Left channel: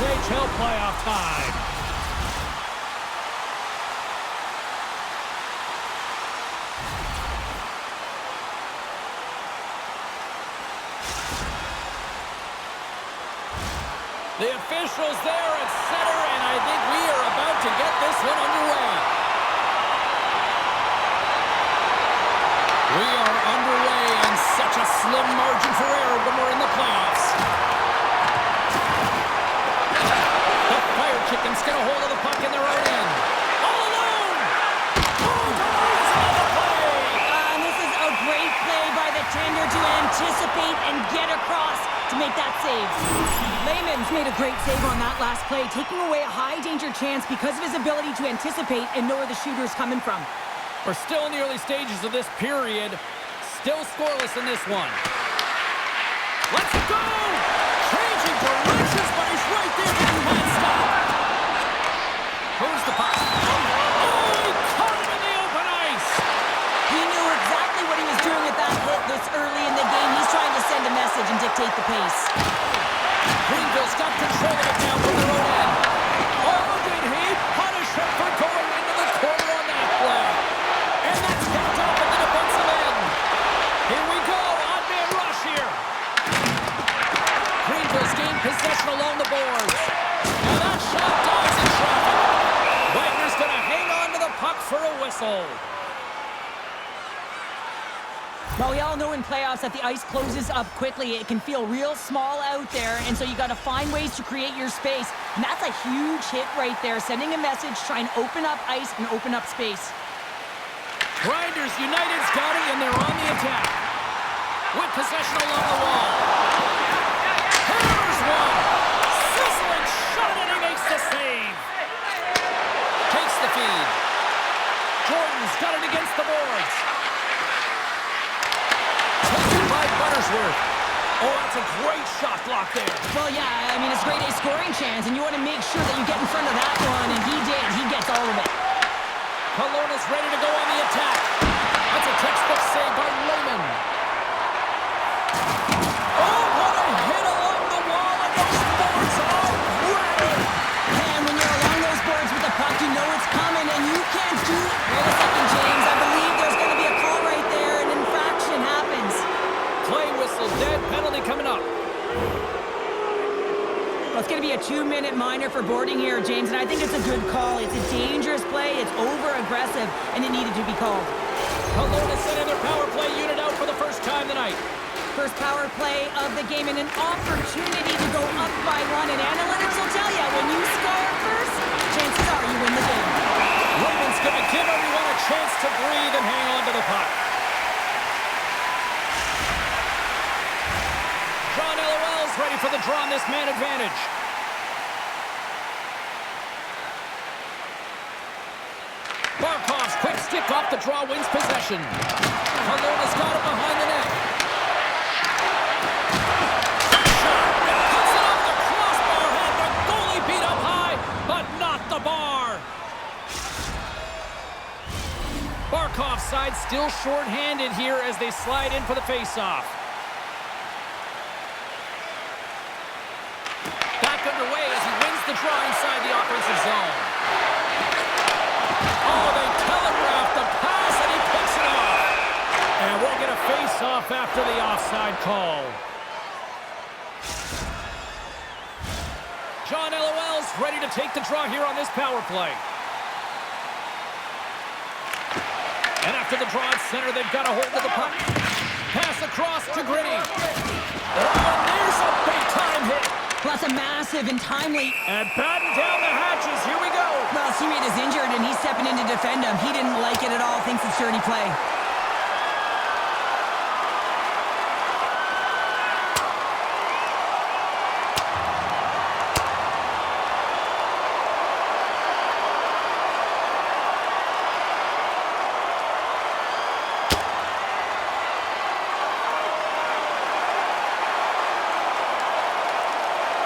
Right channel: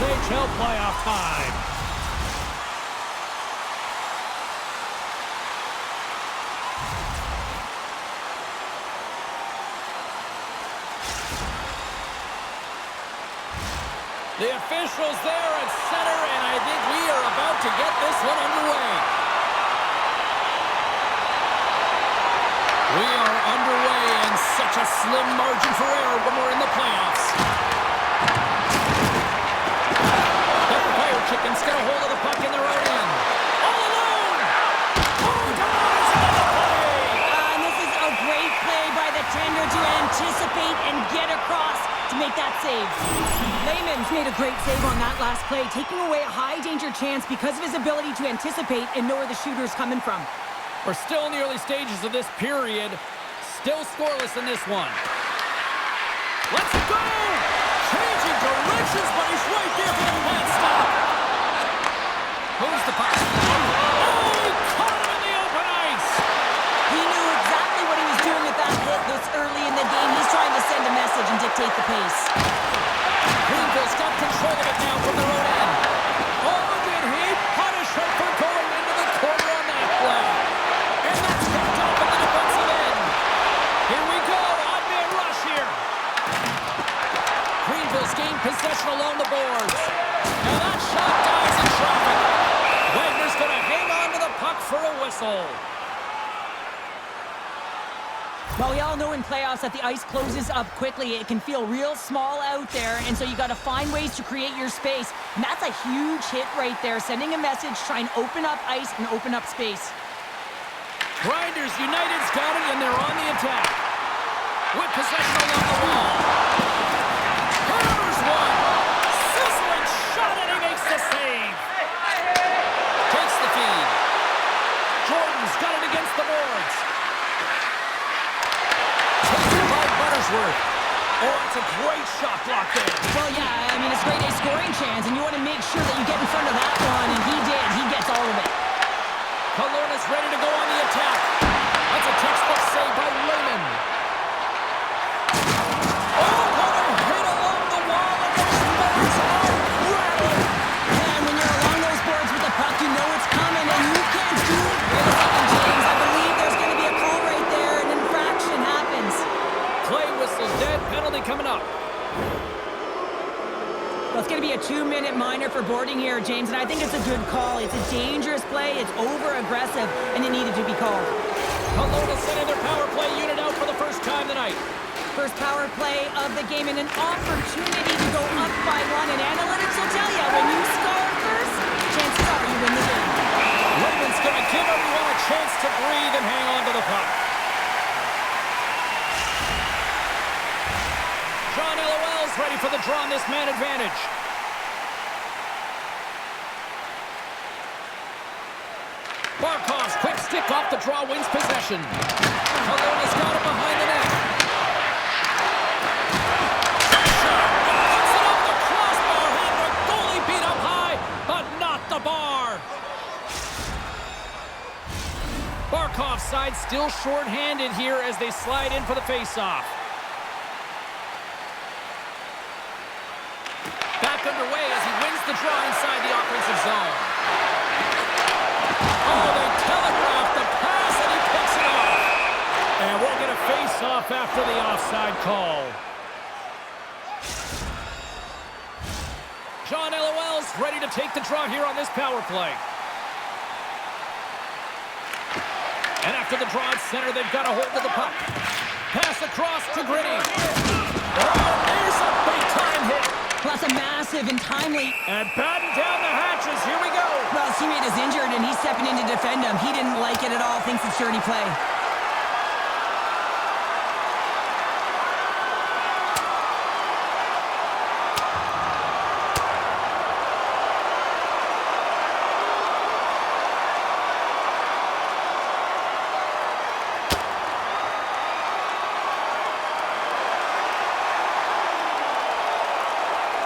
USHL playoff time. The officials there at center, and I think we are about to get this one underway. We are underway, and such a slim margin for error when we're in the playoffs. The Fire Chickens get a hold of the puck in their own end. All alone! Oh, denies another play! And this is a great play by the tender to anticipate and get across to make that save. Lehman's made a great save on that last play, taking away a high-danger chance because of his ability to anticipate and know where the shooter's coming from. We're still in the early stages of this period. Still scoreless in this one. Let's go! Changing directions, but he's right there for the pad stop. Moves the puck. Oh, he caught him in the open ice. He knew exactly what he was doing with that hit this early in the game. He's trying to send a message and dictate the pace. Greenville's got control of it now from their own end. Oh, did he punish him for going into the corner on that play? And that's picked up at the defensive end. Here we go, odd man rush here. Greenville's gained possession along the boards. Now that shot dies in traffic. Wagner's going to hang on to the puck for a whistle. Well, we all know in playoffs that the ice closes up quickly. It can feel real small out there, and so you got to find ways to create your space. And that's a huge hit right there, sending a message, trying to open up ice and open up space. Grinders United's got it, and they're on the attack. With possession along the wall. Hammers one. Sizzling shot, and he makes the save. Takes the feed. Jordan's got it against the boards. Taken by Buttersworth. Oh, that's a great shot block there. Well, yeah, I mean, it's a grade A scoring chance, and you want to make sure that you get in front of that one, and he did. He gets all of it. Kelowna's ready to go on the attack. That's a textbook save by Lehman. Oh, what a hit along the wall, and those boards are rattling. And when you're along those boards with the puck, you know it's coming, and you can't do it. Wait a second, James. I believe there's going to be a call right there. An infraction happens. Play whistle, dead penalty coming up. Well, it's going to be a 2-minute minor for boarding here, James, and I think it's a good call. It's a dangerous play, it's over-aggressive, and it needed to be called. Kelowna sending their power play unit out for the first time tonight. First power play of the game and an opportunity to go up by one, and analytics will tell you, when you score first, chances are you win the game. Lehman's going to give everyone a chance to breathe and hang on to the puck. John LOL's ready for the draw on this man advantage. Barkov's quick stick off the draw wins possession. Kelowna's got it behind the net. Shot. Puts it off the crossbar. Had the goalie beat up high, but not the bar. Barkov's side still short-handed here as they slide in for the face-off. Back underway as he wins the draw inside the offensive zone. Oh, they telegraph the pass, and he picks it off. And we'll get a face-off after the offside call. John LOL's ready to take the draw here on this power play. And after the draw at center, they've got a hold of the puck. Pass across to Gritty. Oh, and there's a big-time hit. Plus a massive and timely. And batten down the hatches. Here we go. Well, his teammate is injured, and he's stepping in to defend him. He didn't like it at all, thinks it's dirty play.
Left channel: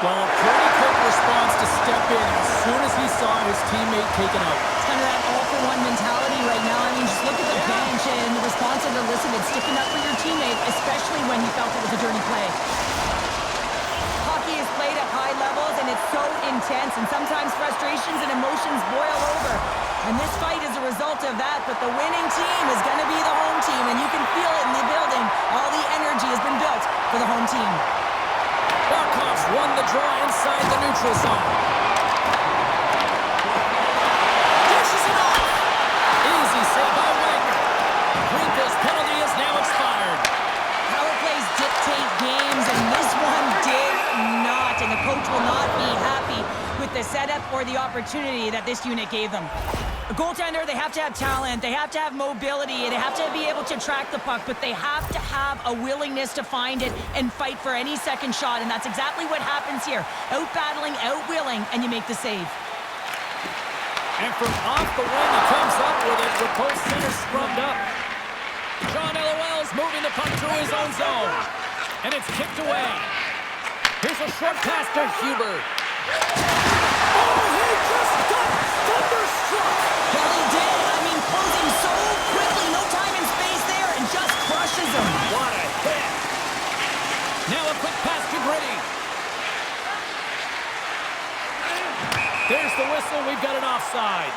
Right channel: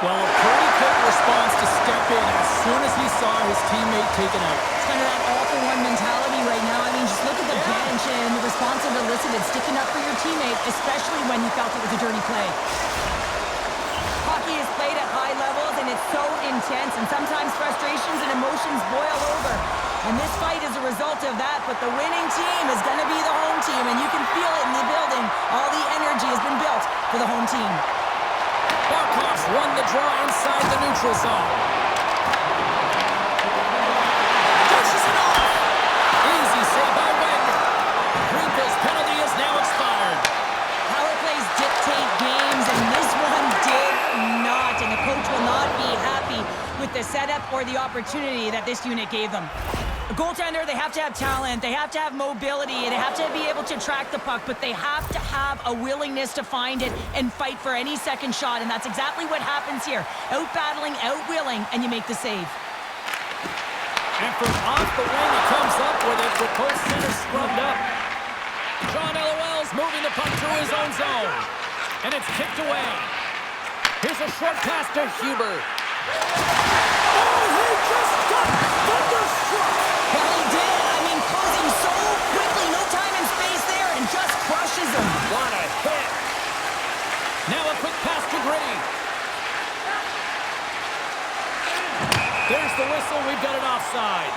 Well, a pretty quick response to step in as soon as he saw his teammate taken out. It's kind of that all-for-one mentality right now. I mean, just look at the bench and the response that elicited, sticking up for your teammate, especially when you felt it was a dirty play. Puck hockey is played at high levels, and it's so intense, and sometimes frustrations and emotions boil over. And this fight is a result of that, but the winning team is going to be the home team, and you can feel it in the building. All the energy has been built for the home team. Barkov's won the draw inside the neutral zone. Dishes it off. Easy save by Wagner. Greenville's penalty is now expired. Power plays dictate games, and this one did not, and the coach will not be happy with the setup or the opportunity that this unit gave them. A goaltender, they have to have talent, they have to have mobility, they have to be able to track the puck, but they have to have a willingness to find it and fight for any second shot, and that's exactly what happens here. Out-battling, out-willing, and you make the save. And from off the wing, he comes up with it with both centers scrubbed up. John LOL's moving the puck through his own zone. And it's kicked away. Here's a short pass to Huber. Oh, he just got thunderstruck! Well, he did. I mean, closing so quickly, no time and space there, and just crushes him. What a hit! Now a quick pass to Gritty. There's the whistle. We've got it offside.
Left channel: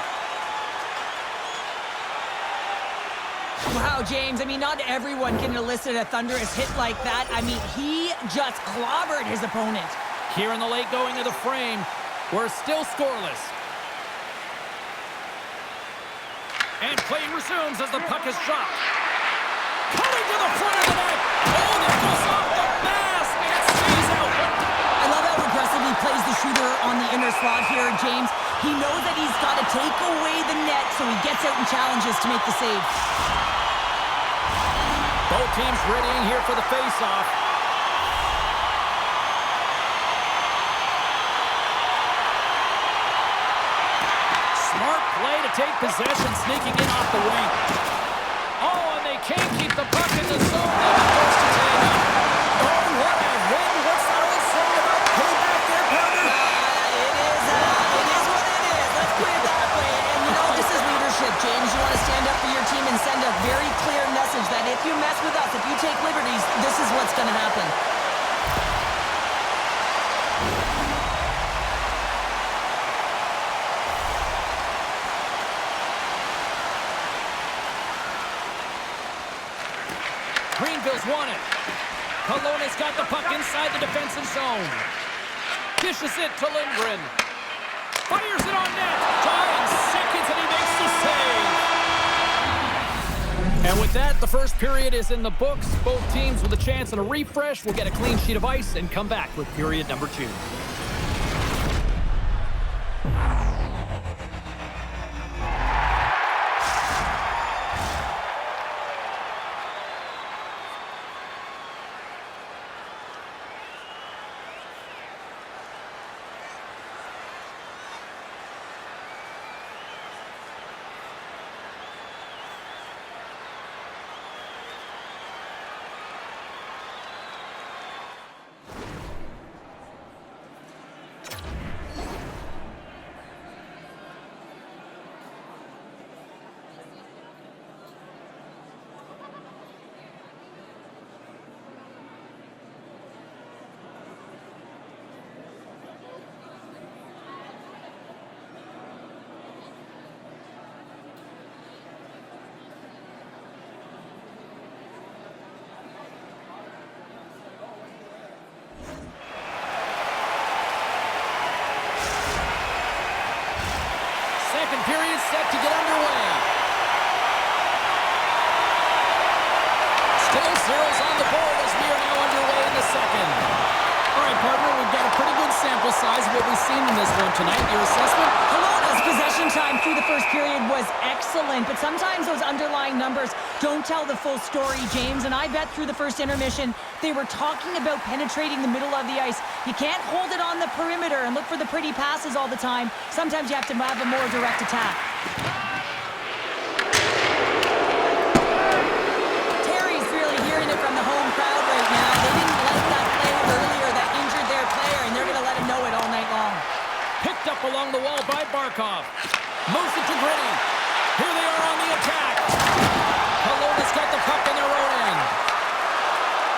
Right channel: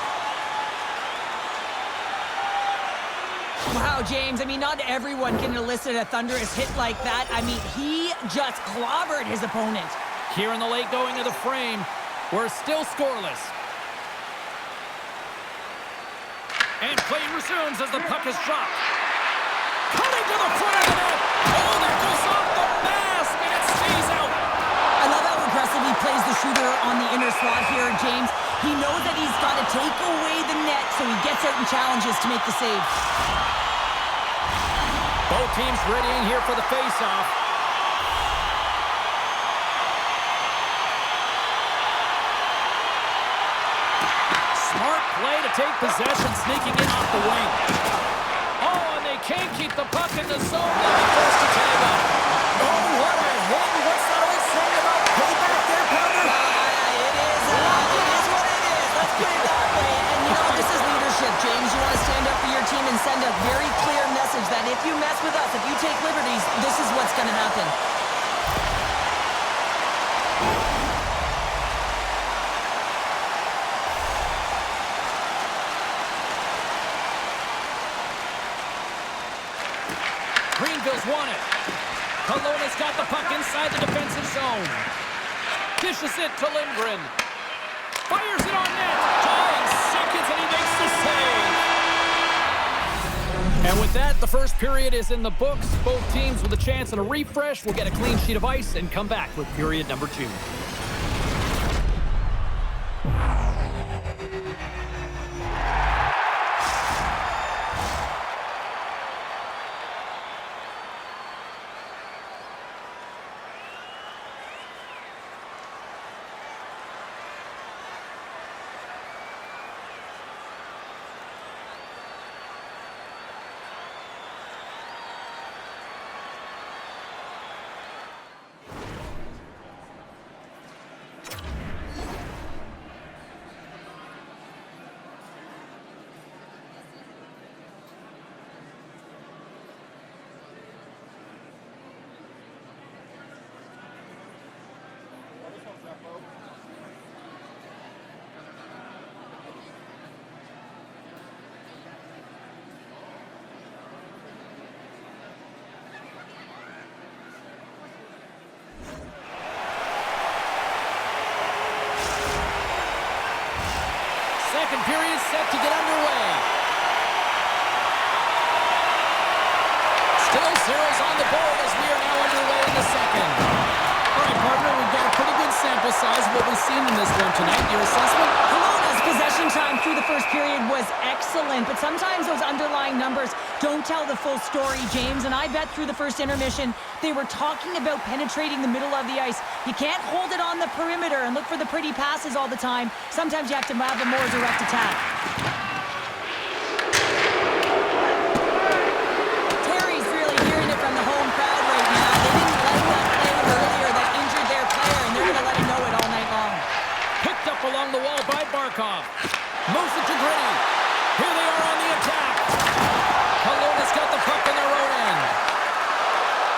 Wow, James, I mean, not everyone can elicit a thunderous hit like that. I mean, he just clobbered his opponent. Here in the late going of the frame, we're still scoreless. And play resumes as the puck is dropped. Coming to the front of the net. Oh, that goes off the mask, and it stays out. I love how aggressive he plays the shooter on the inner slot here, James. He knows that he's got to take away the net, so he gets out and challenges to make the save. Both teams readying here for the face-off. Smart play to take possession, sneaking in off the wing. Oh, and they can't keep the puck in the zone. They'll be forced to tag up. Oh, what a hit. What's that old saying about payback there, Pounder? It is what it is. Let's put it that way. And, you know, this is leadership, James. You want to stand up for your team and send a very clear message that if you mess with us, if you take liberties, this is what's going to happen. Greenville's won it. Kelowna's got the puck inside the defensive zone. Dishes it to Lindgren. Fires it on net. Dying seconds, and he makes the save. And with that, the first period is in the books. Both teams with a chance at a refresh will get a clean sheet of ice and come back with period number 2. Second period set to get underway. Still zeros on the board as we are now underway in the second. All right, partner, we've got a pretty good sample size of what we've seen in this one tonight. Your assessment? Kelowna's possession time through the first period was excellent, but sometimes those underlying numbers don't tell the full story, James, and I bet through the first intermission they were talking about penetrating the middle of the ice. You can't hold it on the perimeter and look for the pretty passes all the time. Sometimes you have to have a more direct attack. Terry's really hearing it from the home crowd right now. They didn't like that play earlier that injured their player, and they're going to let him know it all night long. Picked up along the wall by Barkov. Moves it to Gritty. Here they are on the attack. Kelowna's got the puck in their own end.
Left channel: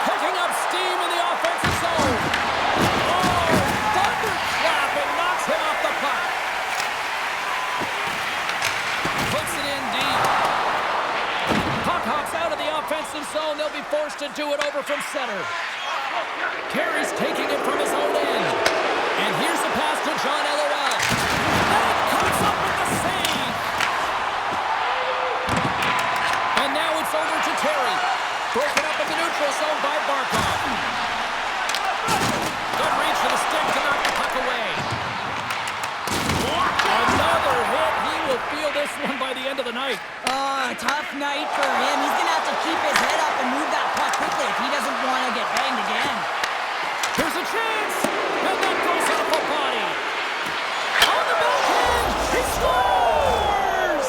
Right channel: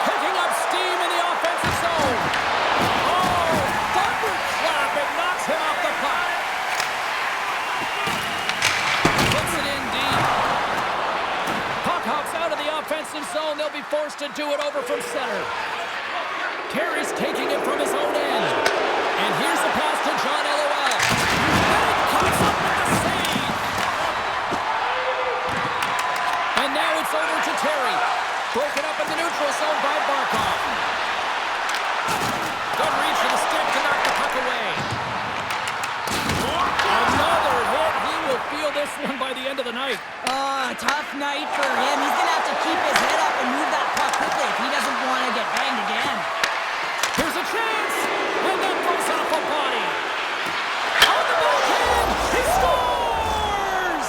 Picking up steam in the offensive zone. Oh, zone. They'll be forced to do it over from center. Terry's taking it from his own end. And here's the pass to John LOL. And it comes up with the save. And now it's over to Terry. Broken up in the neutral zone by Barkov. Good reach for the stick to knock the puck away. Another hit. He will feel this one by the end of the night. Oh, tough night for him. He's going to have to keep his head up and move that puck quickly if he doesn't want to get banged again. Here's a chance. And that goes off a body. On the backhand. He scores!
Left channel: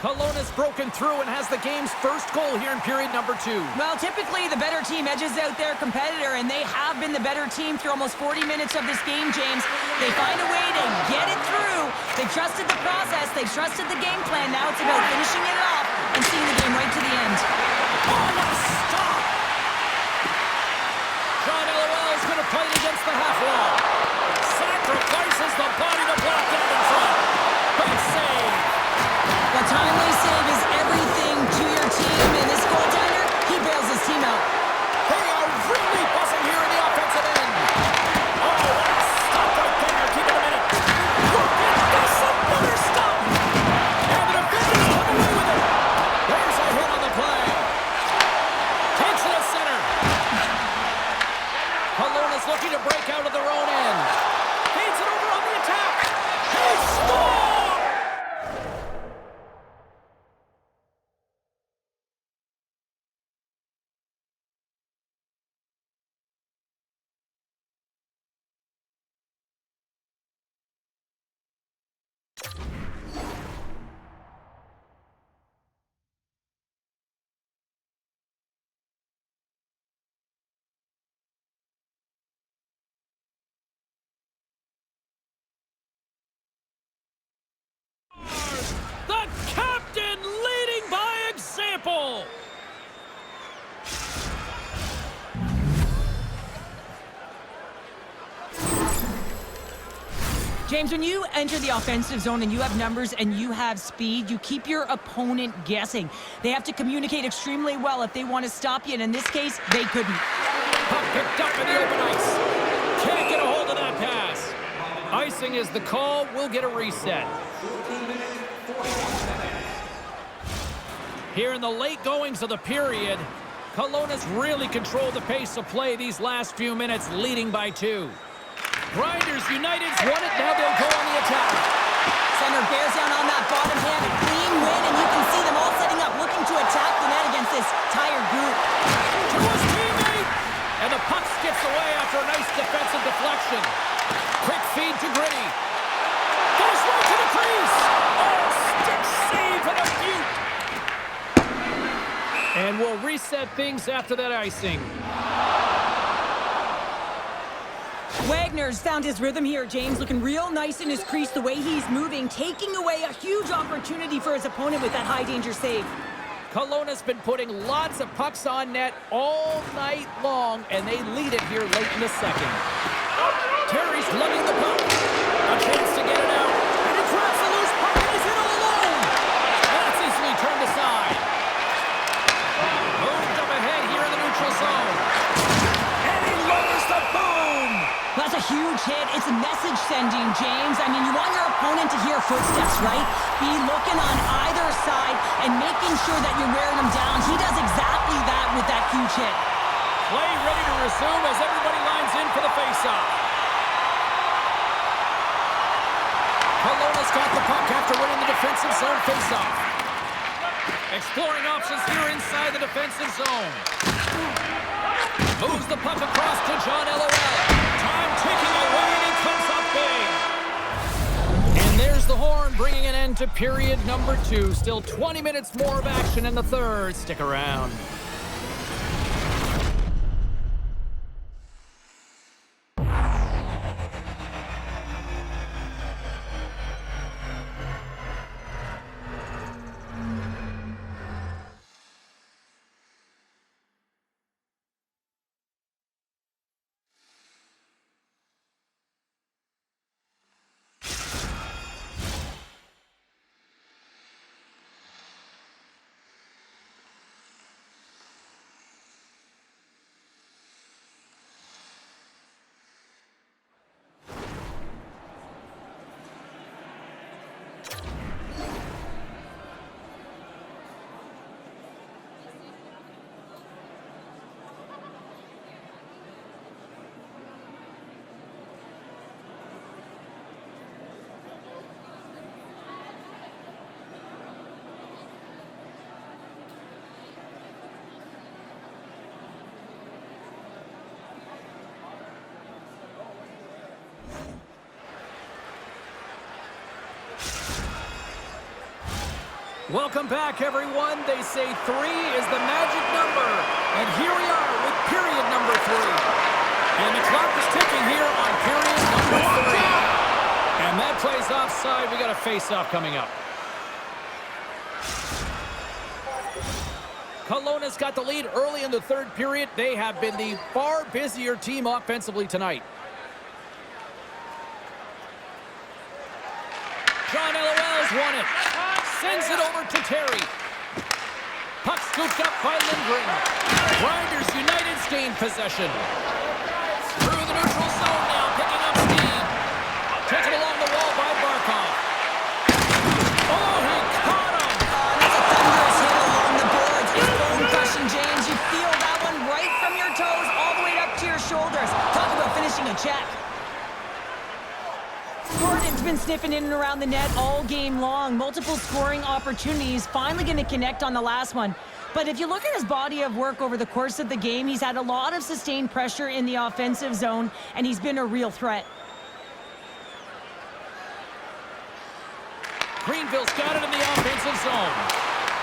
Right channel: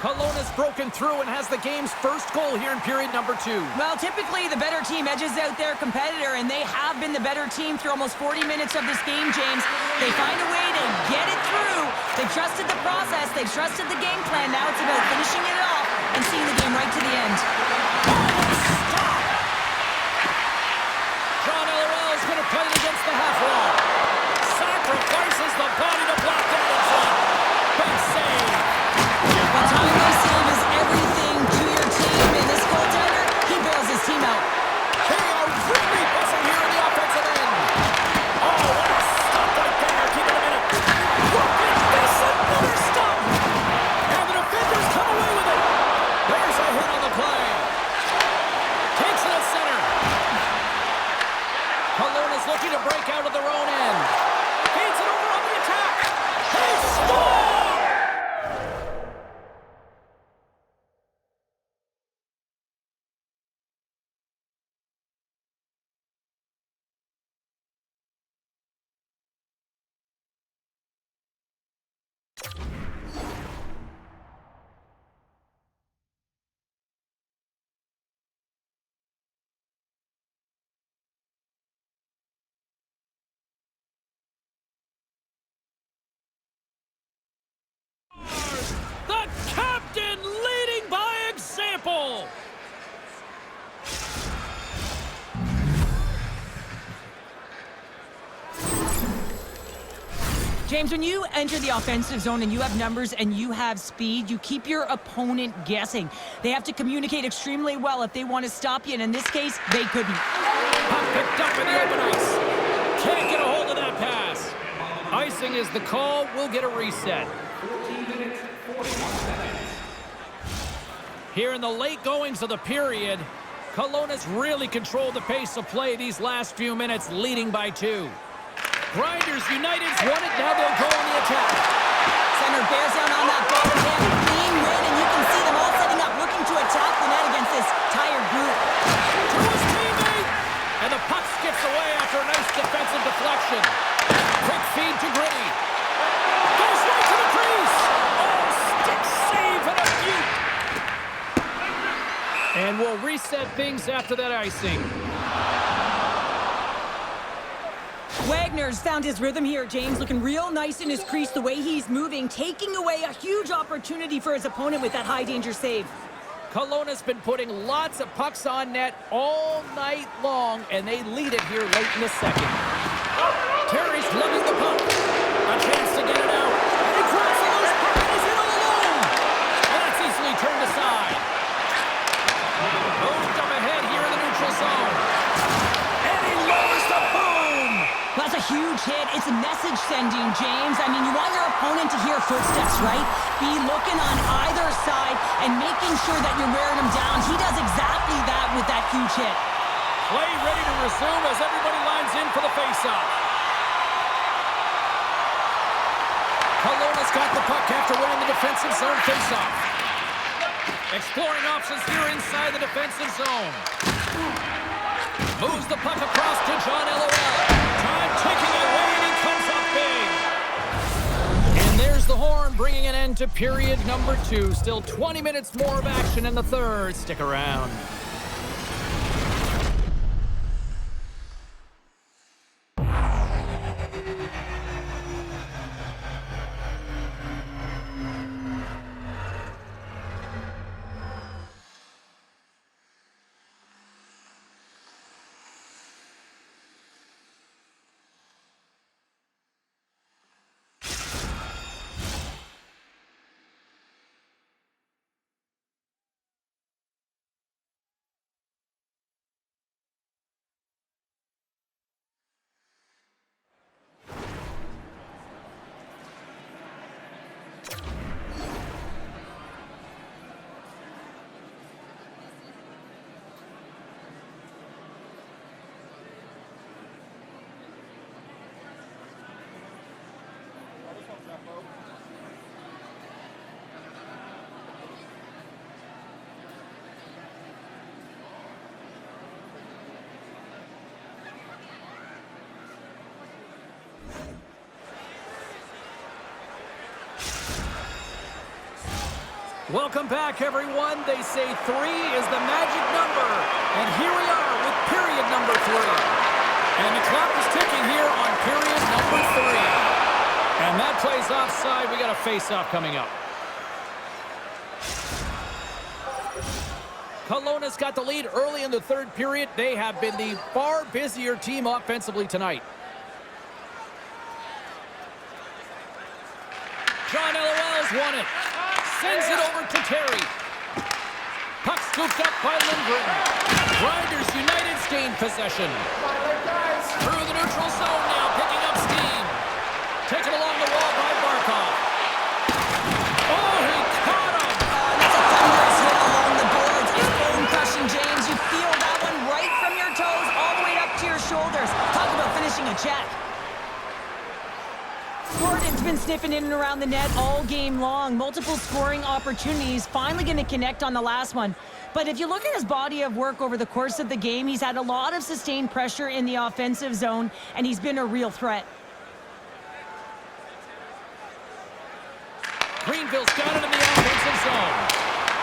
Kelowna's broken through and has the game's first goal here in period number 2. Well, typically the better team edges out their competitor, and they have been the better team through almost 40 minutes of this game, James. They find a way to get it through. They've trusted the process. They've trusted the game plan. Now it's about finishing it off and seeing the game right to the end. Oh, what a stop! John LOL is going to play it against the half wall. Sacrifices the body to block that in front. Big save. A timely save is everything to your team, and this goaltender, he bails his team out. They are really buzzing here in the offensive end. Oh, what a stop right there. Keep it a minute. Look at this, another stop. And the defenders come away with it. There's a hit on the play. Takes it at center. Kelowna's looking to break out of their own end. Feeds it over on the attack. He scores! The captain leading by example. James, when you enter the offensive zone and you have numbers and you have speed, you keep your opponent guessing. They have to communicate extremely well if they want to stop you, and in this case, they couldn't. Puck picked up in the open ice. Can't get a hold of that pass. Icing is the call. We'll get a reset. 14 minutes, 41 seconds. Here in the late goings of the period, Kelowna's really controlled the pace of play these last few minutes, leading by 2. Grinders United's won it. Now they'll go on the attack. Center bears down on that bottom hand. Clean win, and you can see them all setting up, looking to attack the net against this tired group. To his teammate! And the puck skips away after a nice defensive deflection. Quick feed to Gritty. Goes right to the crease. Oh, stick save and a beaut. And we'll reset things after that icing. Wagner's found his rhythm here, James, looking real nice in his crease the way he's moving, taking away a huge opportunity for his opponent with that high-danger save. Kelowna's been putting lots of pucks on net all night long, and they lead it here late in the second. Terry's lugging the puck. A chance to get it out. And he grabs the loose puck and he's in all alone. And that's easily turned aside. Moved up ahead here in the neutral zone. And he lowers the boom. That's a huge hit. It's a message sending, James. I mean, you want your opponent to hear footsteps, right? Be looking on either side and making sure that you're wearing them down. He does exactly that with that huge hit. Play ready to resume as everybody lines in for the faceoff. Kelowna's got the puck after winning the defensive zone faceoff. Exploring options here inside the defensive zone. Moves the puck across to John LOL. Time ticking away, and he comes up big. And there's the horn, bringing an end to period number 2. Still 20 minutes more of action in the third. Stick around. Welcome back, everyone. They say 3 is the magic number. And here we are with period number 3. And the clock is ticking here on period number 3. And that plays offside. We got a face-off coming up. Kelowna's got the lead early in the third period. They have been the far busier team offensively tonight. John LOL's won it. Sends it over to Terry. Puck scooped up by Lindgren. Grinders United's gained possession. Through the neutral zone now, picking up steam. Taken along the wall by Barkov. Oh, he caught him! That's a thunderous hit along the boards. It's bone-crushing, James. You feel that one right from your toes all the way up to your shoulders. Talk about finishing a check. Jordan's been sniffing in and around the net all game long. Multiple scoring opportunities. Finally going to connect on the last one. But if you look at his body of work over the course of the game, he's had a lot of sustained pressure in the offensive zone, and he's been a real threat. Greenville's got it in the offensive zone.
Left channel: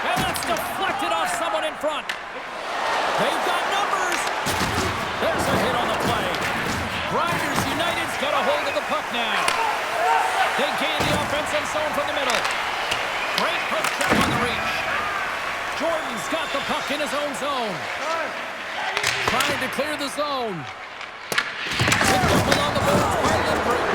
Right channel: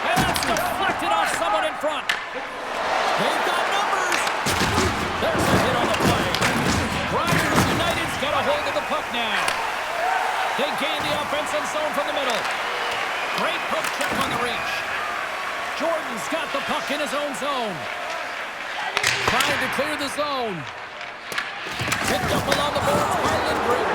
And that's deflected off someone in front. They've got numbers. There's a hit on the play. Grinders United's got a hold of the puck now. They gain the offensive zone from the middle. Great poke check on the reach. Jordan's got the puck in his own zone. Trying to clear the zone. Picked up along the boards by Lindgren.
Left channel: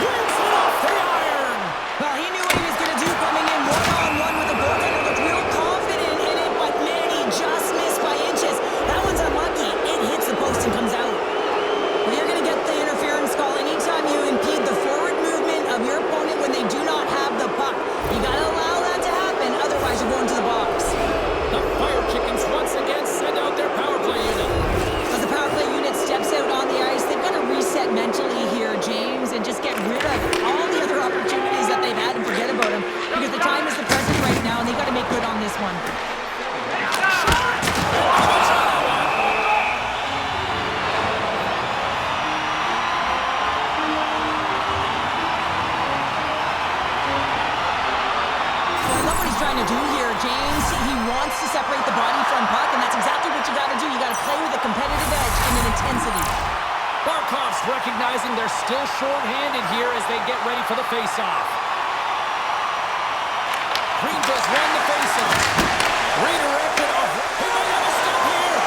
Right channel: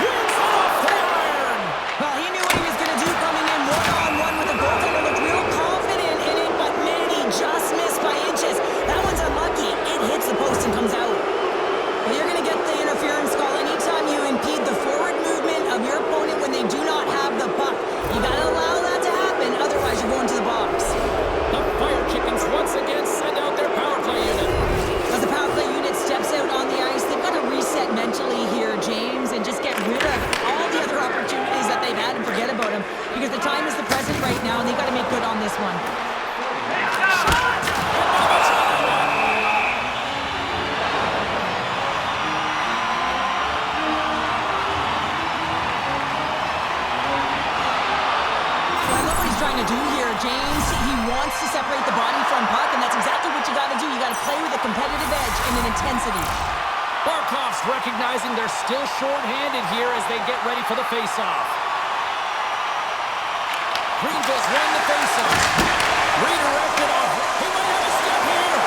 Brings it off the iron. Well, he knew what he was going to do coming in one-on-one with the goaltender. Looked real confident in it, but man, he just missed by inches. That one's unlucky. It hits the post and comes out. Well, you're going to get the interference call anytime you impede the forward movement of your opponent when they do not have the puck. You got to allow that to happen, otherwise you're going to the box. The Fire Chickens once again send out their power play unit. As the power play unit steps out on the ice, they've got to reset mentally here, James, and just get rid of all the other opportunities that they've had and forget about them. Because the time is the present right now, and they've got to make good on this one. Trying to do here, James. He wants to separate the body from puck, and that's exactly what you got to do. You got to play with a competitive edge and an intensity. Barkov's recognizing they're still short-handed here as they get ready for the face-off. Greenville's won the face-off. Redirected off. He might have a step here.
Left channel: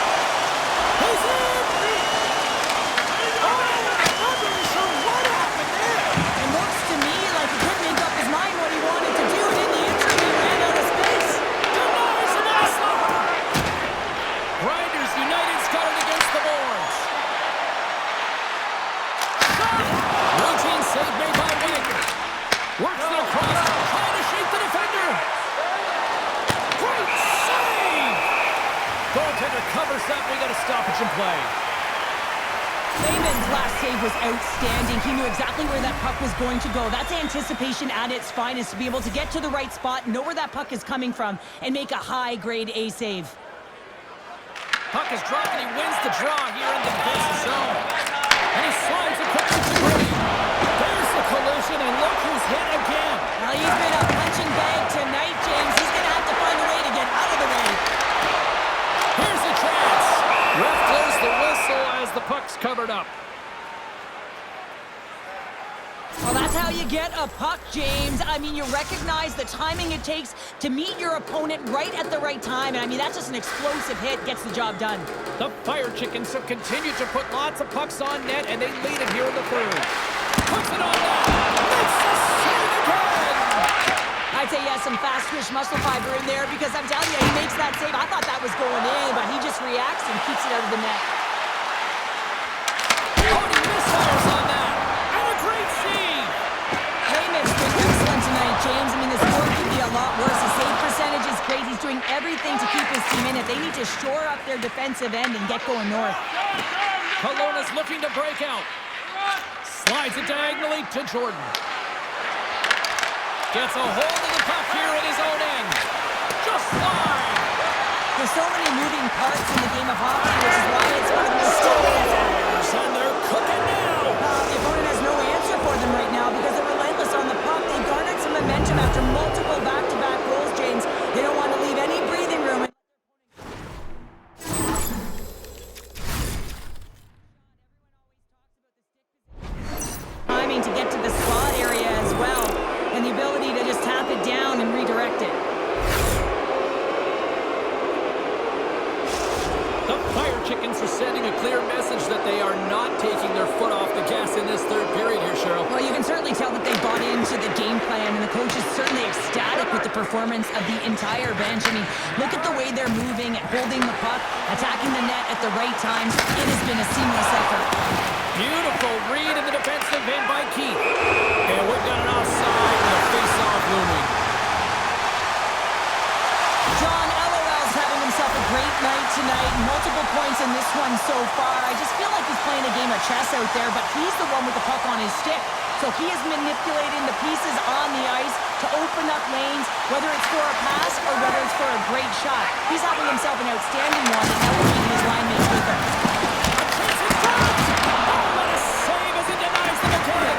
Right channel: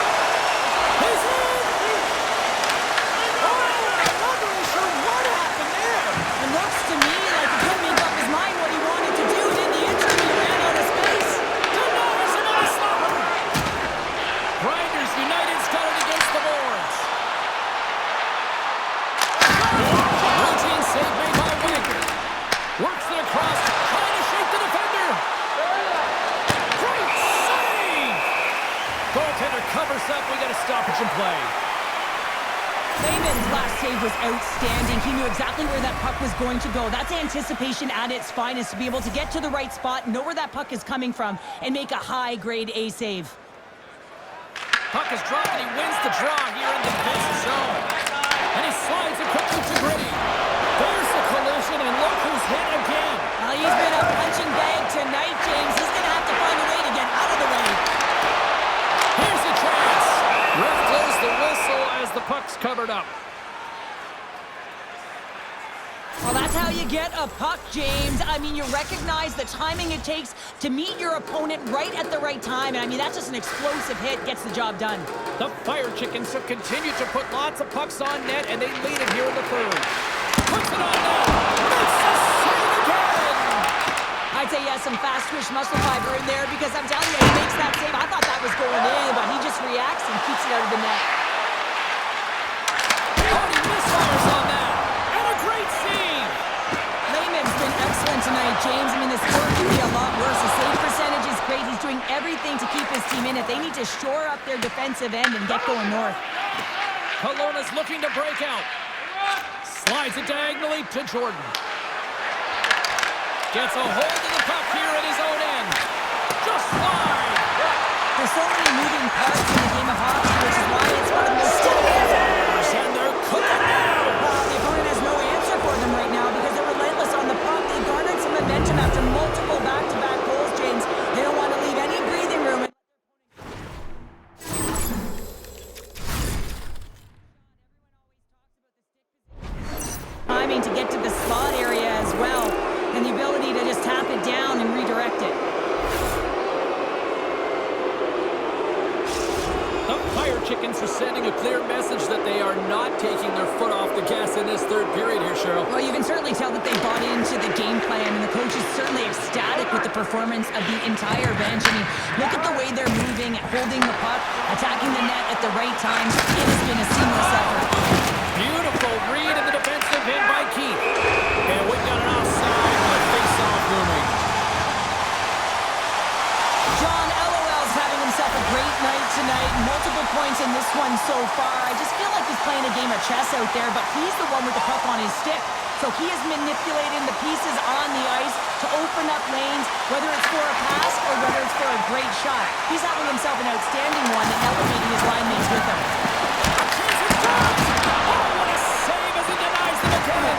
He's in! Oh, I'm not really sure what happened there. It looks to me like he couldn't make up his mind what he wanted to do, and in the interim, he ran out of space. Denies him a stopper. Grinders United's got it against the boards. Routine save made by Wagner. Works it across, trying to shake the defender. Great save! Goaltender covers up. We got a stoppage in play. Lehman's last save was outstanding. He knew exactly where that puck was going to go. That's anticipation at its finest, to be able to get to the right spot, know where that puck is coming from, and make a high-grade A save. Puck is dropped, and he wins the draw here in the defensive zone. And he slides it quickly to Green. There's the collision, and look who's hit again. Well, he's been a punching bag tonight, James. He's going to have to find a way to get out of the way. Here's a chance. Ref blows the whistle as the puck's covered up. Well, that's how you get a puck, James. I mean, you recognize the timing it takes to meet your opponent right at the right time. And I mean, that's just an explosive hit, gets the job done. The Fire Chickens have continued to put lots of pucks on net, and they lead it here in the third. Puts it on net. Makes the save again. I'd say he has some fast-twitch muscle fiber in there, because I'm telling you, he makes that save. I thought that was going in, but he just reacts and keeps it out of the net. Oh, he misfires on that. And a great save. Lehman's been excellent tonight, James. I mean, the score could be a lot worse. His save percentage is great. He's doing everything to keep his team in it. They need to shore up their defensive end and get going north. Kelowna's looking to break out. Slides it diagonally to Jordan. Gets a hold of the puck here at his own end. Just wide. There's so many moving parts in the game of hockey, which is why it's one of the most Fires, and they're cooking now. The opponent has no answer for them right now because they're relentless on the puck. They garnered some momentum after multiple back-to-back goals, James. They don't want to leave any breathing room. Timing to get to the slot area as well, and the ability to just tap it down and redirect it. The Fire Chickens are sending a clear message that they are not taking their foot off the gas in this third period here, Cheryl. Well, you can certainly tell that they bought into the game plan, and the coach is certainly ecstatic with the performance of the entire bench. I mean, look at the way they're moving, holding the puck, attacking the net at the right times. It has been a seamless effort. Beautiful read in the defensive end by Keith. And we've got an offside with a face-off looming. John, LOL's having himself a great night tonight. Multiple points in this one so far. I just feel like he's playing a game of chess out there, but he's the one with the puck on his stick. So he is manipulating the pieces on the ice to open up lanes, whether it's for a pass or whether it's for a great shot. He's having himself an outstanding one and elevating his line mates with him. A chance is dropped! Oh, what a save as he denies them again!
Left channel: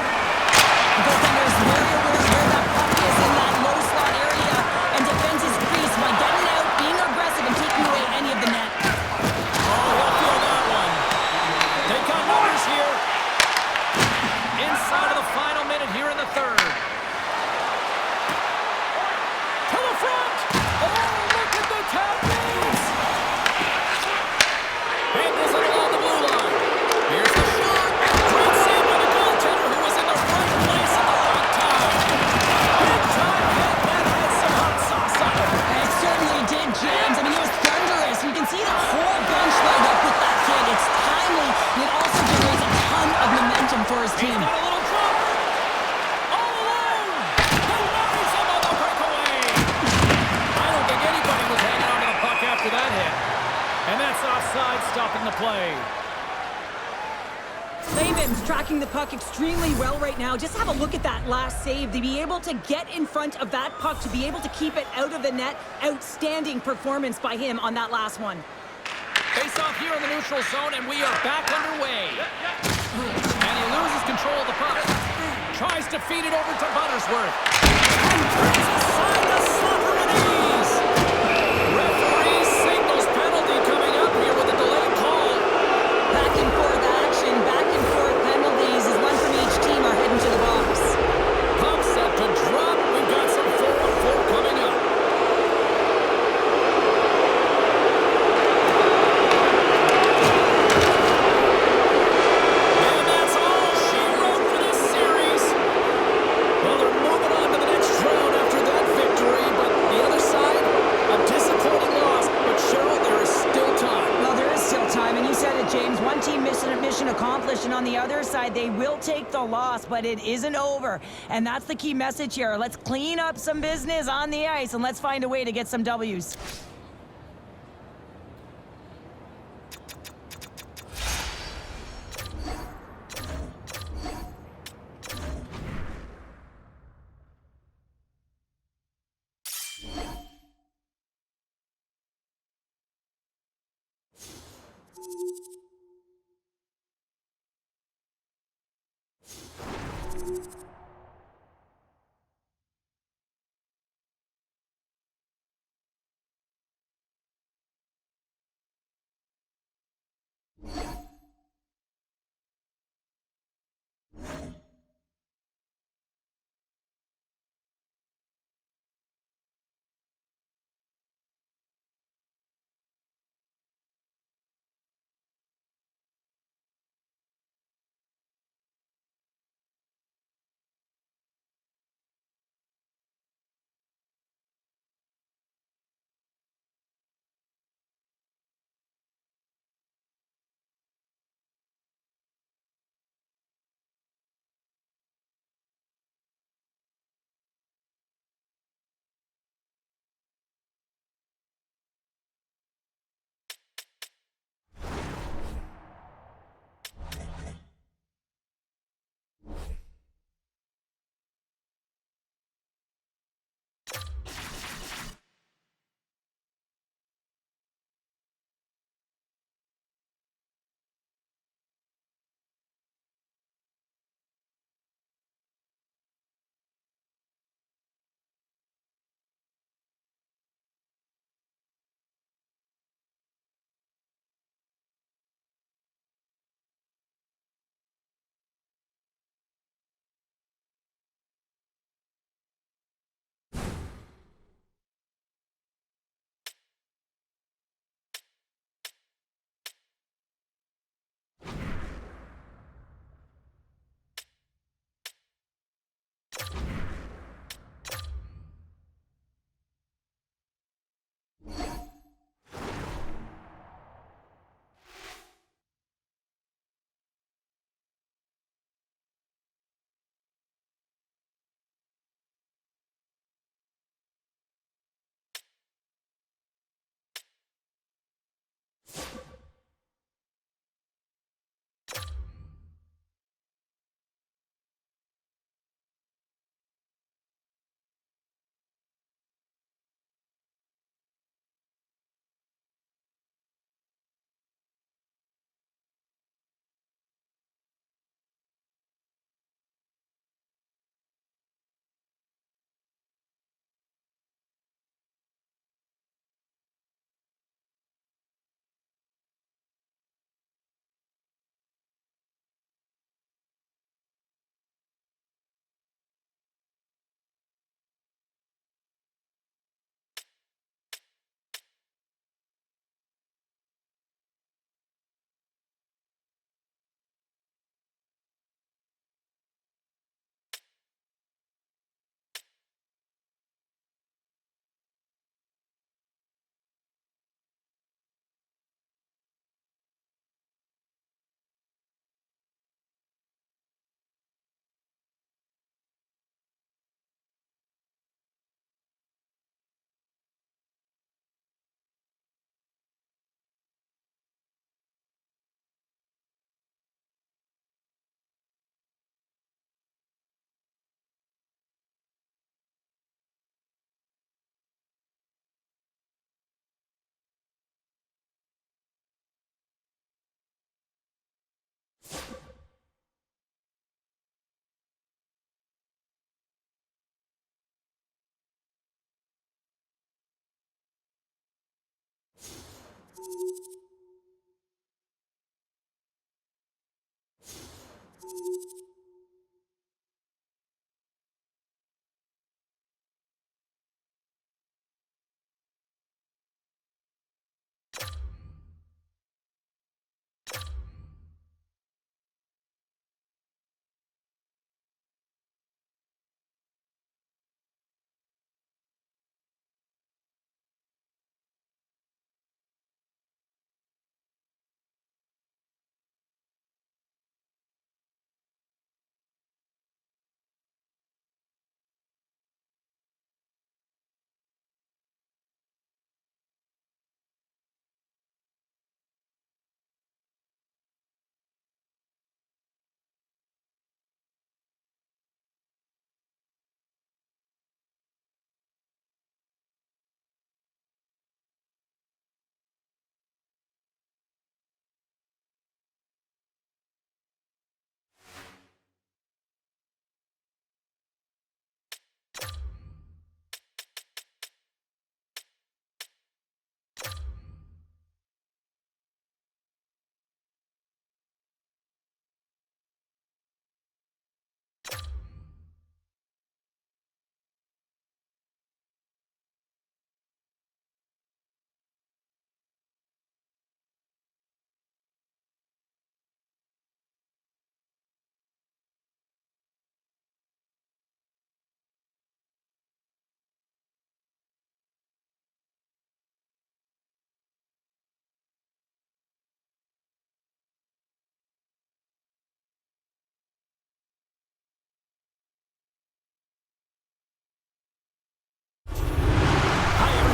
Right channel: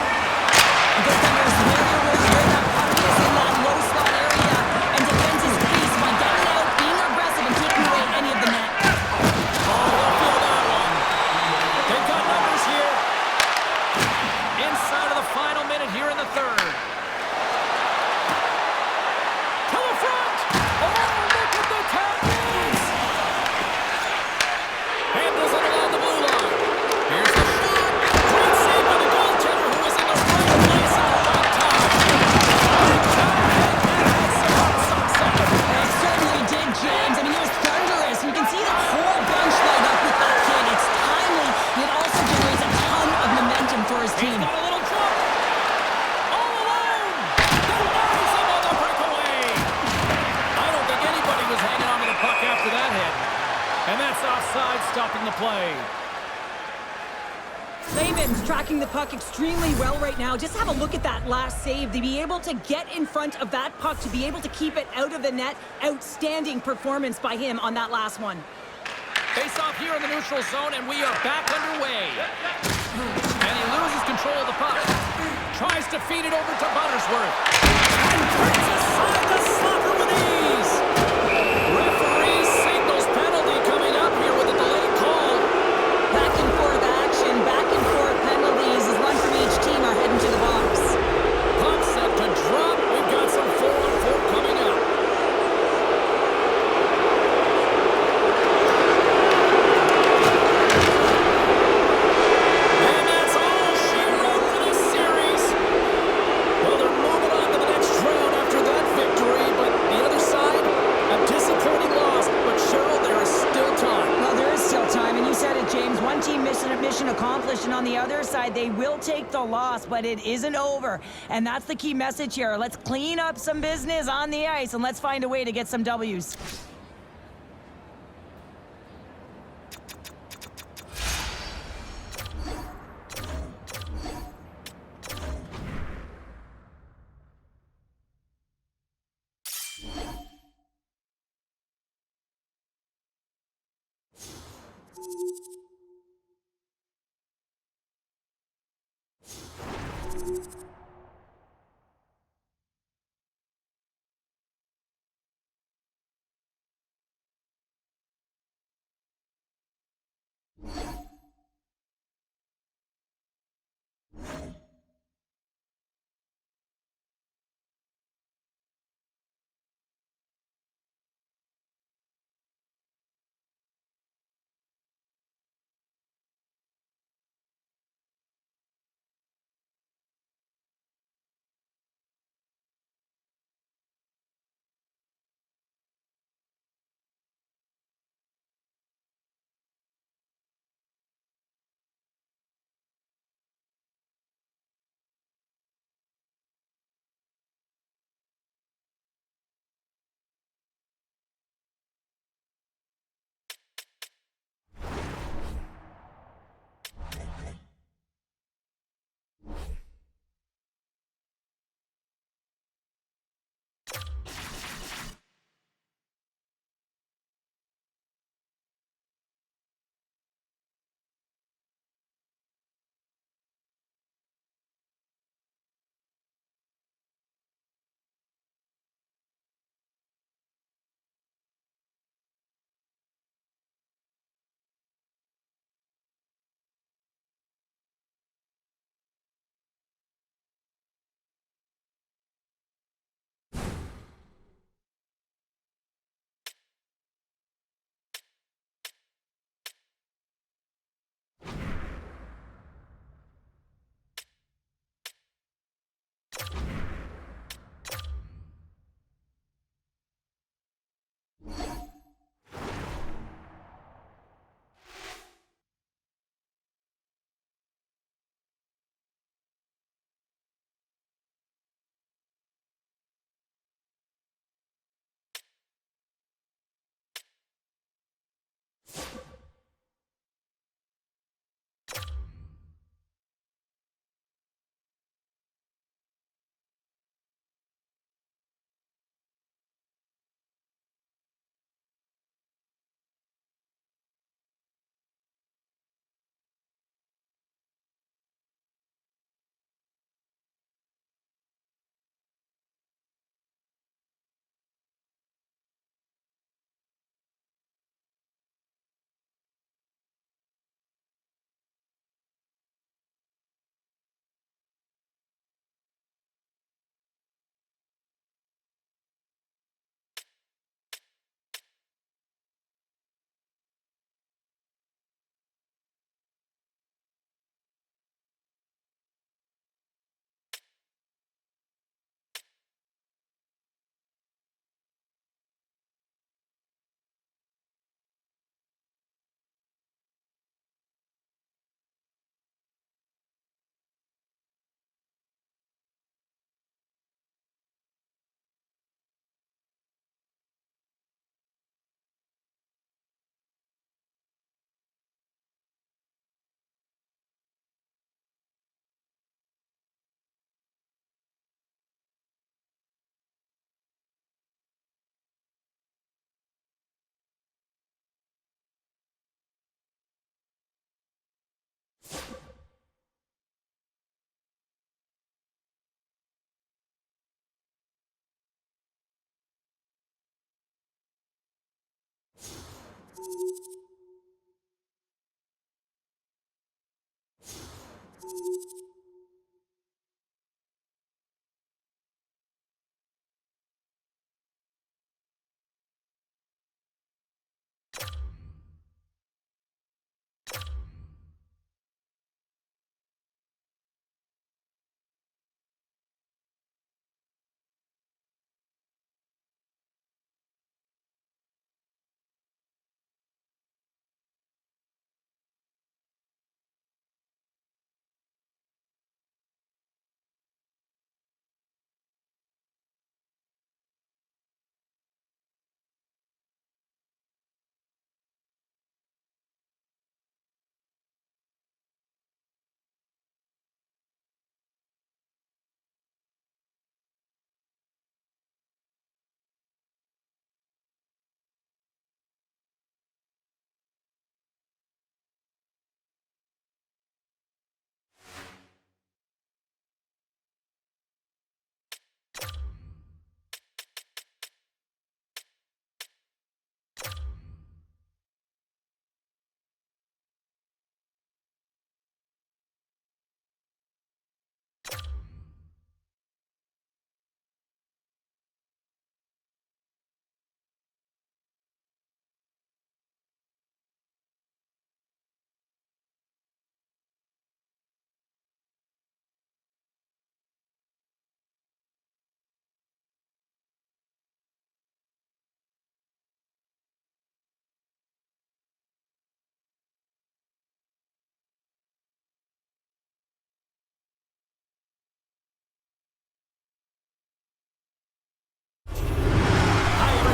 The goaltender's very aware where that puck is in that low slot area and defends his crease by getting out, being aggressive, and taking away any of the net. Oh, he'll feel that one. They've got numbers here. Inside of the final minute here in the third. To the front! Oh, look at the tackles! Handles it along the blue line. Here's the shot. Great save by the goaltender who was in the right place at the right time. Big time hit that had some hot sauce on it. It certainly did, James. I mean, it was thunderous. You can see the whole bench light up with that hit. It's timely, and it also generates a ton of momentum for his He's team. got a little jump. All alone. Denies him on the breakaway. I don't think anybody was hanging on to the puck after that hit. And that's offside, stopping the play. Layman's tracking the puck extremely well right now. Just have a look at that last save. To be able to get in front of that puck, to be able to keep it out of the net, outstanding performance by him on that last one. Face off here in the neutral zone, and we are back underway. And he loses control of the puck. Tries to feed it over to Buttersworth. And turns aside the slapper with ease. Referee signals penalty coming up here with a delayed call. Back and forth action, back and forth penalties as one from each team are heading to the box. Puck set to drop. We've got some 4-on-4 coming up. And that's all she wrote for this series. Well, they're moving on to the next round after that victory, but the other side, a disappointing loss. But Cheryl, there is still time. Well, there is still time, and you said it, James. One team mission accomplished, and on the other side, they will take the loss, but it isn't over. And that's the key message here. Let's clean up some business on the ice, and let's find a way to get some W's.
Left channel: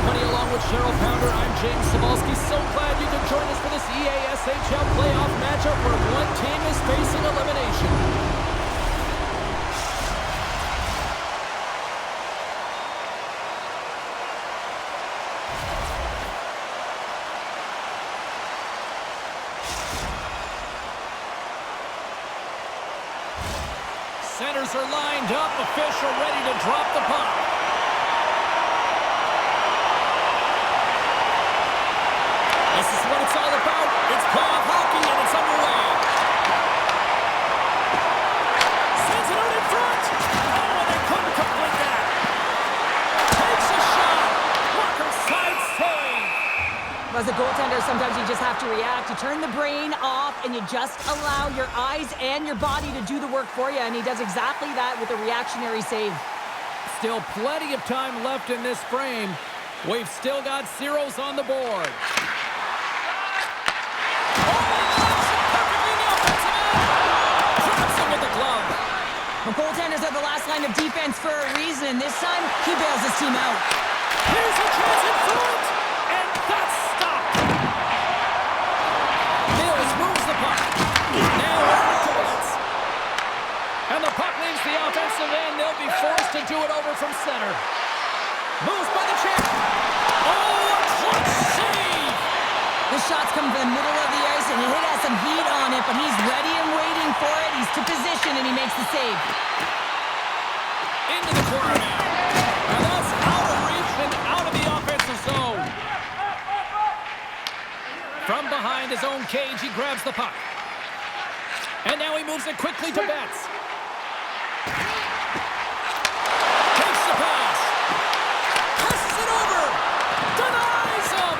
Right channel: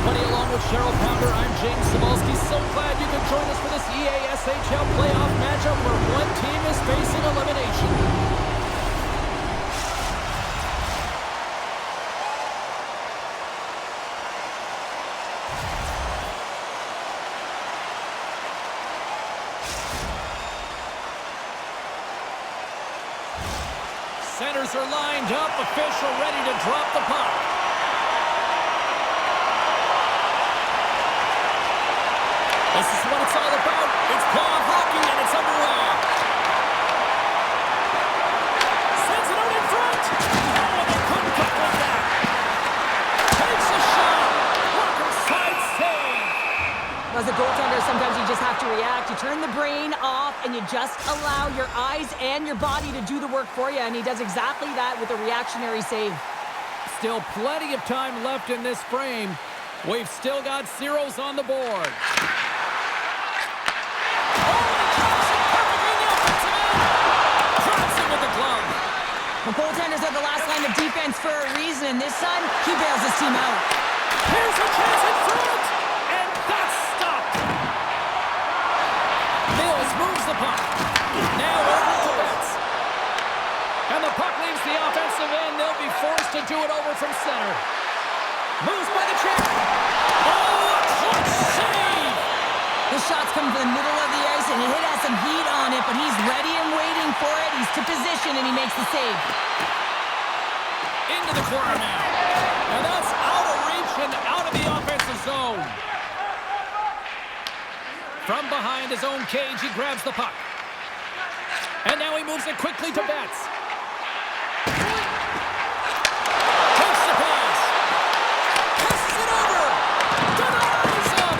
Along with Cheryl Pounder, I'm James Cebulski. So glad you could join us for this EASHL playoff matchup where one team is facing elimination. Centers are lined up, official ready to drop the puck. This is what it's all about. It's playoff hockey, and it's underway. Sends it out in front. Oh, they couldn't complete that. Takes a shot. Walker side save. As a goaltender, sometimes you just have to react. You turn the brain off, and you just allow your eyes and your body to do the work for you, and he does exactly that with a reactionary save. Still plenty of time left in this frame. We've still got zeros on the board. The goaltenders are the last line of defense for a reason. This time, he bails his team out. Here's a chance in front, and that's stopped. Mills moves the puck. Now over to Betts. And the puck leaves the offensive end. They'll be forced to do it over from center. Moves by the check. Oh, a clutch save! The shot's coming from the middle of the ice, and it has some heat on it, but he's ready and waiting for it. He's to position, and he makes the save. Into the corner now. Now that's out of reach and out of the offensive zone. From behind his own cage, he grabs the puck. And now he moves it quickly to Betts. Takes the pass. Passes it over. Denies him.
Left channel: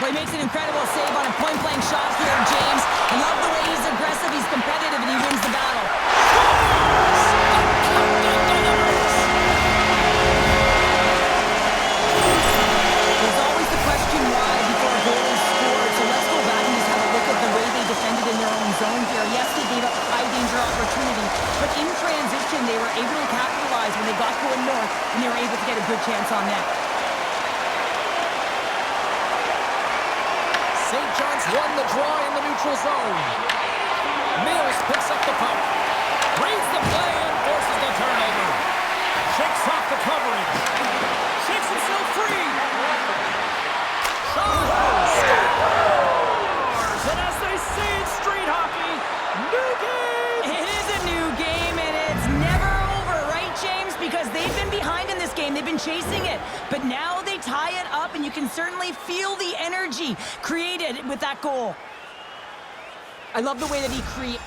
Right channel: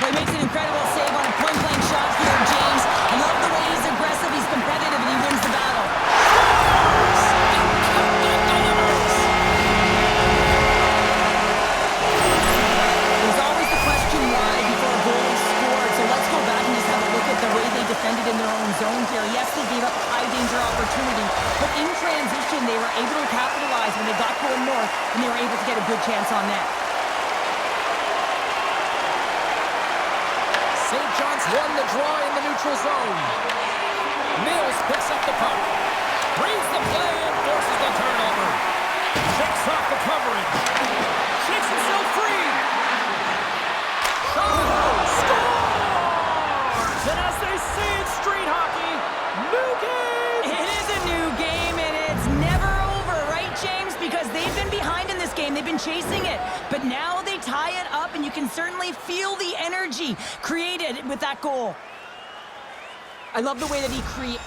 Well, he makes an incredible save on a point-blank shot here, James. I love the way he's aggressive, he's competitive, and he wins the battle. Scores! The captain delivers! There's always the question why before a goal is scored, so let's go back and just have a look at the way they defended in their own zone here. Yes, they gave up a high-danger opportunity, but in transition, they were able to capitalize when they got going north, and they were able to get a good chance on net. St. John's won the draw in the neutral zone. Mills picks up the puck. Reads the play and forces the turnover. Shakes off the coverage. Shakes himself free. Shaw scores! And as they say in street hockey, new game! It is a new game, and it's never over, right, James? Because they've been behind in this game game. They've been chasing it, but now they tie it up, and you can certainly feel the energy created with that goal. I love the way that he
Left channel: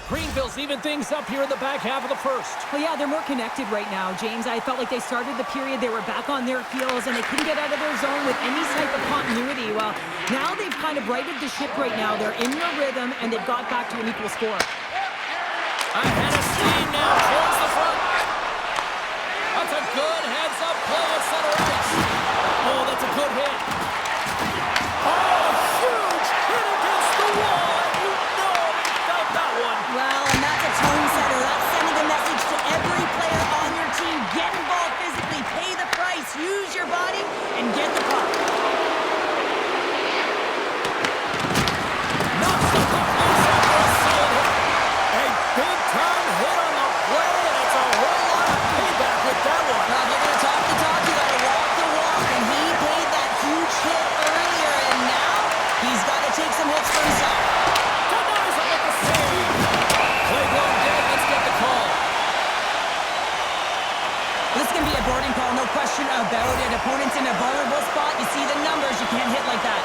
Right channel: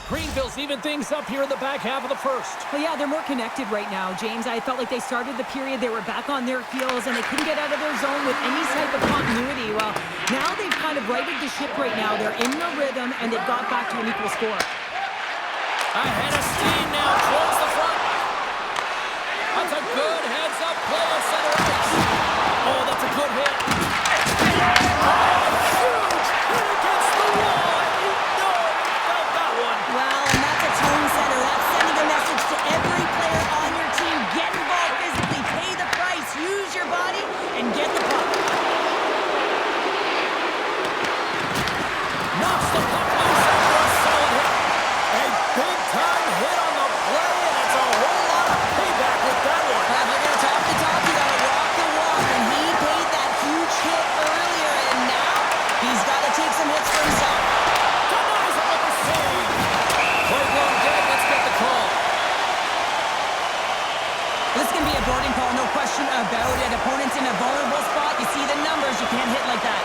Greenville's even things up here in the back half of the first. Well, yeah, they're more connected right now, James. I felt like they started the period, they were back on their heels, and they couldn't get out of their zone with any type of continuity. Well, now they've kind of righted the ship right now. They're in the rhythm, and they've got back to an equal score. Ahead of steam now towards the front. That's a good heads-up play at center ice. Oh, that's a good hit. Oh, huge hit against the wall, and you know he felt that one. Well, and that's a tone setter. That's sending a message to every player on your team. Get involved physically, pay the price, use your body, and get the puck. Knocks the puck loose after a solid hit. A big-time hit on the play, and it's a whole lot of payback with that one. Well, if you're going to talk the talk, you got to walk the walk, and he paid that huge hit earlier, and now he's got to take some hits for himself. Denies him with the save. Play blown dead. Let's get the call. This can be a boarding call, no question about it. Opponent's in a vulnerable spot. You see the numbers. You can't hit like that.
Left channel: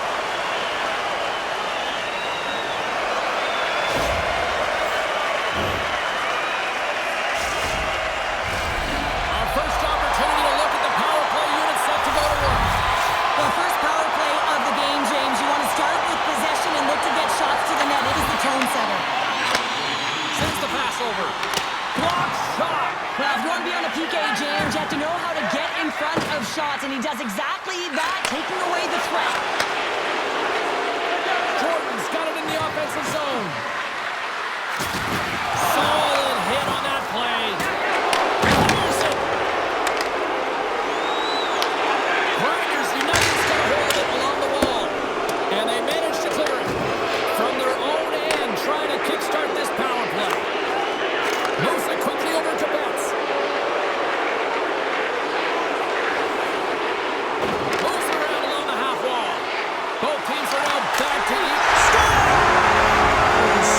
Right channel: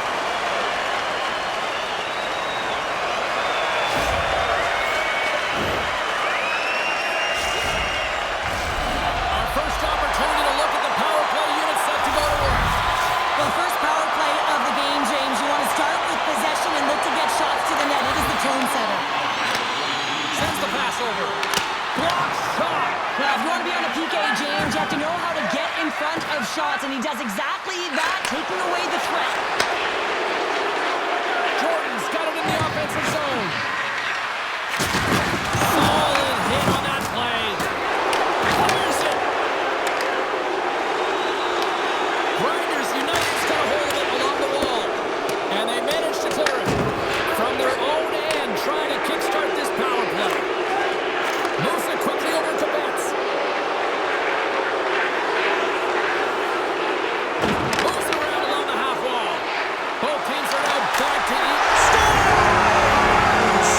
Our first opportunity to look at the power play unit set to go to work. Well, first power play of the game, James. You want to start with possession and look to get shots to the net. It is the tone setter. Sends the pass over. Block shot. Well, if you want to be on a PK, James, you have to know how to get in front of shots, and he does exactly that, taking away the threat. Jordan's got it in the offensive zone. Solid hit on that play. Fires it. Grinders United's got a hold of it along the wall. And they manage to clear it. From their own end, trying to kickstart this power play. Moves it quickly over to Betts. Moves around along the half wall. Both teams are now back to eat. Scores!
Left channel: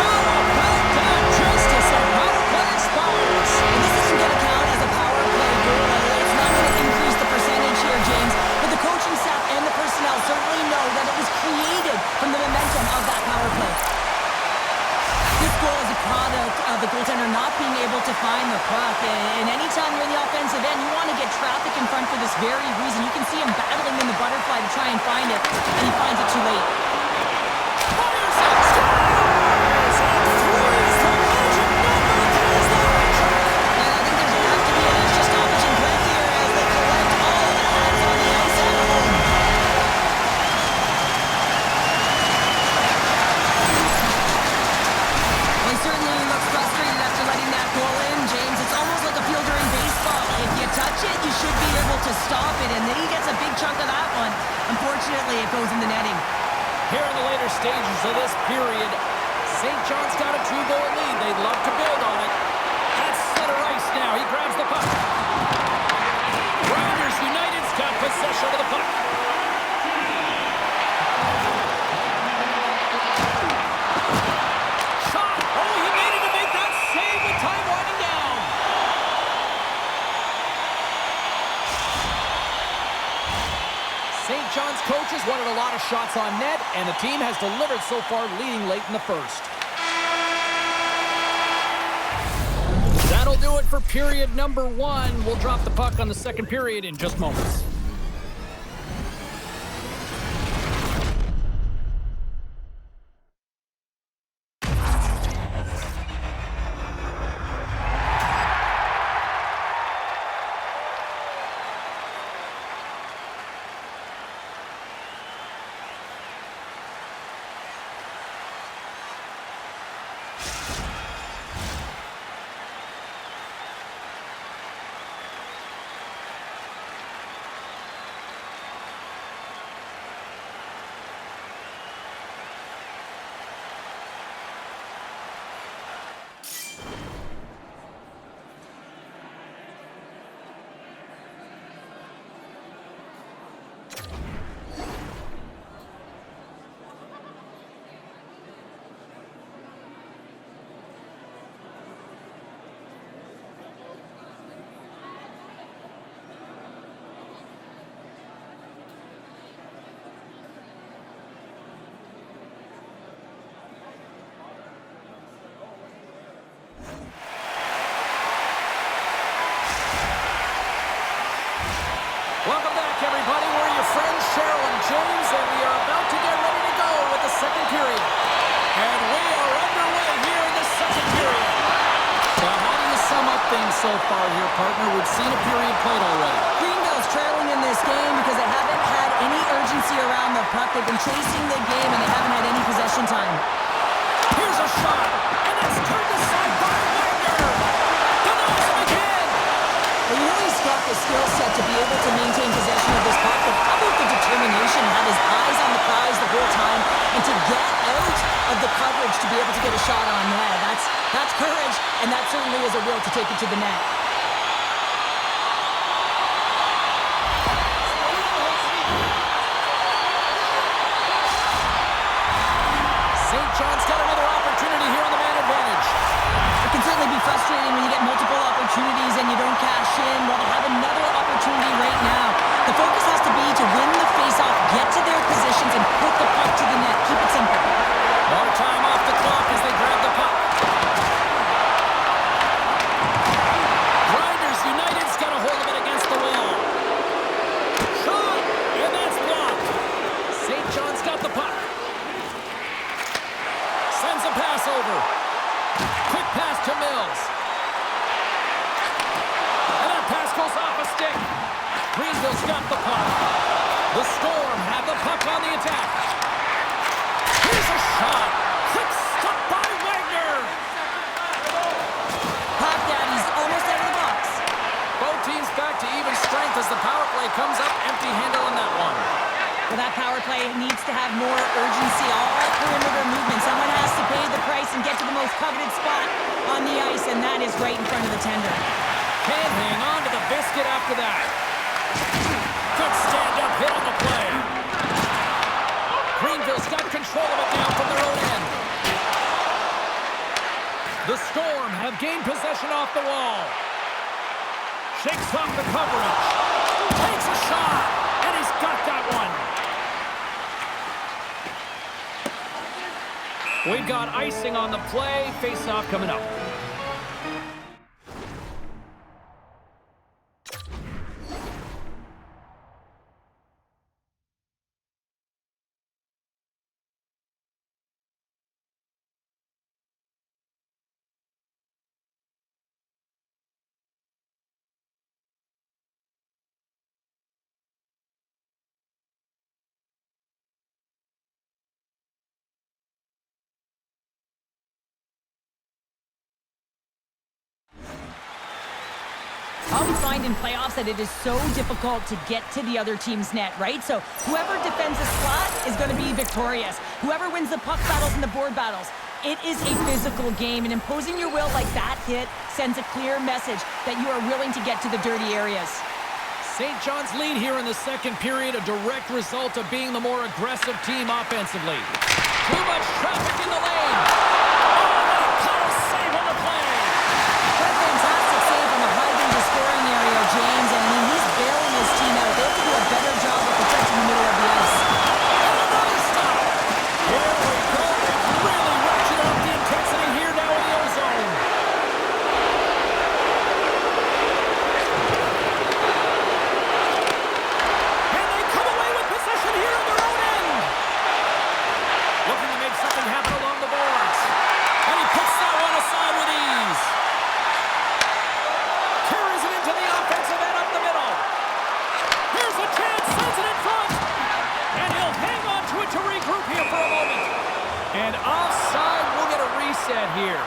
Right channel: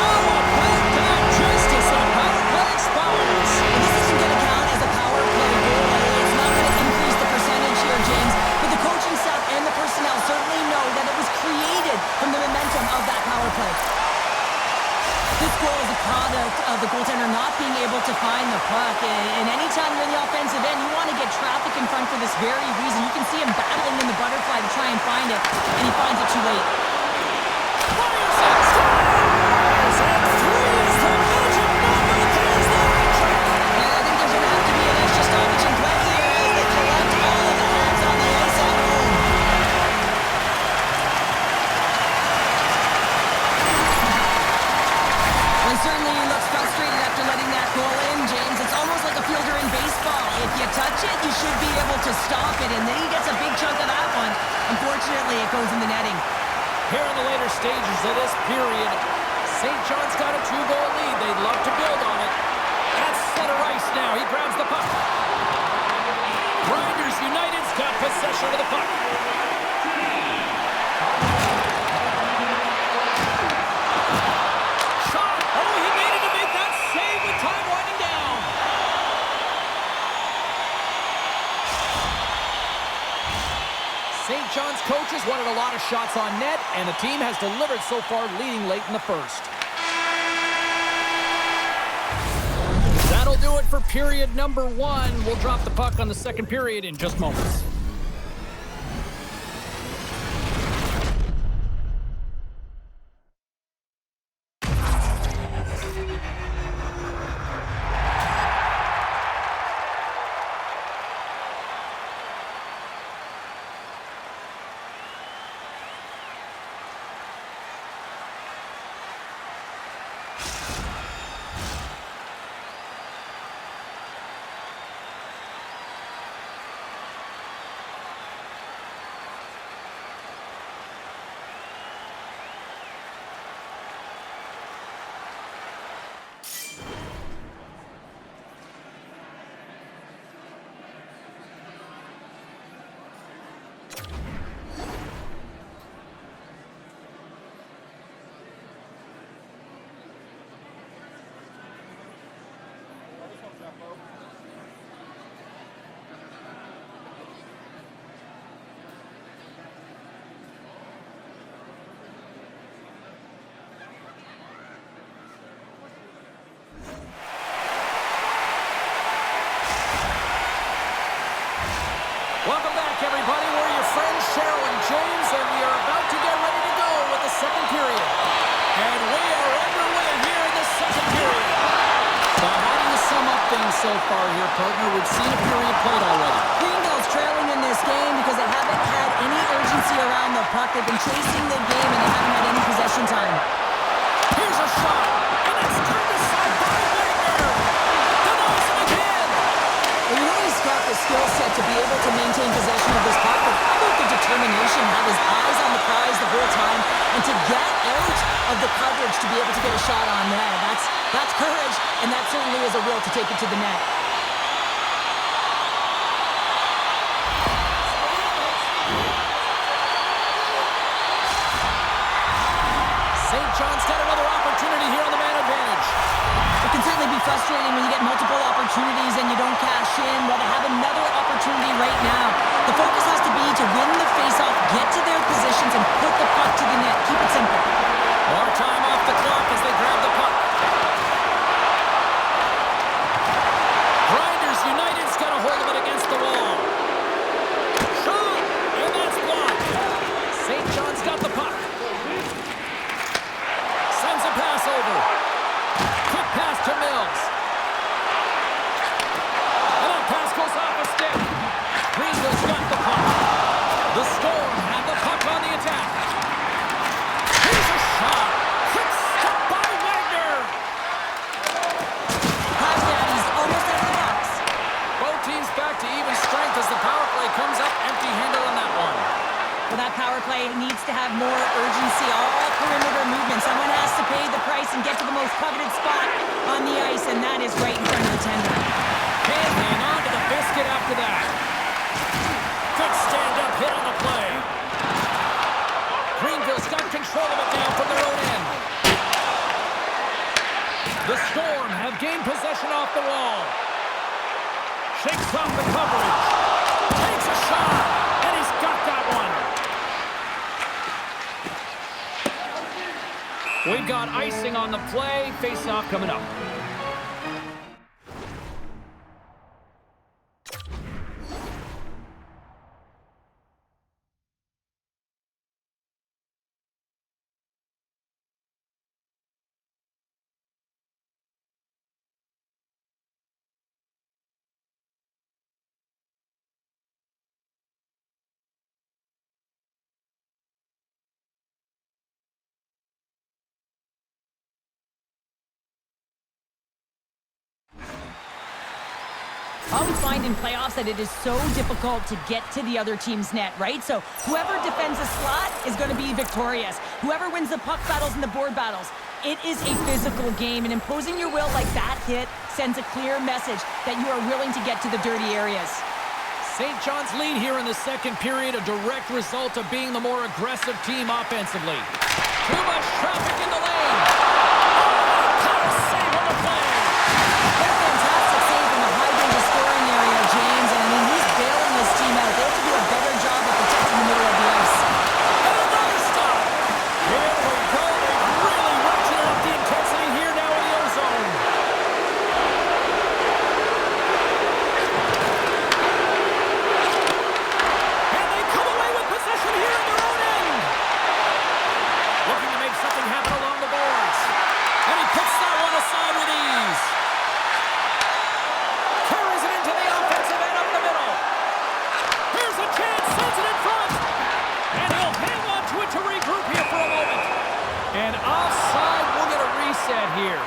How about that? Justice, a power play expires. And this isn't going to count as a power play goal. It's not going to increase the percentage here, James. But the coaching staff and the personnel certainly know that it was created from the momentum of that power play. This goal is a product of the goaltender not being able to find the puck. And anytime you're in the offensive end, you want to get traffic in front for this very reason. You can see him battling in the butterfly to try and find it, and he finds it too late. Fires it! Scores! And threes the magic number. There's the hat trick. And I think there's going to have to be an extra stoppage in play here as they collect all of the hats on the ice at home. Well, he certainly looks frustrated after letting that goal in, James. It's almost like a fielder in baseball. If you touch it, you should be able to stop it, and then he gets a big chunk of that one. Unfortunately, it goes in the netting. Here in the later stages of this period, St. John's got a 2-goal lead. They'd love to build on it. At center ice now. He grabs the puck. Grinders United's got possession of the puck. Shot! Oh, he needed to make that save with time winding down. St. John's coaches wanted a lot of shots on net, and the team has delivered so far, leading late in the first. That'll do it for period number 1. We'll drop the puck on the second period in just moments. Welcome back, everybody. We're your friends, Cheryl and James, and we are about to get ready to go with the second period. And we are underway here in the second period. So how do you sum up things so far here, partner? We've seen a period played already. Greenville's trailing in this game because they haven't had any urgency around the puck. They've been chasing the game, and they haven't had any possession time. Here's a shot, and it's turned aside by Wagner. Denies him again. Well, you know he's got the skill set to be able to maintain possession of this puck, but how about the determination, have his eyes on the prize the whole time, and to get out of the coverage to be able to get a shot on net. That's courage, and that certainly is a will to take it to the net. St. John's got another opportunity here on the man advantage. It can certainly be frustrating when you get multiple opportunities and you don't cash in. Well, they have another opportunity right now. The focus has to be to win the faceoff, get to their positions, and put the puck to the net. Keep it simple. More time off the clock as they grab the puck. Grinders United's got a hold of it against the wall. Shot! And that's blocked. St. John's got the puck. Sends a pass over. Quick pass to Mills. And that pass goes off a stick. Greenville's got the puck. The Storm have the puck on the attack. Here's a shot. Quick stop by Wagner. Pass Daddy's almost out of the box. Both teams back to even strength as the power play comes up empty-handed on that one. Well, that power play needs to have more urgency, all perimeter movement. Someone has to pay the price and get to the most coveted spot on the ice, and that is right in front of the tender. Can't hang on to the biscuit after that. Good stand-up hit on the play. Greenville's got control of it now from their own end. The Storm have gained possession off the wall. Shakes off the coverage. Takes a shot, and he's got that one. We've got icing on the play. Face-off coming up. I always find in playoffs that it is so difficult to get to the other team's net, right? So whoever defends a slot is going to be victorious. Whoever wins the puck battles and the board battles. It is a physical game, and imposing your will like that hit sends a clear message that you are willing to get to the dirty areas. St. John's lead here in the second period, a direct result of being the more aggressive team offensively. Too much traffic in the lane. Oh, what a power save on the play. What a fantastic save from a high-danger scoring area, James. And I mean, he's bailing his team out. They have to do a better job of protecting the middle of the ice. And another stop. Here we go. They've really ratcheted up the intensity here now in the O-zone. And they come away with possession here in their own end. Looking to make something happen along the boards. And he puts that one aside with ease. Carries it into the offensive end up the middle. Here's a chance, sends it in front. And he'll hang on to it to regroup here for a moment. And offside, we'll get a reset here.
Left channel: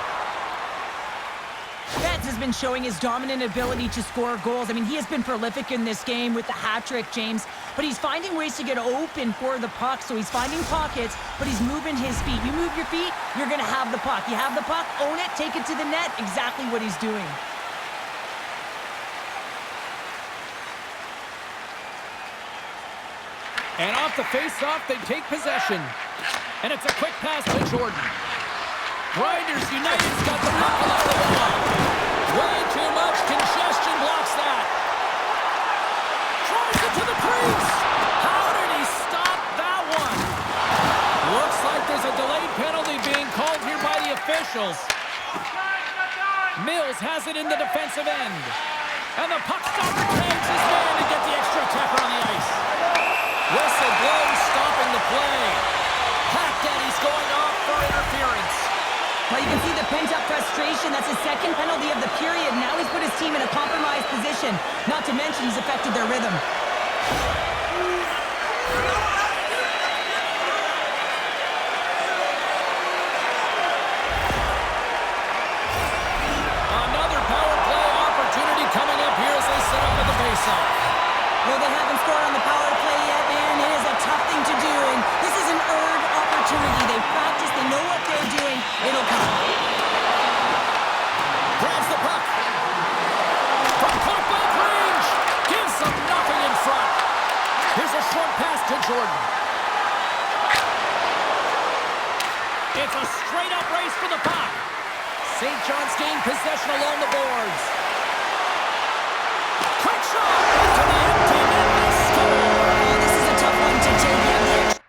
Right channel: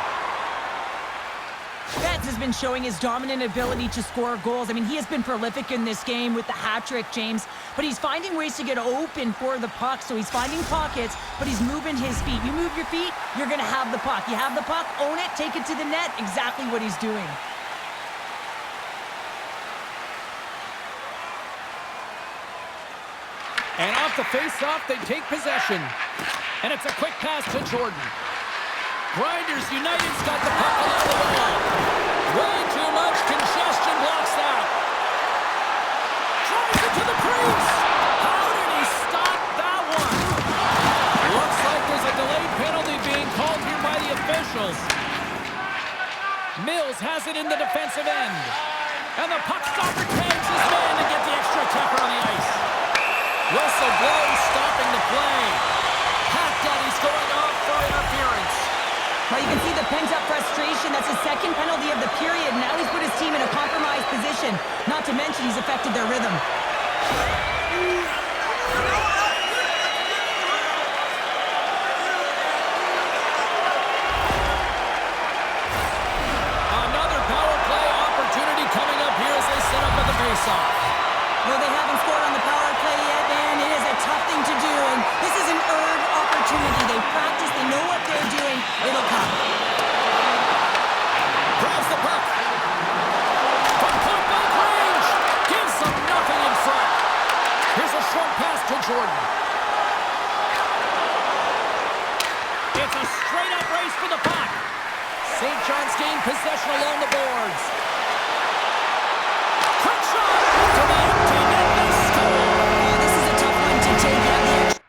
Betts has been showing his dominant ability to score goals. I mean, he has been prolific in this game with the hat trick, James. But he's finding ways to get open for the puck. So he's finding pockets, but he's moving his feet. You move your feet, you're going to have the puck. You have the puck, own it, take it to the net. Exactly what he's doing. And off the face-off, they take possession. And it's a quick pass to Jordan. Grinders United's got the puck along the wall. Way too much congestion blocks that. Drives it to the crease. How did he stop that one? Looks like there's a delayed penalty being called here by the officials. Mills has it in the defensive end. And the puck stopper tags his man to get the extra attacker on the ice. Whistle blows, stopping the play. Pat Daddy's going off for interference. Well, you can see the pent-up frustration. That's his second penalty of the period. Now he's put his team in a compromised position. Not to mention he's affected their rhythm. Another power play opportunity coming up here as they set up at the faceoff. Well, they haven't scored on the power play yet, man. It is a tough thing to do, and this is an earned opportunity. They practice, they know what they're doing. It'll come. Grabs the puck. From point-blank range. Gives them nothing in front. Here's a short pass to Jordan. It's a straight-up race for the puck. St. John's gained possession along the boards. Quick shot into the empty net. They score. Oh, this is a tough one to take. You have the extra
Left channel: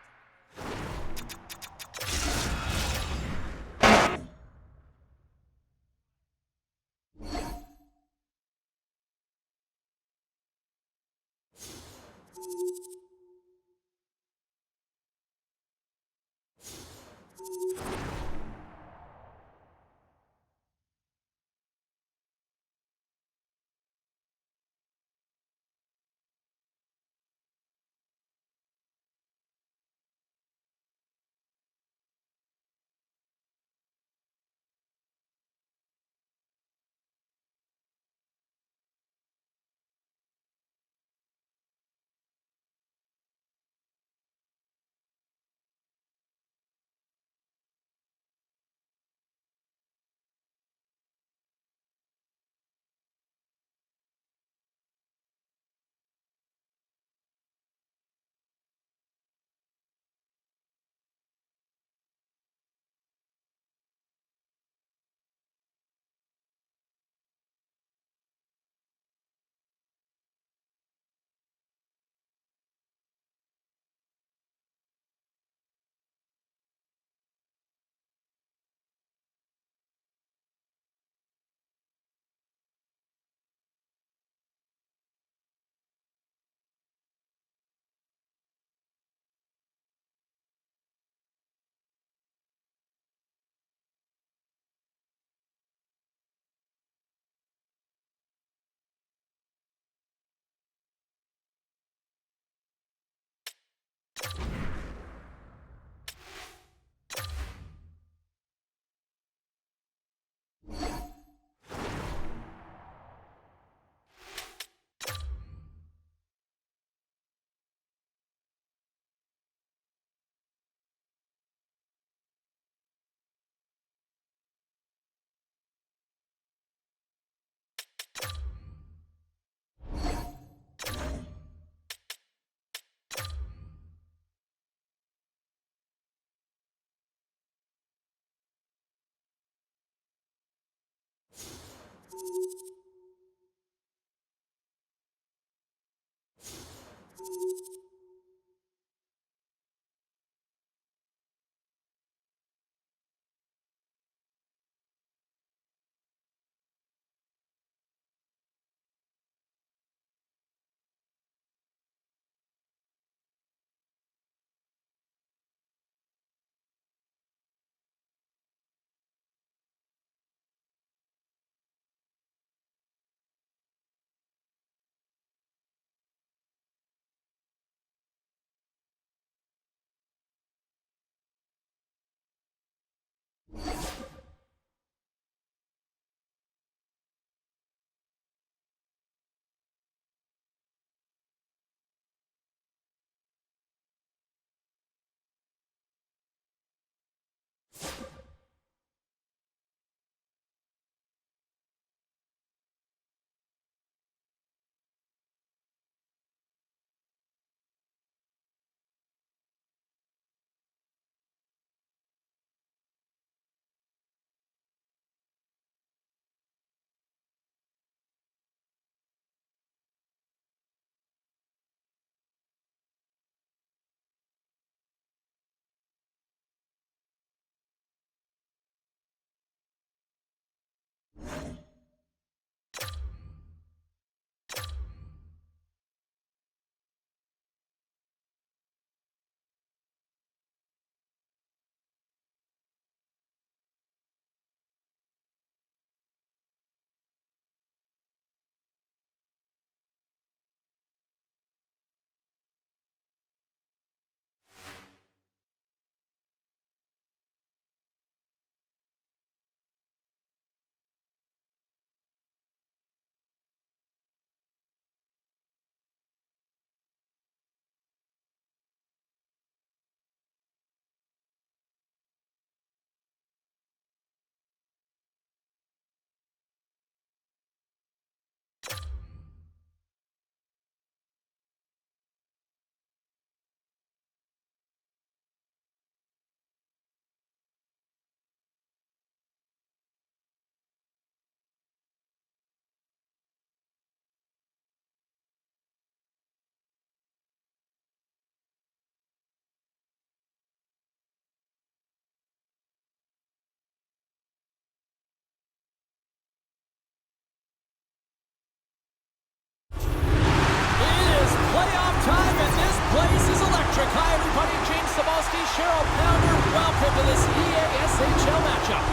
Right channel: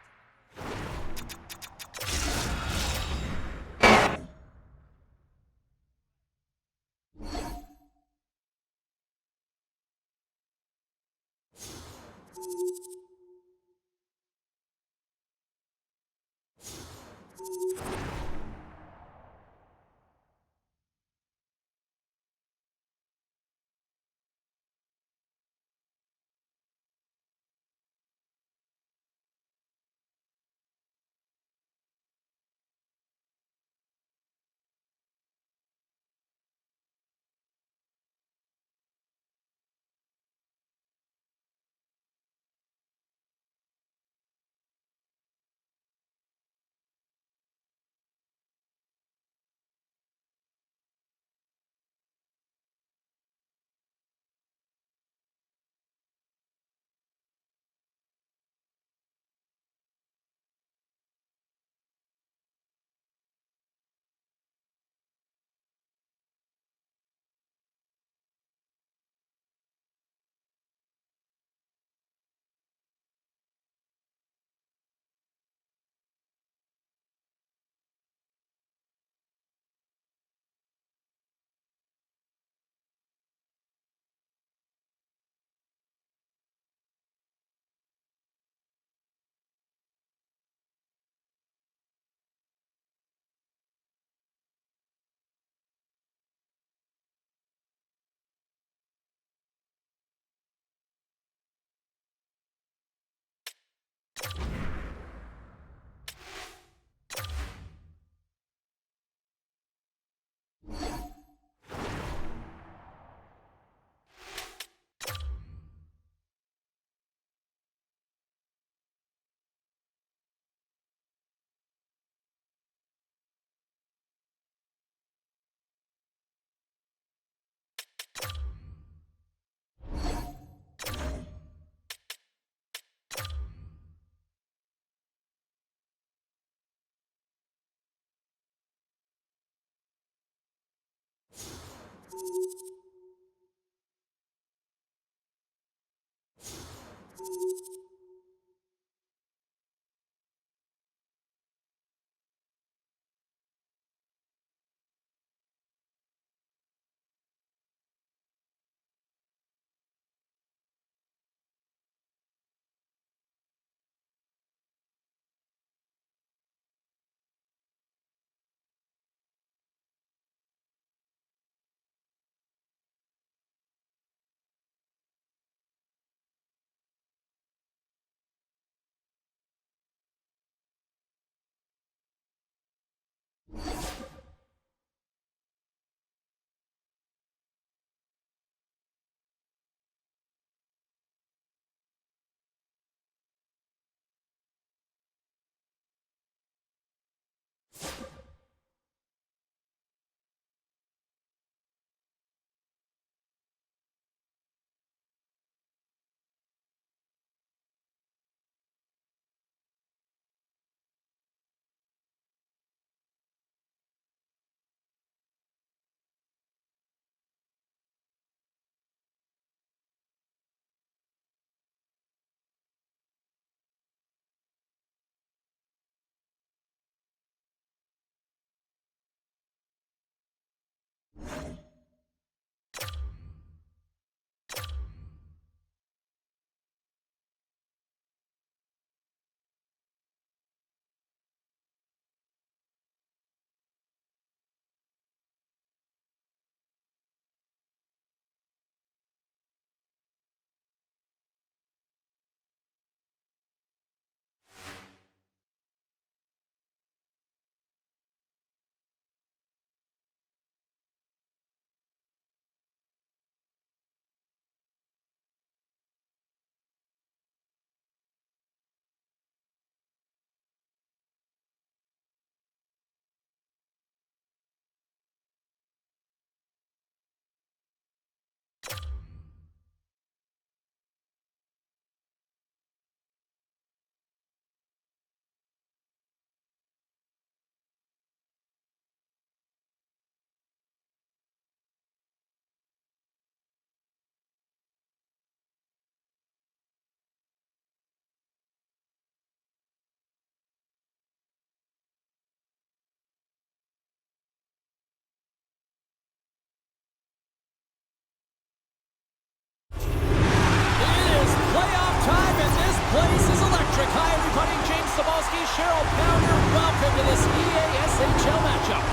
Patrick. Hi, everybody. James Cybulski, Cheryl Pounder. Welcome to this EASHL matchup.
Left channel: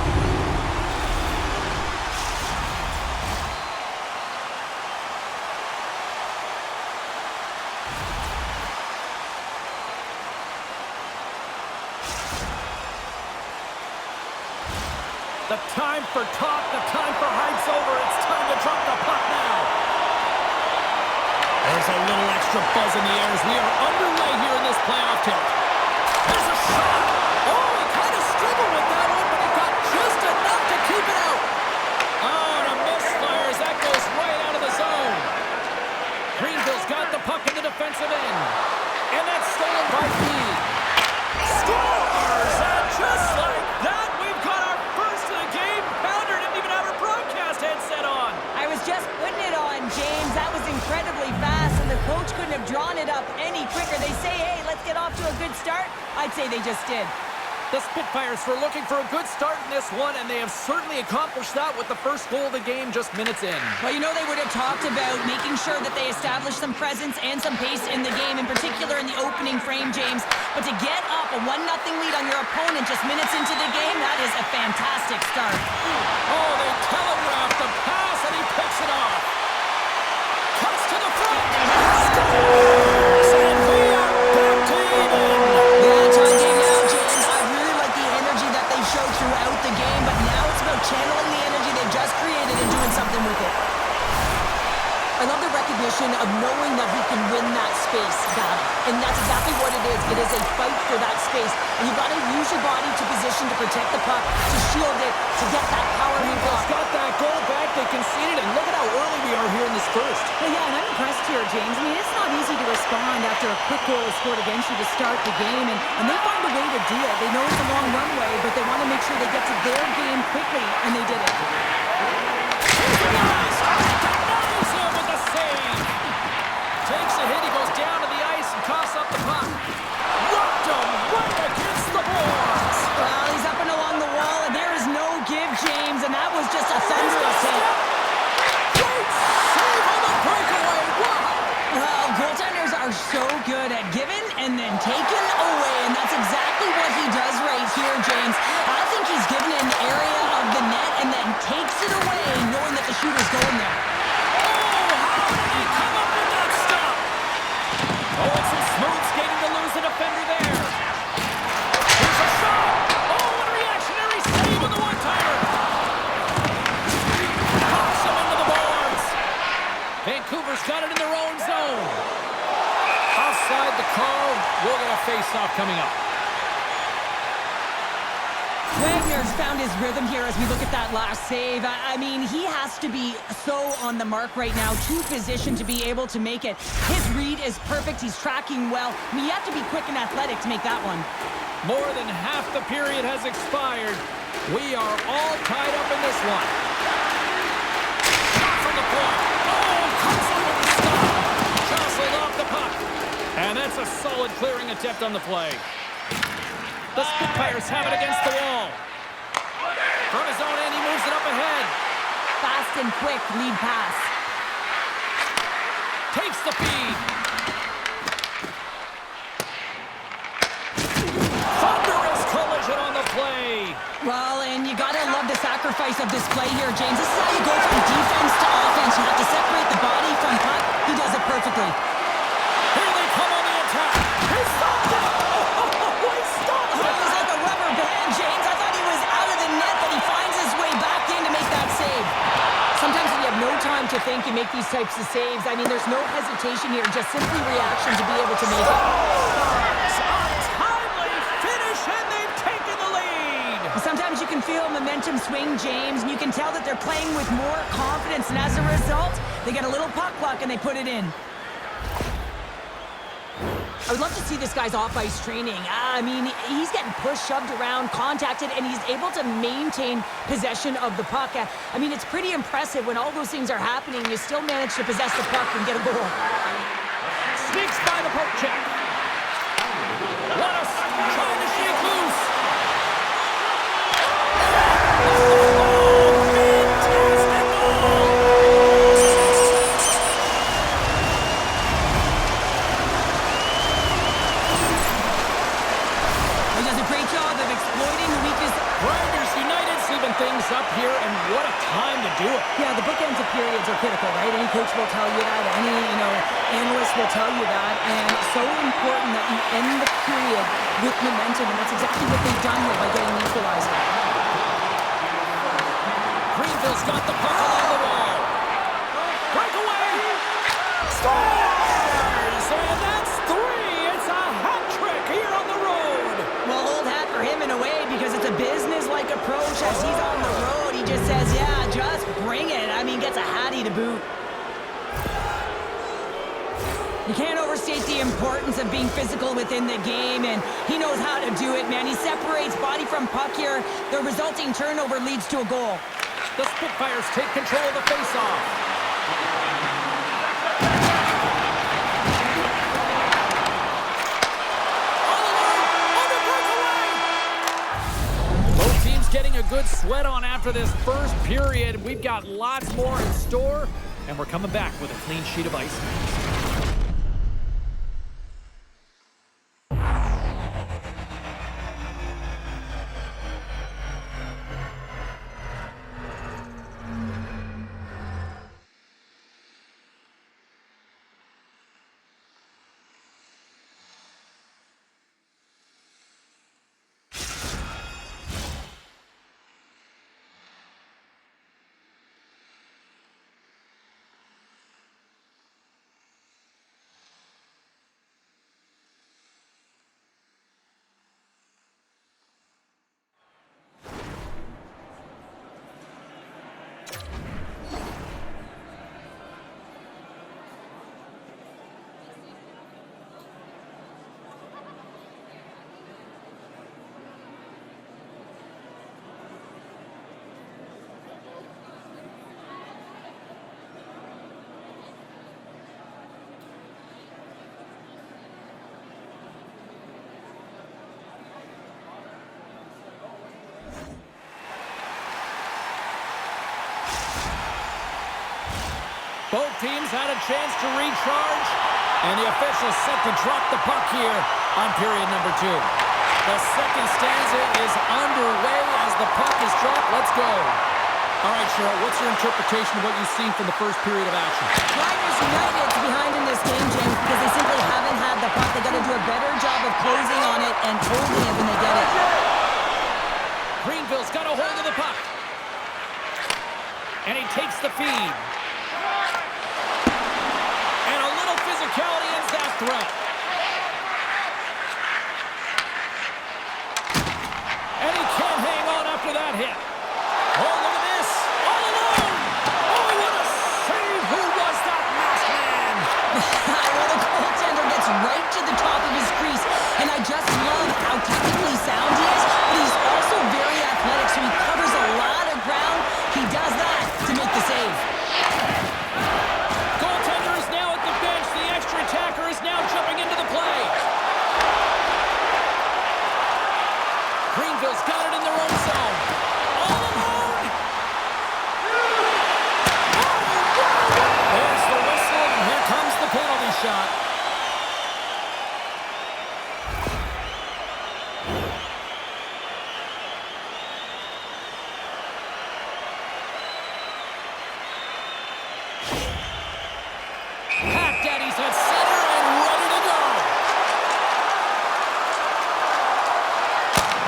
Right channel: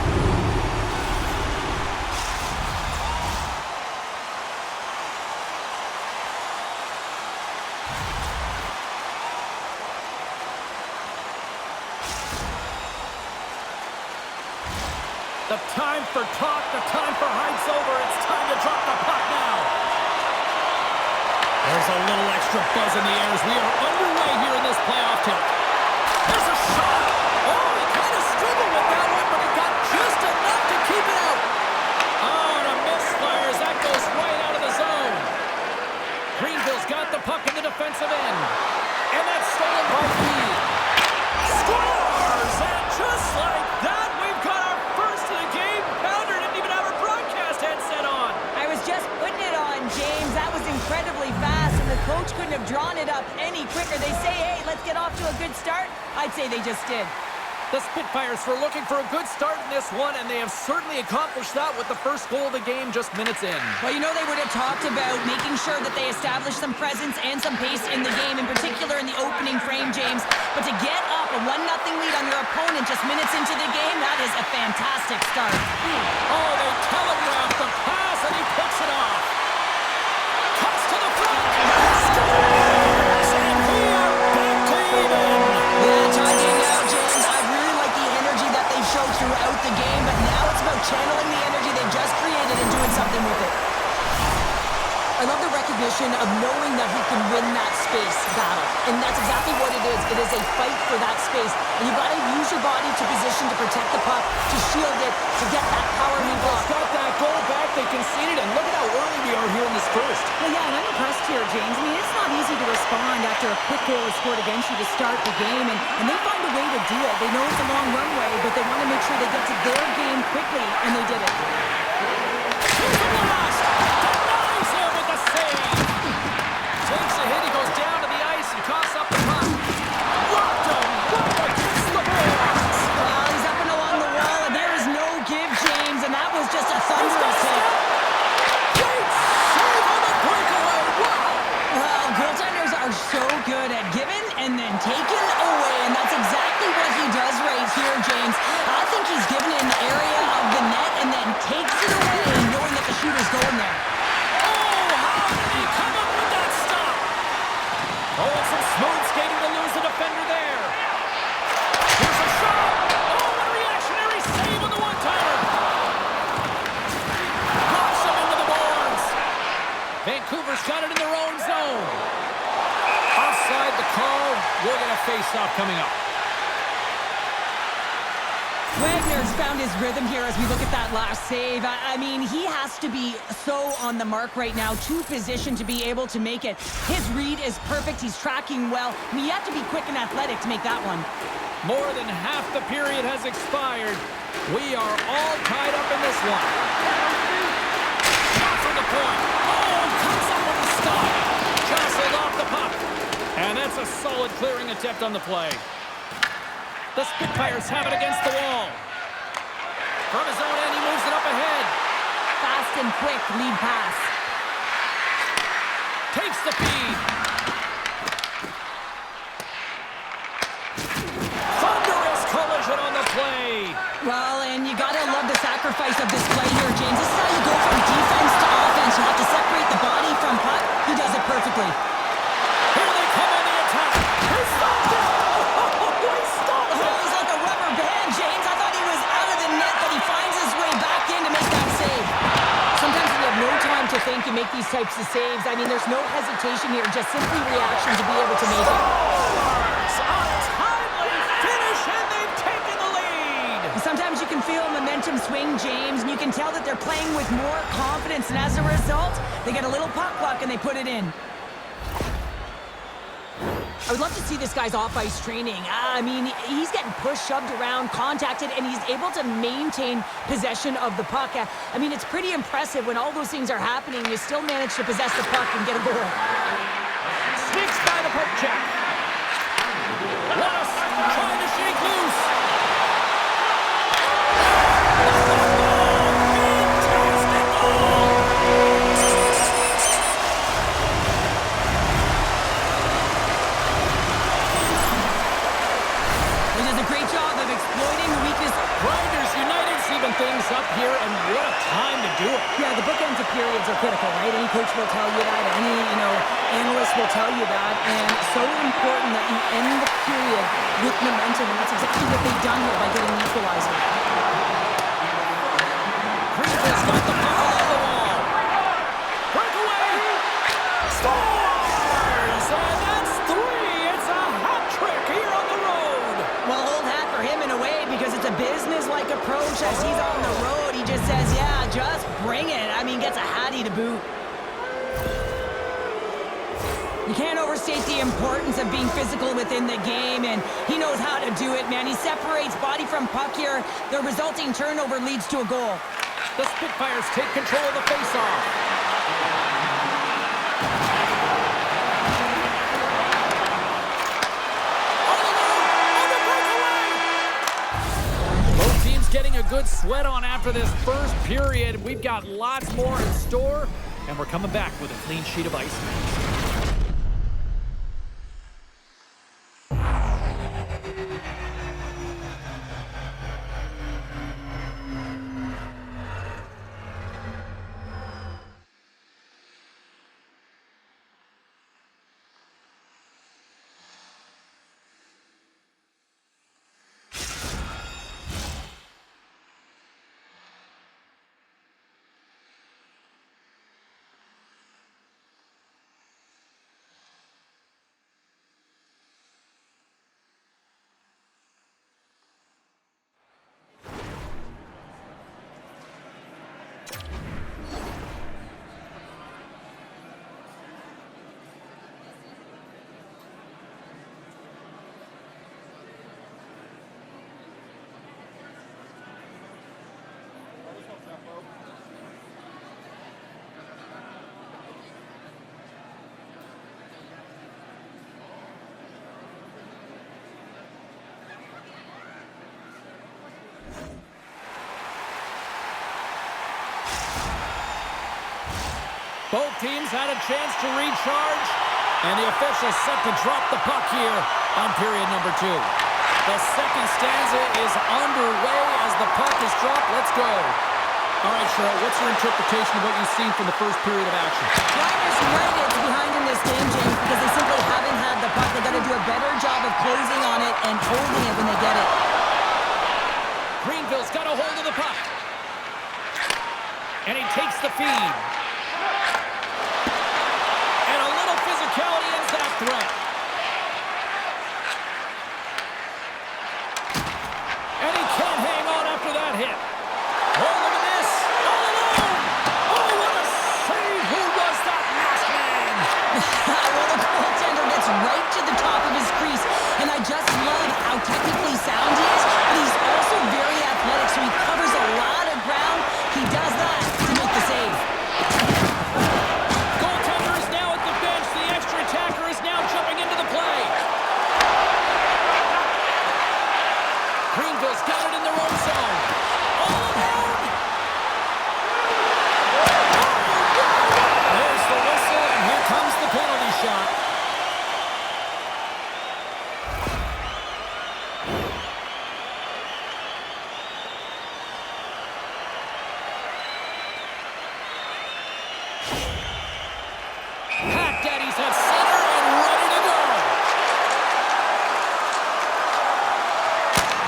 The time for talk, the time for hype's over. It's time to drop the puck now. There's a little extra buzz in the air as we are underway here in this playoff tilt. There's a shot. Oh, he kind of struggled with that one, but he got just enough to keep it out. Oh, and a misfire as that goes right out of the zone. Greenville's got the puck in the defensive end. And that's stolen by Mead. Scores! And just like that, we've got our first of the game. Pounder didn't even have her broadcast headset on. I was just putting it on, James. That was incredibly fast, and the coach couldn't have drawn it up any quicker. They say, hey, let's get off to a good start. I'd say they just did. The Spitfires were looking for a good start in this one, and they have certainly accomplished that with the first goal of the game just minutes in. Well, you know they would have talked about making sure that they established some presence and some pace in the game, in particular in the opening frame, James. But to get up a 1-0 lead on your opponent just minutes into the game, that is a fantastic start. Oh, they telegraphed the pass, and he picks it off. Cuts to the front. Scores! And we are back to even. Yeah, tie game now, James. I really like the energy that they've showed throughout the game, but now it's about channeling the energy they've just created and doing something with it. I love the recognition of knowing that he can win that space battle. And that's exactly what it is. It is a fight for that space. And you've got to use your body to position to protect the puck, to shield it, to get that power move off. Got that goal back. They conceded, and look at how early we are here in this first. Well, yeah, and I'm impressed here, James. I mean, it's not easy to respond after a quick goal is scored against you to start the game, and they find a way to do it. They know it's a long runway, but they want to make sure they get to their game quickly, and they did it. Here's the blast! Denies him with the save! Takes a hit, he goes down to the ice and coughs up the puck. Rocked him right against the boards! Well, he's up and along the wall, and there is no give, James, and that was just a thunderous hit. Great save on the breakaway! Wow! Well, goaltenders are so good at giving and then taking away, and that's exactly what he does right here, James. I think he's given an area of the net and then takes it away, knowing that the shooter's going there. Oh, how did he come up with that stop? Oh, and some smooth skating to lose the defender there. Here's a shot! Oh, what a reactionary save on the one-timer! Knocks him into the boards. Vancouver's got it in their own zone. Offside the call. We'll get a face-off coming up. Wagner's found his rhythm here as we look at that last save. I mean, he has to be so on the mark right now, to position to be able to make it. His read is perfect. He's tracking well. I mean, you have to be quick and athletic to make that one. More than half the period has expired. We are all tied up in this one. Shot from the point. Oh, comes up with the stop. Jostled off the puck. And that's a solid clearing attempt on the play. The Spitfires have it against the wall. From his own end, he moves it up ahead. Fast and quick lead pass. Takes the feed. Thunderous collision on the play. Well, and you gotta love the sacrifice of this play here, James. This is how you go from defense to offense. You have to separate the body from puck. He does it perfectly. Here they come on the attack. He stopped it. Oh, he stopped it. It was like a rubber band, James. I thought he was out of the net, but he finds his way back in to make that save. Sometimes when you have no time to think, you make these types of saves. I mean, there's no hesitation here, just simply reaction to be able to make it. A timely finish, and they've taken the lead. Sometimes you can feel momentum swing, James, and you can tell that they're playing with more confidence, and as a result, they get a little puck luck and they put it in. I would love to see this guy's off-ice training. I mean, he's getting pushed, shoved around, contacted, and he's able to maintain possession of the puck. I mean, it's pretty impressive when all those things are happening. You still manage to possess the puck and get a goal. Sneaks by the poke check. Wallace trying to shake loose. Oh, fantastic goal! things up here, and what a time to do it. Yeah, the bookends of periods are critical, right? Any coach will tell you that. Any, analyst will tell you that. And so important that you end the period with momentum, and that's exactly what they've done here by getting the equalizer. Greenville's got the puck along the wall. Breakaway! Scores! And that's 3! It's a hat trick here on the road. Well, old hat for him in a way, because it's a business-like approach as he's on the road. He just says, yeah, just bring it. I mean, gets a hattie to boot. You can't overstate the importance of being physical within the game, and he knows how to do it, man. He separates body from puck here. The resulting turnover leads to a goal. The Spitfires take control of the faceoff. On the line, on the breakaway! Both teams getting a good sweat on after this first period. We've got lots more in store, and we're coming back with a clean sheet of ice. Both teams had a chance to recharge, and the officials set to drop the puck here on period number 2. The second stanza is underway as the puck is dropped. Let's go. All right, Cheryl, what's your interpretation of what you've seen from the first period of action? Flyers United's behind in this game, James, because they simply haven't had the puck. They got to do a better job of closing on it and holding it when they get it. Greenville's got a hold of the puck. And he takes the feed. And a little physicality ends that threat. And he can't hang on after that hit. Oh, look at this. All alone. Oh, what a save. Who was that last man? Well, the goaltender gets right to the top of his crease, and I just love how technically sound he is, but he's also very athletic, so he covers a lot of ground. He does that to make the save. Goaltender is now at the bench. The extra attacker is now jumping into the play. Greenville's got it in their own zone. All alone. There's the whistle, and here comes the penalty shot. Pat Daddy's at center and ready to go.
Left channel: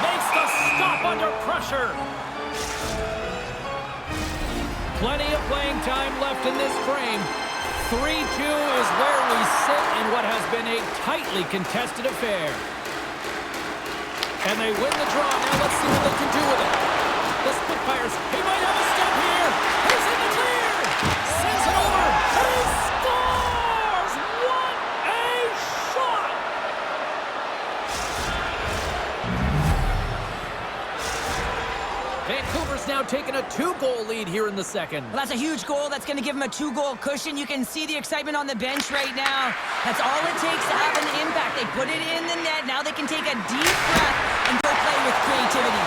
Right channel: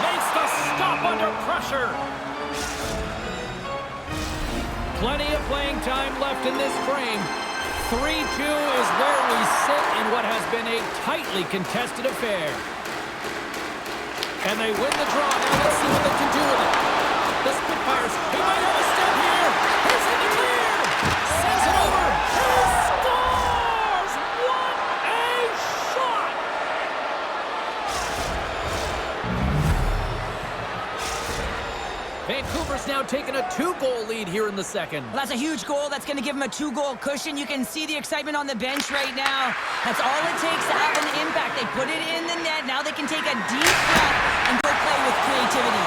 Makes the stop under pressure. Plenty of playing time left in this frame. 3-2 is where we sit in what has been a tightly contested affair. And they win the draw. Now let's see what they can do with it. The Spitfires, he might have a step here. He's in the clear. Sends it over. He scores! What a shot! Vancouver's now taking a 2-goal lead here in the second. Well, that's a huge goal. That's going to give him a 2-goal cushion. You can see the excitement on the bench right now. That's all it takes to have an impact. They put it in the net. Now they can take a deep breath and go play with creativity.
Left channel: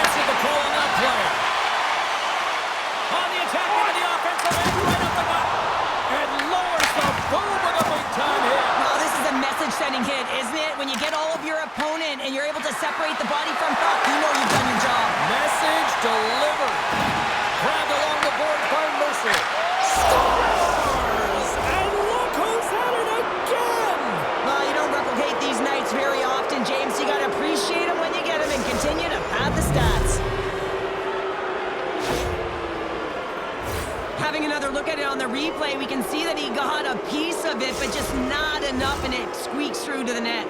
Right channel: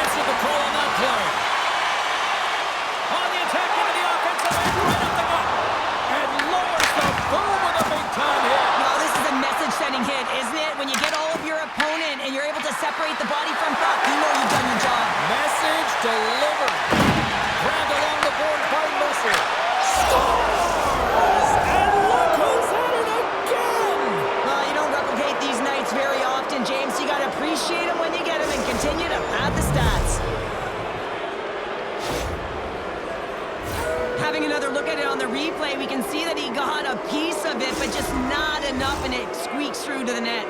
Answered the call on that play. On the attack into the offensive end, right up the gut. And lowers the boom with a big-time hit. Well, this is a message-sending hit, isn't it? When you get all of your opponent and you're able to separate the body from puck, you know you've done your job. Message delivered. Grabbed along the board by Mercer. Scores! And look who's at it again! Well, you don't replicate these nights very often, James. You got to appreciate them when you get them and continue to pad the stats. Having another look at it on the replay, we can see that he got a piece of it, but just not enough, and it squeaks through to the net.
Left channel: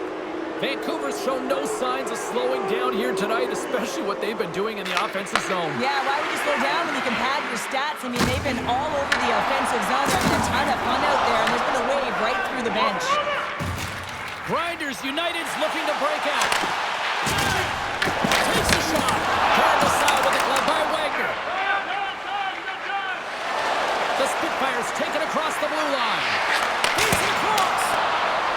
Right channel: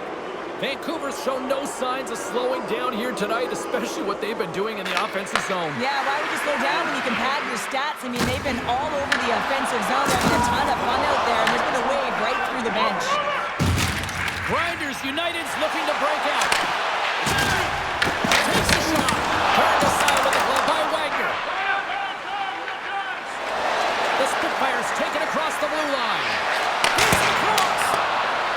Vancouver's shown no signs of slowing down here tonight, especially what they've been doing in the offensive zone. Yeah, why would you slow down when you can pad your stats? I mean, they've been all over the offensive zone. They're having a ton of fun out there, and there's been a wave right through the bench. Grinders United's looking to break out. Takes the shot. Turned aside with the glove by Wagner. The Spitfires taken across the blue line. He's across.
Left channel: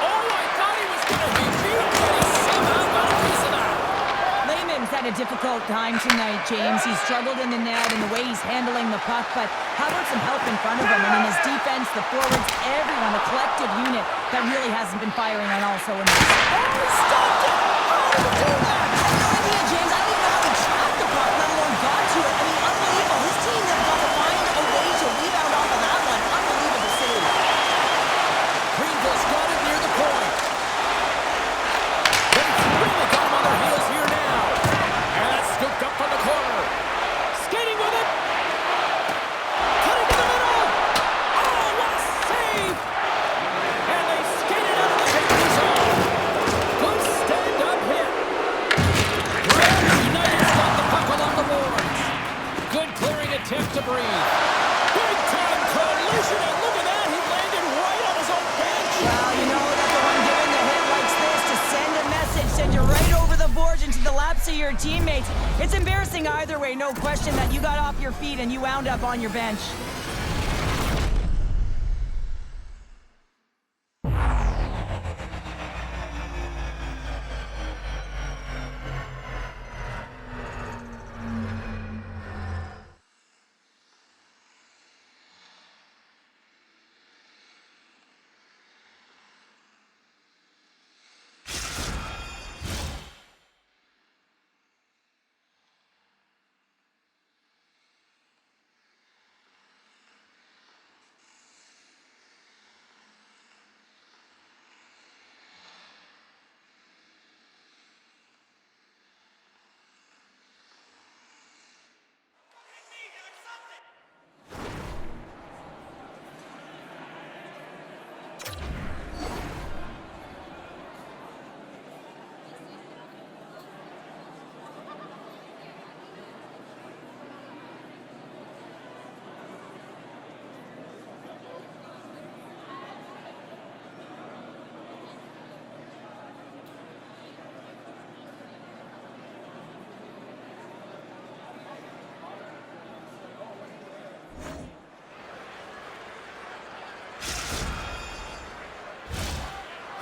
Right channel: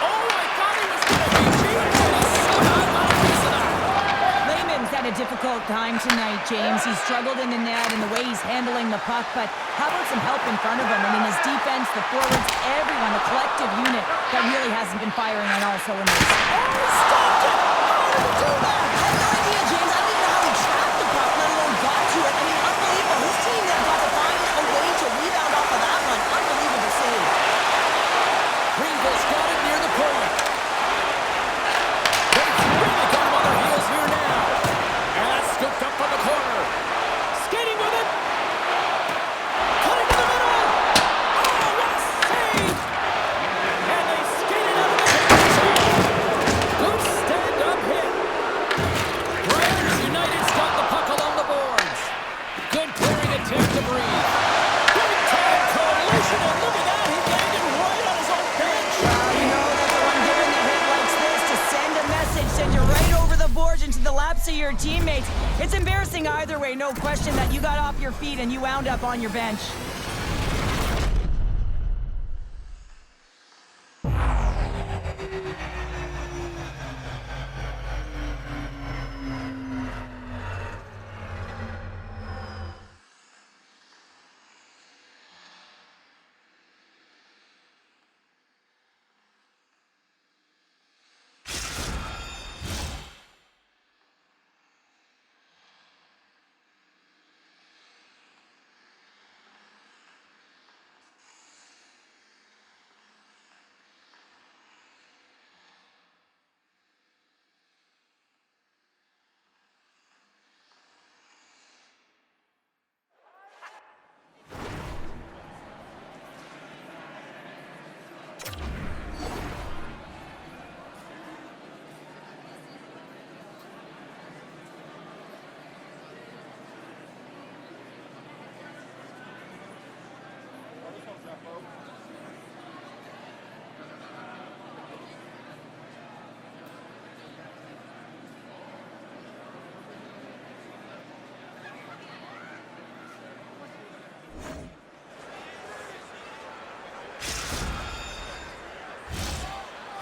Oh, I thought he was going to be beat, and he somehow got a piece of that. Lehman's had a difficult time tonight, James. He's struggled in the net and the way he's handling the puck, but how about some help in front of him? I mean, his defense, the forwards, everyone, a collective unit that really hasn't been firing on all cylinders. Oh, he stopped it! How did he do that? I have no idea, James. I don't even know how he tracked the puck, let alone got to it. I mean, unbelievable. His team has got to find a way to rebound off of that one. Unbelievable save. Greenville's got it near the point. They've really got him on their heels here now. And that's scooped up from the corner. Skating with it. Cutting to the middle. Oh, what a save! And they skated out of the danger zone. Good stand-up hit. Grinders United's got the puck along the boards. Good clearing attempt to breathe. Big-time collision, and look at that. He landed right on his own bench. Well, you know that the one giving the hit likes this to send a message, send you right over the boards into the laps of your teammates. It's embarrassing either way, no question that you got off your feet and you wound up on your bench.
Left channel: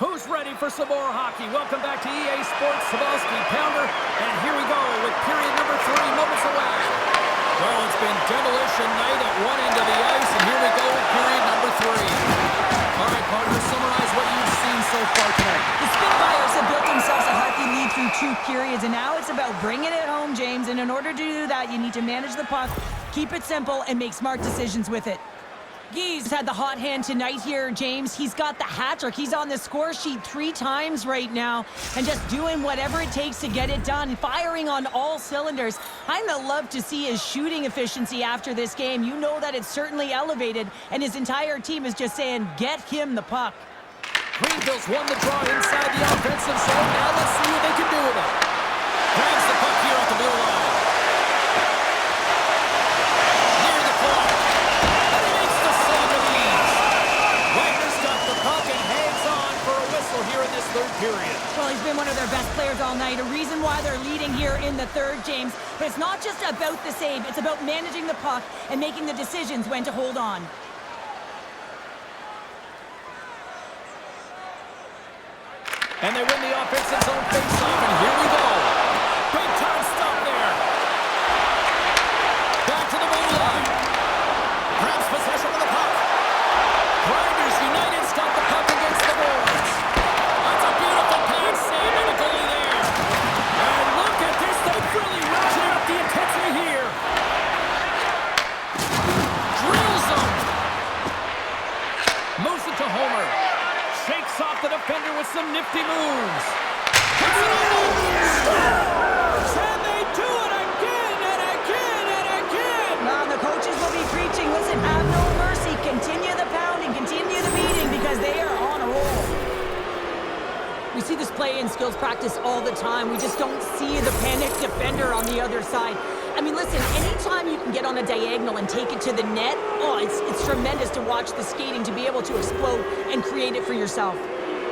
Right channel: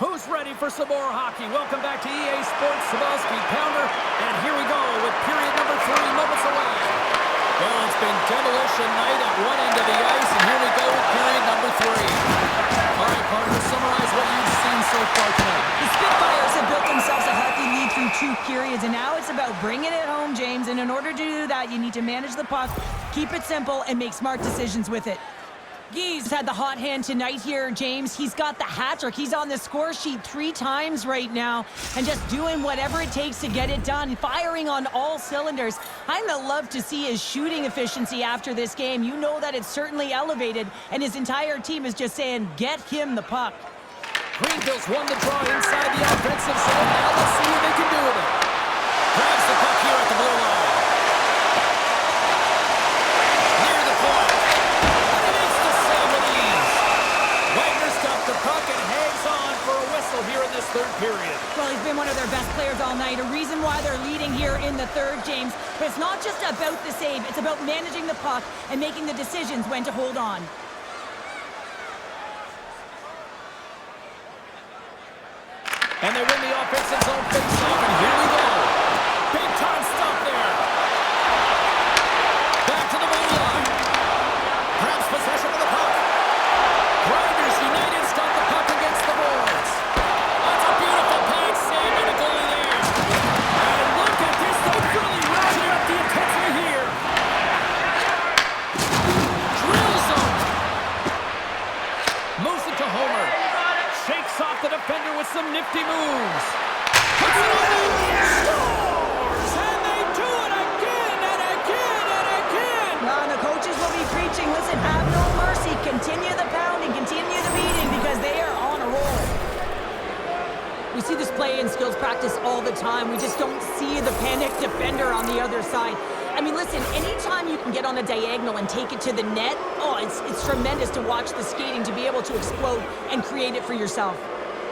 Who's ready for some more hockey? Welcome back to EA Sports Cebulski Pounder. And here we go with period number 3, moments away. Well, it's been demolition night at one end of the ice, and here we go with period number 3. All right, partner, summarize what you've seen so far tonight. The Spitfires have built themselves a healthy lead through 2 periods, and now it's about bringing it home, James. And in order to do that, you need to manage the puck, keep it simple, and make smart decisions with it. Guy's had the hot hand tonight here, James. He's got the hat trick. He's on the score sheet 3 times right now and just doing whatever it takes to get it done, firing on all cylinders. I'm going to love to see his shooting efficiency after this game. You know that it's certainly elevated, and his entire team is just saying, get him the puck. Greenville's won the draw inside the offensive zone. Now let's see what they can do with it. Grabs the puck here at the blue line. Near the point. And he makes the save with ease. Wagner's got the puck and hangs on for a whistle here in this 3rd period. Well, he's been one of their best players all night. A reason why they're leading here in the 3rd, James. But it's not just about the save. It's about managing the puck and making the decisions when to hold on. And they win the offensive zone face-off, and here we go. Big-time stop there. Back to the blue line. Grabs possession of the puck. Grinders United's got the puck against the boards. That's a beautiful pass save by the goalie there. to Homer. Shakes off the defender with some nifty moves. Puts it on net. Scores! And they do it again and again and again! Well, the coaches will be preaching, listen, have no mercy. Continue the pounding, continue the beating, because they are on a roll. We see this play in skills practice all the time. We just don't see the panic defender on the other side. I mean, listen, anytime you can get on a diagonal and take it to the net, it's tremendous to watch the skating, to be able to explode and create it for yourself.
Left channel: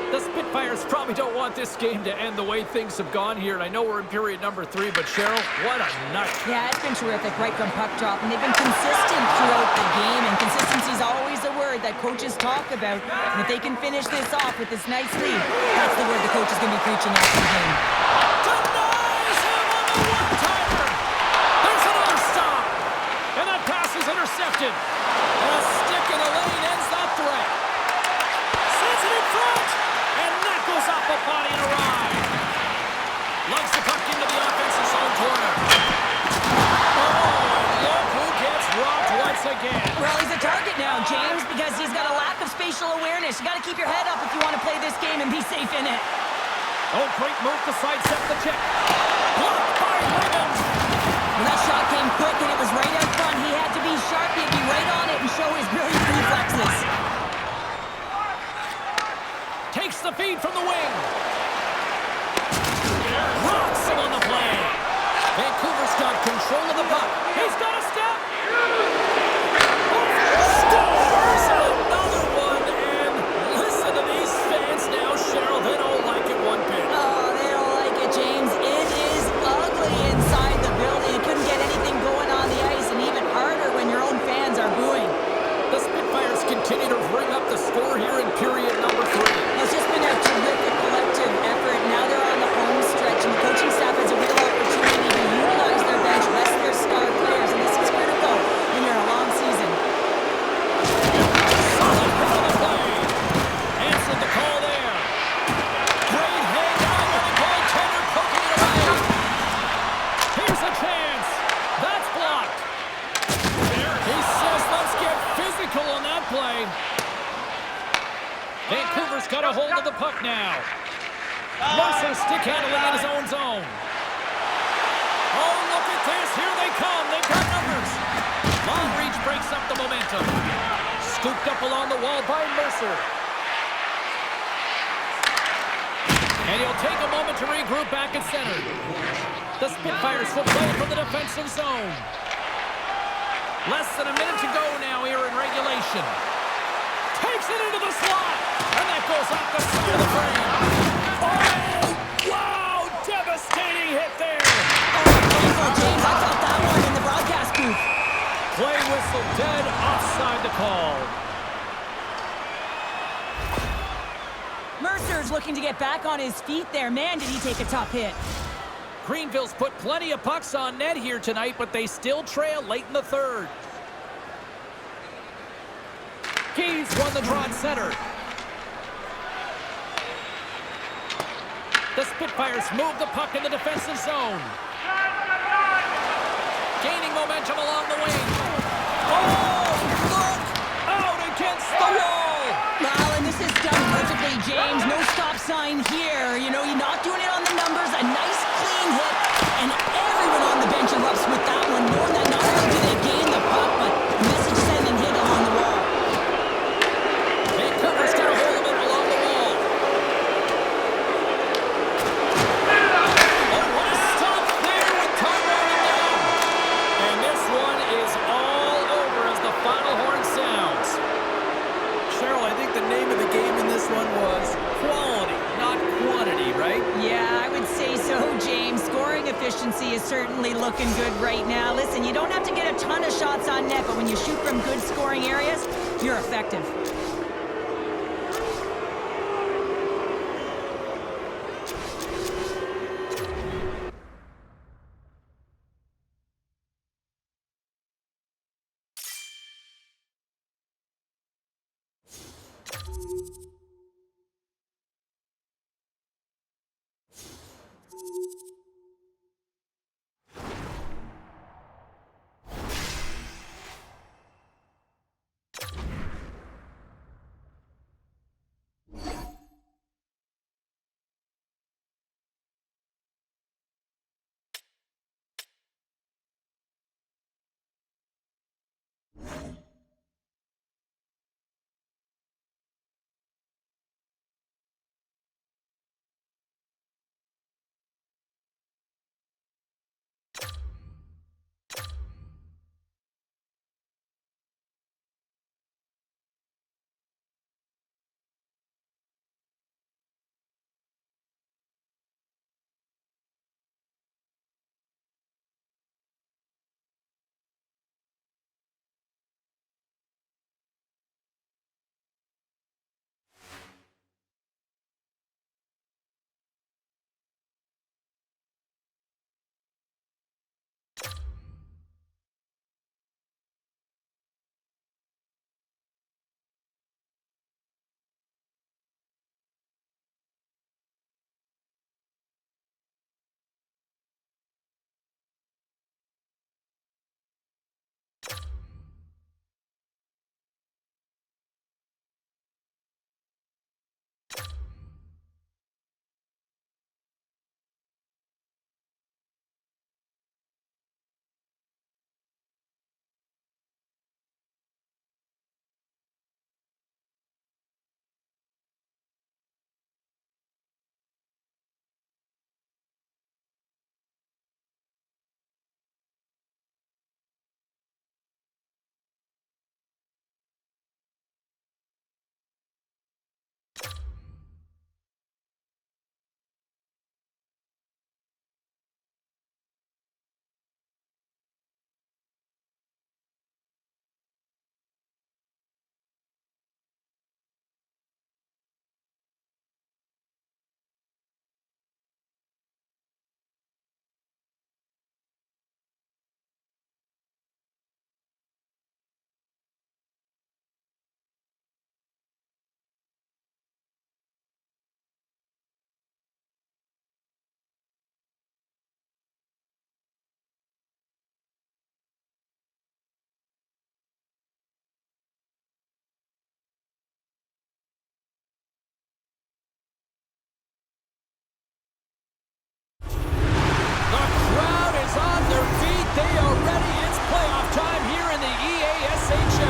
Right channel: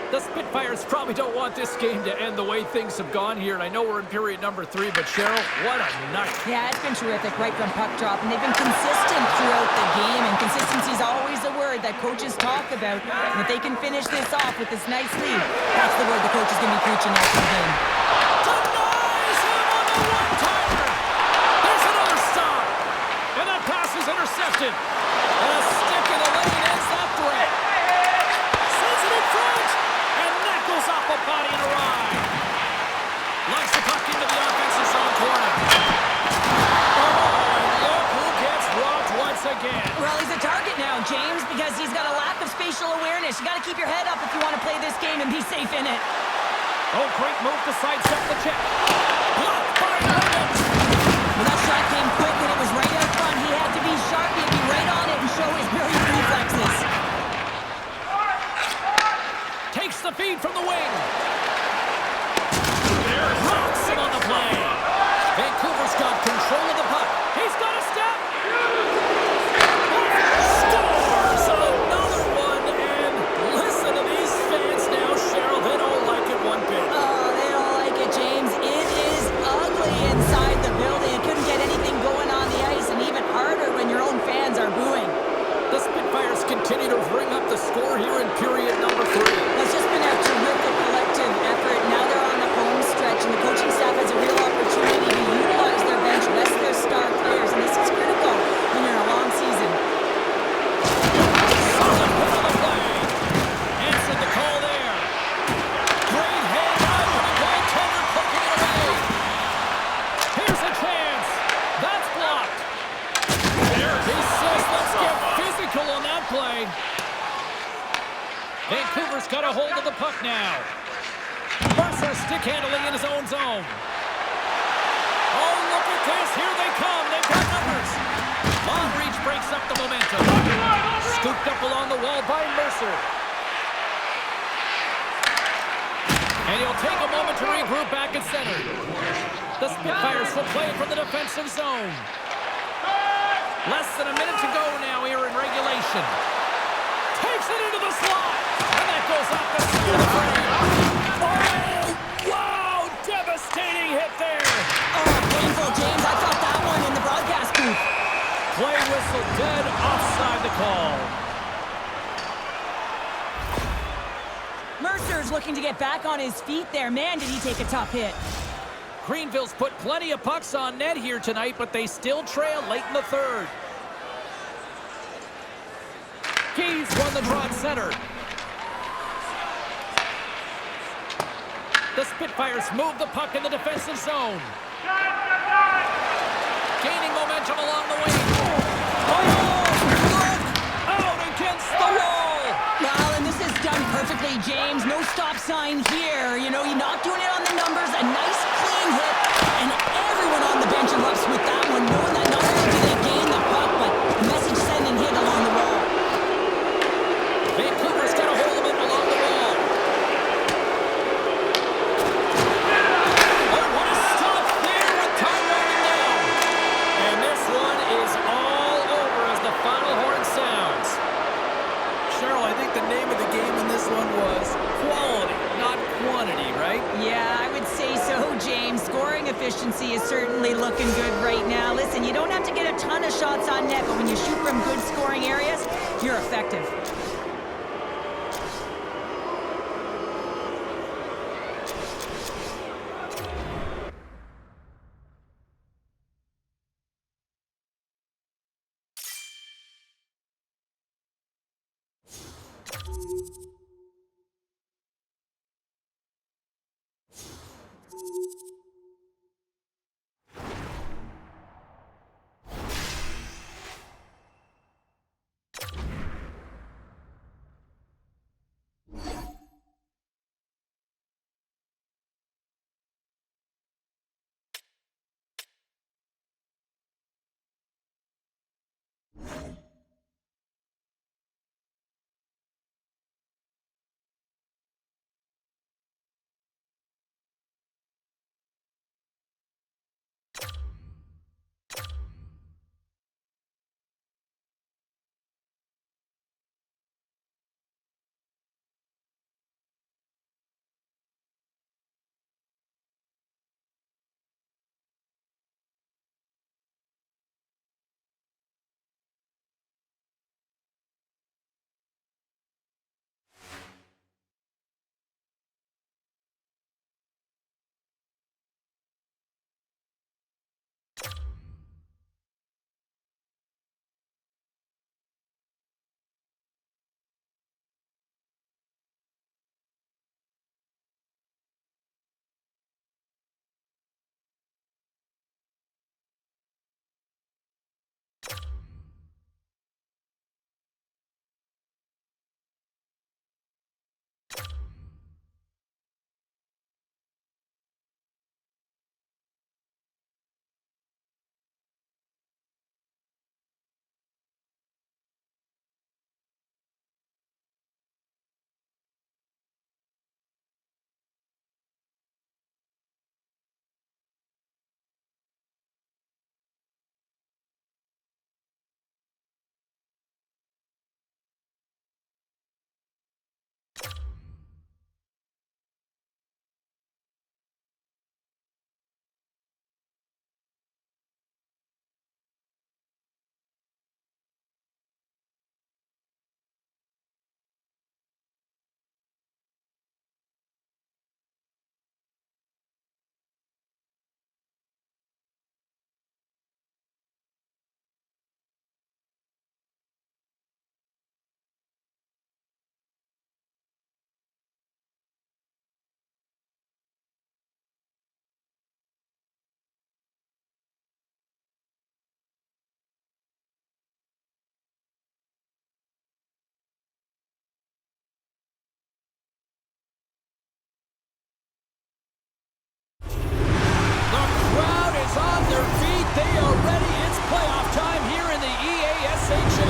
The Spitfires probably don't want this game to end the way things have gone here. And I know we're in period number 3, but Cheryl, what a night. Yeah, it's been terrific right from puck drop, and they've been consistent throughout the game, and consistency is always a word that coaches talk about. And if they can finish this off with this nice lead, that's the word the coach is going to be preaching after the game. Denies him on the one-timer. There's another stop. And that pass is intercepted. And a stick in the lane ends that threat. Sends it in front. And that goes off a body and a ride. Lugs the puck into the offensive zone corner. Oh, and look who gets robbed once again. Well, he's a target now, James, because he's got a lack of spatial awareness. You got to keep your head up if you want to play this game and be safe in it. Oh, great move to sidestep the check. Blocked by Lemons. Well, that shot came quick and it was right out front. He had to be sharp, he had to be right on it and show his brilliant reflexes. Takes the feed from the wing. Rocks him on the play. Vancouver's got control of the puck. He's got a step. Scores another one. And listen to these fans now, Cheryl. They don't like it one bit. Oh, they don't like it, James. It is ugly inside the building. It couldn't get anything going on the ice, and even harder when your own fans are booing. The Spitfires continue to bring up the score here in period number 3. Well, it's just been a terrific collective effort. Now they're on the home stretch, and the coaching staff has a real opportunity to utilize their bench, rest their star players, and this is critical when you're in a long season. Solid hit on the play. Answered the call there. Great handout with the goaltender poking it away. Here's a chance. That's blocked. He says, let's get physical on that play. Vancouver's got a hold of the puck now. Mercer stick handling in his own zone. Oh, look at this. Here they come. They've got numbers. Long reach breaks up the momentum. Scooped up along the wall by Mercer. And he'll take a moment to regroup back at center. The Spitfires will play it from the defensive zone. Less than a minute to go now here in regulation. Takes it into the slot. And that goes off the side of the frame. Oh, wow. Devastating hit there. Oh, painful, James. I felt that one in the broadcast booth. Play whistle dead, offside the call. Mercer's looking to get back on his feet there. Man, did he take a tough hit. Greenville's put plenty of pucks on net here tonight, but they still trail late in the third. Keys won the draw at center. The Spitfires move the puck in the defensive zone. Gaining momentum along the wing. Oh, look! Out against the wall! Well, and this is done perfectly, James. No stop sign here. You know, you're not doing it on the numbers. A nice, clean hit. And everyone on the bench erupts with that one, knowing that not only do they gain the puck, but message-sending hit along the wall. Vancouver's got a hold of it along the wall. Oh, what a stop there with time running down. And this one is all over as the final horn sounds. Cheryl, I think the name of the game in this one was quality, not quantity, right? Yeah, I would say so, James. Scoring efficiency is certainly looking good right now. Listen, you don't have to get a ton of shots on net, but when you shoot from good scoring areas, you're effective.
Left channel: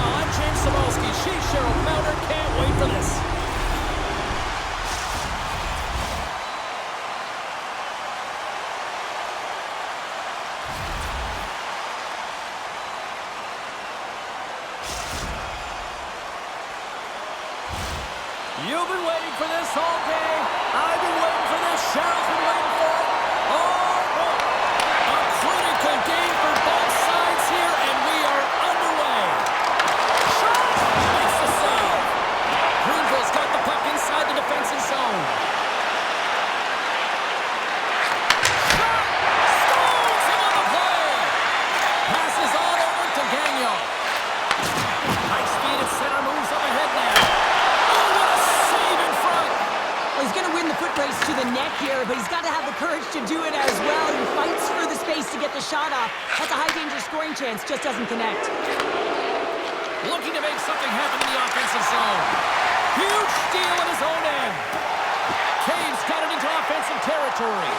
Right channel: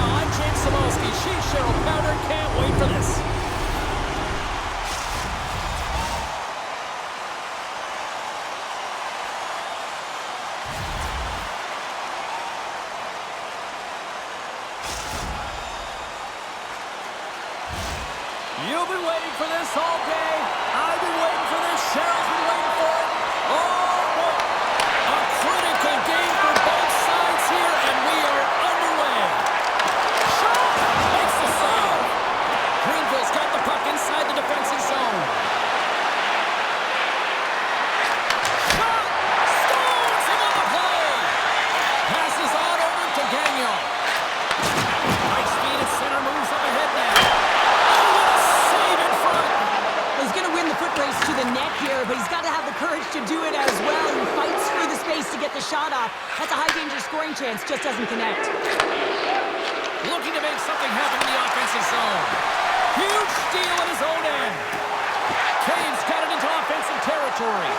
I'm James Cybulski. She's Cheryl Pounder. Can't wait for this. You've been waiting for this all day. I've been waiting for this. Cheryl's been waiting for it. Oh, boy. A critical game for both sides here, and we are underway. Shot! Makes the save. Greenville's got the puck inside the defensive zone. Shot! Stones him on the play. Passes on over to Gagnon. High speed at center, moves up ahead now. He's going to win the foot race to the net here, but he's got to have the courage to do it as well. He fights for the space to get the shot off. That's a high-danger scoring chance, just doesn't connect. Looking to make something happen in the offensive zone. Huge steal at his own end. Caves got it into offensive territory.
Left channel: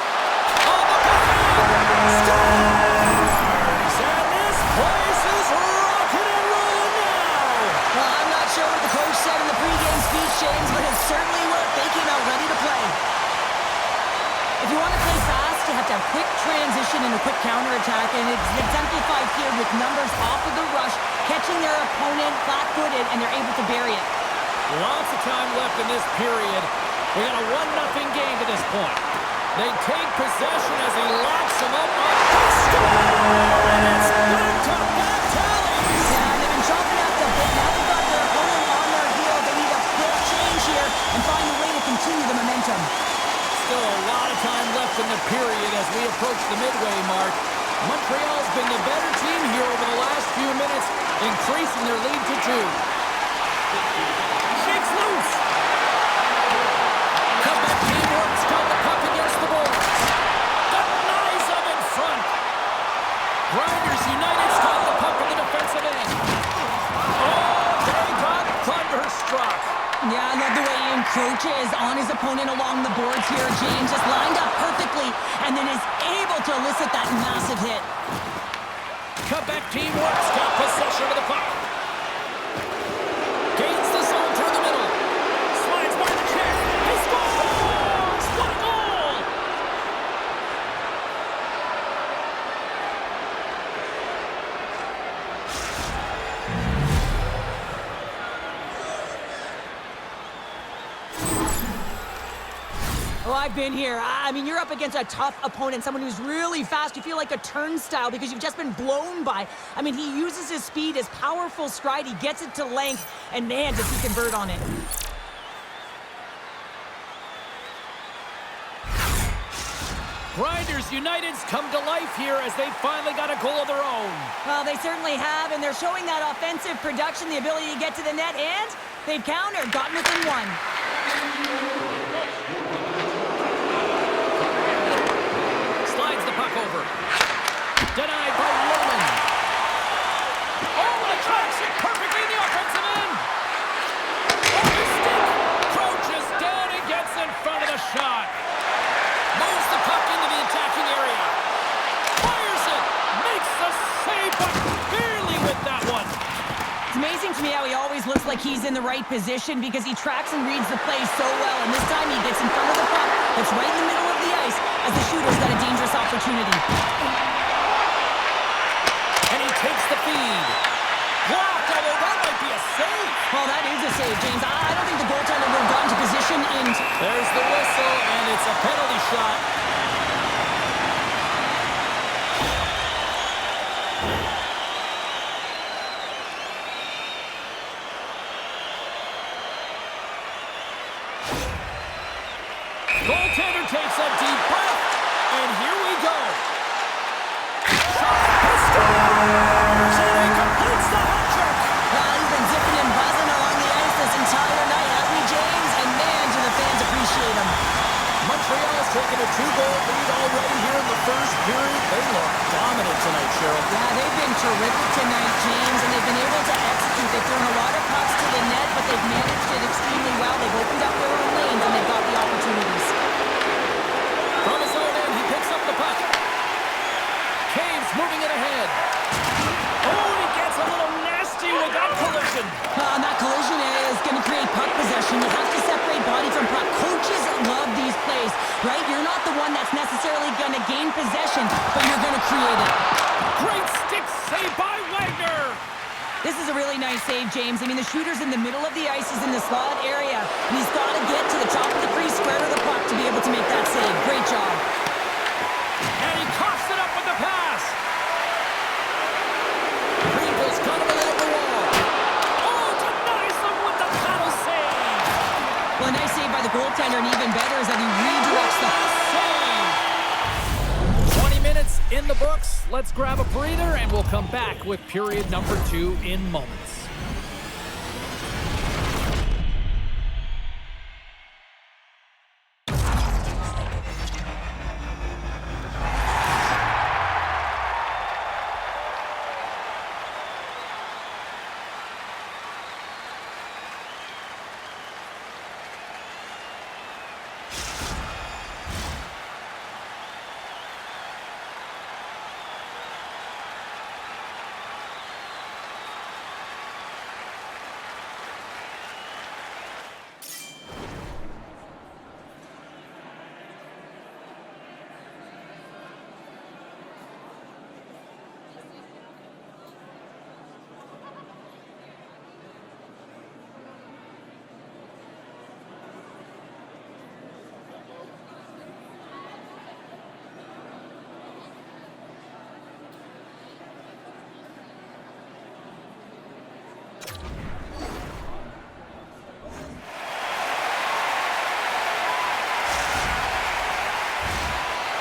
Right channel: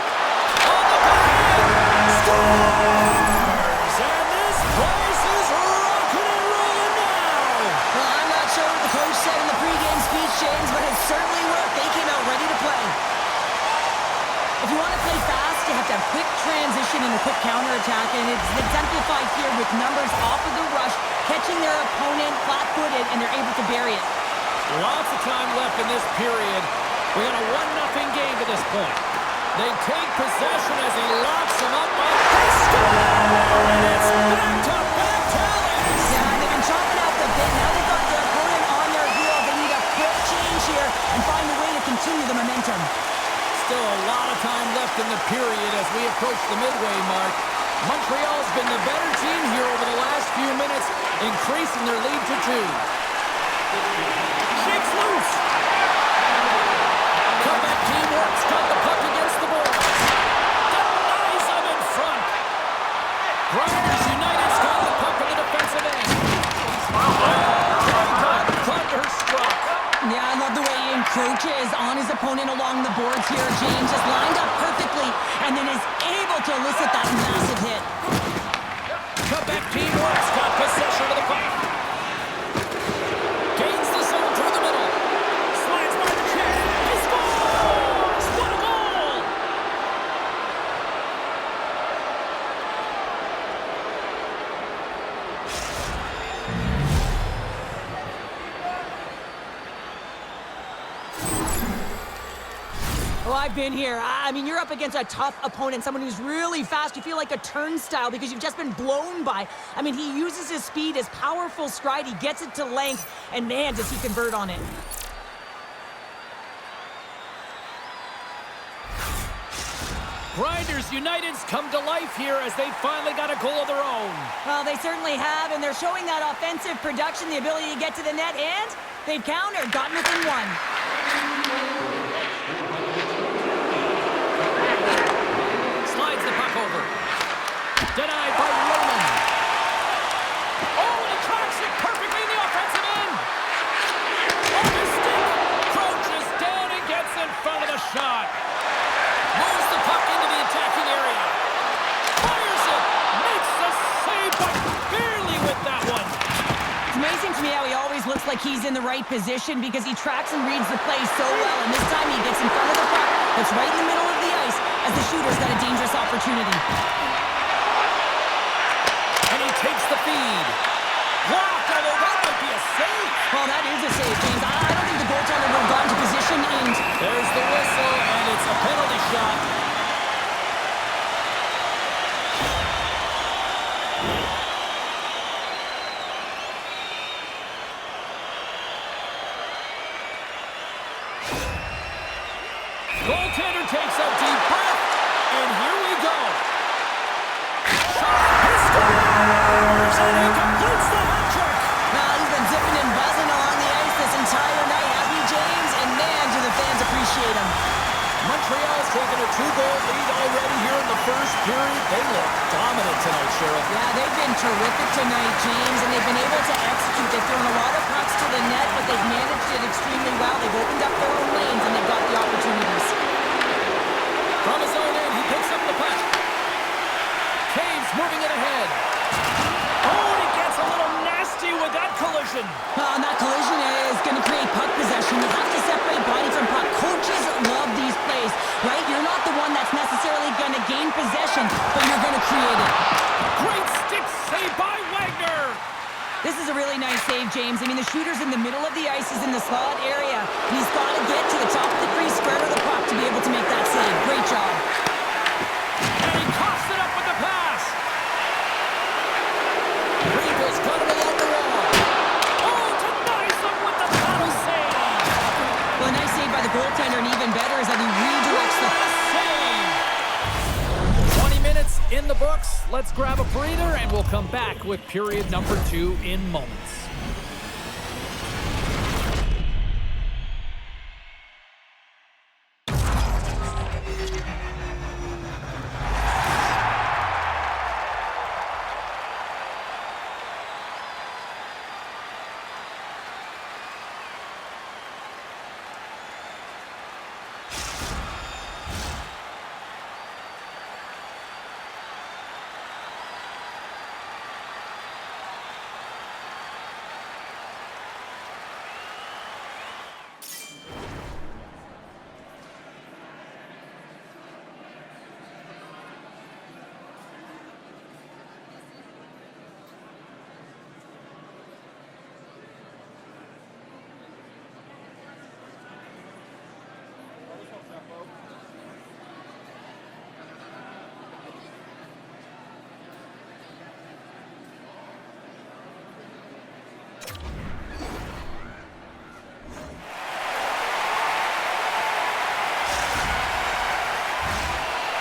On the backhand! Scores! And this place is rocking and rolling now! Well, I'm not sure what the coach said in the pregame speech, James, but it certainly worked. They came out ready to play. If you want to play fast, you have to have quick transition and a quick counterattack, and it's exemplified here with numbers off of the rush, catching their opponent flat-footed, and they're able to bury it. Lots of time left in this period. We got a 1-0 game to this point. They take possession as he locks them up. They score! And it's back-to-back tallies! Yeah, and they've been chopping at the bit. Now they've got their opponent on their heels. They need a quick change here and find a way to continue the momentum. Still a lot of time left in the period as we approach the midway mark. Montreal's been the better team here over the last few minutes, increasing their lead to 2. Shakes loose. Comeback team works, got the puck against the boards. Denies them in front. Grinders United's got the puck in the defensive end. Oh, they got thunderstruck. Yeah, I love the way he encroaches on his opponent along the boards here. James just lined up perfectly and then is able to elicit that massive hit. Comeback team works, got possession of the puck. Gains the zone through the middle. Slides by the check. He scores! What a goal! Oh, I've been here. I mean, you're up against a tough opponent, someone who's really fast. You feel like a turnstile because you've just been blown by. I mean, he uses his speed, his powerful stride. He gets it to length, and man, does he convert on it. Grinders United's come to life here as they finally got a goal of their own. Well, they certainly have, and they're showing that offensive production, the ability to get to the net, and they've countered, gotten within 1. Slides the puck over. Denied by Roman. Oh, and he tracks it perfectly in the offensive end. Off his stick. Crouches down and gets in front of the shot. Moves the puck into the attacking area. Fires it. Makes the save, but barely with that one. It's amazing to me how he always looks like he's in the right position because he tracks and reads the play so well, and this time he gets in front of the puck that's right in the middle of the ice as the shooter's got a dangerous opportunity. And he takes the feed. Blocked, although that might be a save. Well, that is a save, James. I don't think the goaltender would have gotten to position in... There's the whistle, and it's a penalty shot. Goaltender takes a deep breath, and here we go. Shot, he scores, and he completes the hat trick. Well, he's been zipping and buzzing along the ice this entire night, hasn't he, James? And man, do the fans appreciate him. Montreal's taken a 2-goal lead already here in the first period. They look dominant tonight, Cheryl. Yeah, they've been terrific tonight, James, and they've been able to execute. They've thrown a lot of pucks to the net, but they've managed it extremely well. They've opened up their own lanes, and they've got the opportunities. From his own end, he picks up the puck. Caves moving it ahead. Oh, and he gets a little nasty with that collision. And that collision is going to create puck possession. You have to separate body from puck. Coaches love these plays, right? You're not the one that's necessarily going to gain possession, but you're going to create it. Great stick save by Wagner. This is a really nice save, James. I mean, the shooter's in the middle of the ice. He's in the slot area, and he's got to get to the top of the crease, square to the puck to be able to make that save. Great job. And he coughs it up with the pass. Greenville's got him along the wall. Oh, denies him with the paddle save. Well, a nice save by the goaltender, and even better is that he redirects the save. 20 minutes in the books. Let's grab a breather, and we'll come back with period number 2 in moments.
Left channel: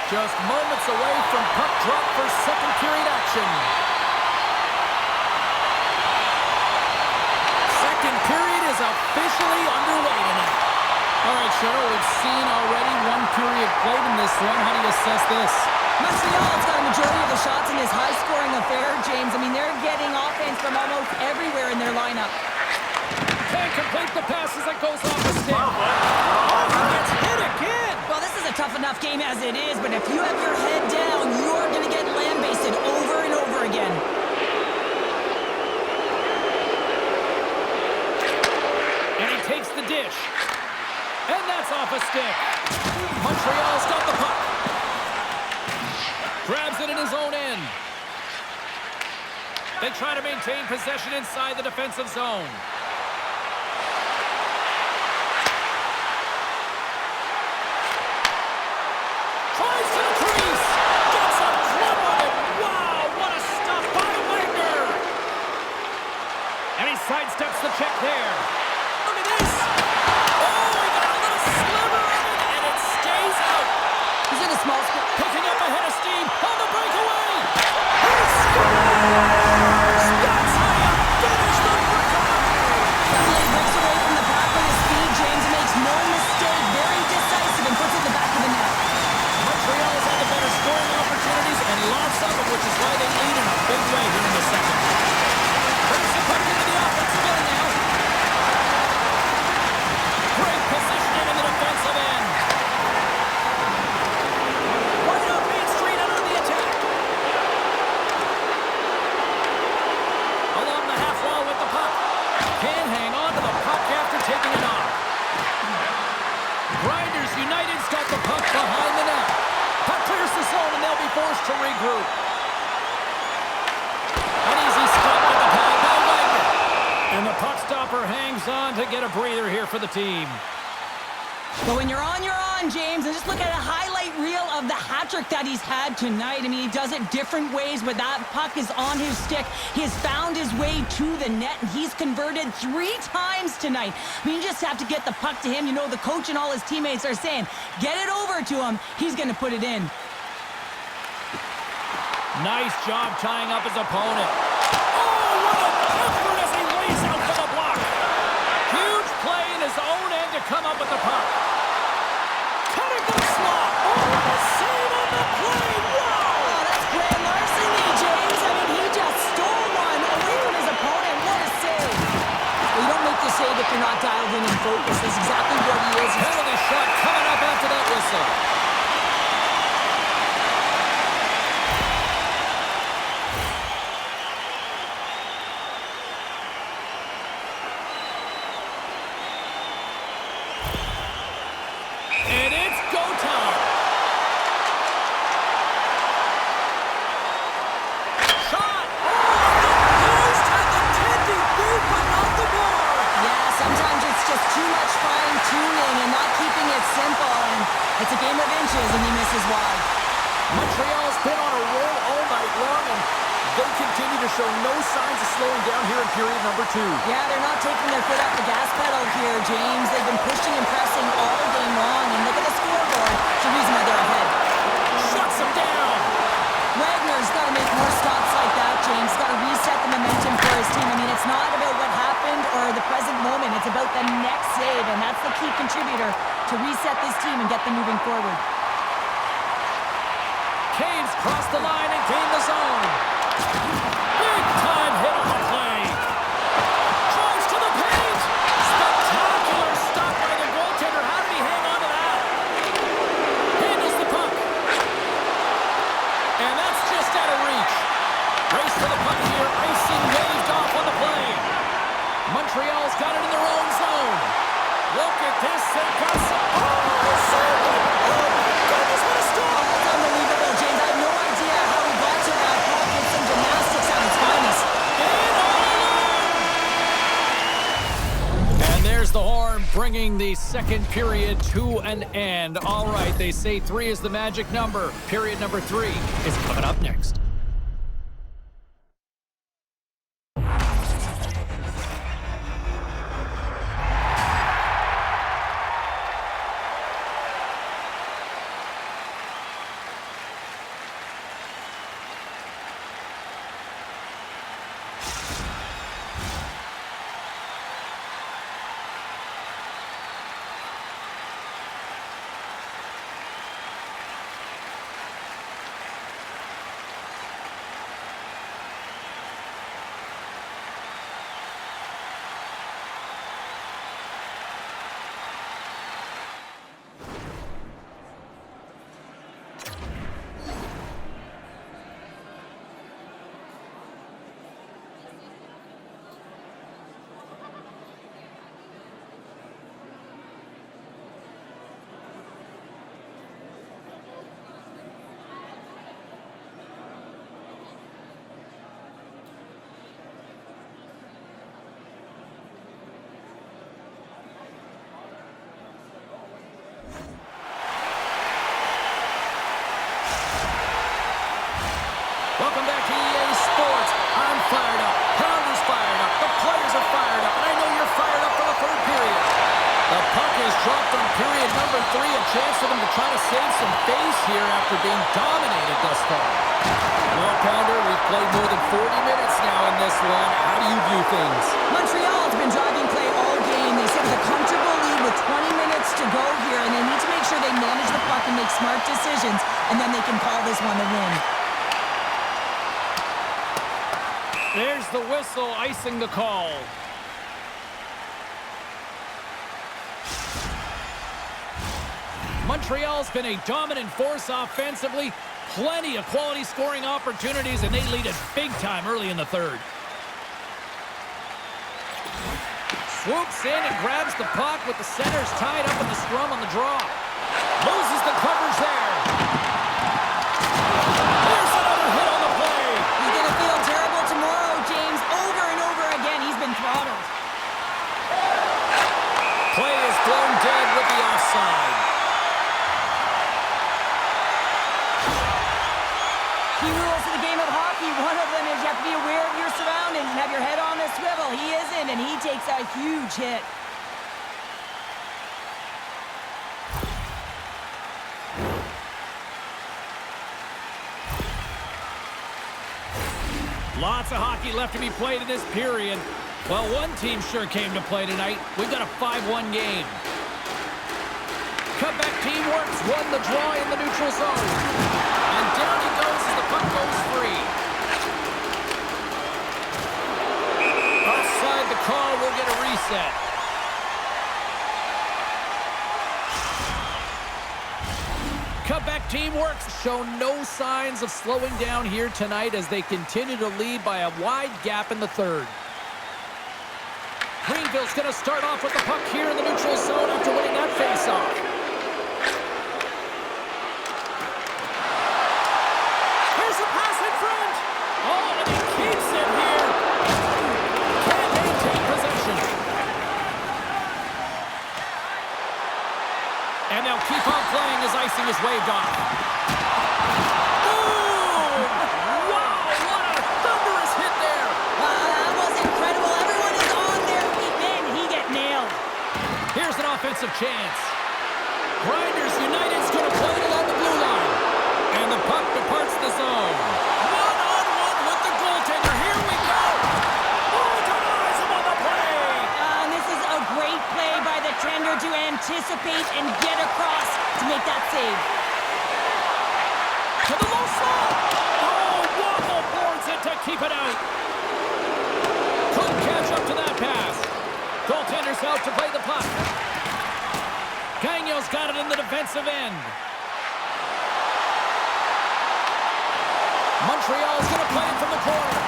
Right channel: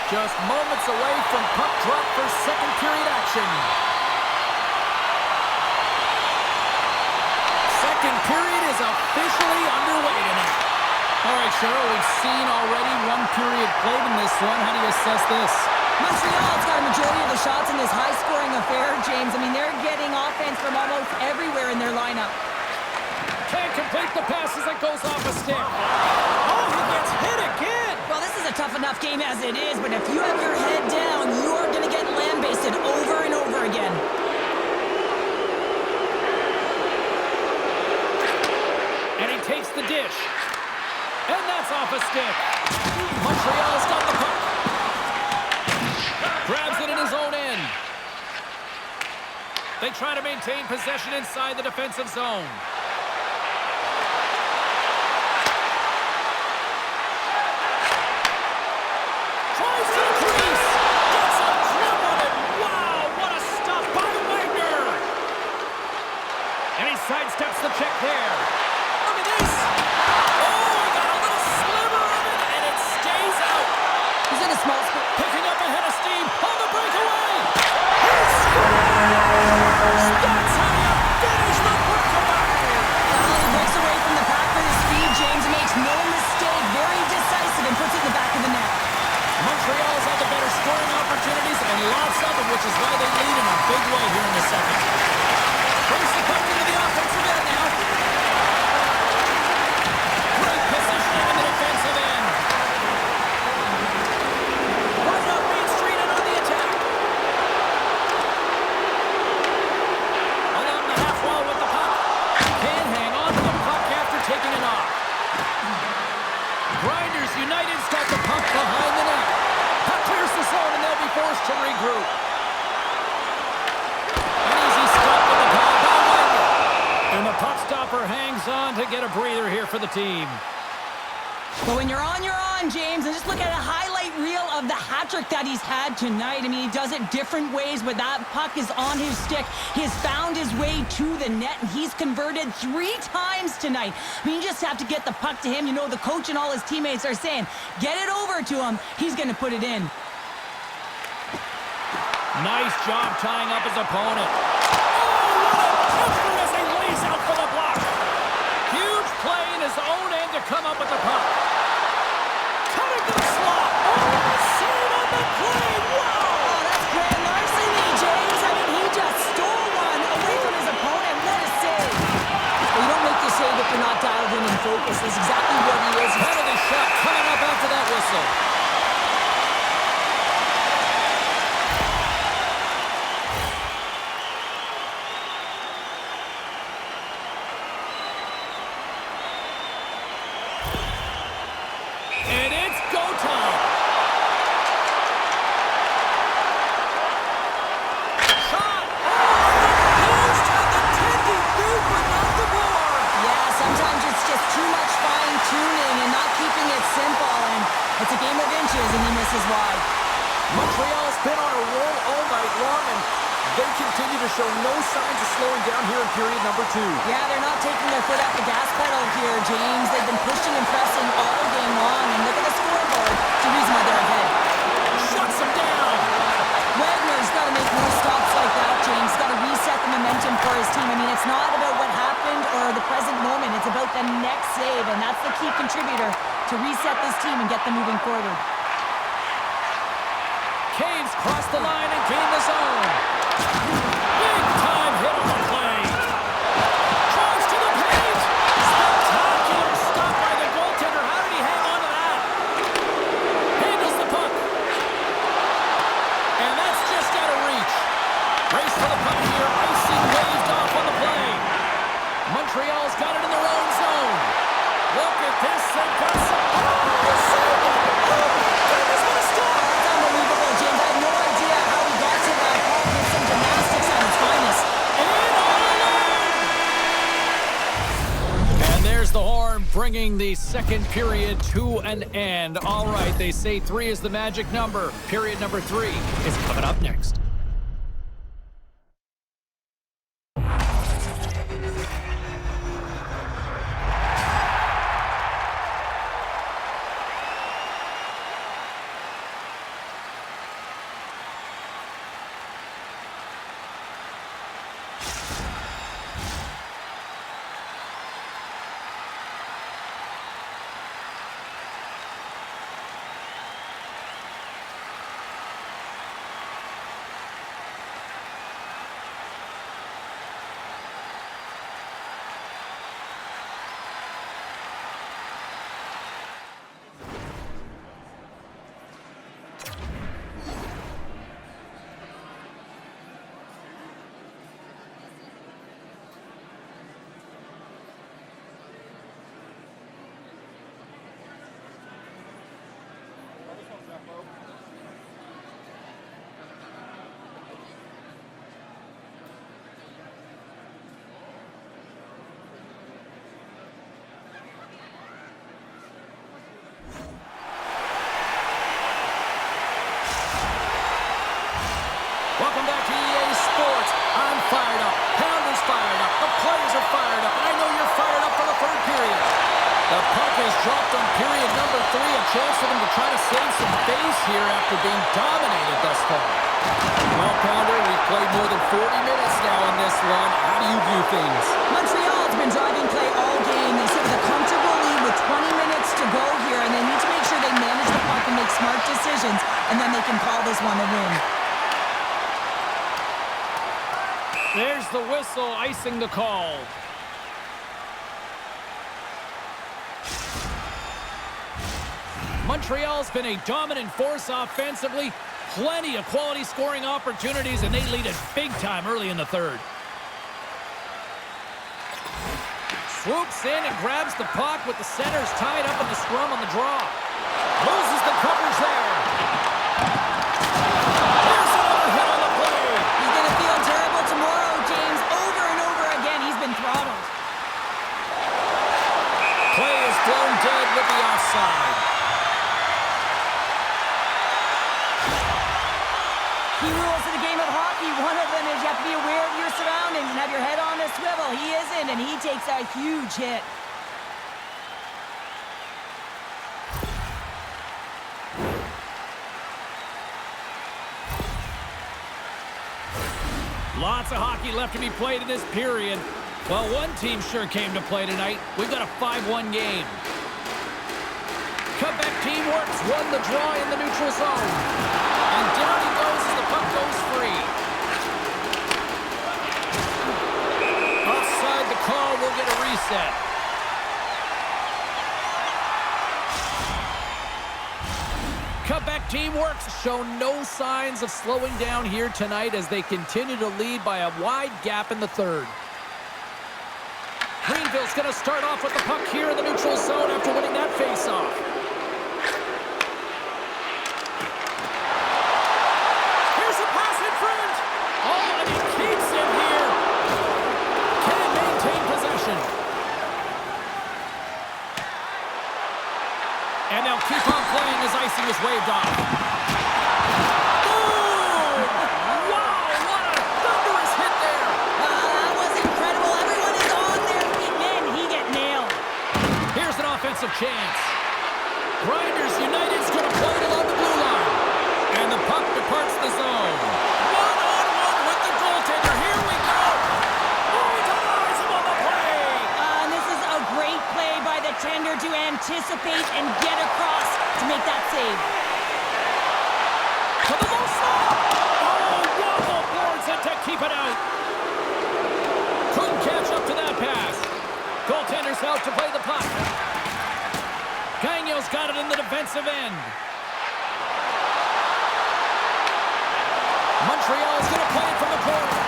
Just moments away from puck drop for second period action. Second period is officially underway tonight. All right, Cheryl, we've seen already one period played in this one. How do you assess this? Montreal's got a majority of the shots in this high-scoring affair, James. I mean, they're getting offense from almost everywhere in their lineup. Can't complete the pass as it goes off a stick. Oh, he gets hit again. Well, this is a tough enough game as it is, but if you have your head down, you are going to get lambasted over and over again. And he takes the dish. And that's off a stick. Montreal's got the puck. Grabs it in his own end. They try to maintain possession inside the defensive zone. Tries to the crease. Gets a glove on it. Wow, what a stop by Wagner. And he sidesteps the check there. Look at this. Oh, he got a little sliver of it, and it stays out. He's in a small spot. Picking up ahead of steam on the breakaway. He scores! That's how you finish the breakaway. Well, he breaks away from the pack with his speed. James makes no mistake. Very decisive and puts it in the back of the net. Montreal's had the better scoring opportunities and lots of them, which is why they lead in a big way here in the second. Brings the puck into the offensive end now. Great positioning in the defensive end. Right up Main Street and on the attack. Along the half wall with the puck. Can't hang on to the puck after taking a knock. Grinders United's got the puck behind the net. Puck clears the zone and they'll be forced to regroup. An easy stop with the pad by Wagner. And the puck stopper hangs on to get a breather here for the team. But when you're on, James. And just look at a highlight reel of the hat-trick that he's had tonight. I mean, he does it different ways, but that puck is on his stick. He has found his way to the net, and he's converted 3 times tonight. I mean, you just have to get the puck to him. You know, the coach and all his teammates are saying, get it over to him. He's going to put it in. Nice job tying up his opponent. Oh, what an effort as he lays out for the block. Huge play in his own end to come up with the puck. Cutting the slot. Oh, a save on the play. Wow. Oh, that's grand larceny, James. I mean, he just stole one away from his opponent. What a save. Well, you don't make the save if you're not dialed in and focused. That's exactly what he is. Penalty shot coming up after that whistle. it's just too much fine-tuning and not keeping it simple, and it's a game of inches, and he misses wide. Montreal's been on a roll all night long, and they continue to show no signs of slowing down here in period number 2. Yeah, they're not taking their foot off the gas pedal here, James. They've been pushing and pressing all game long, and look at the scoreboard. It's the reason why they're ahead. Shuts them down! Wagner's got to make more stops like that, James. Got to reset the momentum for his team. I mean, it's not about what happened or the present moment. It's about the next save, and that's the key contributor to reset this team and get them moving forward. Caves crossed the line and gained the zone. Big time hit on the play. Drives to the paint. Spectacular stop by the goaltender. How did he hang on to that? Handles the puck. And that's just out of reach. Race for the puck here. Icing waved off on the play. Montreal's got it in their own zone. Look at this. They've got some... Oh, saved it. Oh, my goodness, what a stop. That's unbelievable, James. I have no idea how he got to that. Paul did some gymnastics at its finest. And all alone! And there's the horn, bringing the second period to an end. All right, they say 3 is the magic number. Period number 3 is coming up next. Welcome back to EA Sports. I'm fired up. Pounder's fired up. The players are fired up. And I know you're fired up for the third period. The puck is dropped on period number 3. A chance for them to try to save some face here after being dominated thus far. Well, Pounder, we've played more than 40 minutes now in this one. How do you view things? Montreal's been driving play all game. They sit with a comfortable lead with 20 minutes to go here, and they need to make sure they manage the puck and make smart decisions, and then they can call this one a win. There's the whistle, icing the call. Montreal's been a dominant force offensively. Plenty of quality scoring opportunities, and they lead it big time early in the third. Swoops in and grabs the puck with the centers tied up in the scrum on the draw. Loses the coverage there. There's another hit on the play. He's going to feel terrible tomorrow, James. Over and over again, he's been throttled. Play is blown dead with the offside. Key rules of the game of hockey. One of them is you have to be aware of your surroundings and have your head on a swivel. He isn't, and he takes a huge hit. Lots of hockey left to be played in this period. Well, one team sure came to play tonight. We've got a 5-1 game. Comeback team works, won the draw in the neutral zone. And down he goes as the puck goes free. Offside the call, we'll get a reset. Comeback team works, show no signs of slowing down here tonight as they continue to lead by a wide gap in the third. Greenville's going to start off with the puck here in the neutral zone after winning that faceoff. Here's a pass in front. Oh, and he keeps it here. Can't maintain possession. And they'll keep on playing as icing is waved off. Boom! Wow, what a thunderous hit there! That was incredible. Everyone is on their feet. Man, he get nailed. Here's an offensive chance. Grinders United's going to play it along the blue line. And the puck departs the zone. One-on-one with the goaltender. Here we go. Oh, denies him on the play. And this is a great play by the tender to anticipate and get across to make that save. To the low slot. Oh, waffle boards it to keep it out. Couldn't catch up to that pass. Goaltender's out to play the puck. Gagno's got it in the defensive end. Montreal's going to play it from the corner.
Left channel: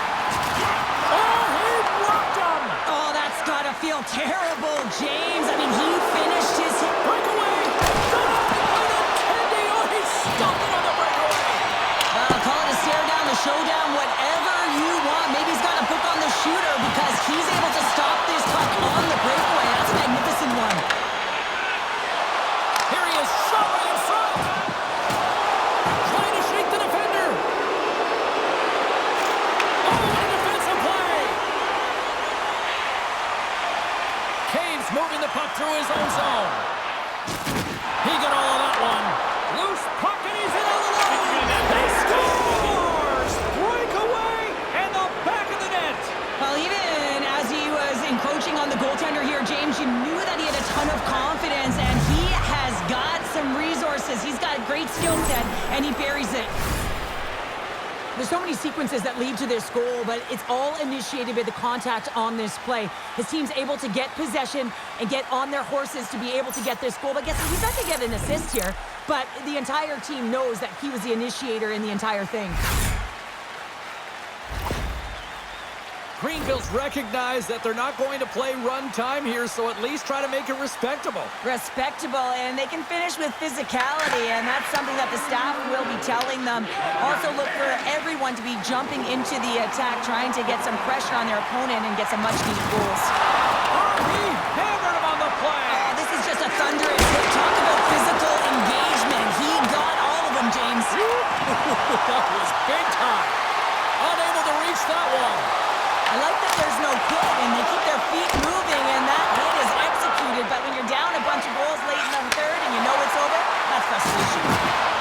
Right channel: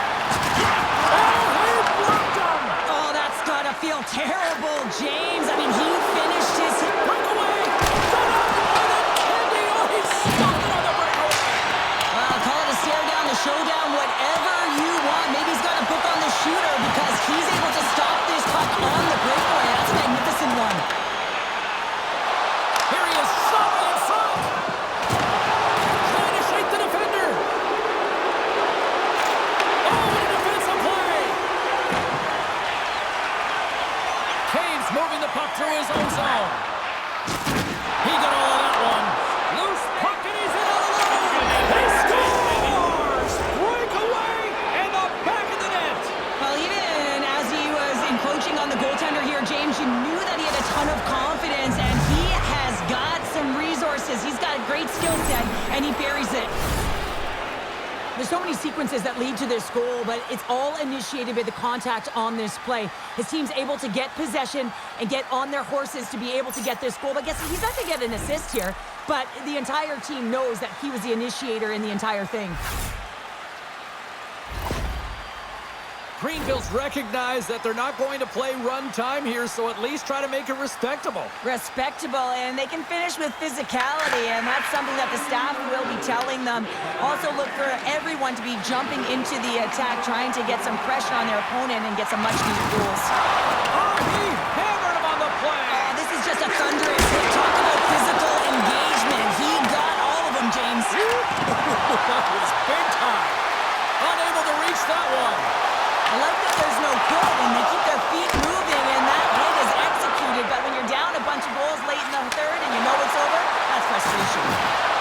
Oh, he blocked him! Oh, that's got to feel terrible, James. I mean, he finished his hit. Breakaway! Denied by the Candy! Oh, he stopped it on the breakaway! Well, call it a stare down, a showdown, whatever you want. Maybe he's got a book on the shooter because he's able to stop this puck on the breakaway. That's a magnificent one. Here he is, shot right in front! Trying to shake the defender! Oh, what a defensive play! Caves moving the puck through his own zone. He got all of that one. Loose puck and he's in all alone! He scores! Breakaway and the back of the net! Well, even as he was encroaching on the goaltender here, James, you knew that he had a ton of confidence, and he has got some resources. He's got a great skill set, and he buries it. There's so many sequences that lead to this goal, but it's all initiated by the contact on this play. His team's able to get possession and get on their horses to be able to get this goal. But guess he's not going to get an assist here, but the entire team knows that he was the initiator in the entire thing. Greenville's recognized that they're not going to play run time here, so at least try to make it respectable. Respectable, and they can finish with physicality, and that's something that the staff will be telling them. Also look for everyone to be jumping into the attack, trying to get some pressure on their opponent and get some much-needed goals. Oh, he hammered him on the play! Oh, this is just a thunderous hit. Talk about physical engagement. He got all of them, James. That was big time. Unable to reach that one. I like that there's no quit, and they keep their feet moving, and that hit is executed. But when you're down a bunch of goals late in the third and you know it's over, that's frustration.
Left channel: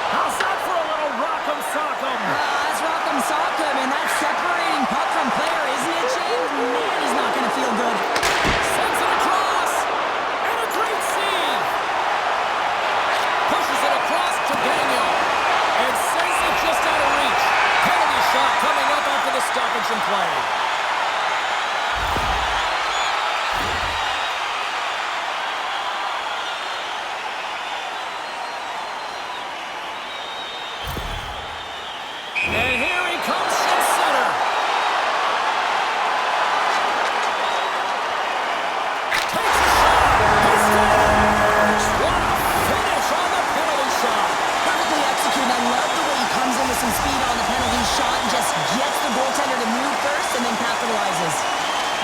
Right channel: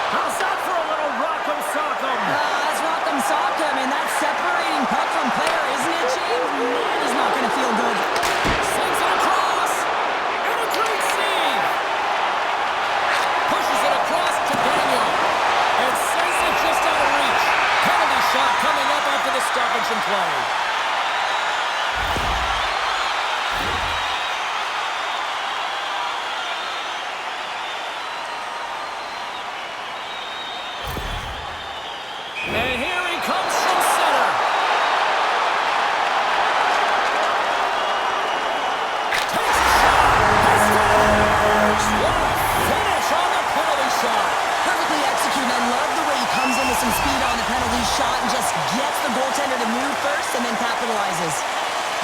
How's that for a little rock'em sock'em? That's rock'em sock'em, and that's separating puck from player, isn't it, James? Man, he's not going to feel good. Sends it across, and a great save. Pushes it across to Gagno, and sends it just out of reach. Penalty shot coming up after the stoppage in play. And here he comes from center. Takes a shot. He scores! What a finish on the penalty shot. Perfectly executed. I love the way he comes in with some speed on the penalty shot and just gets the goaltender to move first and then capitalizes.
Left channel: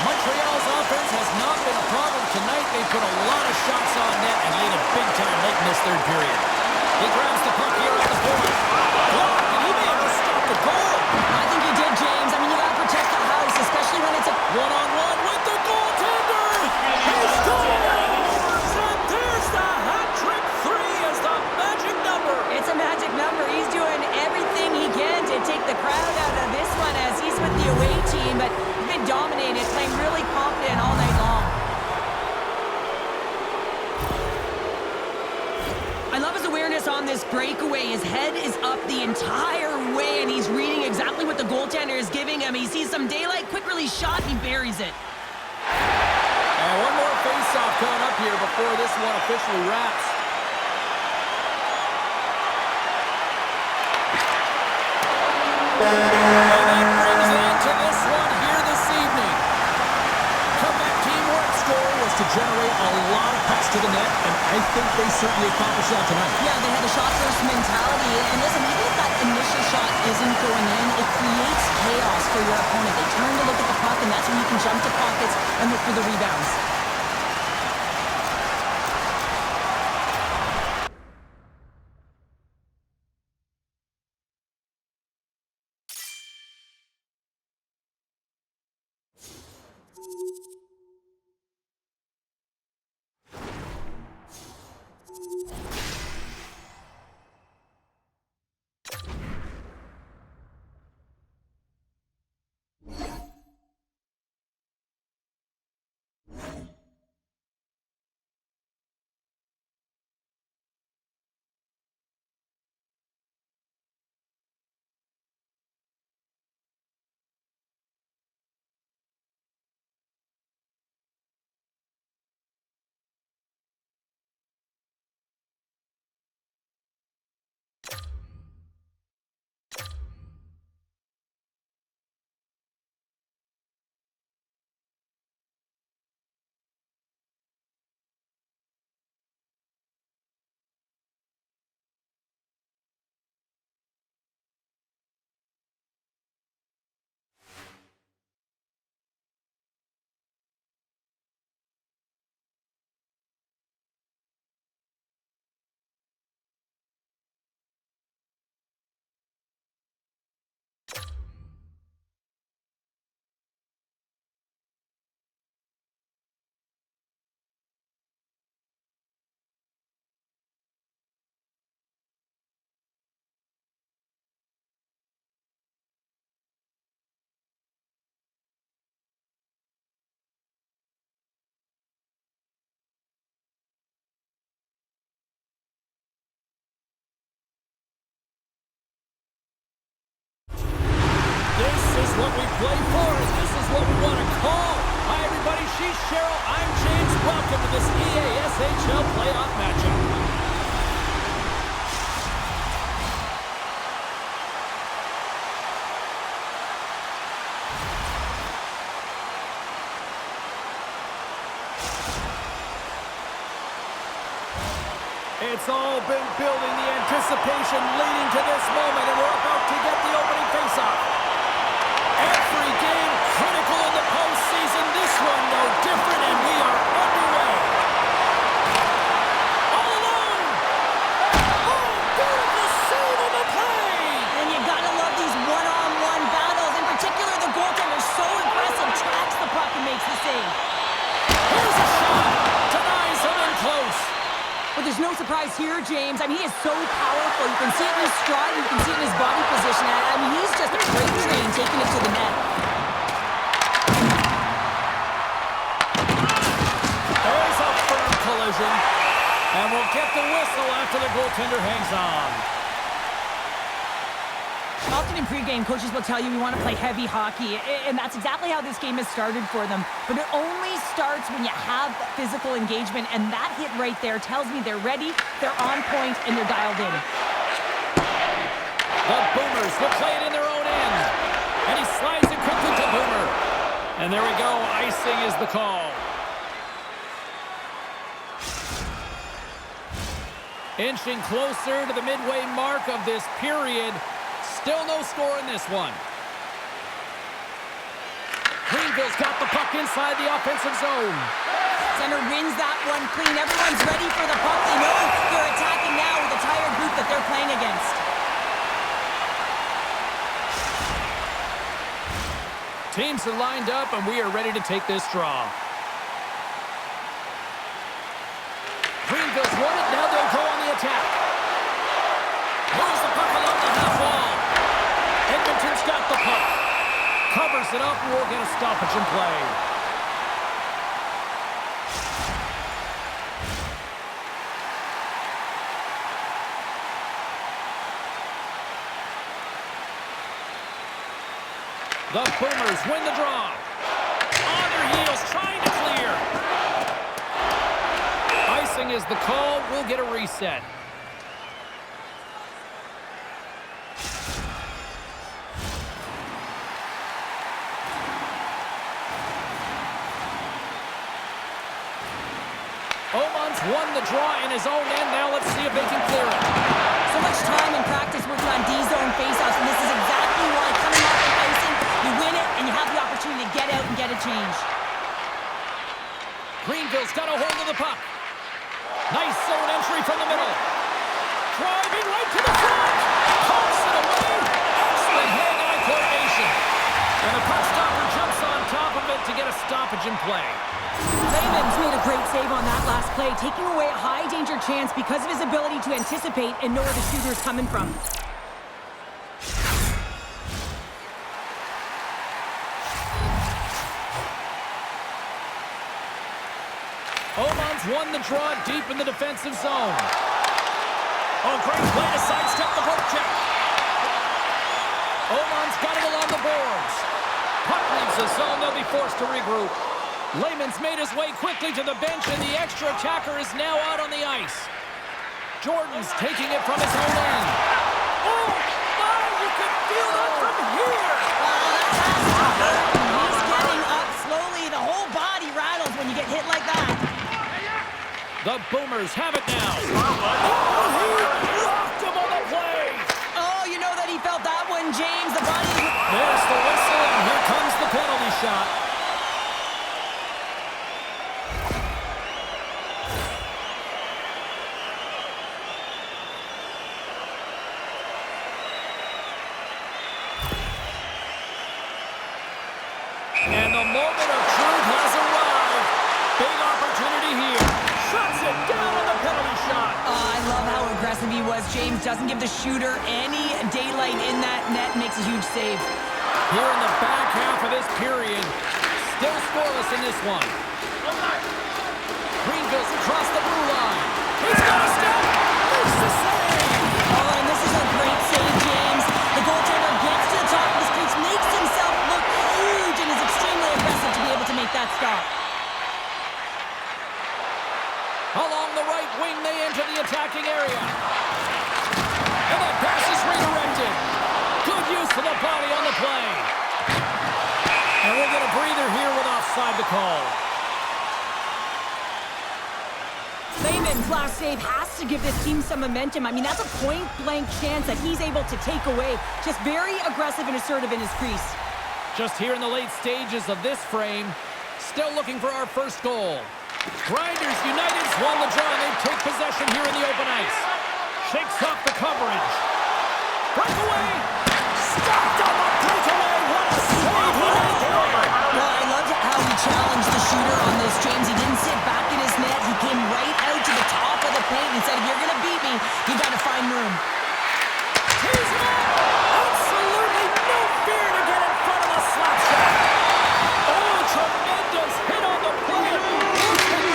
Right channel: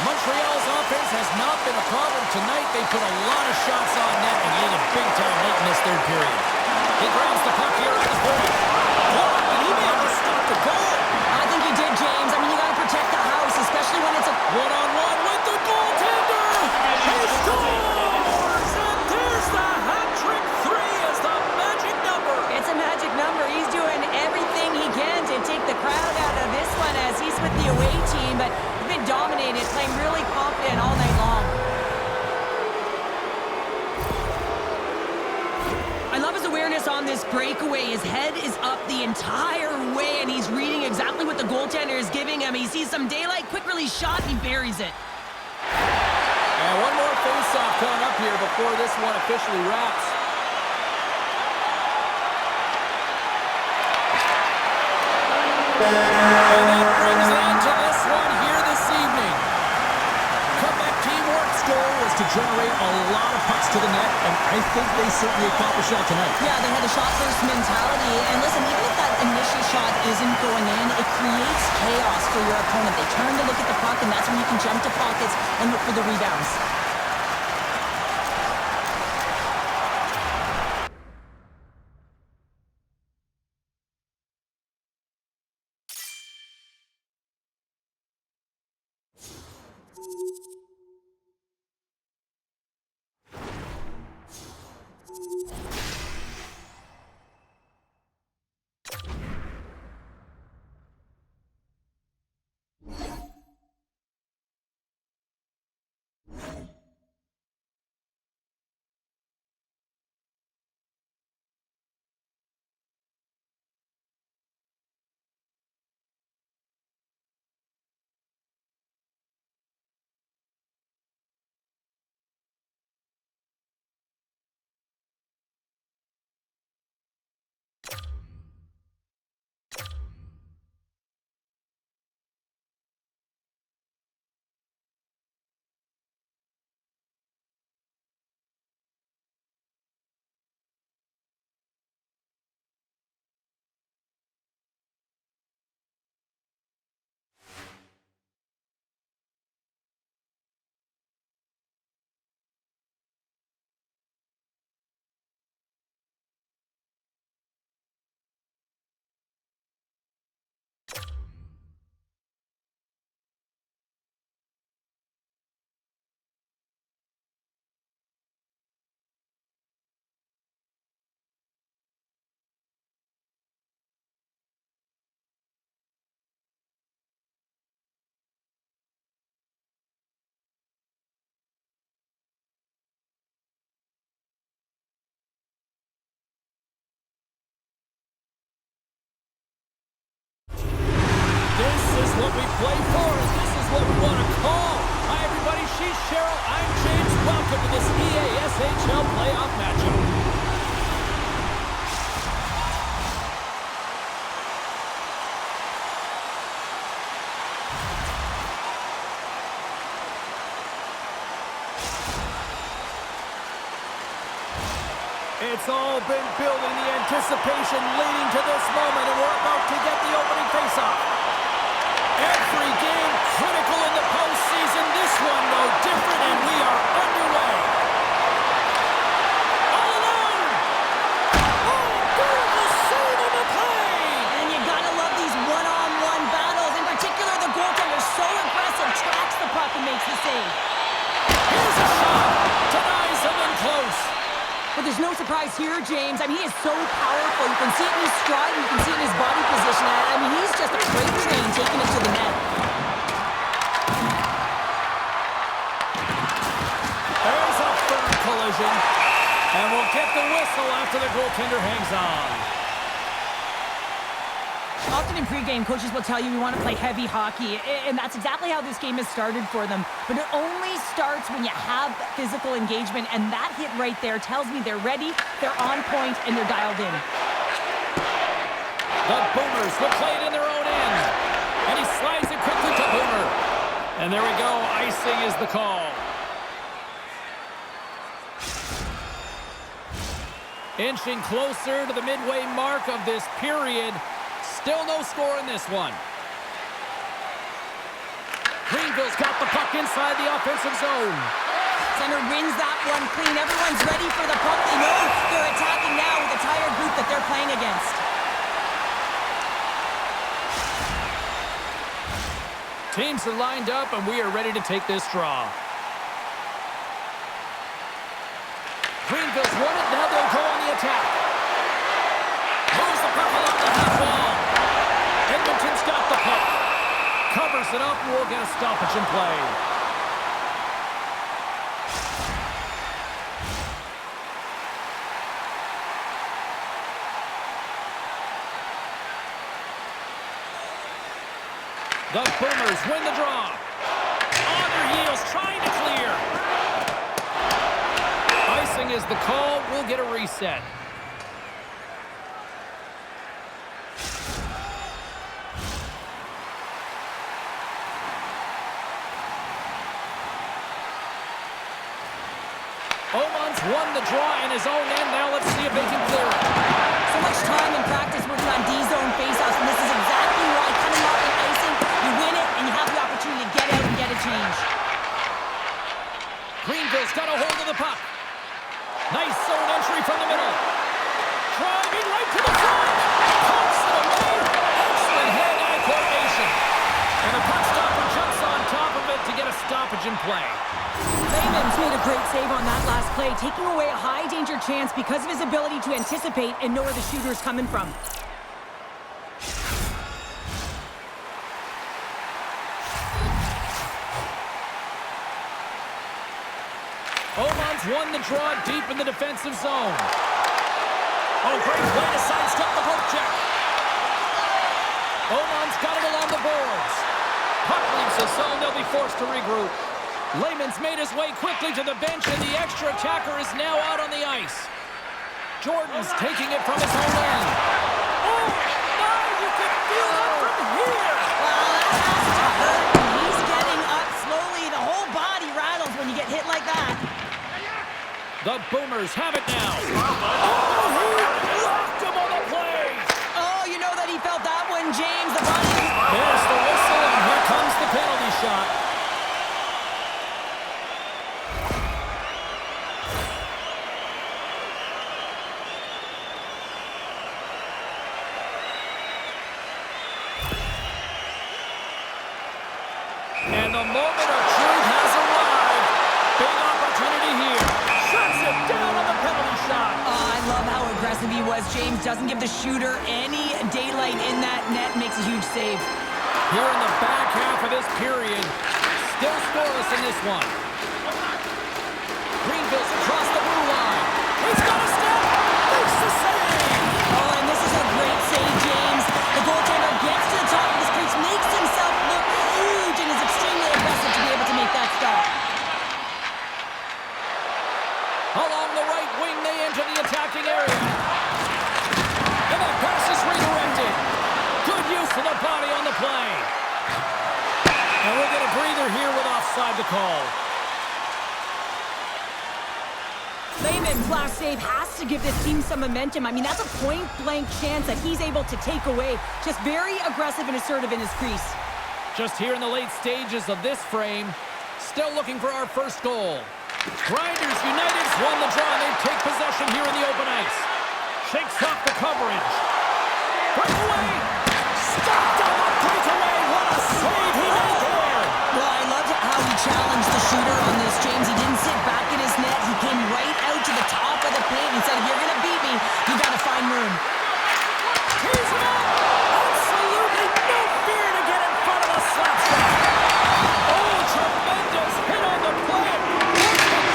Montreal's offense has not been a problem tonight. They put a lot of shots on net and lead it big time late in this third period. He grabs the puck here at the point. Blocked, and he may have just stopped the goal. I think he did, James. I mean, you got to protect the house, especially when it's a One-on-one with the goaltender. He scores! And there's the hat trick. 3 is the magic number. It's a magic number. He's doing everything he can to take the crowd out of this one as he's with the away team, but he's been dominated, playing really confident all night long. I love his awareness on this breakaway. His head is up the entire way, and he's reading exactly what the goaltender is giving him. He sees some daylight, quick release shot, and he buries it. And one more face-off coming up here before this one officially wraps. And that brings an end to this one here this evening. Comeback teamwork's goal was to generate a lot of pucks to the net, and I think they certainly accomplished that tonight. Yeah, they had the shot-first mentality. And listen, even if that initial shot isn't going in, it creates chaos for your opponent. They turn to look at the puck, and that's when you can jump to pockets and look for the rebounds. what we play for, and this is what we want to call. Hi, everybody. She's Cheryl. I'm James. Welcome to this EASHL playoff matchup. It's all been building, the anticipation leading to this moment, and we're about to get the opening faceoff. Every game critical in the postseason, this one no different, and we are underway. All alone! Oh, beautiful save on the play! And you gotta love these one-on-one battles. In particular, the goaltender so aggressive, tracks the puck and makes the save. Here's a shot, denies him in close. But there's no surprise here, James. I mean, he is so powerful. You can see it in his stride, you can see it in his body position. I mean, he's just a great train taking it to the net. There's a firm collision. And we'll get the whistle after the goaltender hangs on. Often in pregame, coaches will tell you we want to play heavy hockey, and that's exactly how this game has started for them. But it only starts when you have physical engagement, and that hit right there tells me they're ready, they're on point, and they're dialed in. The Boomers will play it in their own end, and he slides it quickly to Boomer. And there we go, icing is the call. Inching closer to the midway mark of this period. Still no score in this one. Greenville's got the puck inside the offensive zone. Center wins that one clean. Everyone's ready for the puck. They know they're attacking now with the tired group that they're playing against. Teams are lined up, and we are ready to take this draw. Greenville's won it. Now they'll go on the attack. Moves the puck along the half wall. Edmonton's got the puck. Covers it up, and we'll get a stoppage in play. The Boomers win the draw. On their heels, trying to clear. Icing is the call. We'll get a reset. Oman's won the draw in his own end. Now let's see if they can clear it. So much time and practice working on D-zone faceoffs, and this is exactly why coming off an icing, you win it, and you have the opportunity to get out and get a change. Greenville's got a hold of the puck. Nice zone entry from the middle. Driving right to the front. Pumps it away. Excellent hand-eye coordination. And the puck stopper jumps on top of it to get a stoppage in play. Layman's made a great save on that last play, taking away a high-danger chance because of his ability to anticipate and know where the shooter is coming from. Oman's won the draw deep in the defensive zone. Oh, great play to sidestep the poke check. Oman's got it along the boards. Puck leaves the zone. They'll be forced to regroup. Layman's made his way quickly to the bench, and the extra attacker is now out on the ice. Jordan's taking it from his own end. Oh, my, you can feel that from here. Wow, that has to hurt. He's getting up slowly. The whole body rattles when you get hit like that. The Boomers have it now. Oh, he locked him on the play. Oh, you know that he felt that one, James. The body... There's the whistle, and here comes the penalty shot. And the moment of truth has arrived. Big opportunity here. Shuts it down on the penalty shot. Oh, I love how aggressive he was. James doesn't give the shooter any daylight in that net. Makes a huge save. Here in the back half of this period. Still scoreless in this one. Greenville's across the blue line. He's got a step. Makes the save. Oh, and this is a great save, James. The goaltender gets to the top of his crease, makes himself look Along the right wing, they enter the attacking area. And that pass is redirected. Good use of the body on the play. And we'll get a breather here with offside to call. Layman's last save has to give this team some momentum. I mean, that's a point-blank chance that he's able to take away. Just very aggressive and assertive in his crease. Just here in the late stages of this frame, still looking for our first goal. Grinders United's won the draw, and they take possession here in the open ice. Shakes off the coverage. Breakaway! Stopped on the breakaway! What a save he made there! Well, I loved how he challenged the shooter on this, James. He didn't sit back in his net. He came right out to the top of the paint and said, if you're going to beat me, you got to find room. Tees it up! Absolutely no fear to get in front of the slap shot. Oh, tremendous hit on the play.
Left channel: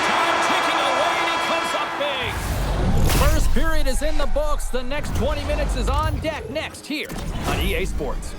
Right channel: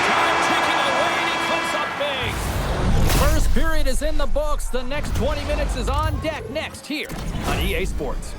Time ticking away, and he comes up big. First period is in the books. The next 20 minutes is on deck next here on EA Sports.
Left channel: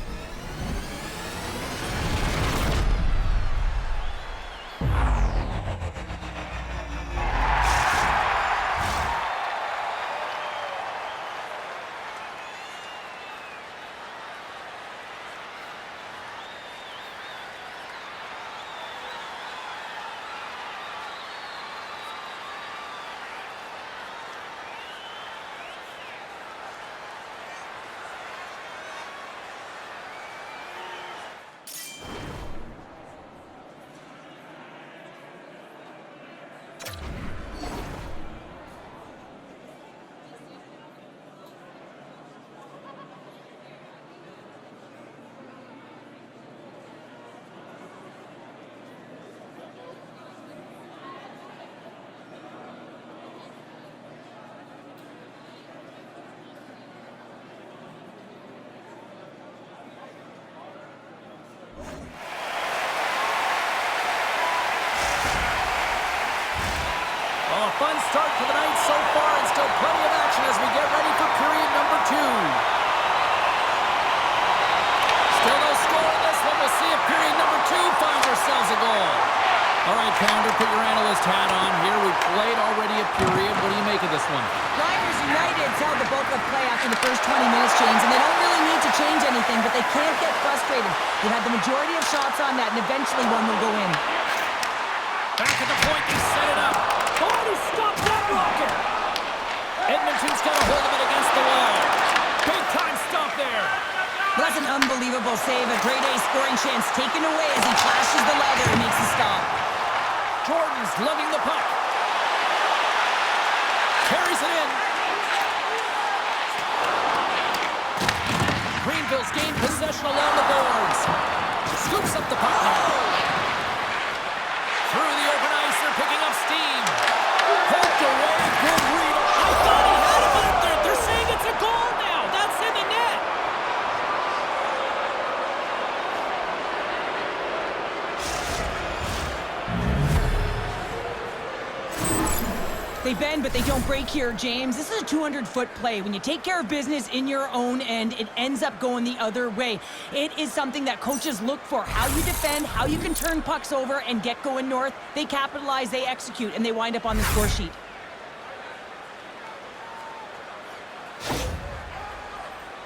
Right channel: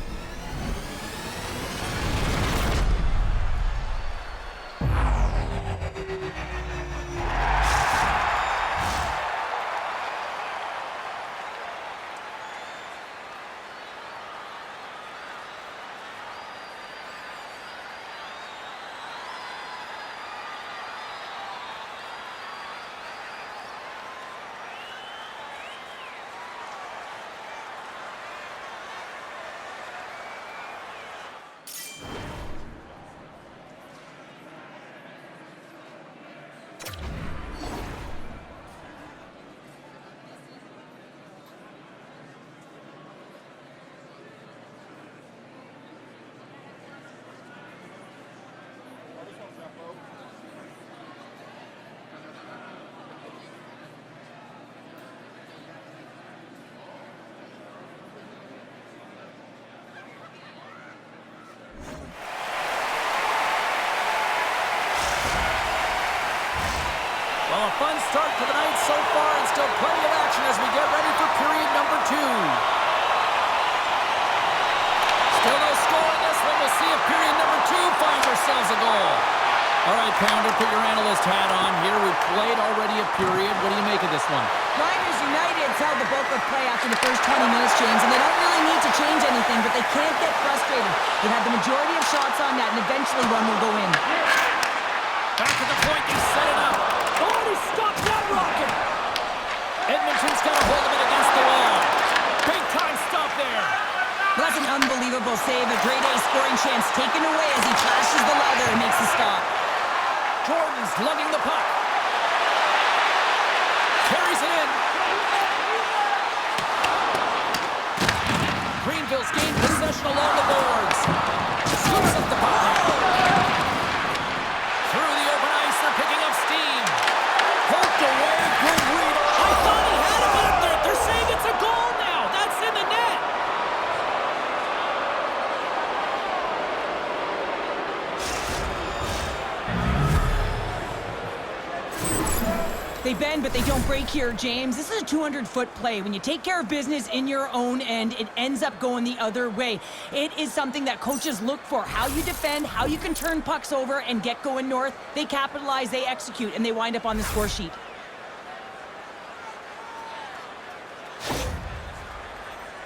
Well, a fun start to the night so far, and still plenty of action as we get ready for period number 2. Still no score in this one. We'll see if period number 2 finds ourselves a goal. All right, Pounder, put your analyst hat on here. We've played already a period. What do you make of this one? Grinders United held the bulk of play after the first 20 minutes, James, and they don't really need to change anything, but they can't get frustrated. They've had the majority of shots on net, and eventually one will go in. Back at the point, they set it up. Oh, he stopped that rocket! Edmonton's got a hold of it against the wall. Big time stop there. Well, that's an unbelievable save. A grade A scoring chance taken away as he flashes the leather and makes the stop. Jordan's lugging the puck. Carries it in. Greenville's gained possession along the boards. Scoops up the puck now. Through the open ice, they're picking up steam. Poked away, good read. I thought he had it, but they're saying it's a goal now. That's in the net. They bend, but they don't break here, James. This is a 200-foot play. When you take care of business in your own end, it ends up going the other way. It is something that coaches look for. How you defend, how you can turn pucks over and get going north. They capitalize, they execute, and they wind up on the score sheet.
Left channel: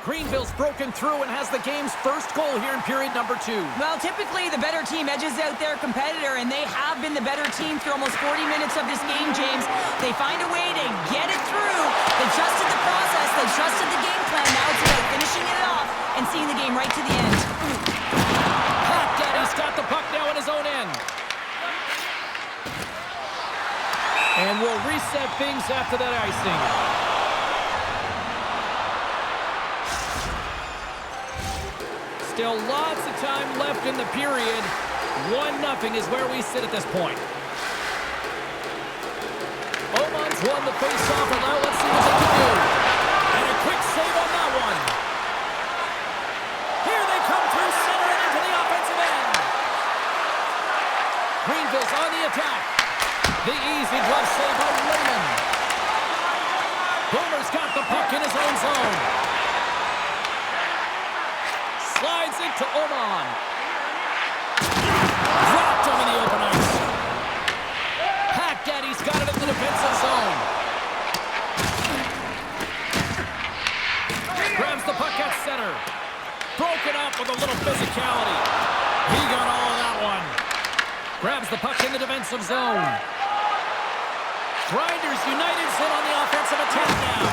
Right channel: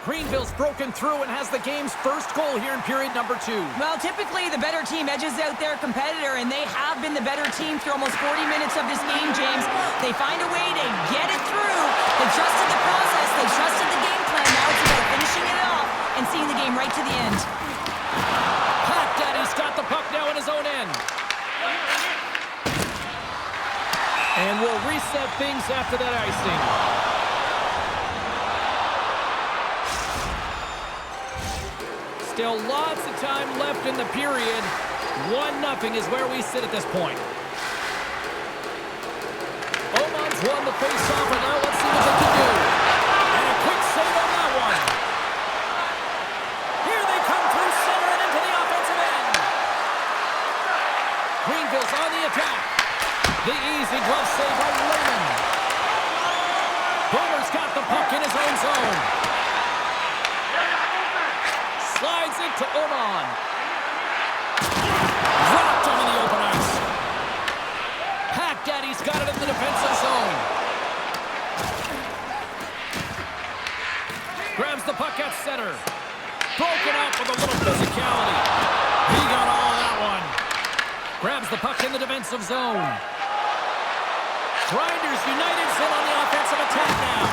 Greenville's broken through and has the game's first goal here in period number 2. Well, typically the better team edges out their competitor, and they have been the better team through almost 40 minutes of this game, James. They find a way to get it through. They trusted the process. They trusted the game plan. Now it's about finishing it off and seeing the game right to the end. Pat Daddy's got the puck now in his own end. And we'll reset things after that icing. Still lots of time left in the period. 1-0 is where we sit at this point. Oman's won the face-off, and now let's see what they can do. And a quick save on that one. Here they come through center and into the offensive end. Greenville's on the attack. The easy glove save by Layman. Boomer's got the puck in his own zone. Slides it to Oman. Dropped him in the open ice. Pack Daddy's got it in the defensive zone. Grabs the puck at center. Broken up with a little physicality. He got all of that one. Grabs the puck in the defensive zone. Grinders United's in on the offensive attack now.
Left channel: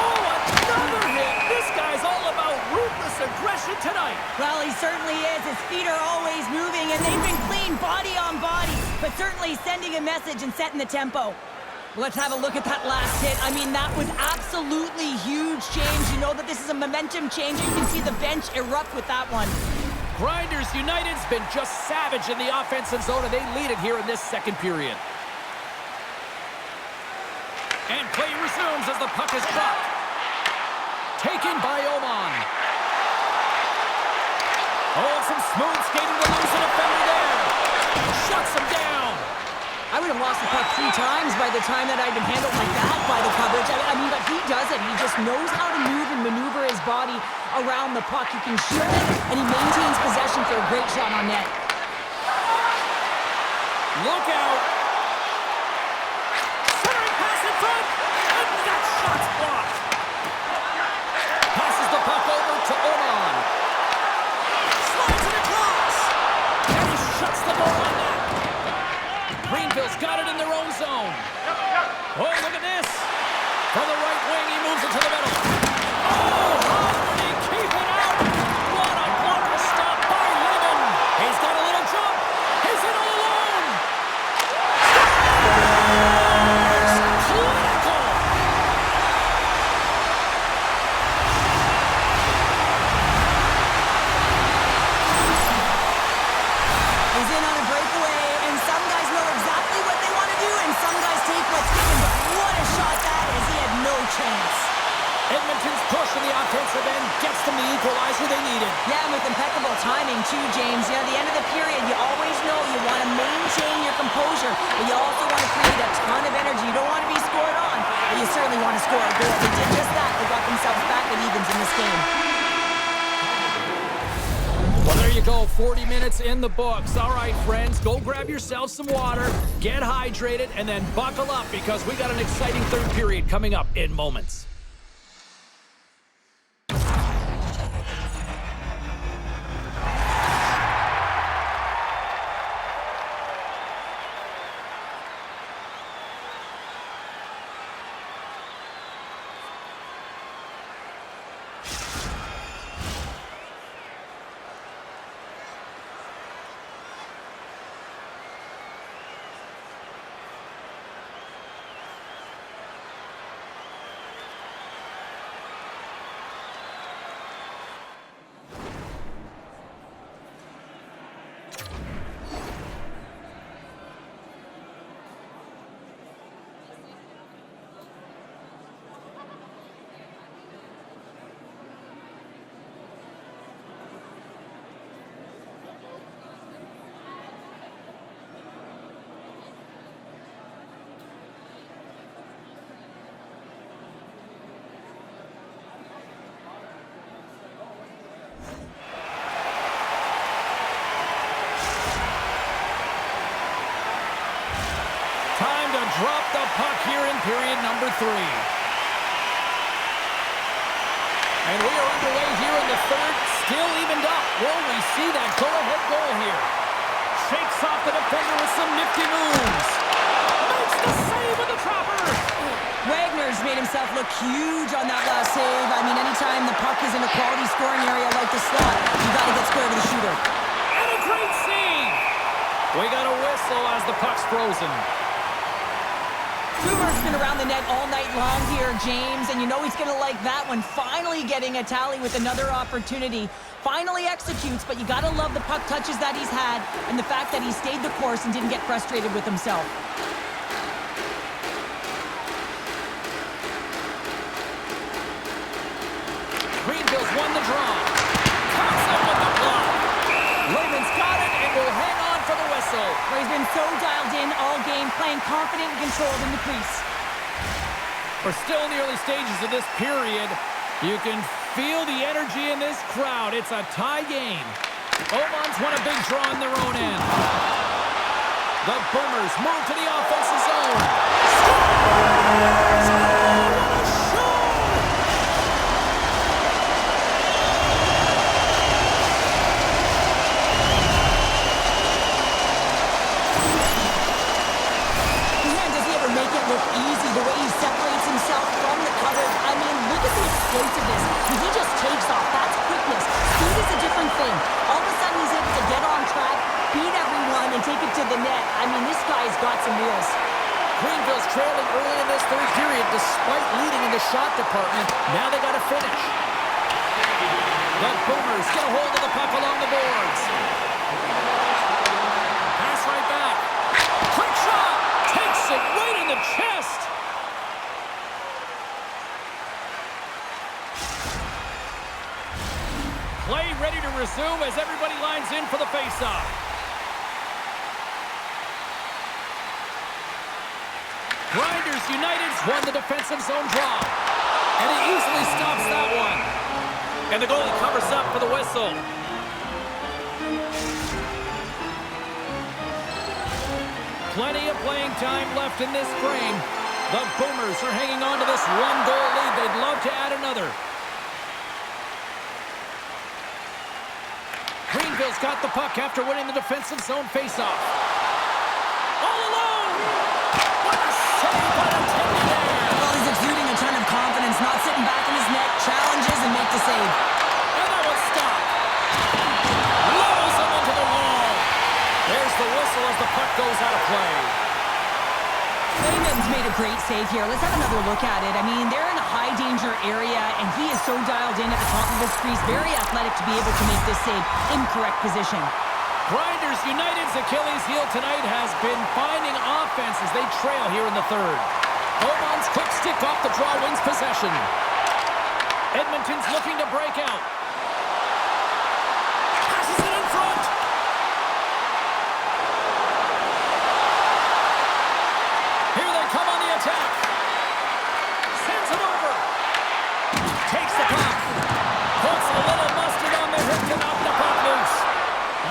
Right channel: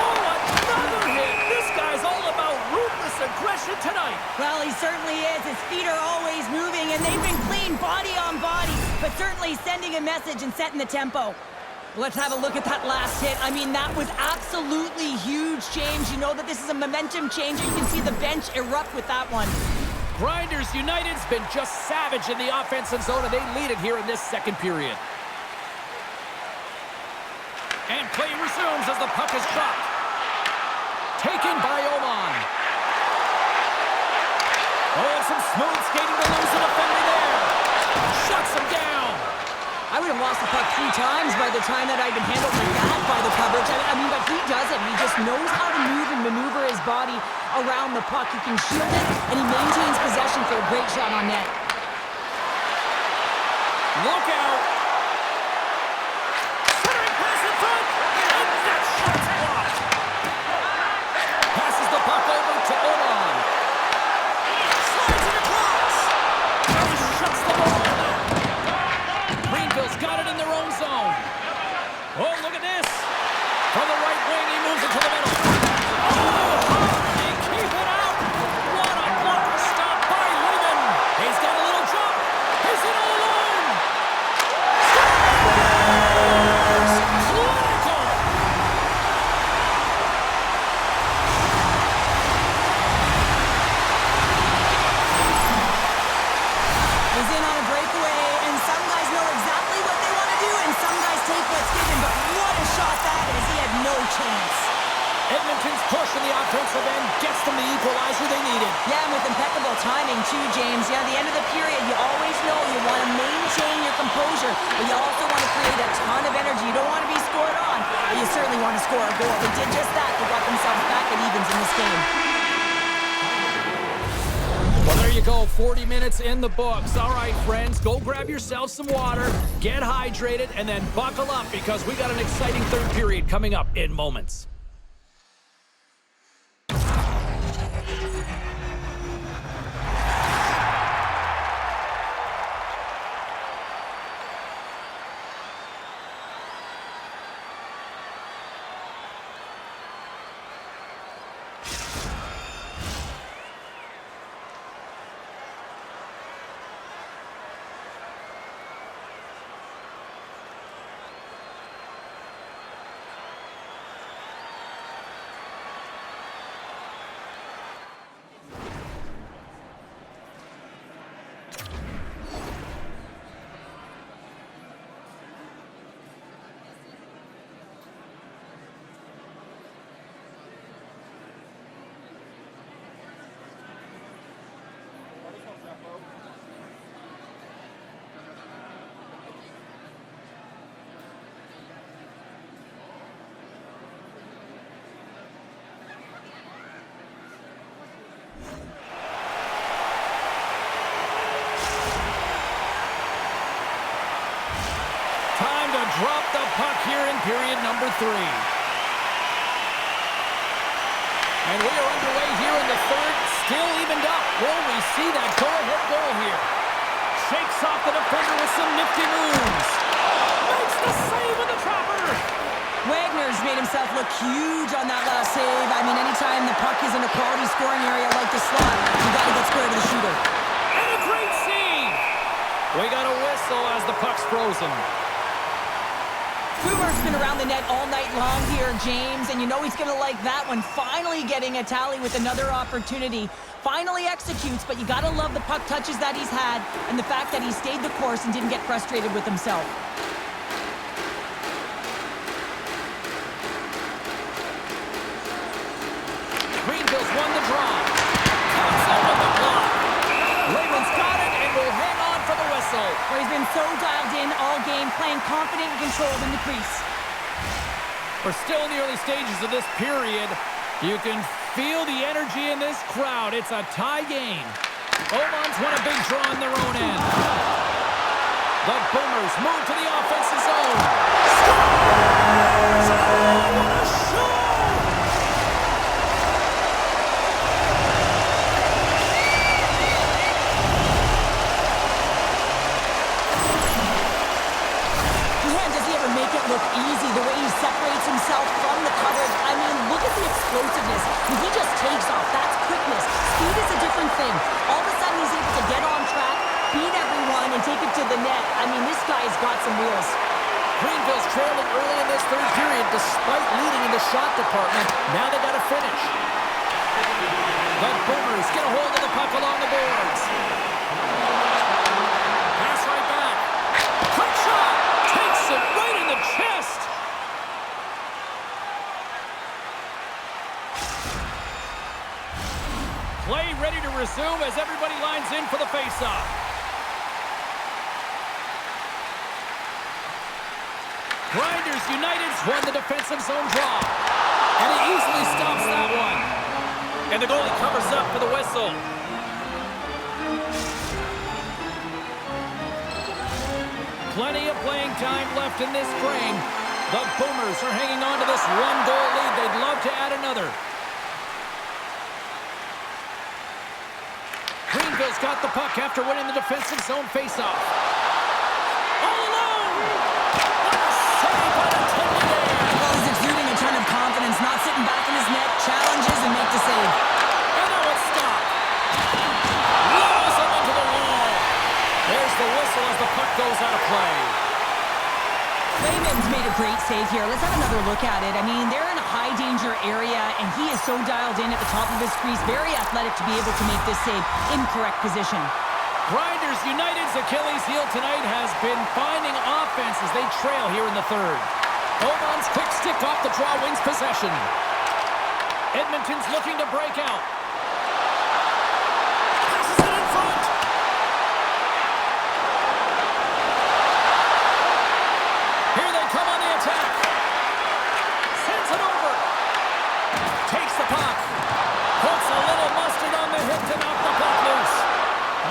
Oh, another hit. This guy's all about ruthless aggression tonight. Well, he certainly is. His feet are always moving, and they've been clean body on body, but certainly sending a message and setting the tempo. Let's have a look at that last hit. I mean, that was absolutely huge, James. You know that this is a momentum changer. You can see the bench erupt with that one. Grinders United's been just savage in the offensive zone, and they lead it here in this second period. And play resumes as the puck is dropped. Taken by Oman. Oh, and some smooth skating to lose a defender there. Shuts him down. I would have lost the puck 3 times by the time that I'd been handled like that by the coverage. I mean, but he doesn't. He just knows how to move and maneuver his body around the puck. He can shield it, and he maintains possession for a great shot on net. Look out. Centering pass in front, and that shot's blocked. Passes the puck over to Oman. Slides it across, and he shuts the ball on that. Greenville's got it in their own zone. Oh, look at this. From the right wing, he moves it to the middle. Oh, how did he keep it out? What a blocker stop by Lehman. He's got a little jump. He's in all alone. Scores! Clinical. He's in on a breakaway, and some guys know exactly what they want to do, and some guys take what's given, but what a shot that is. He had no chance. Edmonton's push in the offensive end gets them the equalizer they needed. Yeah, and with impeccable timing, too, James. You know, at the end of the period, you always know you want to maintain your composure, but you also want to create a ton of energy. You don't want to be scored on, but you certainly want to score a goal. They did just that. They got themselves back at evens in this game. Well, there you go. 40 minutes in the books. All right, friends, go grab yourself some water, get hydrated, and then buckle up because we got an exciting third period coming up in moments. Time to drop the puck here in period number 3. And we are underway here in the third, still evened up. Will we see that go-ahead goal here? Shakes off the defender with some nifty moves. Makes the save with the trapper. Wagner's made himself look huge on that last save. I mean, anytime the puck is in a quality scoring area like the slot, you got to get square to the shooter. And a great save. We got a whistle as the puck's frozen. Boomer's been around the net all night long here, James, and you know he's going to like that one. Finally getting a tally with another opportunity. Finally executes, but you got to love the puck touches that he's had and the fact that he stayed the course and didn't get frustrated with himself. Greenville's won the draw. Comes up with the block. Lehman's got it and will hang on for the whistle. Well, he's been so dialed in all game, playing confident and controlled in the crease. We're still in the early stages of this period. You can feel the energy in this crowd. It's a tie game. Oman's won a big draw in their own end. The Boomers move to the offensive zone. Scores! Oh, what a show! Man, does he ever make it look easy, the way he separates himself from the coverage. I mean, look at the explosiveness. I mean, he just takes off. That's quickness. Speed is a different thing. All of a sudden, he's able to get on track, beat everyone, and take it to the net. I mean, this guy's got some wheels. Greenville's trailing early in this third period despite leading in the shot department. Now they got to finish. The Boomers get a hold of the puck along the boards. Pass right back. Quick shot. Takes it right in the chest. Play ready to resume as everybody lines in for the faceoff. Grinders United's won the defensive zone draw. And he easily stops that one. And the goalie covers up for the whistle. Plenty of playing time left in this frame. The Boomers are hanging on to this one-goal lead. They'd love to add another. Greenville's got the puck after winning the defensive zone faceoff. All alone! What a save by the Tendy there! Well, he's exuding a ton of confidence, not sitting back in his net, challenges and make the save. And that one's stopped. Levels him into the wall. There's the whistle as the puck goes out of play. Layman's made a great save here. Let's have another look at it. I mean, they're in a high-danger area, and he is so dialed in at the top of his crease. Very athletic to be able to make this save in correct position. Grinders United's Achilles heel tonight has been finding offense as they trail here in the third. Oman's quick stick off the draw wins possession. Edmonton's looking to break out. Passes it in front. Here they come on the attack. Sends it over. Takes the puck. Puts a little mustard on the hip to knock the puck loose.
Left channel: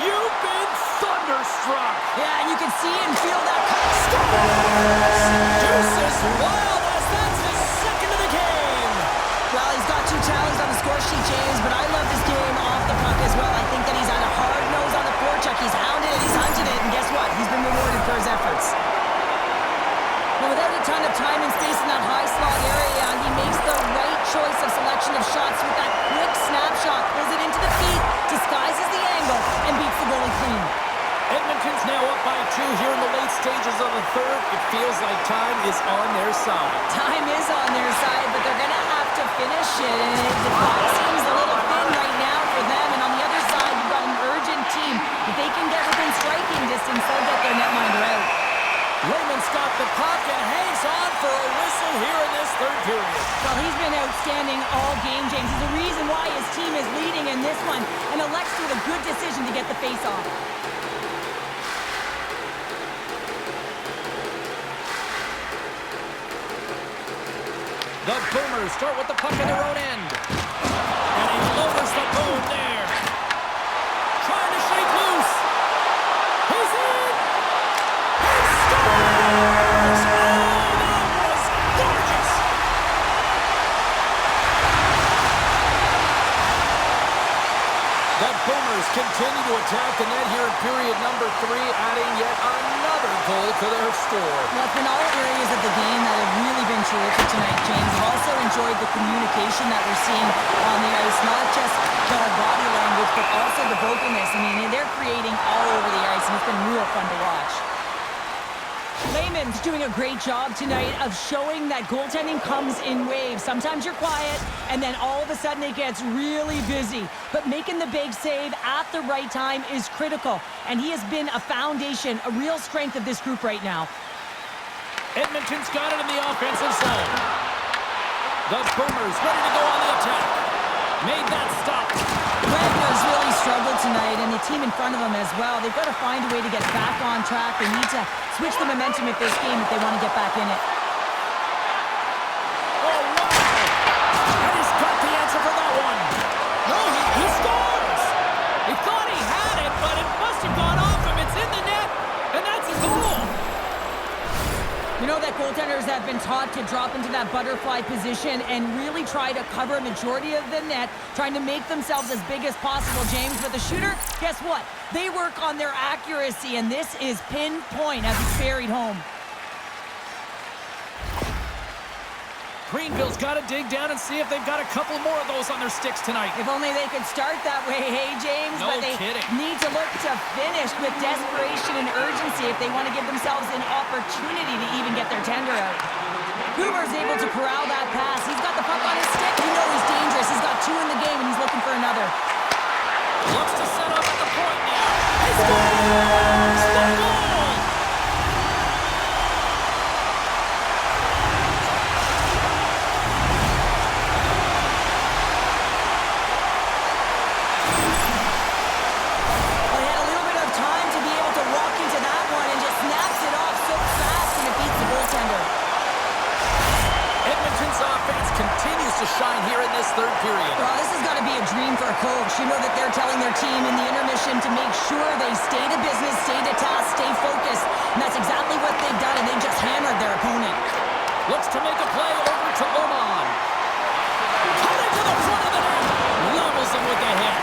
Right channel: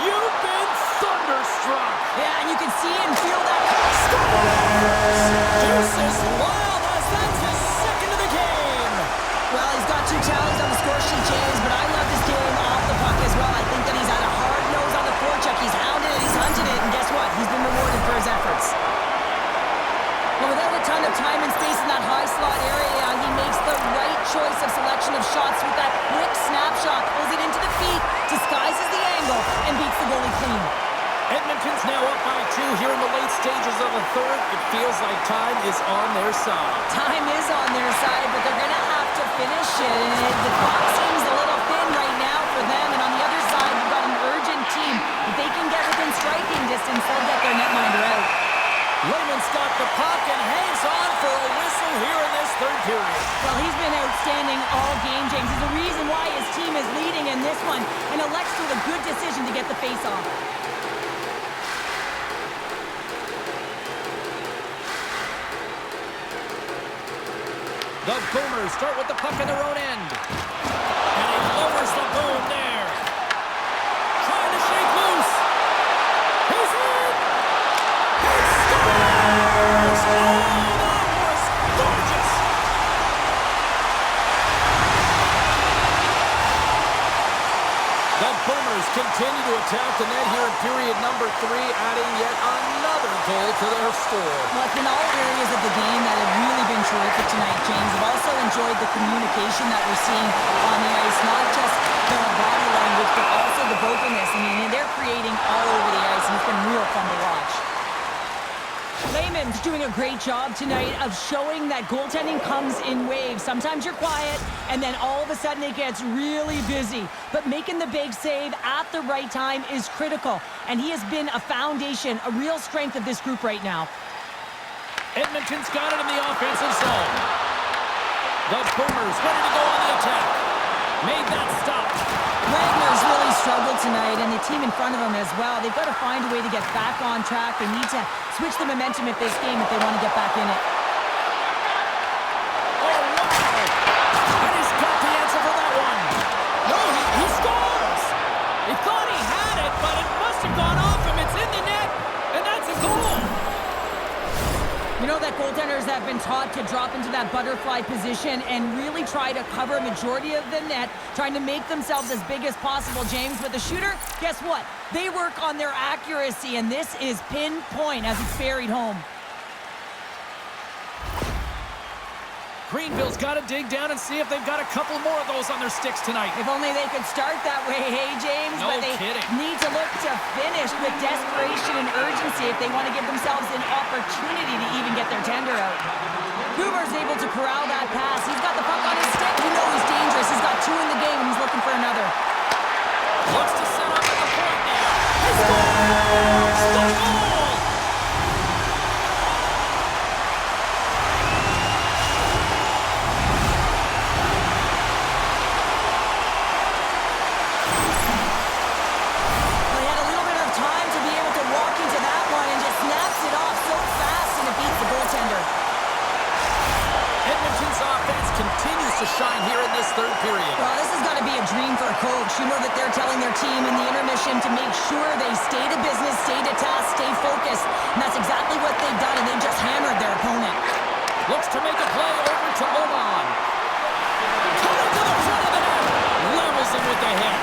You've been thunderstruck. Yeah, and you can see and feel that. Scores! Deuce is wild as that's his second of the game. Well, he's got 2 tallies on the score sheet, James, but I love this game off the puck as well. I think that he's had a hard nose on the forecheck. He's hounded it, he's hunted it, and guess what? He's been rewarded for his efforts. Well, without a ton of time and space in that high slot area, he makes the right choice of selection of shots with that quick snapshot, pulls it into the feet, disguises the angle, and beats the goalie clean. Edmonton's now up by 2 here in the late stages of the third. It feels like time is on their side. Time is on their side, but they're going to have to finish it. And the clock seems a little thin right now for them. And on the other side, you've got an urgent team. If they can get within striking distance, they'll get their netminder out. Layman's got the puck and hangs on for a whistle here in this third period. Well, he's been outstanding all game, James. He's the reason why his team is leading in this one. And elects with a good decision to get the face-off. The Boomers start with the puck in their own end. And he lowers the boom there. Trying to shake loose. He's in! He scores! Oh, that was gorgeous! The Boomers continue to attack the net here in period number 3, adding yet another goal to their score. Well, it's been all areas of the game that have really been terrific tonight, James. I've also enjoyed the communication that we're seeing on the ice, not just the body language, but also the vocalness. I mean, they're creating all over the ice, and it's been real fun to watch. Layman's doing a great job tonight of showing that goaltending comes in waves. Sometimes you're quiet, and then all of a sudden it gets really busy. But making the big save at the right time is critical, and he has been a foundation, a real strength of this group right now. Edmonton's got it in the offensive zone. The Boomers ready to go on the attack. Made that stop. Wagner's really struggled tonight, and the team in front of him as well. They've got to find a way to get back on track. They need to switch the momentum of this game if they want to get back in it. Oh, wow! And he's got the answer for that one. No, he scores! He thought he had it, but it must have gone off him. It's in the net, and that's a goal. know that goaltenders have been taught to drop into that butterfly position and really try to cover a majority of the net, trying to make themselves as big as possible, James. But the shooter, guess what? They work on their accuracy, and this is pinpoint as it's buried home. Greenville's got to dig down and see if they've got a couple more of those on their sticks tonight. If only they could start that way, hey, James? No but they kidding. need to look to finish with desperation and urgency if they want to give themselves an opportunity to even get their tender out. Huber's able to corral that pass. He's got the puck on his stick. You know he's dangerous. He's got 2 in the game, and he's looking for another. Looks to set up at the point now. He scores! The goal! Well, he had a little bit of time to be able to walk into that one and just snaps it off so fast, and it beats the goaltender. Edmonton's offense continues to shine here in this third period. Well, this has got to be a dream for a coach. You know that they're telling their team in the intermission to make sure they stay to business, stay to task, stay focused. And that's exactly what they've done, and they've just hammered their opponent. Looks to make a play over to Oman. Coming to the front of the net. Levels him with the hit.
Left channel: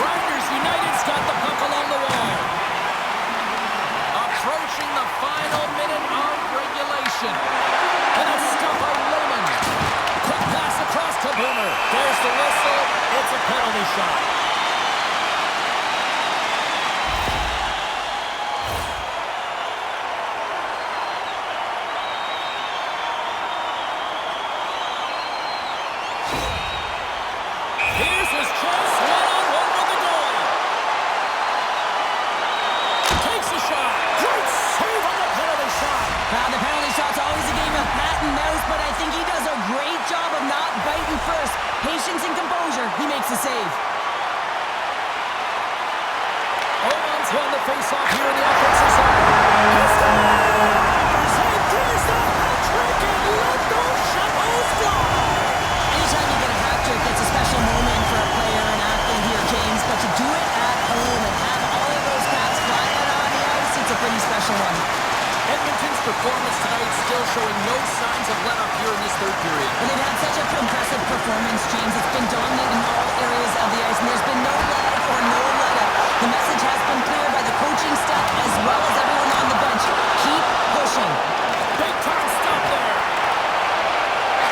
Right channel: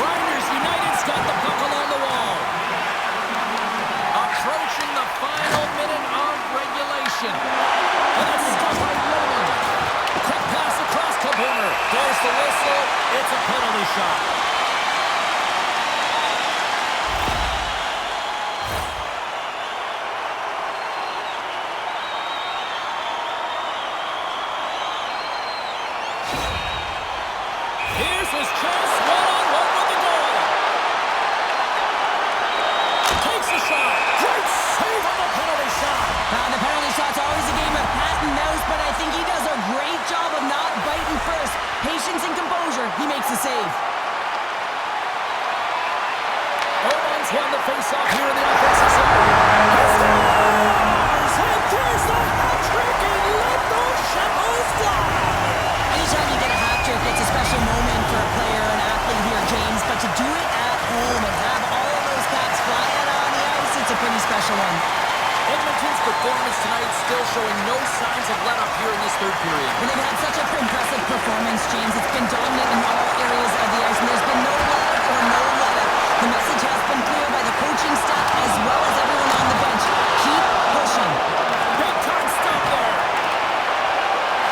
Grinders United's got the puck along the wall. Approaching the final minute of regulation. And it's stopped by Lehman. Quick pass across to Boomer. There's the whistle. It's a penalty shot. Here's his chance. One-on-one with the goalie. Takes a shot. Great save on the penalty shot. The penalty shot's always a game of cat and mouse, but I think he does a great job of not biting first. Patience and composure. He makes the save. Oman's won the face-off here in the offensive zone. He scores! And there's the hat-trick, and let those chapeaus fly! Anytime you get a hat trick, it's a special moment for a player, an athlete here, James. But to do it at home and have all of those caps fly out on the ice, it's a pretty special one. Edmonton's performance tonight still showing no signs of let-up here in this third period. Well, they've had such an impressive performance, James. It's been dominant in all areas of the ice, and there's been no leg or no let-up. The message has been clear by the coaching staff as well as everyone on the bench. Keep pushing. Big-time stop there.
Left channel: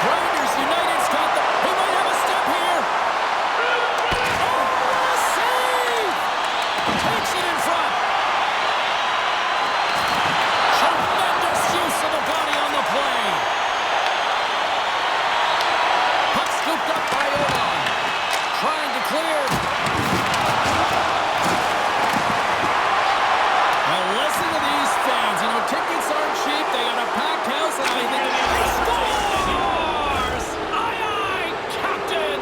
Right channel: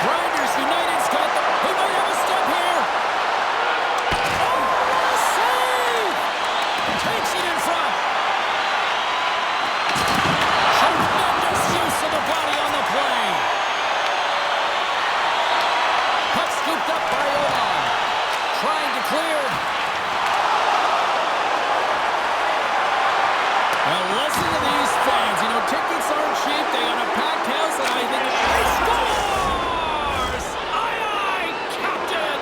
Grinders United's got the... He might have a step here. Oh, what a save! Takes it in front. Tremendous use of the body on the play. Puck scooped up by Oman. Trying to clear. Well, listen to these fans. You know, tickets aren't cheap. They got a packed house, and I think he scores! Aye, aye, Captain!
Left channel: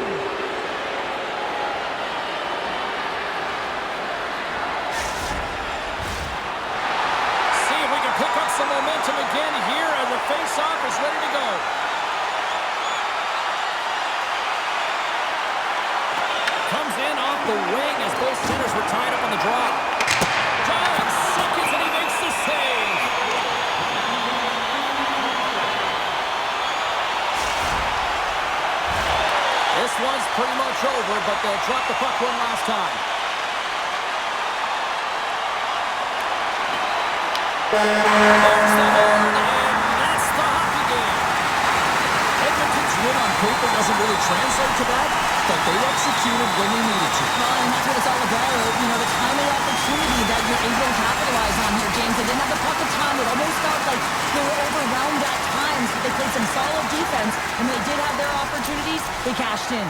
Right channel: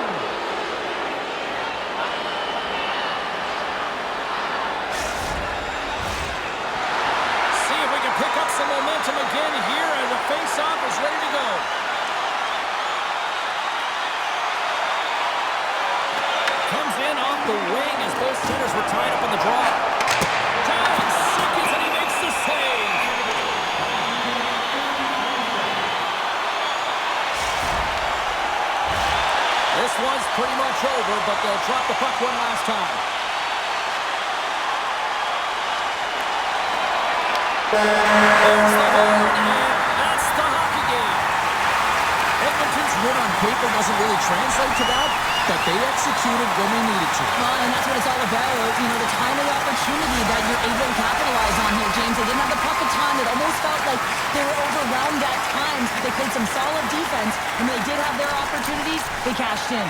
See if we can pick up some momentum again here as the face-off is ready to go. Comes in off the wing as both centers were tied up on the draw. Down seconds, and he makes the save. This one's pretty much over, but they'll drop the puck one last time. There's the horn, and that's the hockey game. Edmonton's win on paper doesn't really translate to that, but they executed when they needed to. Well, and that's what it's all about. You know, the timely opportunity that you're able to capitalize on here, James. They didn't have the puck a ton. It almost felt like they were overwhelmed at times, but they played some solid defense, and when they did have their opportunities, they cashed in.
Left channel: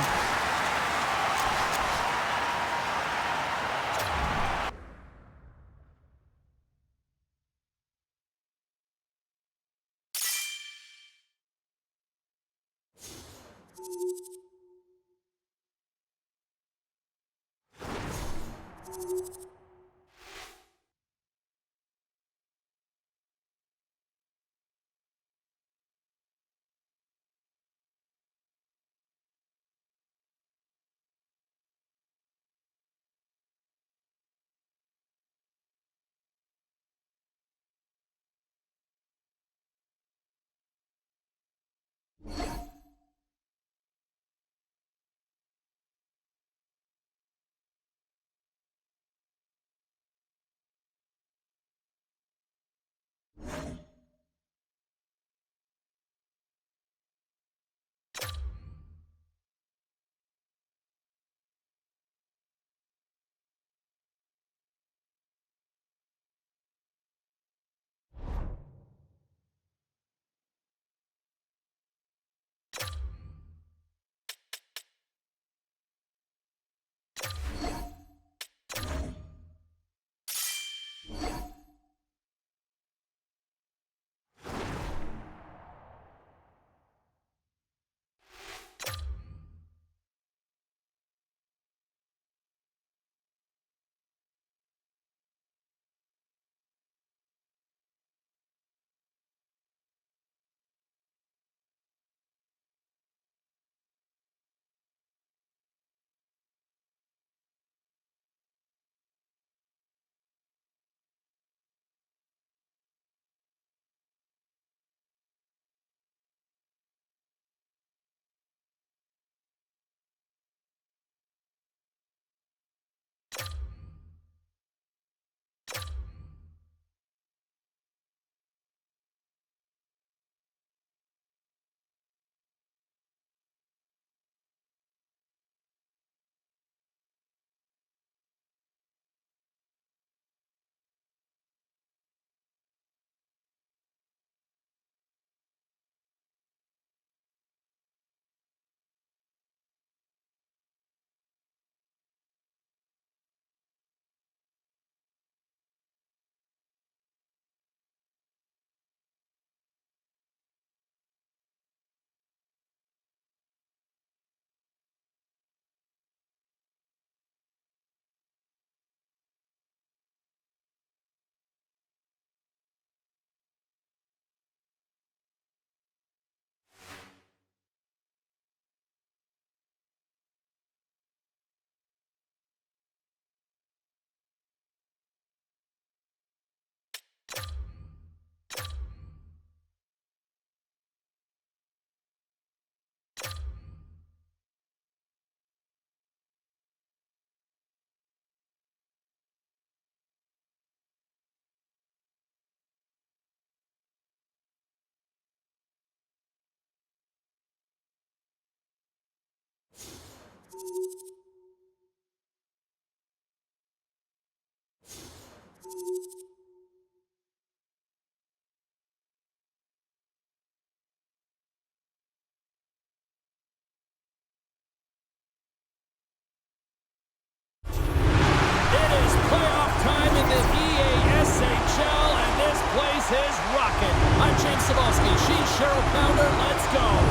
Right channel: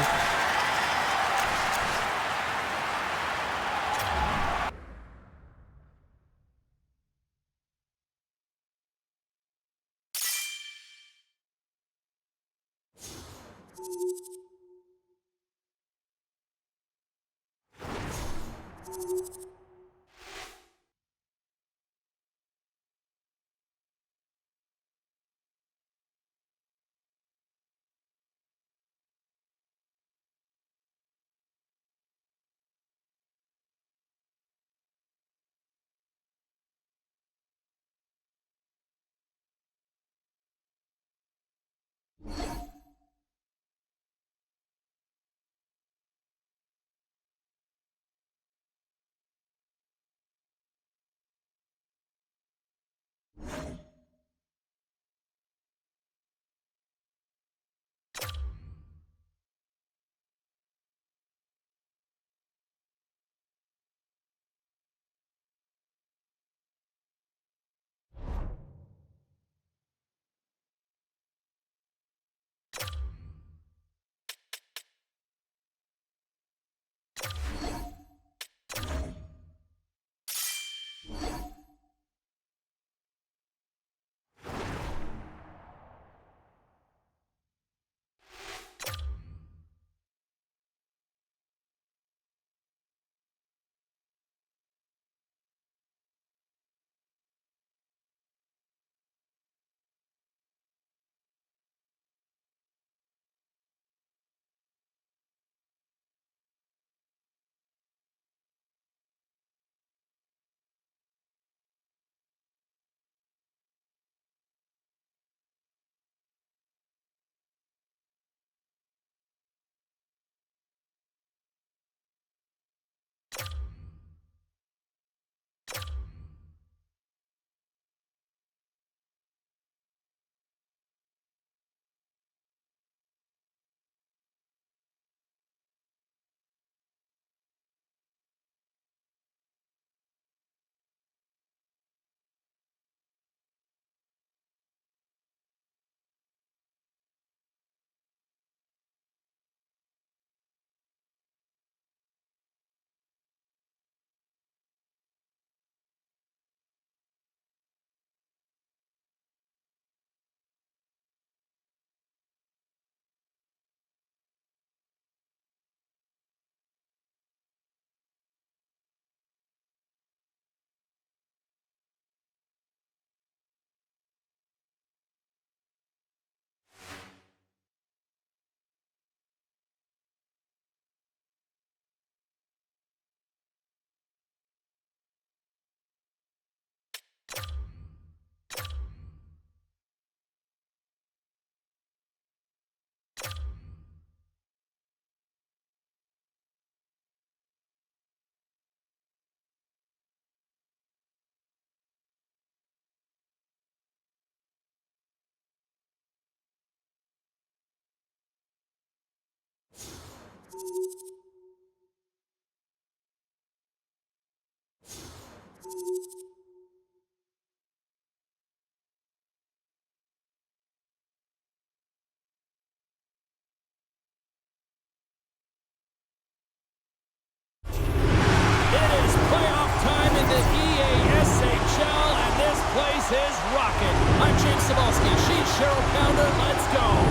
It is playoff time in the EASHL, and this place is rocking. I'm James Cebulski. She's Cheryl Pounder. Let's go.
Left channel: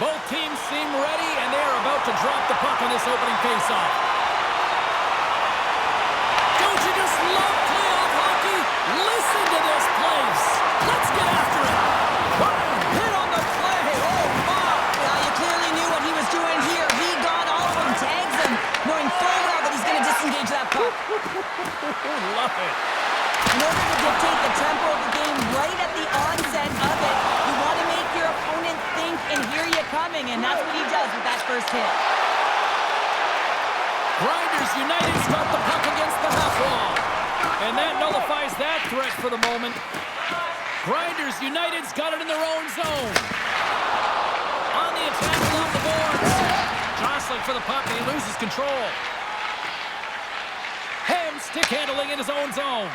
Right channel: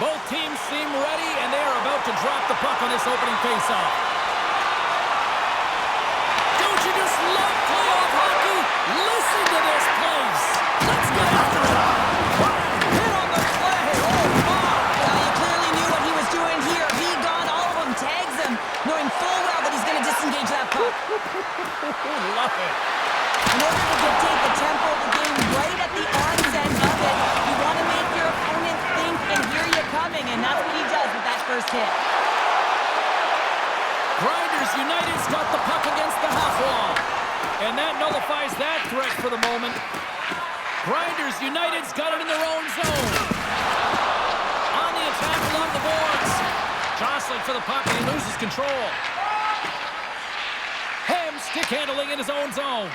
Both teams seem ready, and they are about to drop the puck on this opening faceoff. Don't you just love playoff hockey? Listen to this place. Let's get after it. Wow, hit on the play. Oh, my. Yeah, you clearly knew what he was doing here. He got all of them, tags them, knowing full well that he's going to disengage that puck. Love it. In order to dictate the tempo of the game right at the onset of it, you want to make your opponent think and hear you coming, and that's what he does with that first hit. Grinders United's got the puck against the half wall, and that nullifies that threat for the moment. Grinders United's got it in their own zone. On the attack along the boards. Jostling for the puck, and he loses control. Ham stick handling in his own zone.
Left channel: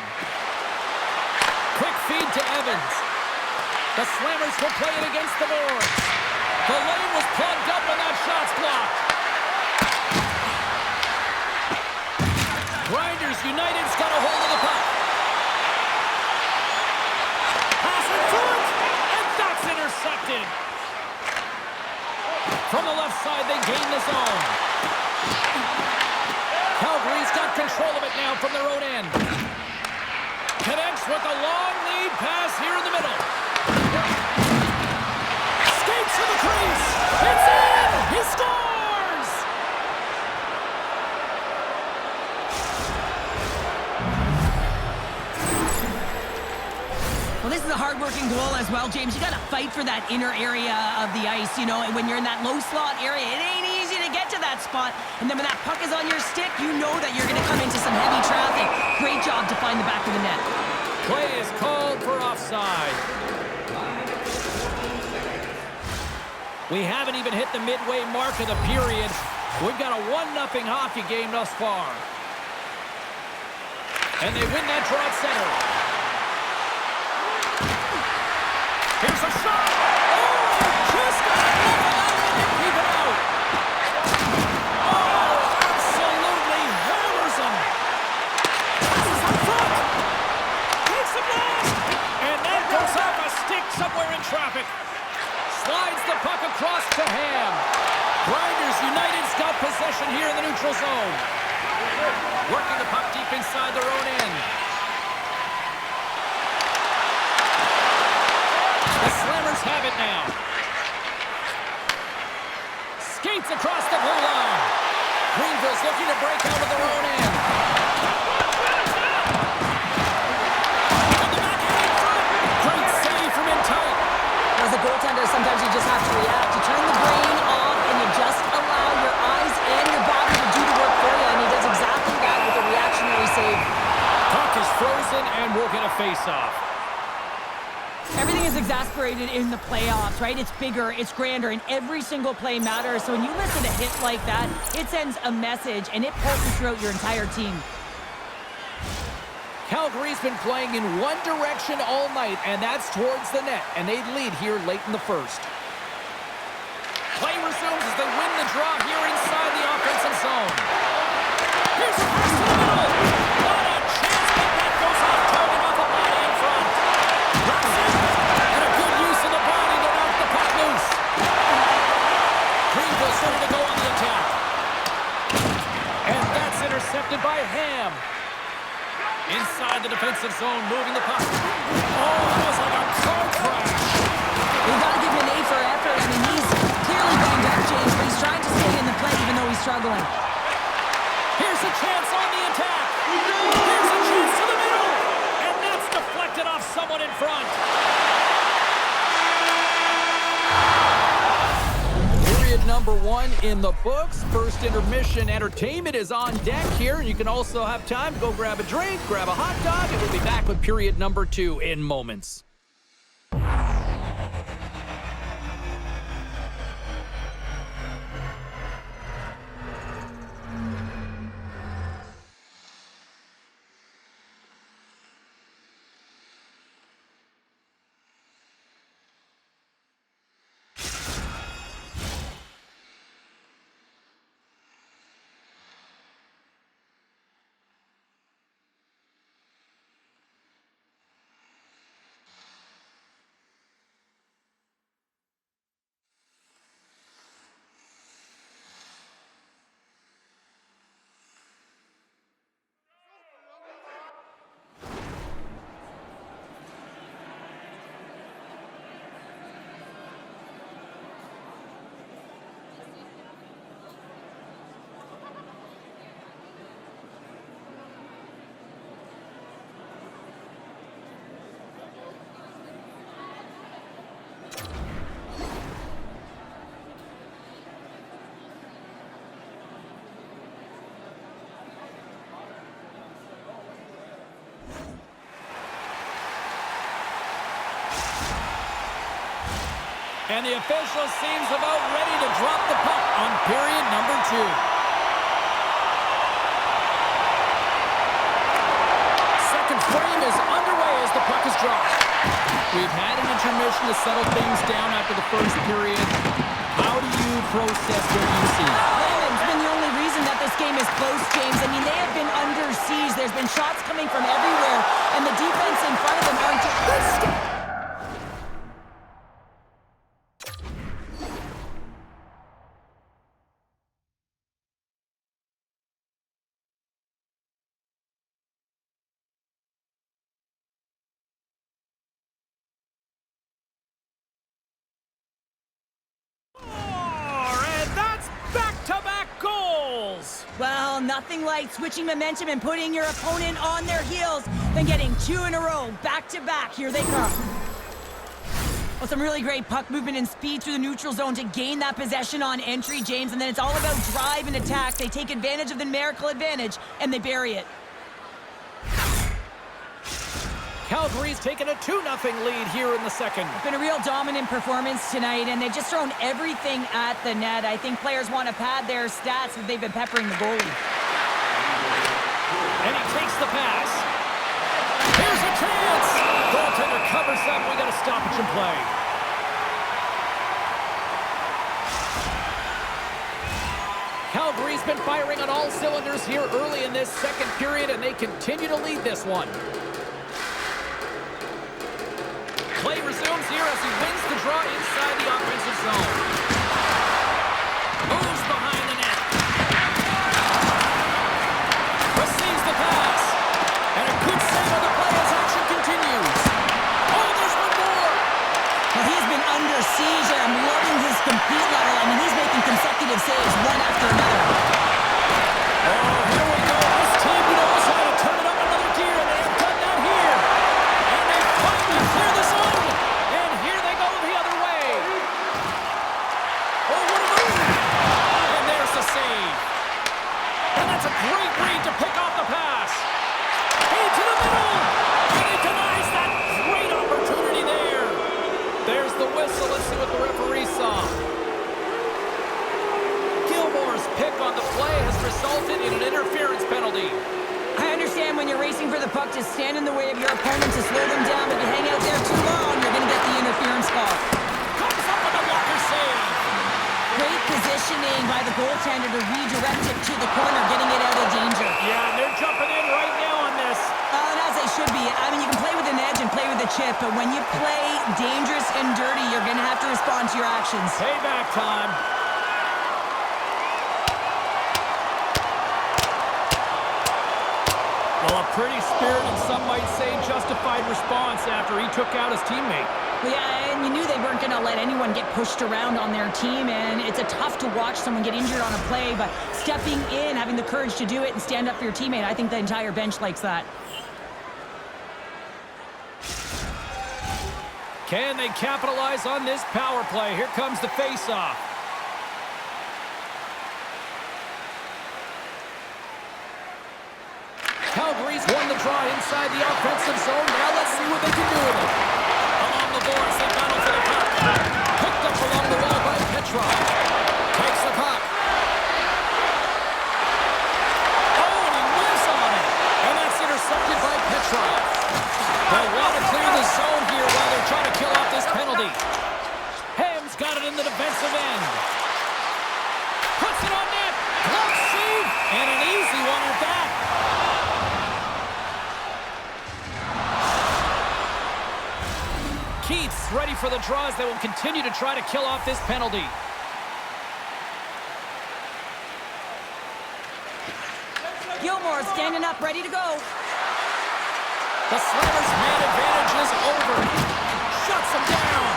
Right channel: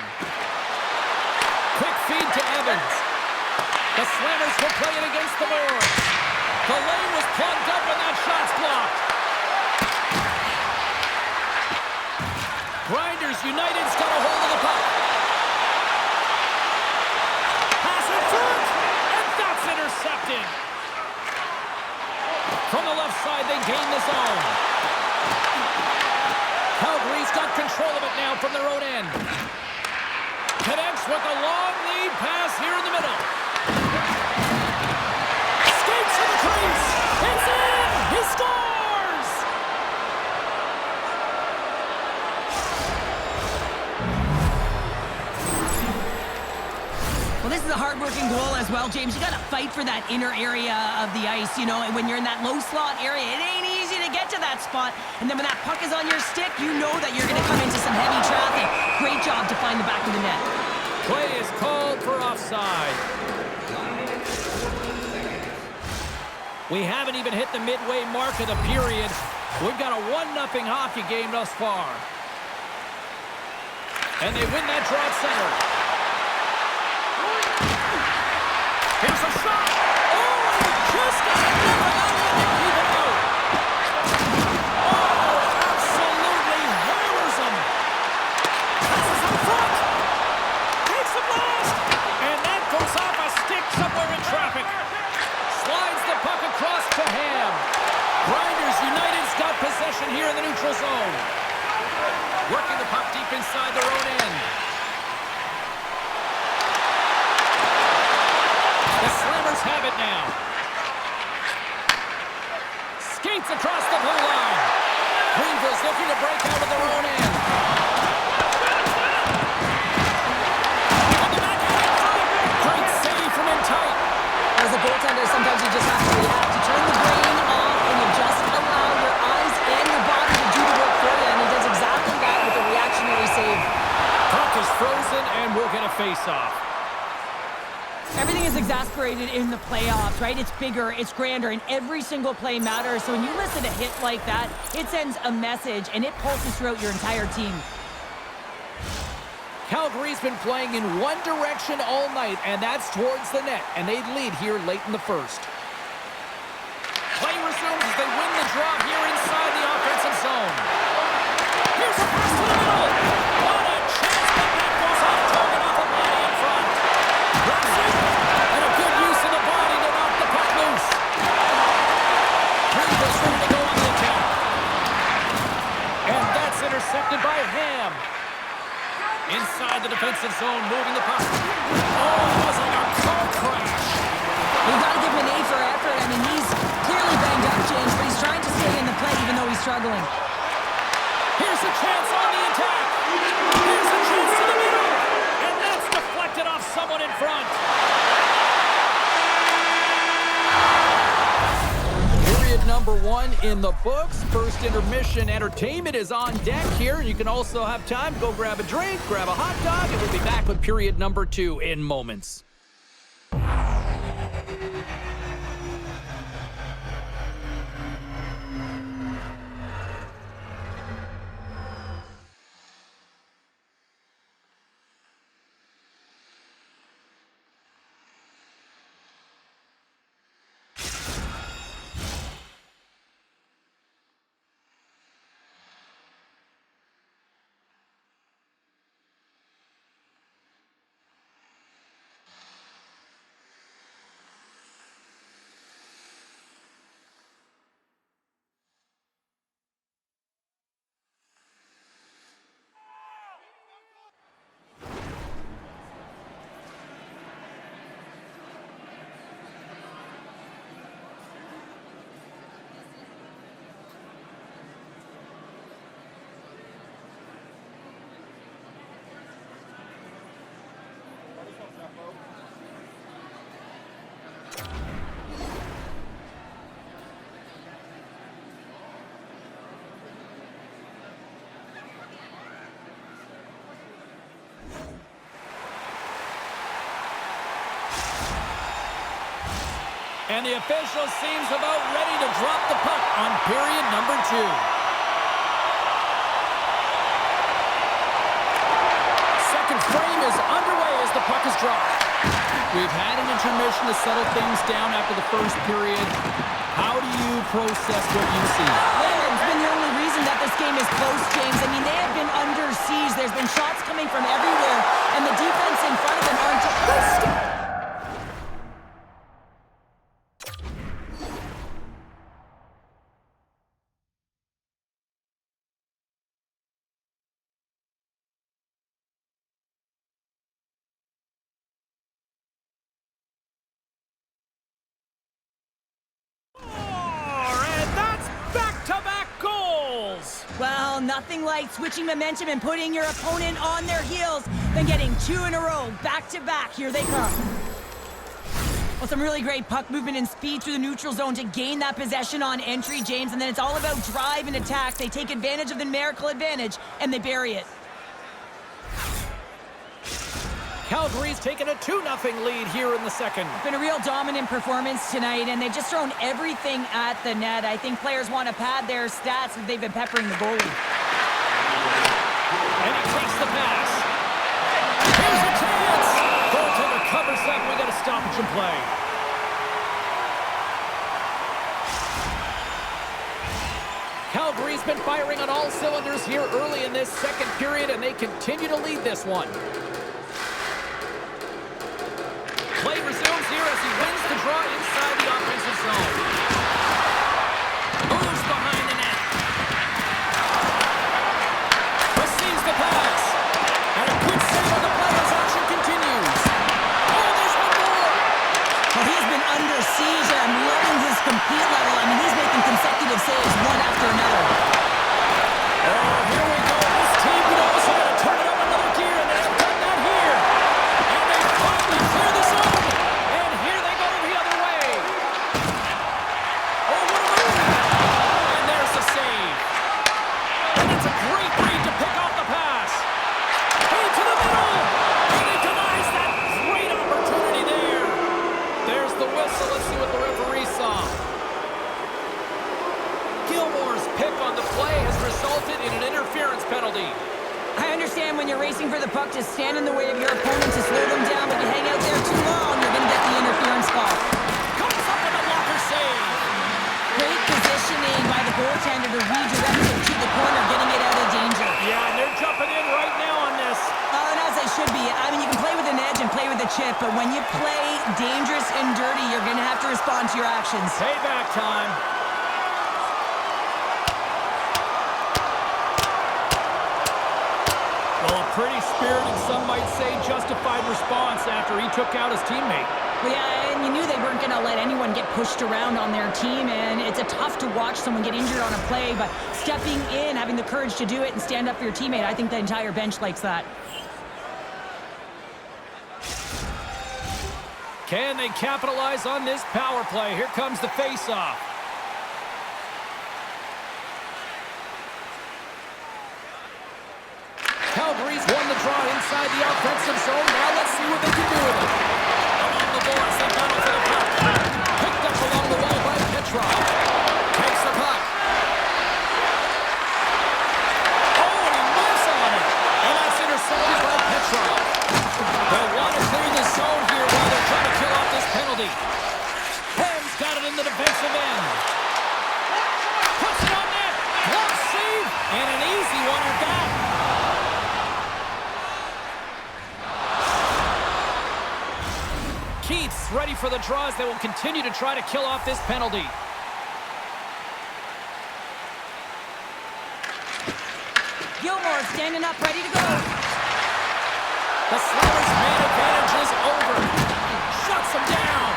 Quick feed to Evans. The Slammers will play it against the boards. The lane was plugged up and that shot's blocked. Grinders United's got a hold of the puck. Pass in front, and that's intercepted. From the left side, they gain the zone. Calgary's got control of it now from their own end. Connects with a long lead pass here in the middle. Skates to the crease. It's in! He scores! Well, this is a hard-working goal as well, James. You got to fight for that inner area of the ice, you know, and when you're in that low slot area, it ain't easy to get to that spot. And then when that puck is on your stick, you know that you're going to come into some heavy traffic. Great job to find the back of the net. Play is called for offside. We haven't even hit the midway mark of the period. We've got a 1-0 hockey game thus far. And they win that draw at center. Here's a shot! Oh, just got enough of that one to keep it out! Oh, absolutely hammers him! Passes up front! Takes the blast! And that goes off a stick somewhere in traffic. Slides the puck across to Ham. Grinders United's got possession here in the neutral zone. Working the puck deep inside their own end. The Slammers have it now. Skates across the blue line. Greenville's looking to break out of their own end. On the backhand in front. Great save from in tight. As a goaltender, sometimes you just have to react. You turn the brain off and you just allow your eyes and your body to do the work for you, and he does exactly that with a reactionary save. Puck is frozen and we'll get a face-off. Everything is exasperated in the playoffs, right? It's bigger, it's grander, and every single play matters. So when you listen to hits like that, it sends a message, and it pulses throughout your entire team. Calgary's been playing in one direction all night, and that's towards the net, and they lead here late in the first. Play resumes as they win the draw here inside the offensive zone. Here's a pass to the middle. What a chance, but that goes off target off a body in front. Drops it, and a good use of the body to knock the puck loose. Greenville's ready to go on the attack. And that's intercepted by Ham. Inside the defensive zone, moving the puck. Oh, that was like a car crash. We've got to give him an A for effort. I mean, he's clearly banged up, James, but he's trying to stay in the play even though he's struggling. Here's a chance on the attack. Here's a chance to the middle. And that's deflected off someone in front. Period number 1 in the books. First intermission entertainment is on deck here. You can also have time to go grab a drink, grab a hot dog, and we'll be back with period number 2 in moments. And the official seems about ready to drop the puck on period number 2. Second frame is underway as the puck is dropped. We've had an intermission to settle things down after the first period. How do you process what you see? Layman's been the only reason that this game is close, James. I mean, they have been under siege. There's been shots coming from everywhere, and the defense in front of them aren't just... Well, nothing like switching momentum and putting your opponent on their heels than getting 2 in a row, back-to-back. Here they come. Well, some really great puck movement and speed through the neutral zone to gain that possession on entry, James, and then it's all about drive and attack. They take advantage of the numerical advantage, and they bury it. Calgary's taken a 2-0 lead here in the second. It's been a real dominant performance tonight, and they've just thrown everything at the net. I think players want to pad their stats if they've been peppering the goalie. And he takes the pass. Here's a chance! Goaltender covers up. We got a stoppage in play. Calgary's been firing on all cylinders here early in this second period, and they continue to lead this one. Play resumes here as he wins the draw inside the offensive zone. Moves behind the net. Receives the pass. And a good save on the play as action continues. Oh, there's one more. Well, he's been under siege, and I'm loving his compete level. I mean, he's making consecutive saves one after another. Oh, here we go. This team knows how to turn it up another gear, and they have done that here. And they finally clear the zone. Great read to pick off the pass. Into the middle. And he denies that great opportunity there. There's the whistle. Let's see what the referee saw. Gilmore's pick on the play has resulted in an interference penalty. I understand when you're racing for the puck to stand in the way of your opponent to slow them down, but if you hang out there too long, you're going to get the interference call. Comes up with a blocker save. Great positioning by the goaltender to redirect it to the corner, getting it out of danger. Yeah, and they're jumping in right now on this. And as they should be. I mean, you can play with an edge and play with a chip, but when you play dangerous and dirty, you're going to have to respond to your actions. Payback time. Well, a pretty spirited, some might say justified response after he took out his teammate. Well, yeah, and you knew they weren't going to let anyone get pushed around on their team, and it's a tough to watch someone get injured on a play, but stepping in, having the courage to do it and stand up for your teammate, I think the entire bench likes that. Can they capitalize on this power play? Here comes the face-off. Calgary's won the draw inside the offensive zone. Now let's see what they can do with it. Along the boards, they battle for the puck. Picked up along the wall by Petrov. Takes the puck. Oh, and he whiffs on it. And that's intercepted by Petrov. They'll want to clear the zone here while they're trying to kill off this penalty. Ham's got it in the defensive end. Puts it on net. Glove save. And an easy one at that. Keith's ready for the draws. They will continue to try to kill off this penalty. Gilmore standing up, ready to go. The Slammers' man advantage is over. Shuts them down.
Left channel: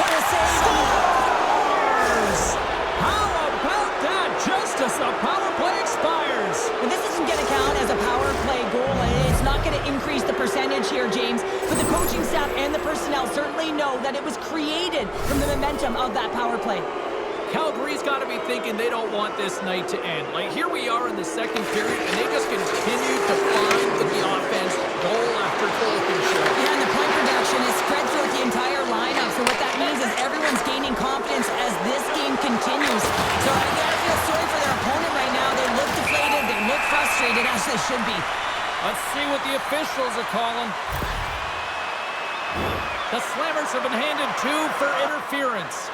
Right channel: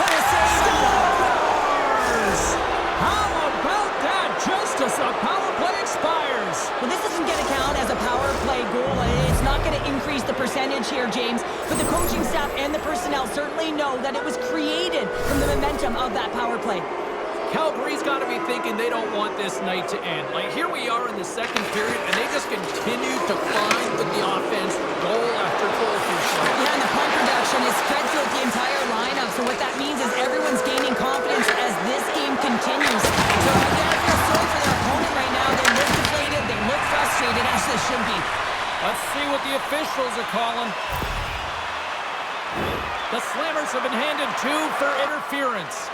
What a save. Scores! How about that? Just as the power play expires. Well, this isn't going to count as a power play goal. It's not going to increase the percentage here, James. But the coaching staff and the personnel certainly know that it was created from the momentum of that power play. Calgary's got to be thinking they don't want this night to end. Like, here we are in the second period, and they just continue to find the offense goal after goal can show. Yeah, and the point production is spread throughout the entire lineup. So what that means is everyone's gaining confidence as this game continues. So I gotta feel sorry for their opponent right now. They look deflated, they look frustrated, as they should be. Let's see what the officials are calling. The Slammers have been handed 2 for interference.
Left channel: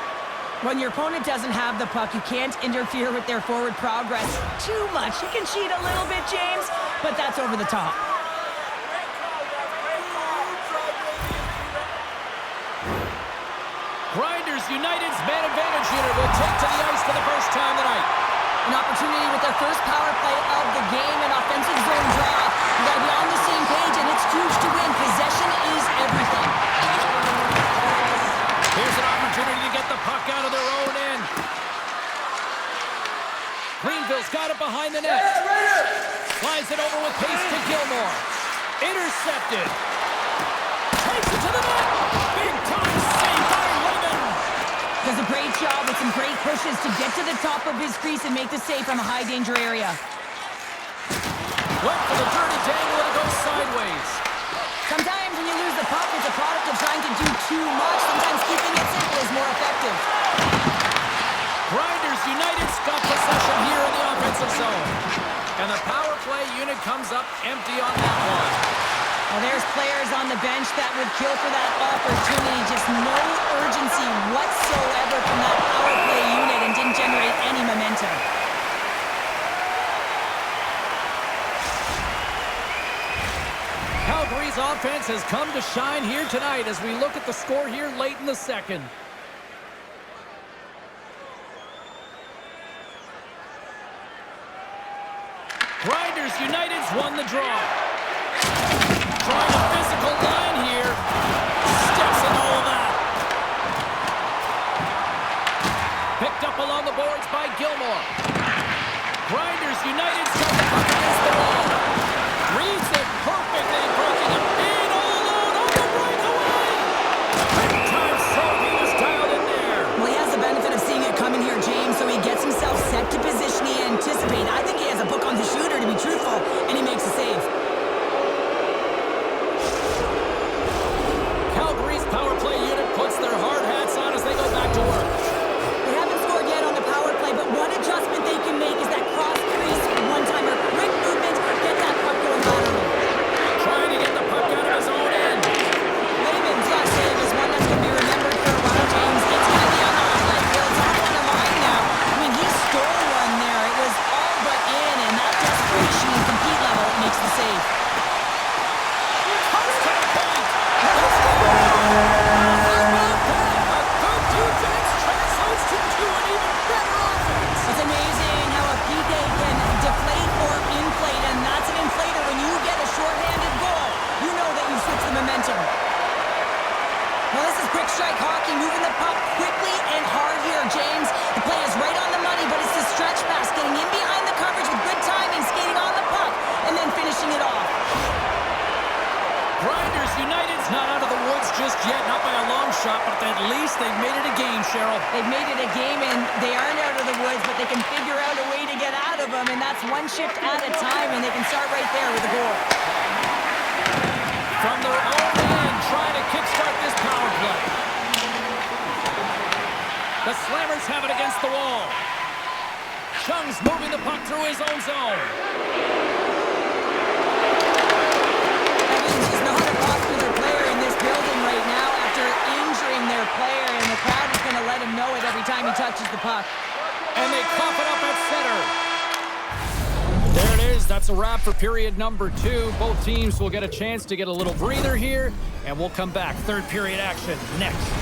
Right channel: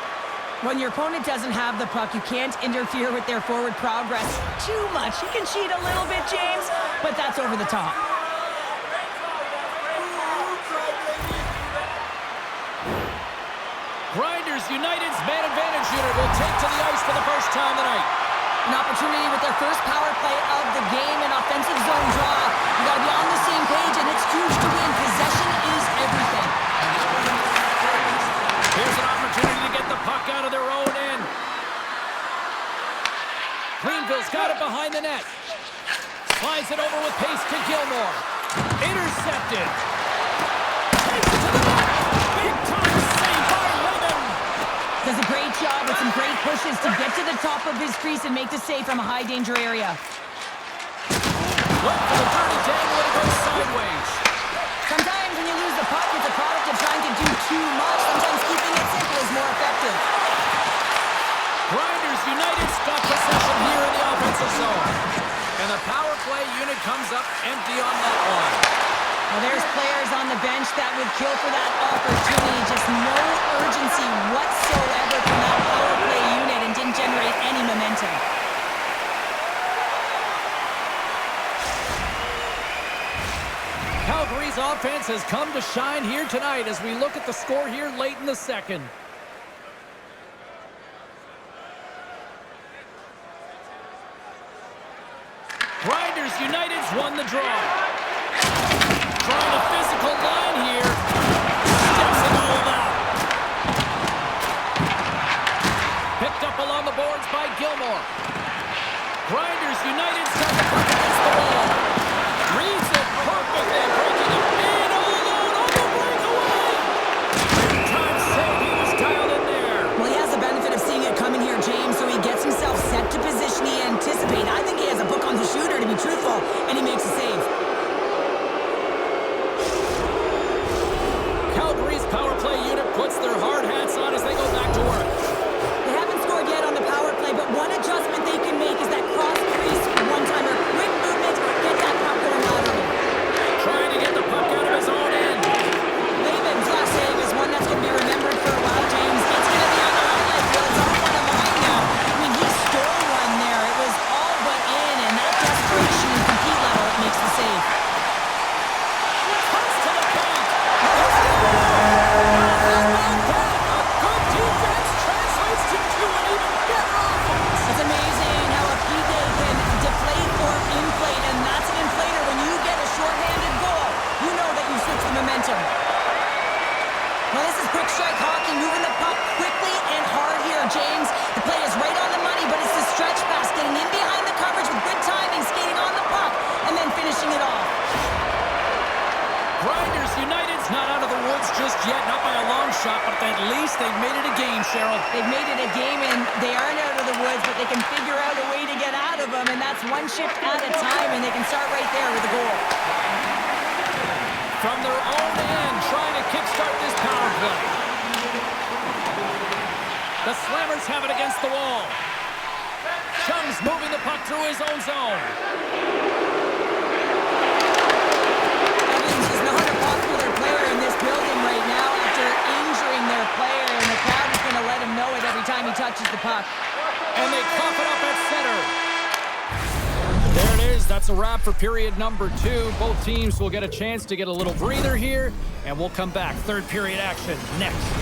When your opponent doesn't have the puck, you can't interfere with their forward progress too much. You can cheat a little bit, James, but that's over the top. Grinders United's man advantage unit will take to the ice for the first time tonight. An opportunity with their first power play of the game, an offensive zone draw. You got to be on the same page, and it's huge to win. Possession is everything. Here's an opportunity to get the puck out of their own end. Greenville's got it behind the net. Slides it over with pace to Gilmore. Intercepted. Takes it to the net. Big time save by Lehman. Does a great job with some great pushes to get to the top of his crease and make the save from a high danger area. Went for the dirty dangle and it goes sideways. Sometimes when you lose the puck, it's a product of trying to do too much. Sometimes keeping it simple is more effective. Grinders United's got possession here in the offensive zone. And the power play unit comes up empty on that one. Well, there's players on the bench that would kill for that opportunity. Just no urgency whatsoever from that power play unit and didn't generate any momentum. Calgary's offense has come to shine here tonight as we look at the score here late in the second. Grinders United's won the draw. Trying a physical line here. Steps in all of that. Picked up along the boards by Gilmore. Grinders United's got the puck against the wall. Reads it perfectly, breaking him in all alone on the breakaway. Big time save, he was dialed in there. Well, he has the benefit of seeing it coming here, James, so he gets himself set to position he anticipates. I think he has a book on the shooter, to be truthful, and he makes a save. Calgary's power play unit puts their hard hats on as they go back to work. They haven't scored yet on the power play, but one adjustment they can make is that cross-crease one-timer. Quick movement, get that puck going laterally. Trying to get the puck out of his own end. Lehman's last save is one that's going to be remembered for a while, James. It's going to be on the highlight reel. It's on one of mine now. I mean, he stole one there. It was all but in, and that desperation and compete level makes the save. Pucks to the paint. How about that? A good defense translates into an even better offense. It's amazing how a PK can yet, not by a long shot, but at least they've made it a game, Cheryl. They've made it a game, and they aren't out of the woods, but they can figure out a way to get out of them, and that's one shift at a time, and they can start right there with a goal. From their own end, trying to kickstart this power play. The Slammers have it against the wall. Chung's moving the puck through his own zone. Evans is not a popular player in this building right now after injuring their player, and the crowd is going to let him know it every time he touches the puck. And they cough it up at center. There it is. That's a wrap for period number 2. Both teams will get a chance to get a little breather here, and we'll come back. Third period action next.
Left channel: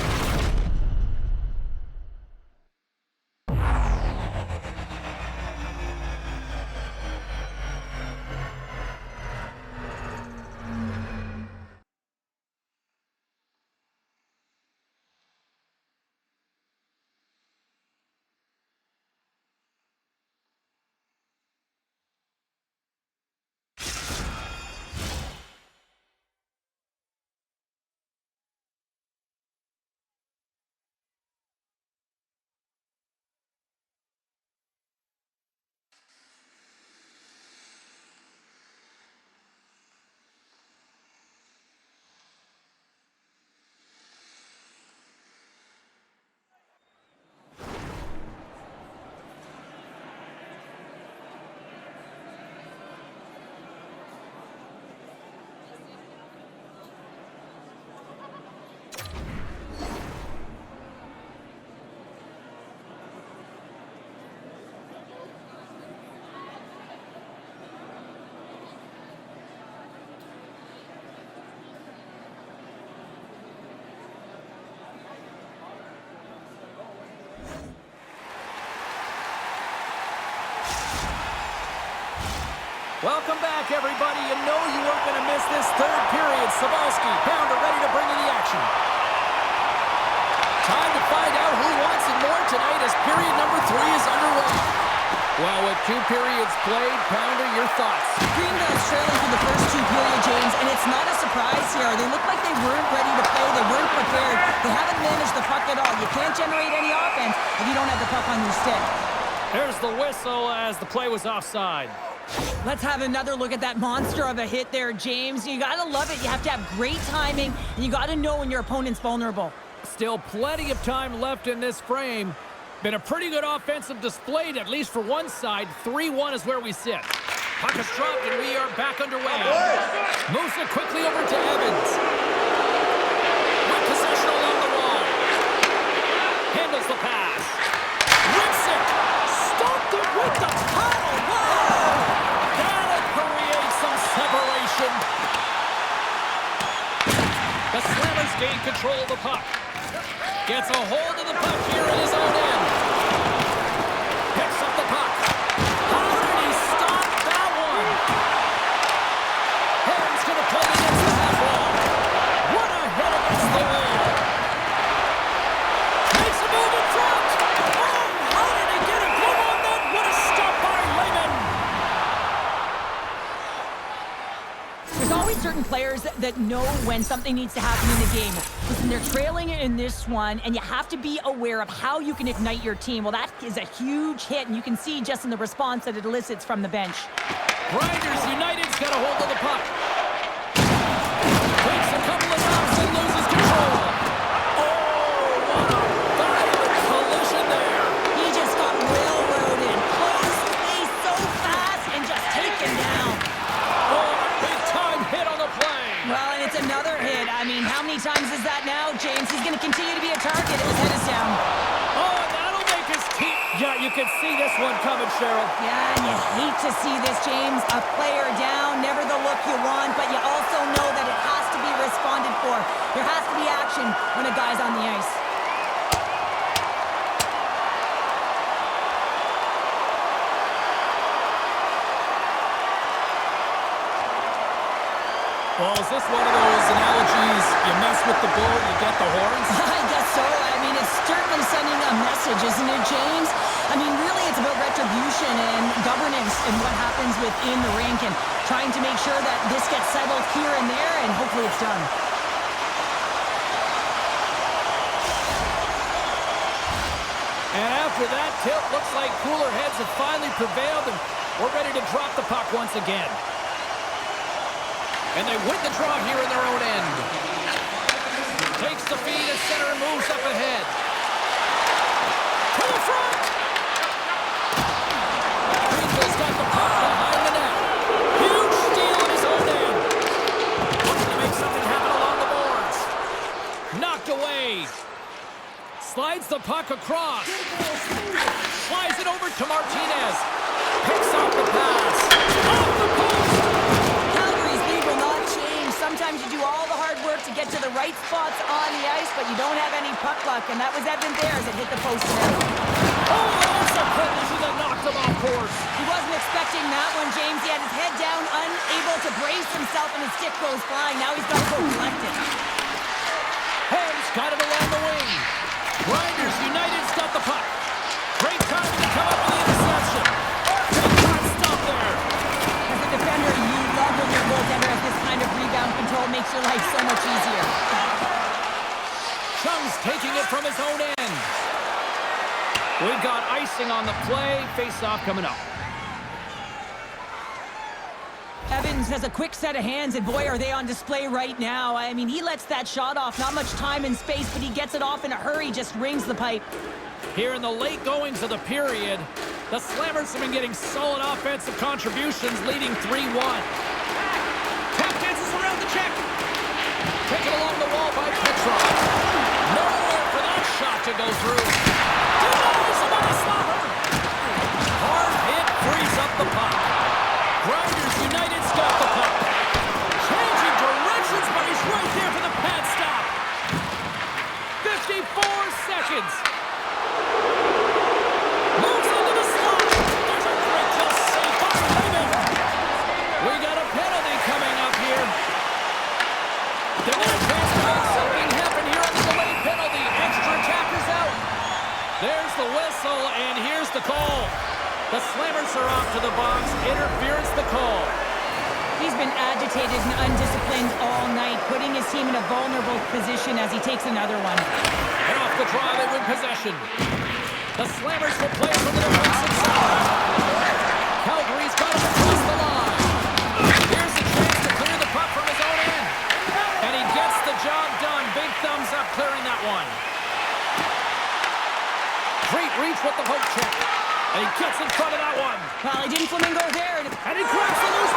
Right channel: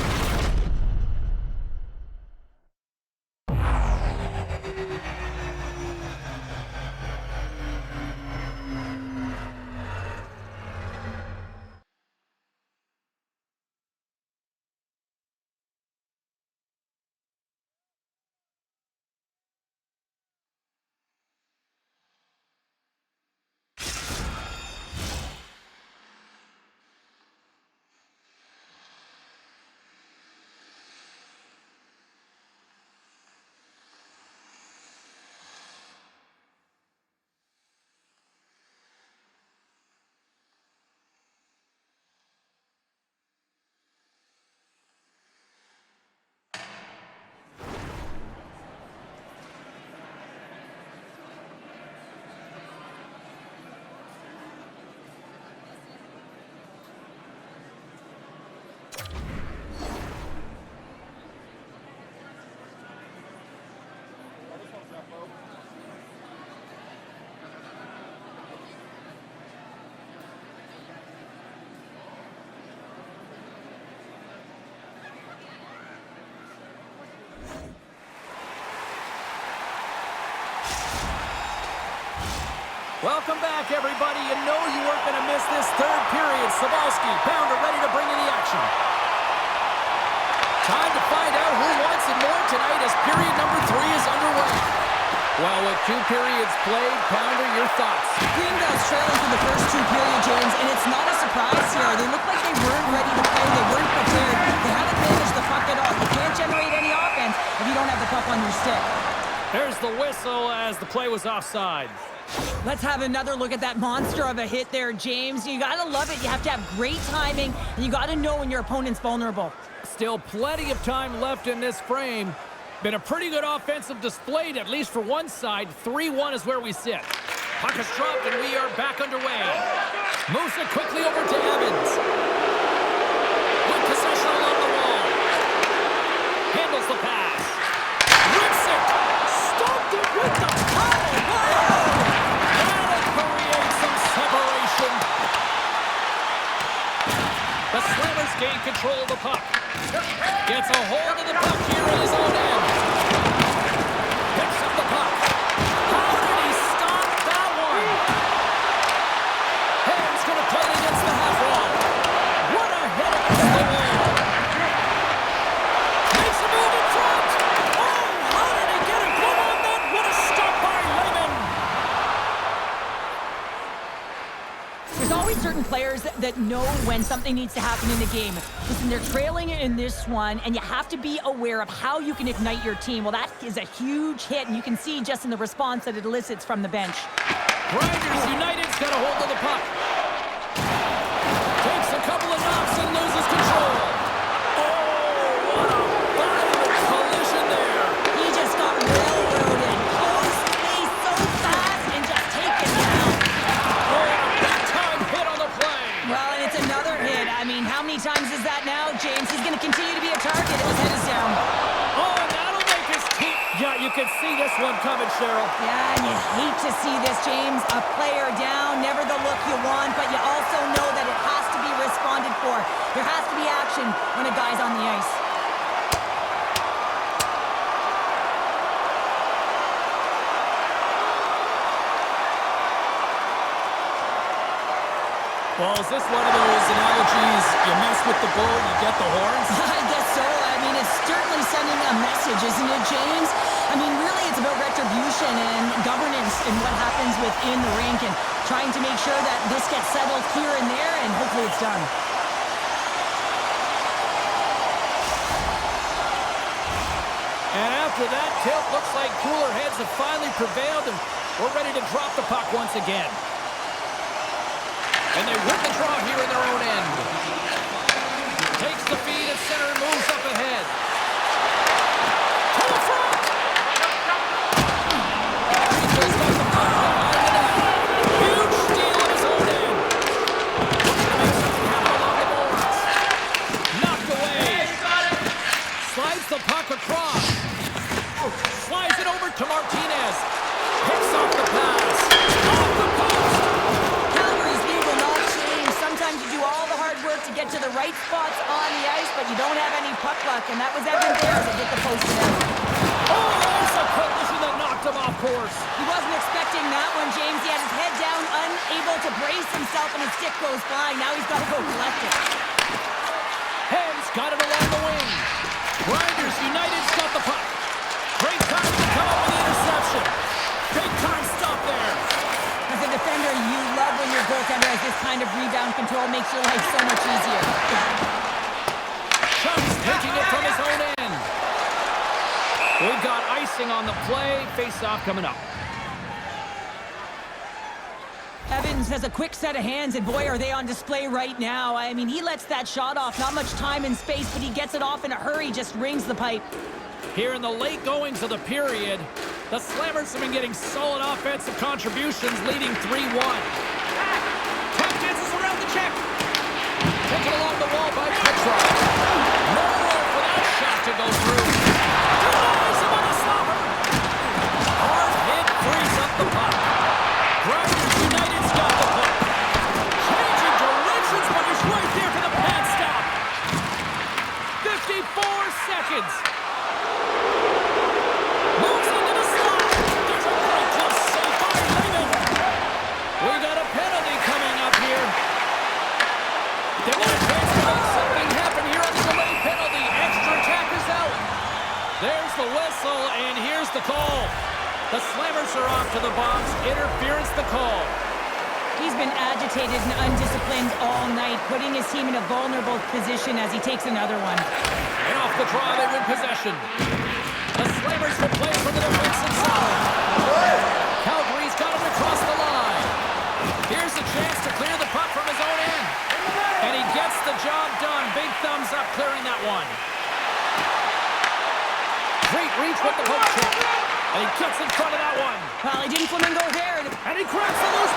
Welcome back, everybody. You know you weren't going to miss this third period. Sabalski, Pounder ready to bring in the action. Time to find out who wants it more tonight as period number 3 is underway. Well, with 2 periods played, Pounder, your thoughts? Greenville's trailing for the first 2 periods, James, and it's not a surprise here. They look like they weren't ready to play. They weren't prepared. They haven't managed the puck at all. You can't generate any offense if you don't have the puck on your stick. There's the whistle as the play was offside. Let's have another look at that monster of a hit there, James. You gotta love it. You have to have great timing, and you gotta know when your opponent's vulnerable. Still plenty of time left in this frame. Been a pretty good offensive display, at least for one side. 3-1 is where we sit. Puck is dropped, and we are back underway. Moves it quickly over to Evans. With possession along the wall. Handles the pass. Rips it. Stopped it with the paddle. Wow! That'll create some separation. The Slammers gain control of the puck. Gets a hold of the puck here in his own end. Picks up the puck. How did he stop that one? Ham's going to play it against the half wall. What a hit against the wall. Makes a move in front. Oh, how did he get a glove on that? What a stop by Lehman. There's always certain players that know when something needs to happen in the game. Listen, they're trailing in this one, and you have to be aware of how you can ignite your team. Well, that is a huge hit, and you can see just in the response that it elicits from the bench. Grinders United's got a hold of the puck. Takes a couple of knocks and loses control. Oh, what a violent collision there. He just got railroaded. Close space so fast and just taken down. Oh, a big-time hit on the play. Well, and it's another hit. I mean, how many times is that now, James? He's going to continue to be a target. His head is down. Oh, and that'll make his team. Yeah, you can see this one coming, Cheryl. Yeah, and you hate to see this, James. A player down, never the look you want, but you also know that it has to be responded for. There has to be action when a guy's on the ice. Well, is this one of those analogies, you mess with the bull, you get the horns? I guess so. I mean, it's certainly sending a message, isn't it, James? I mean, really, it's about retribution and governance and what happens within the rink and trying to make sure that this gets settled here and there, and hopefully it's done. After that tilt, looks like cooler heads have finally prevailed, and we're ready to drop the puck once again. And they win the draw here in their own end. Takes the feed at center and moves up ahead. To the front! Greenville's got the puck behind the net. Huge steal at his own end. Looking to make something happen along the boards. Knocked away. Slides the puck across. Slides it over to Martinez. Picks off the pass. Off the post! Calgary's lead will not change. Sometimes you do all the hard work to get to the right spots on the ice, but you don't have any puck luck, and that was Evan there as it hit the post and out. Oh, that's a collision that knocked him off course. He wasn't expecting that one, James. He had his head down, unable to brace himself, and his stick goes flying. Now he's got to go collect it. Hems got it along the wing. Grinders United's got the puck. Great time to come up with the interception. Big time stop there. As a defender, you love when your goaltender has this kind of rebound control. Makes your life so much easier. Chung's taking it from his own end. We've got icing on the play. Face-off coming up. Evans has a quick set of hands, and boy, are they on display right now. I mean, he lets that shot off. Not much time and space, but he gets it off in a hurry, just rings the pipe. Here in the late goings of the period, the Slammers have been getting solid offensive contributions, leading 3-1. Puck dances around the check. Taken along the wall by Petrov. Nowhere for that shot to go through. Denies him on the slobber. Hard hit frees up the puck. Grinders United's got the puck. Changing directions, but he's right there for the pad stop. 54 seconds. Moves into the slot. There's a great close save by Lehman. We got a penalty coming up here. They're going to chance to make something happen here on the delayed penalty. Extra attackers out. There's the whistle, and here's the call. The Slammers are off to the box. Interference the call. He's been agitated and undisciplined all night, putting his team in a vulnerable position as he takes another one. And off the draw, they win possession. The Slammers will play from the defensive side. Calgary's got him across the line. Here's a chance to clear the puck from his own end. And he gets the job done. Big thumbs up clearing that one. Great reach with the poke check. And he gets in front of that one. Well, he didn't flamingo there. And he grabs the loose. A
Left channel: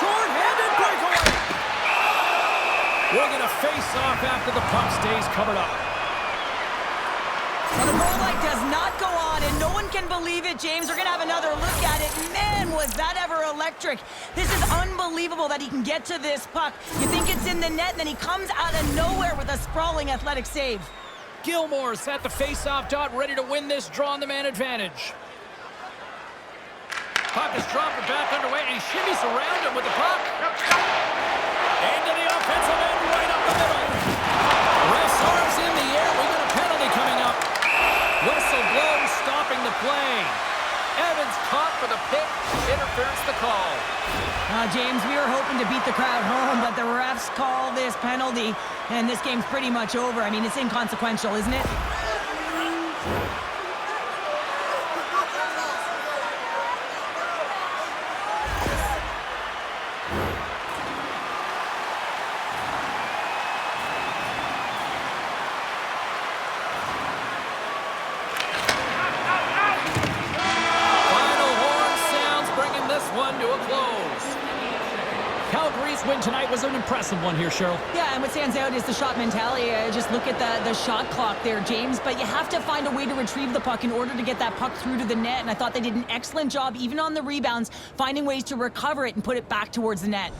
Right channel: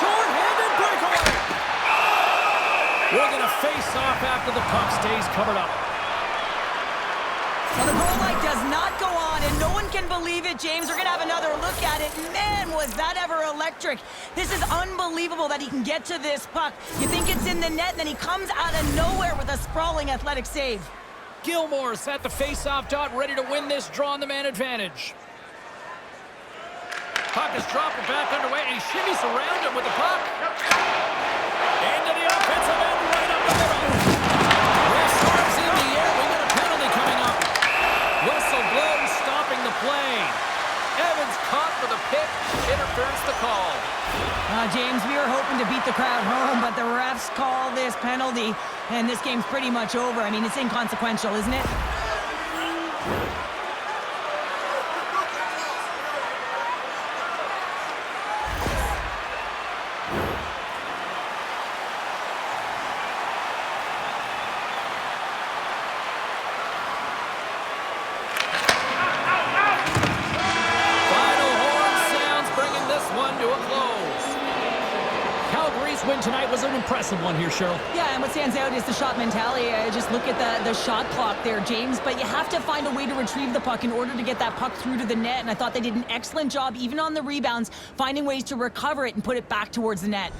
short-handed breakaway. We're going to face off after the puck stays covered up. Well, the goal light does not go on, and no one can believe it, James. We're going to have another look at it. Man, was that ever electric. This is unbelievable that he can get to this puck. You think it's in the net, and then he comes out of nowhere with a sprawling athletic save. Gilmore's at the face-off dot, ready to win this draw on the man advantage. Puck is dropped and back underway, and he shimmies around him with the puck. Into the offensive end, right up the middle. Ref's arms in the air. We got a penalty coming up. Whistle blows, stopping the play. Evans caught for the pick. Interference the call. James, we were hoping to beat the crowd home, but the refs call this penalty, and this game's pretty much over. I mean, it's inconsequential, isn't it? One to a close. Calgary's win tonight was an impressive one here, Cheryl. Yeah, and what stands out is the shot mentality. Just look at the shot clock there, James. But you have to find a way to retrieve the puck in order to get that puck through to the net. And I thought they did an excellent job, even on the rebounds, finding ways to recover it and put it back towards the net.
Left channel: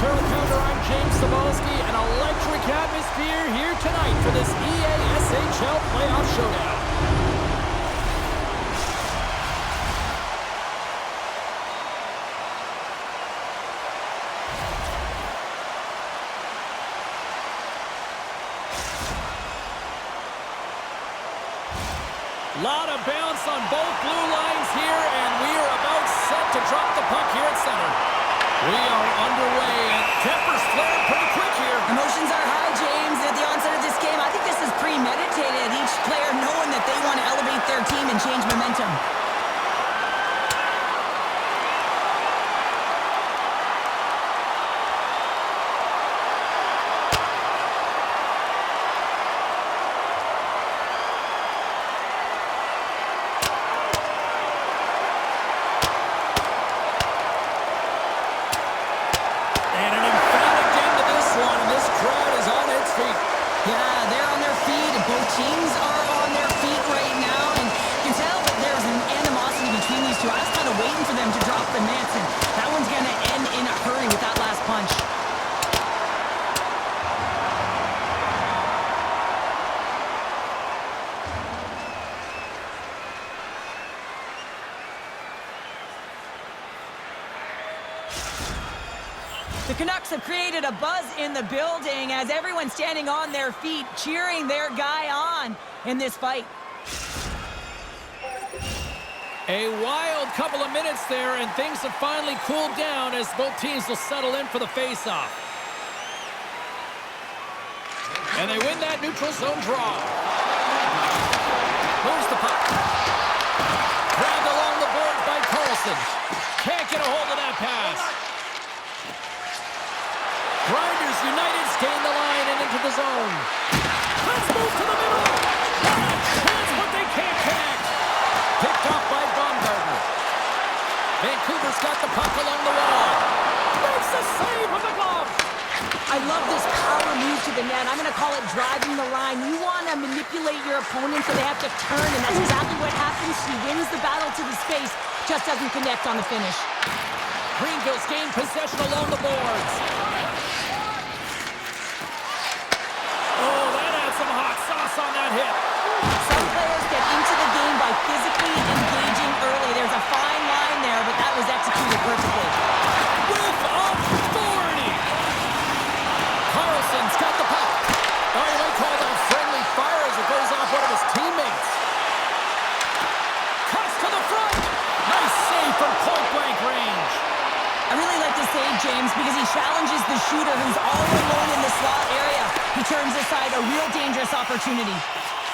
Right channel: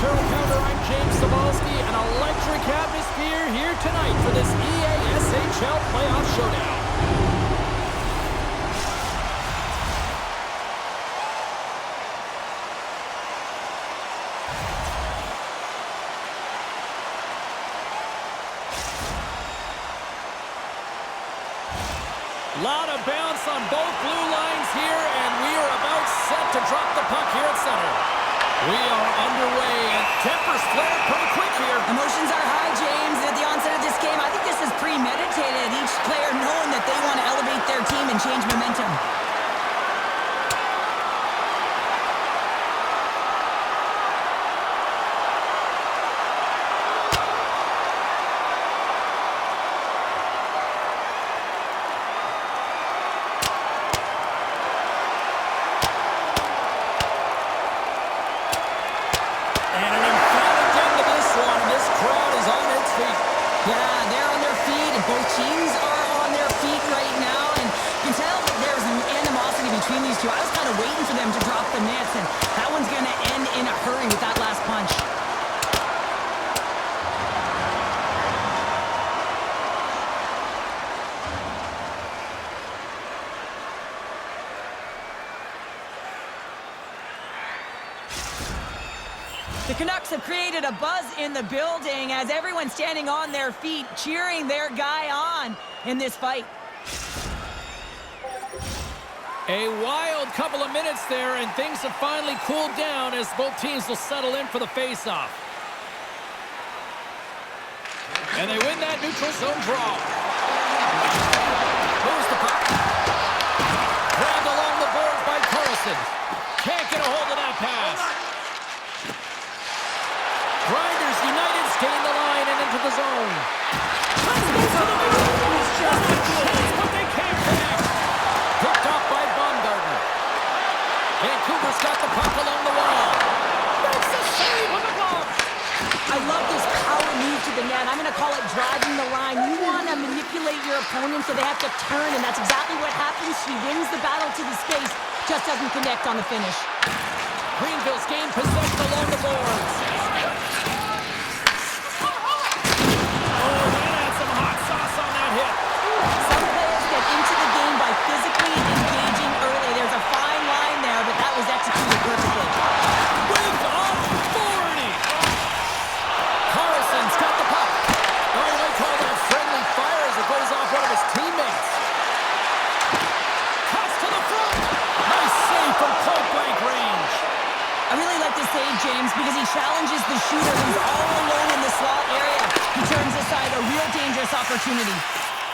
Turtle Counter, I'm James Cebulski. An electric atmosphere here tonight for this EASHL Playoff Showdown. Lot of bounce on both blue lines here, and we are about set to drop the puck here at center. We are underway, and tempers flare pretty quick here. Emotions are high, James. At the onset of this game, I think this is premeditated. Each player knowing that they want to elevate their team and change momentum. Yeah, they're on their feet, and both teams are on their feet right now, and you can tell that there's an animosity between these two. I was kind of waiting for them to drop the mitts, and that one's going to end in a hurry with that last punch. The Canucks have created a buzz in the building as everyone's standing on their feet, cheering their guy on in this fight. A wild couple of minutes there, and things have finally cooled down as both teams will settle in for the face-off. And they win that neutral zone draw. Moves the puck. Grabbed along the boards by Carlson. Can't get a hold of that pass. Grinders United gain the line and into the zone. Let's move to the middle. Got a chance, but they can't connect. Picked off by Baumgartner. Vancouver's got the puck along the wall. Makes the save with the glove. I love this power move to the net. I'm going to call it driving the line. You want to manipulate your opponent so they have to turn, and that's exactly what happens. He wins the battle to the space, just doesn't connect on the finish. Greenville's gained possession along the boards. Oh, that had some hot sauce on that hit. Some players get into the game by physically engaging early. There's a fine line there, but that was executed perfectly. With authority. Carlson's got the puck. Oh, you might call that friendly fire as it goes off one of his teammates. Cuts to the front. Nice save from point-blank range. I really like this save, James, because he challenges the shooter who's all alone in the slot area. He turns aside a real dangerous opportunity.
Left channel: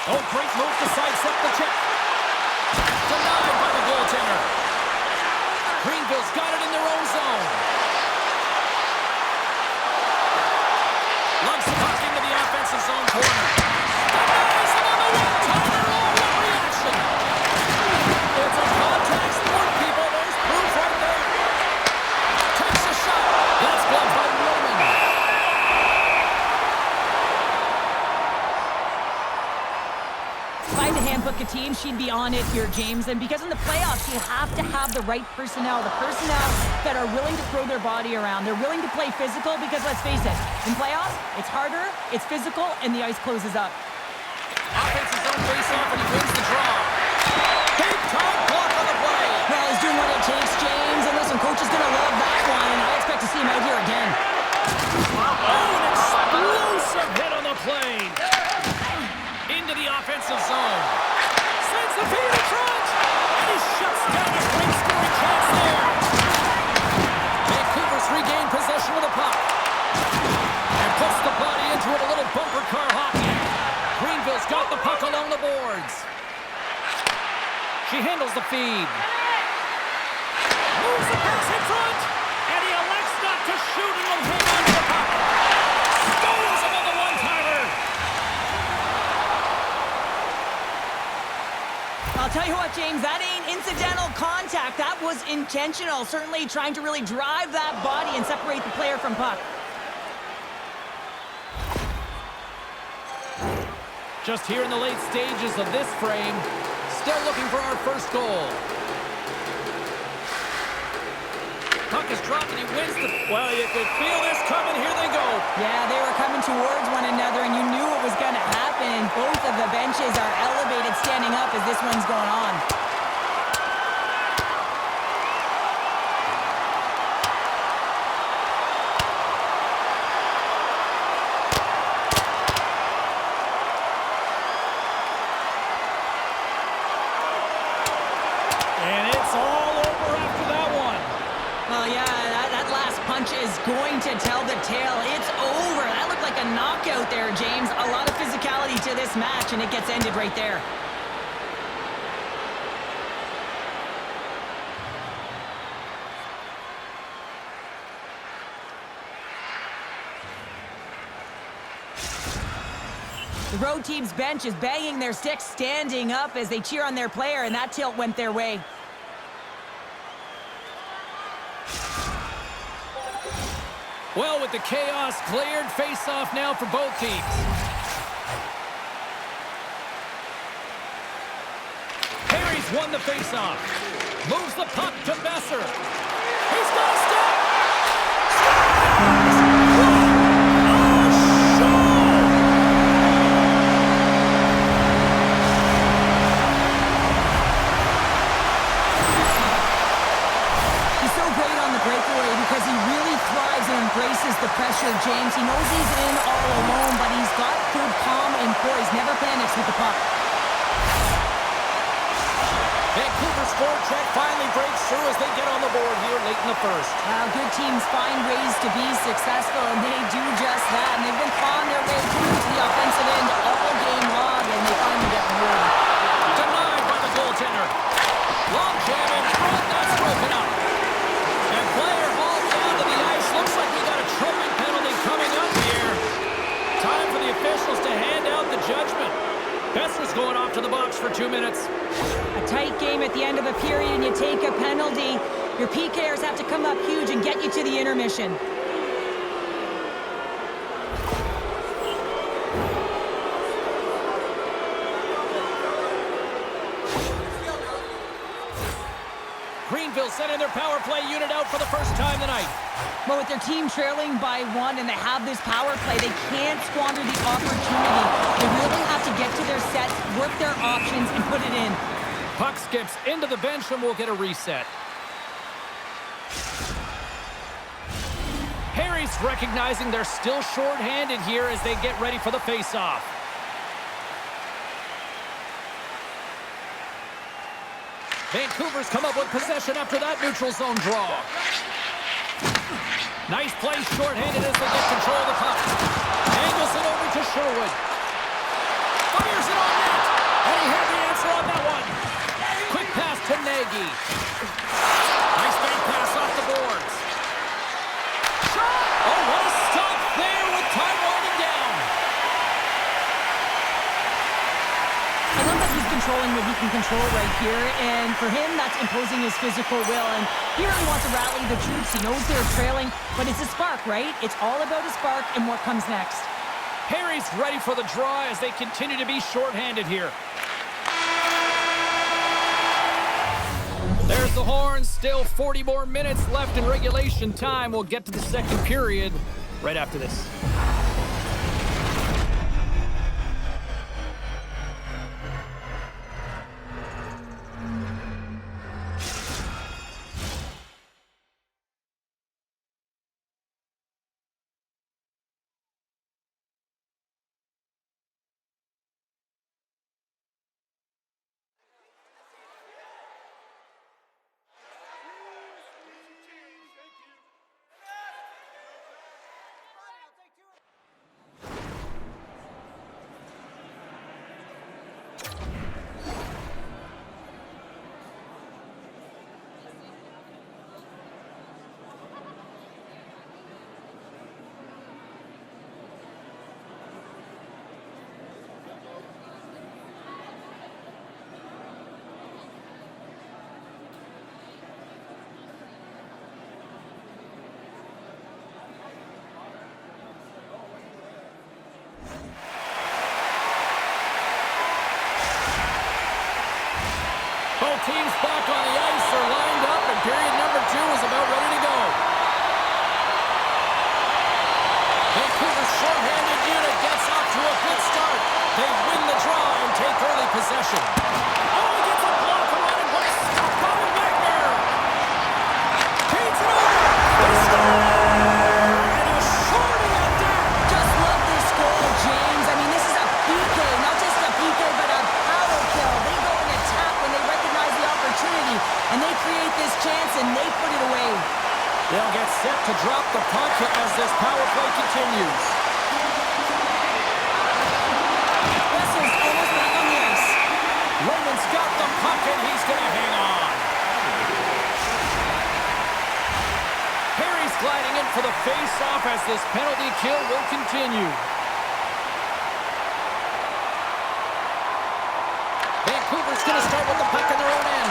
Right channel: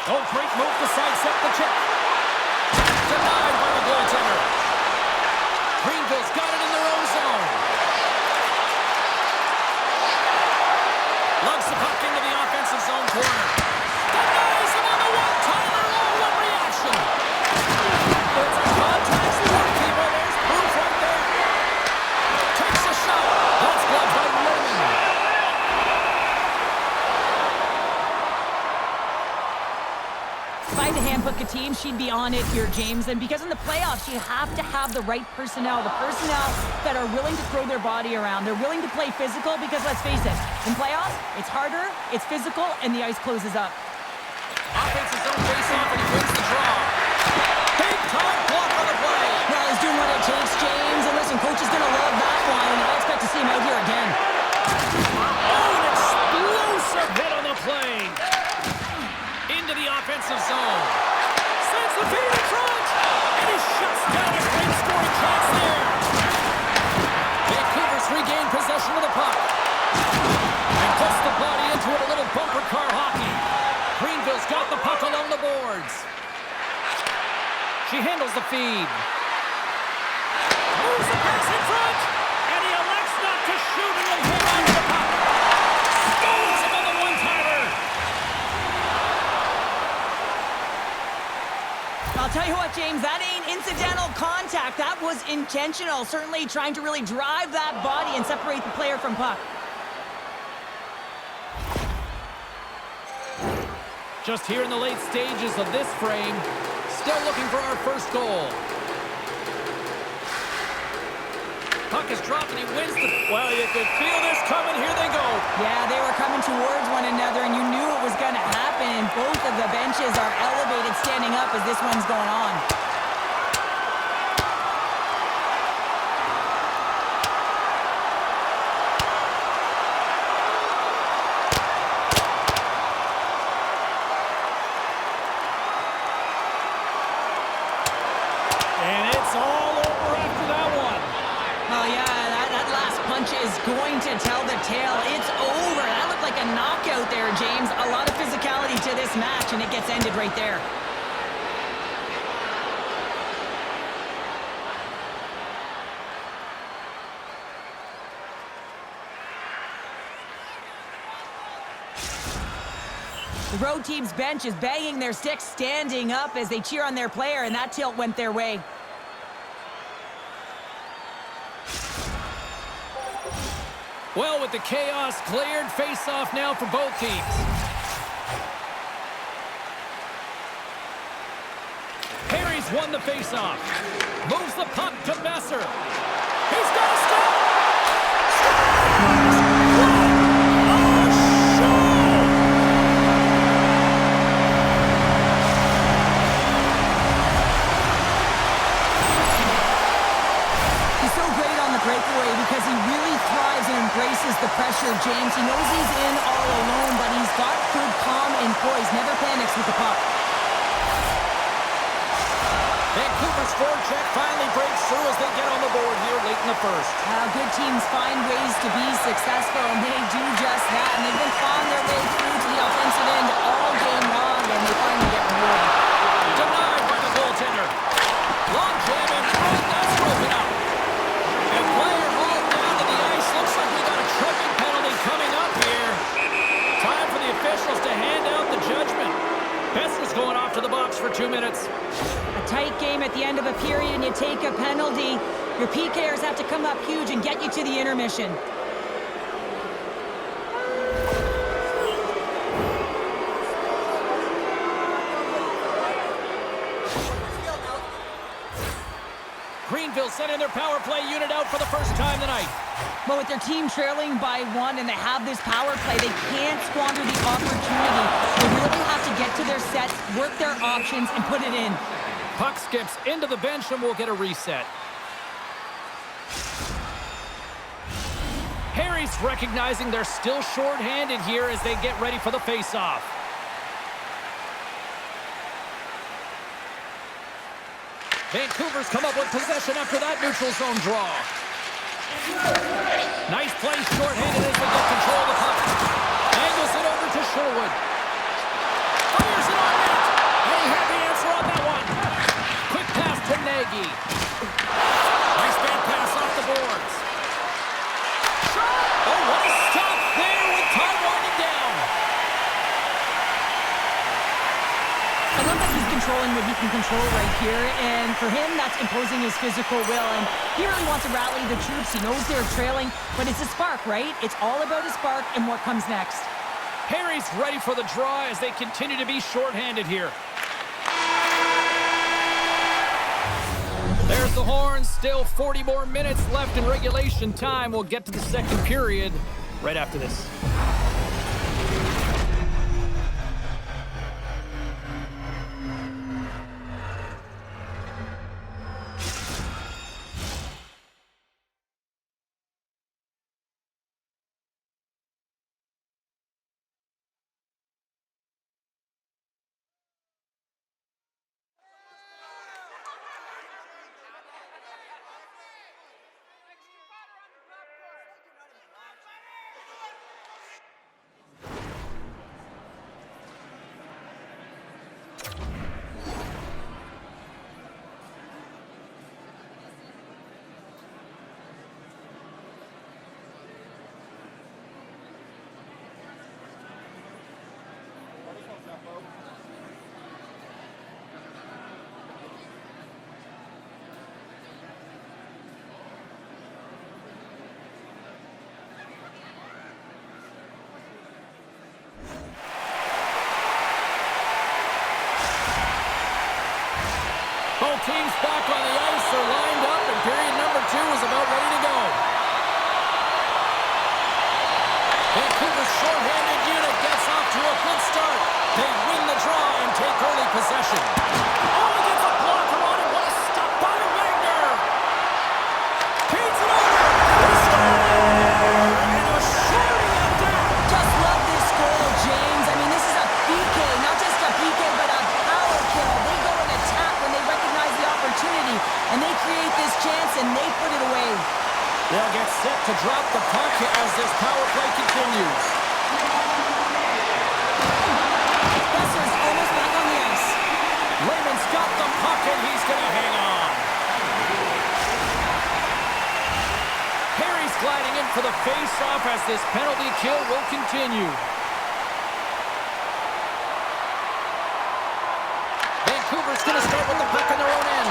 Oh, great move to sidestep the check. Denied by the goaltender. Greenville's got it in their own zone. Lugs the puck into the offensive zone corner. Denies him on the one-timer. Oh, what reaction. It's a contact sport, people. There's proof right there. Takes a shot. That's blocked by Raymond. If I had to handbook a team, she'd be on it here, James. And because in the playoffs, you have to have the right personnel. The personnel that are willing to throw their body around. They're willing to play physical because, let's face it, in playoffs, it's harder, it's physical, and the ice closes up. Offensive zone face-off, and he wins the draw. Big-time block on the play. Well, he's doing what it takes, James. And listen, coach is going to love that one, and I expect to see him out here again. Oh, an explosive hit on the play. Into the offensive zone. Sends the feed in front. And he shuts down a great scoring chance there. Vancouver's regained possession of the puck. And puts the body into it, a little bumper car hockey. Greenville's got the puck along the boards. She handles the feed. Moves the pass in front. And he elects not to shoot and will hang on to the puck. Scores him on the one-timer. I'll tell you what, James, that ain't incidental contact. That was intentional. Certainly trying to really drive that body and separate the player from puck. Just here in the late stages of this frame, still looking for our first goal. Puck is dropped and he wins the... Well, you could feel this coming. Here they go. Yeah, they were coming towards one another, and you knew it was going to happen. And both of the benches are elevated, standing up as this one's going on. And it's all over after that one. Well, yeah, that last punch is going to tell the tale. It's over. That looked like a knockout there, James. A lot of physicality to this match, and it gets ended right there. The road team's bench is banging their sticks, standing up as they cheer on their player, and that tilt went their way. Well, with the chaos cleared, face-off now for both teams. Perry's won the face-off. Moves the puck to Besser. He's got a step. Scores! What a show! He's so great on the breakaway because he really thrives and embraces the pressure, James. He knows he's in all alone, but he's got good calm and poise. Never panics with the puck. Vancouver's forecheck finally breaks through as they get on the board here late in the first. Good teams find ways to be successful, and they do just that. And they've been clawing their way through to the offensive end all game long, and they finally get rewarded. Denied by the goaltender. Long jam in front, that's broken up. And player hauled down to the ice. Looks like we got a tripping penalty coming up here. Time for the officials to hand out the judgment. Boeser's going off to the box for 2 minutes. A tight game at the end of a period, and you take a penalty. Your PKers have to come up huge and get you to the intermission. Greenville sending their power play unit out for the first time tonight. But with their team trailing by 1 and they have this power play, they can't squander the opportunity. They really have to get to their sets, work their options, and put it in. Puck skips into the bench and we'll get a reset. Harry's recognizing they're still short-handed here as they get ready for the face-off. Vancouver's come up with possession after that neutral zone draw. Nice play short-handed as they get control of the puck. Angles it over to Sherwood. Fires it on net. And he had the answer on that one. Quick pass to Nagy. Nice bank pass off the boards. Shot! Oh, what a stop there with time winding down. I love that he's controlling what he can control right here, and for him, that's imposing his physical will, and he really wants to rally the troops. He knows they're trailing, but it's a spark, right? It's all about a spark and what comes next. Harry's ready for the draw as they continue to be short-handed here. There's the horn. Still 40 more minutes left in regulation time. We'll get to the second period right after this. Both teams back on the ice are lined up, and period number 2 is about ready to go. Vancouver's short-handed unit gets off to a good start. They win the draw and take early possession. Oh, he gets a blocker on it. What a stop by Wagner. Feeds it over. They score! And a shorty at that. Just love this goal, James. I mean, this is a PK, not just a PK, but a power kill. They go and attack when they recognize the opportunity, and they create this chance, and they put it away. They'll get set to drop the puck as this power play continues. Boeser's almost back on the ice. Raymond's got the puck, and he's going to hang on. Harry's gliding in for the face-off as this penalty kill will continue. Vancouver's going to start with the puck in their own end.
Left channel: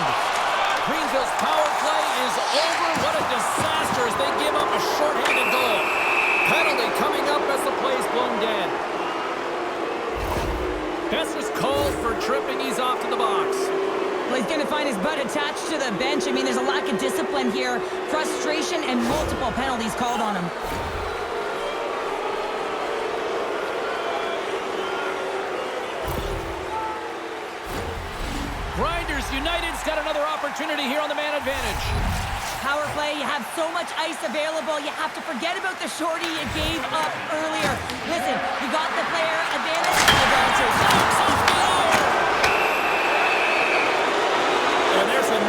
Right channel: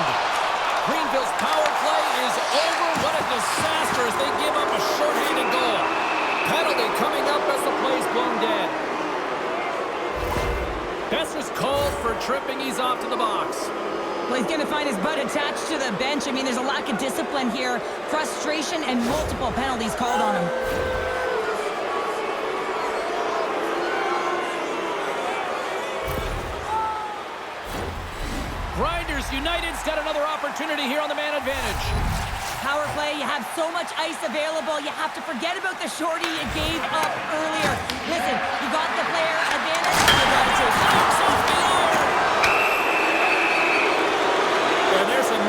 Greenville's power play is over. What a disaster as they give up a shorthanded goal. Penalty coming up as the play's blown dead. Boeser's called for tripping. He's off to the box. Well, he's going to find his butt attached to the bench. I mean, there's a lack of discipline here, frustration, and multiple penalties called on him. Grinders United's got another opportunity here on the man advantage. Power play, you have so much ice available, you have to forget about the shorty you gave up earlier. Listen, you got the player advantage, you got to take it. Knocks off the iron.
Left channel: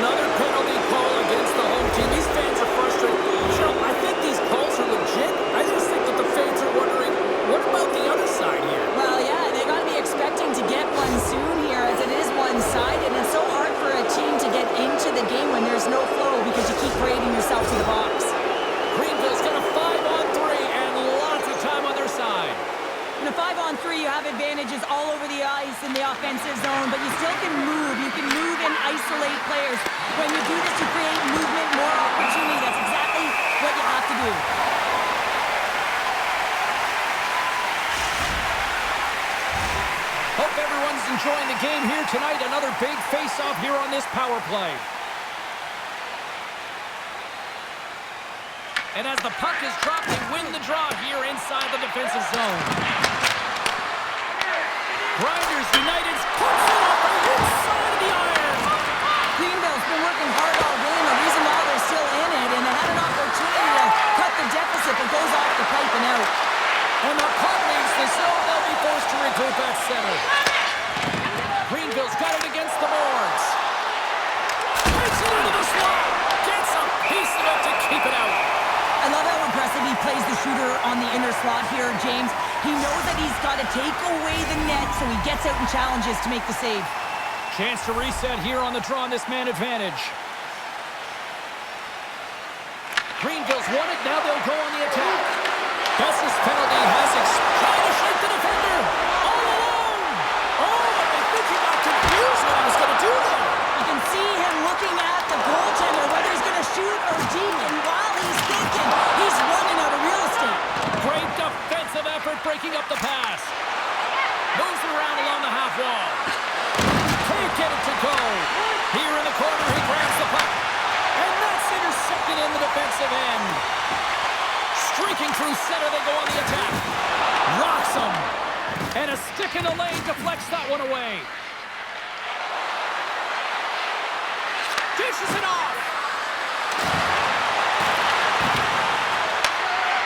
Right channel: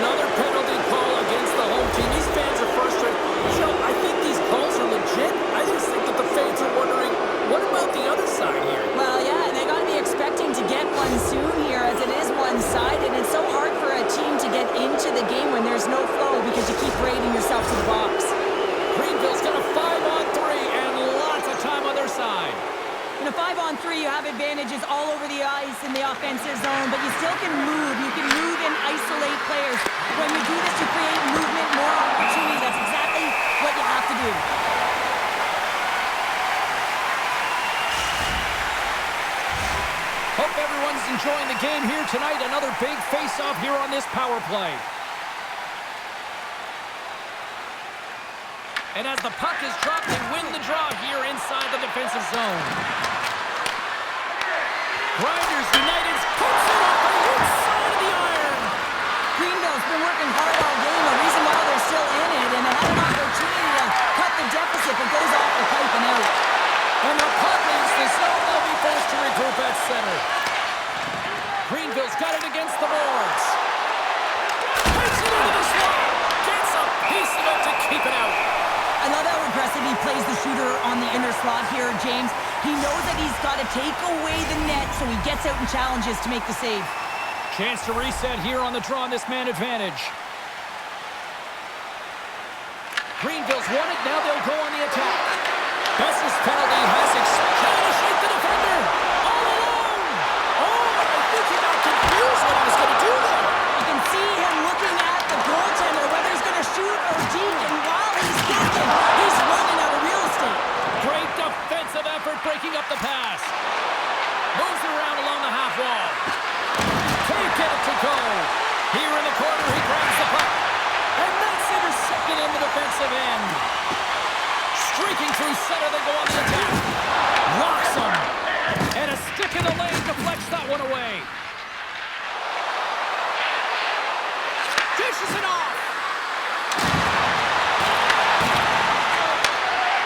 Another penalty call against the home team. These fans are frustrated. Cheryl, I think these calls are legit. I just think that the fans are wondering, what about the other side here? Well, yeah, they got to be expecting to get one soon here, as it is one-sided, and it's so hard for a team to get into the game when there's no flow because you keep parading yourself to the box. Greenville's got a 5-on-3 and lots of time on their side. In a 5-on-3, you have advantages all over the ice in the offensive zone, but you still can move. You can move and isolate players. When you do this, you create movement, more opportunity. That's exactly what you have to do. Hope everyone's enjoying the game here tonight. Another big face-off here on this power play. And as the puck is dropped, they win the draw here inside the defensive zone. Grinders United puts it off the inside of the iron. Greenville's been working hard all game. The reason why they're still in it, and they had an opportunity to cut the deficit, but goes off the pipe and out. And the puck leaves the zone. They'll be forced to regroup at center. Greenville's got it against the boards. Takes it into the slot. Gets a piece of it to keep it out. I love how aggressive he plays the shooter on the inner slot here, James. He knows that he's got to take away the net, so he gets out and challenges to make the save. Chance to reset here on the draw on this man advantage. Greenville's won it. Now they'll go on the attack. Bess's penalty has trying to shake the defender. All alone. Oh, but I think he got confused what he was going to do there. You can see him looking at the goaltender, whether he's going to shoot or deke, and while he's thinking, he's running out of real estate. Great defensive effort breaking up the pass. Moves it around along the half wall. Can't get it to go. Here in the corner, he grabs the puck. And that's intercepted in the defensive end. Streaking through center, they go on the attack. Rocks him. And a stick in the lane deflects that one away. Dishes it off.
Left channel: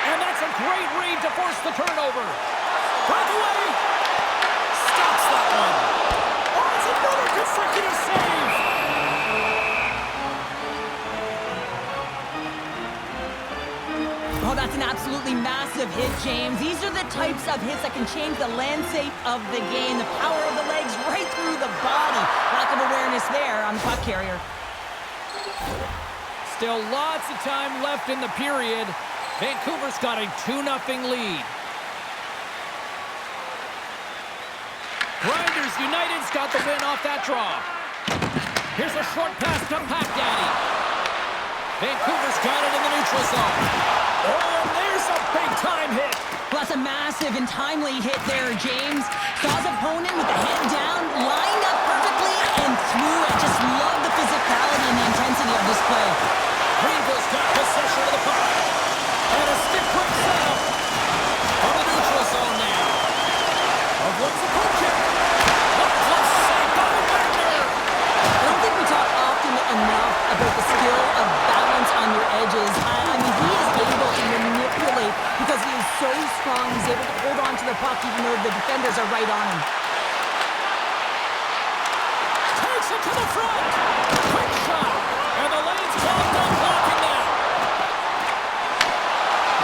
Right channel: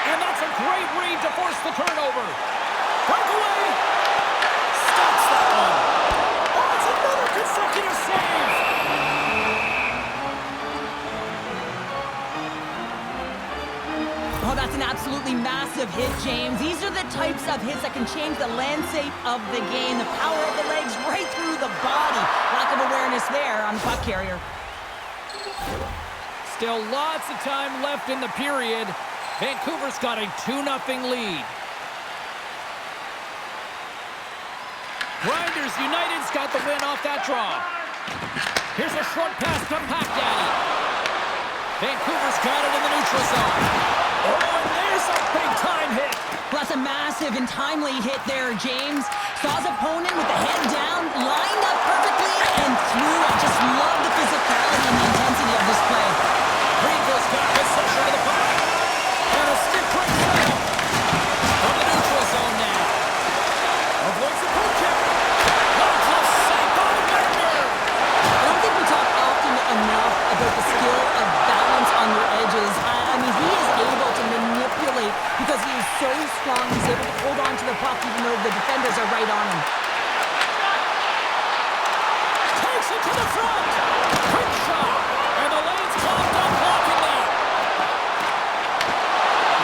And that's a great read to force the turnover. Breakaway. Stops that one. Oh, it's another consecutive save. Oh, that's an absolutely massive hit, James. These are the types of hits that can change the landscape of the game. The power of the legs right through the body. Lack of awareness there on the puck carrier. Still lots of time left in the period. Vancouver's got a 2-0 lead. Grinders United's got the win off that draw. Here's a short pass to Pack Daddy. Vancouver's got it in the neutral zone. Oh, and there's a big-time hit. Well, that's a massive and timely hit there, James. Saw his opponent with the head down, lined up perfectly, and threw. I just love the physicality and the intensity of this play. Greenville's got possession of the puck. And a stick break setup from the neutral zone now. Avoids the poke check. What a close save by Wagner. I don't think we talk often enough about the skill of balance on your edges. I mean, he is able to manipulate because he is so strong. He's able to hold on to the puck even though the defenders are right on him. Takes it to the front. Quick shot. And the lane's clogged up, blocking that.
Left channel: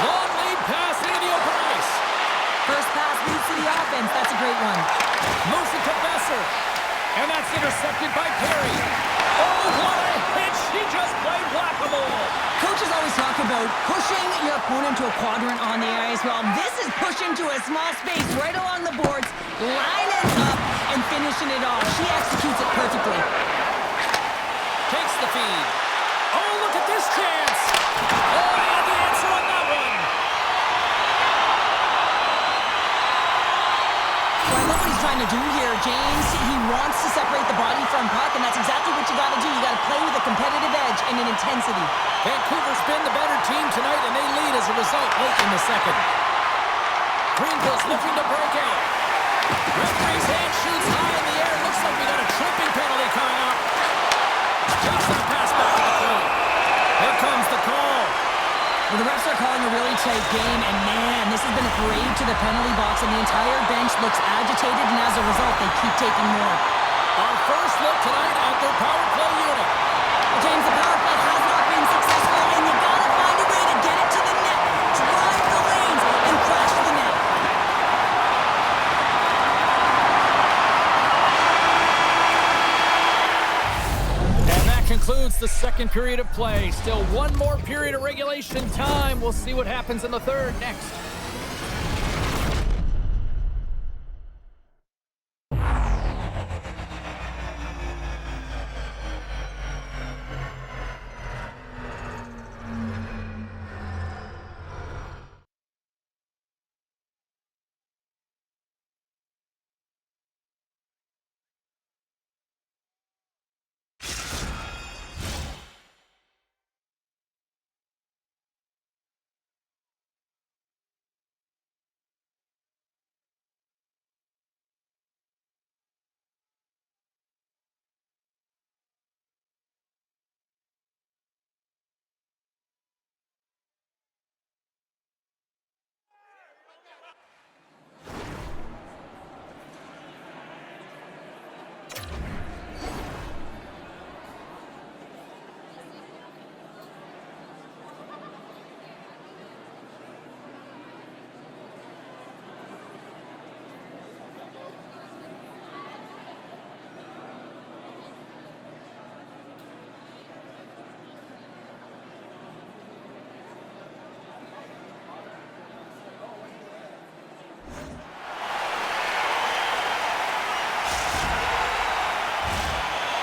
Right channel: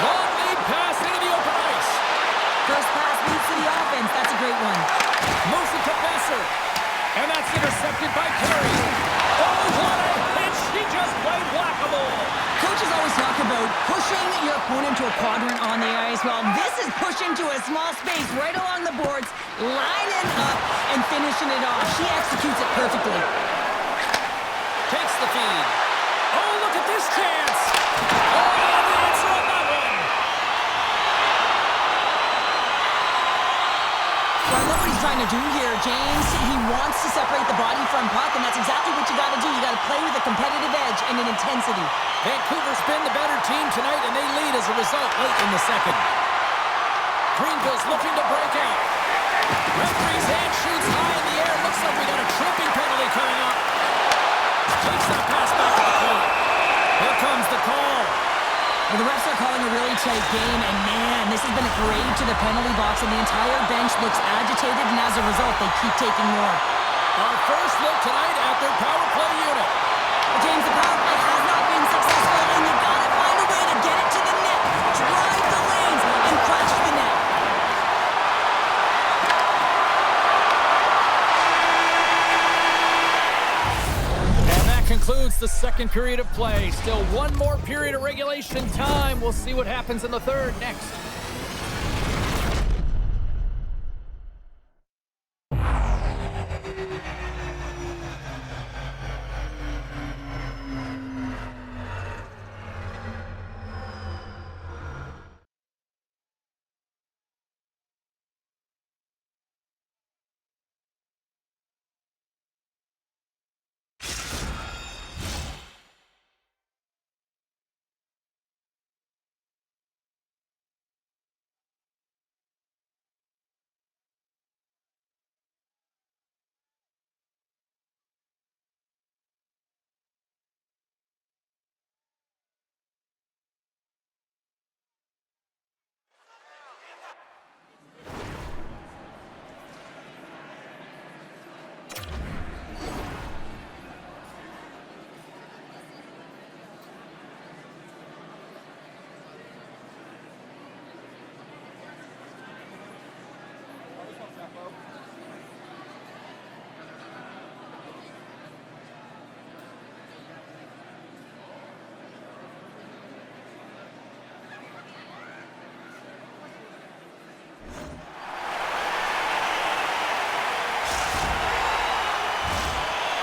Long lead pass into the open ice. First pass leads to the offense. That's a great one. Moves it to Besser. And that's intercepted by Perry. Oh, what a hit. She just played whack-a-mole. Coaches always talk about pushing your opponent to a quadrant on the ice. Well, this is pushing to a small space right along the boards, lining up and finishing it off. She executes it perfectly. Takes the feed. Oh, look at this chance. Oh, he had the answer on that one. Well, I love what he's trying to do here, James. He wants to separate the body from puck, and that's exactly what you got to do. You got to play with a competitive edge and an intensity. Vancouver's been the better team tonight, and they lead as a result late in the second. Greenville's looking to break out. Referee's hand shoots high in the air. Looks like we got a tripping penalty coming up. Takes that pass back to the point. Here comes the call. Well, the refs are calling a really tight game, and man, this has been a parade to the penalty box, and the entire bench looks agitated, and as a result, they keep taking more. Our first look tonight at their power play unit. concludes the second period of play. Still one more period of regulation time. We'll see what happens in the third next.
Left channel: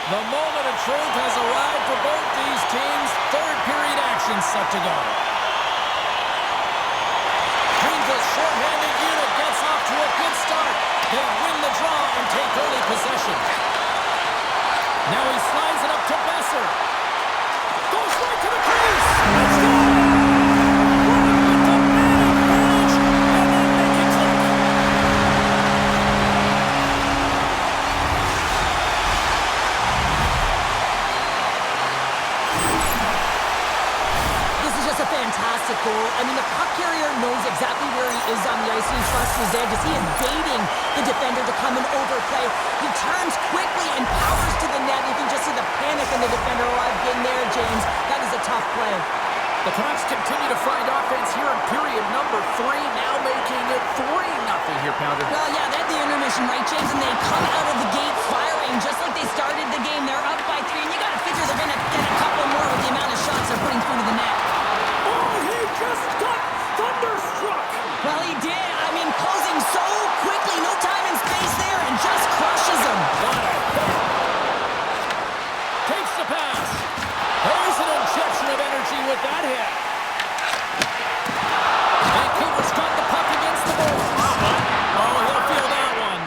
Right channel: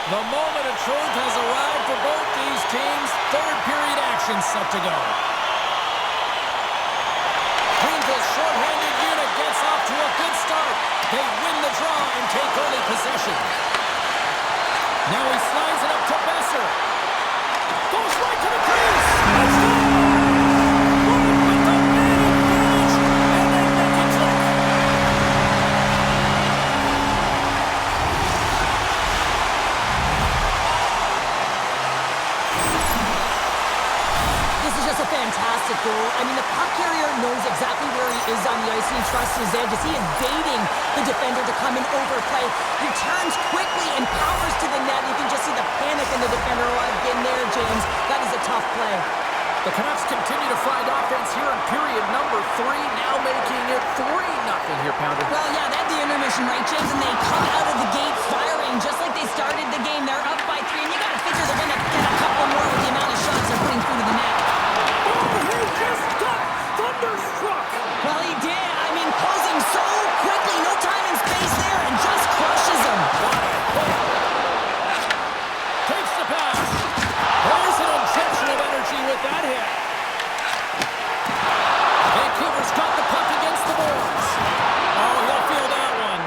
The moment of truth has arrived for both these teams. Third period action set to go. Greenville's shorthanded unit gets off to a good start. They win the draw and take early possession. Now he slides it up to Besser. Goes right to the crease. Let's go! Right with the man advantage, and they make it click. This is just a fantastic goal. I mean, the puck carrier knows exactly where he is on the ice, and he trusts his edge as he is baiting the defender to come and overplay. He turns quickly and powers to the net. You can just see the panic in the defender. Oh, I've been there, James. That is a tough play. The Canucks continue to find offense here in period number 3, now making it 3-0 here, Pounder. Well, yeah, they had the intermission, right, James? And they come out of the gate firing just like they started the game. They're up by 3, and you got to figure they're going to get a couple more with the amount of shots they're putting through to the net. Oh, he just got thunderstruck. Well, he did. I mean, closing so quickly, no time and space there, and just crushes him. What a hit. Takes the pass. There's an injection of energy with that hit. Vancouver's got the puck against the boards. Oh, he'll feel that one.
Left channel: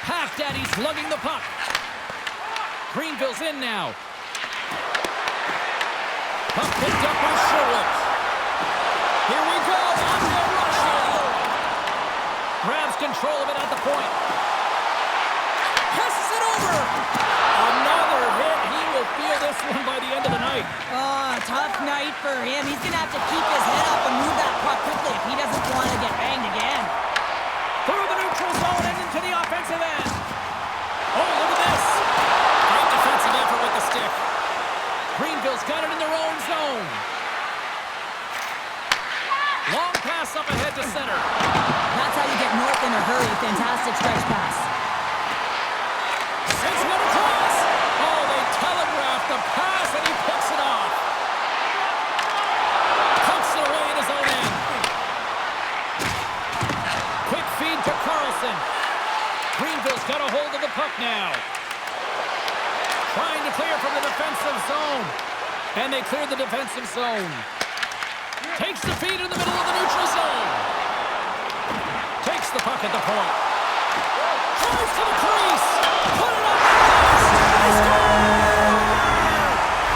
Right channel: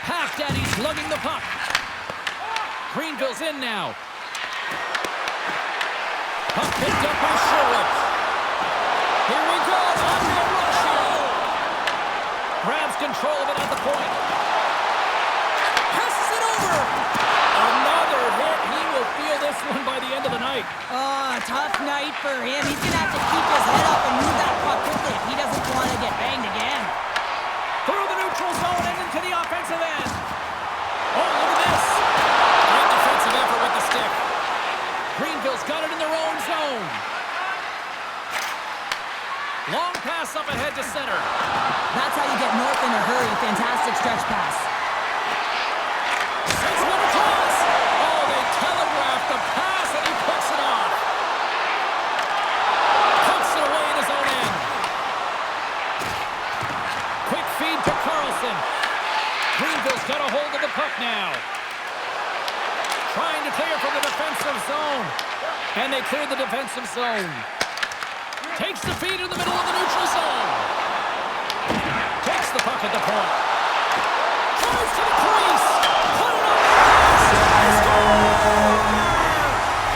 Half-Daddy's lugging the puck. Greenville's in now. Puck picked up by Sherwood. Here we go. On the rush here. Grabs control of it at the point. Passes it over. Another hit. He will feel this one by the end of the night. Oh, tough night for him. He's going to have to keep his head up and move that puck quickly if he doesn't want to get banged again. Through the neutral zone and into the offensive end. Oh, look at this. Great defensive effort with the stick. Greenville's got it in their own zone. Long pass up ahead to center. That's how you get north in a hurry. Fantastic stretch pass. Sends one across. Oh, they telegraph the pass, and he picks it off. Pokes it away in his own end. Quick feed to Carlson. Greenville's got a hold of the puck now. Trying to clear from the defensive zone. And they cleared the defensive zone. Takes the feed in the middle of the neutral zone. Takes the puck at the point. Drives to the crease. Put it on the glass. They score!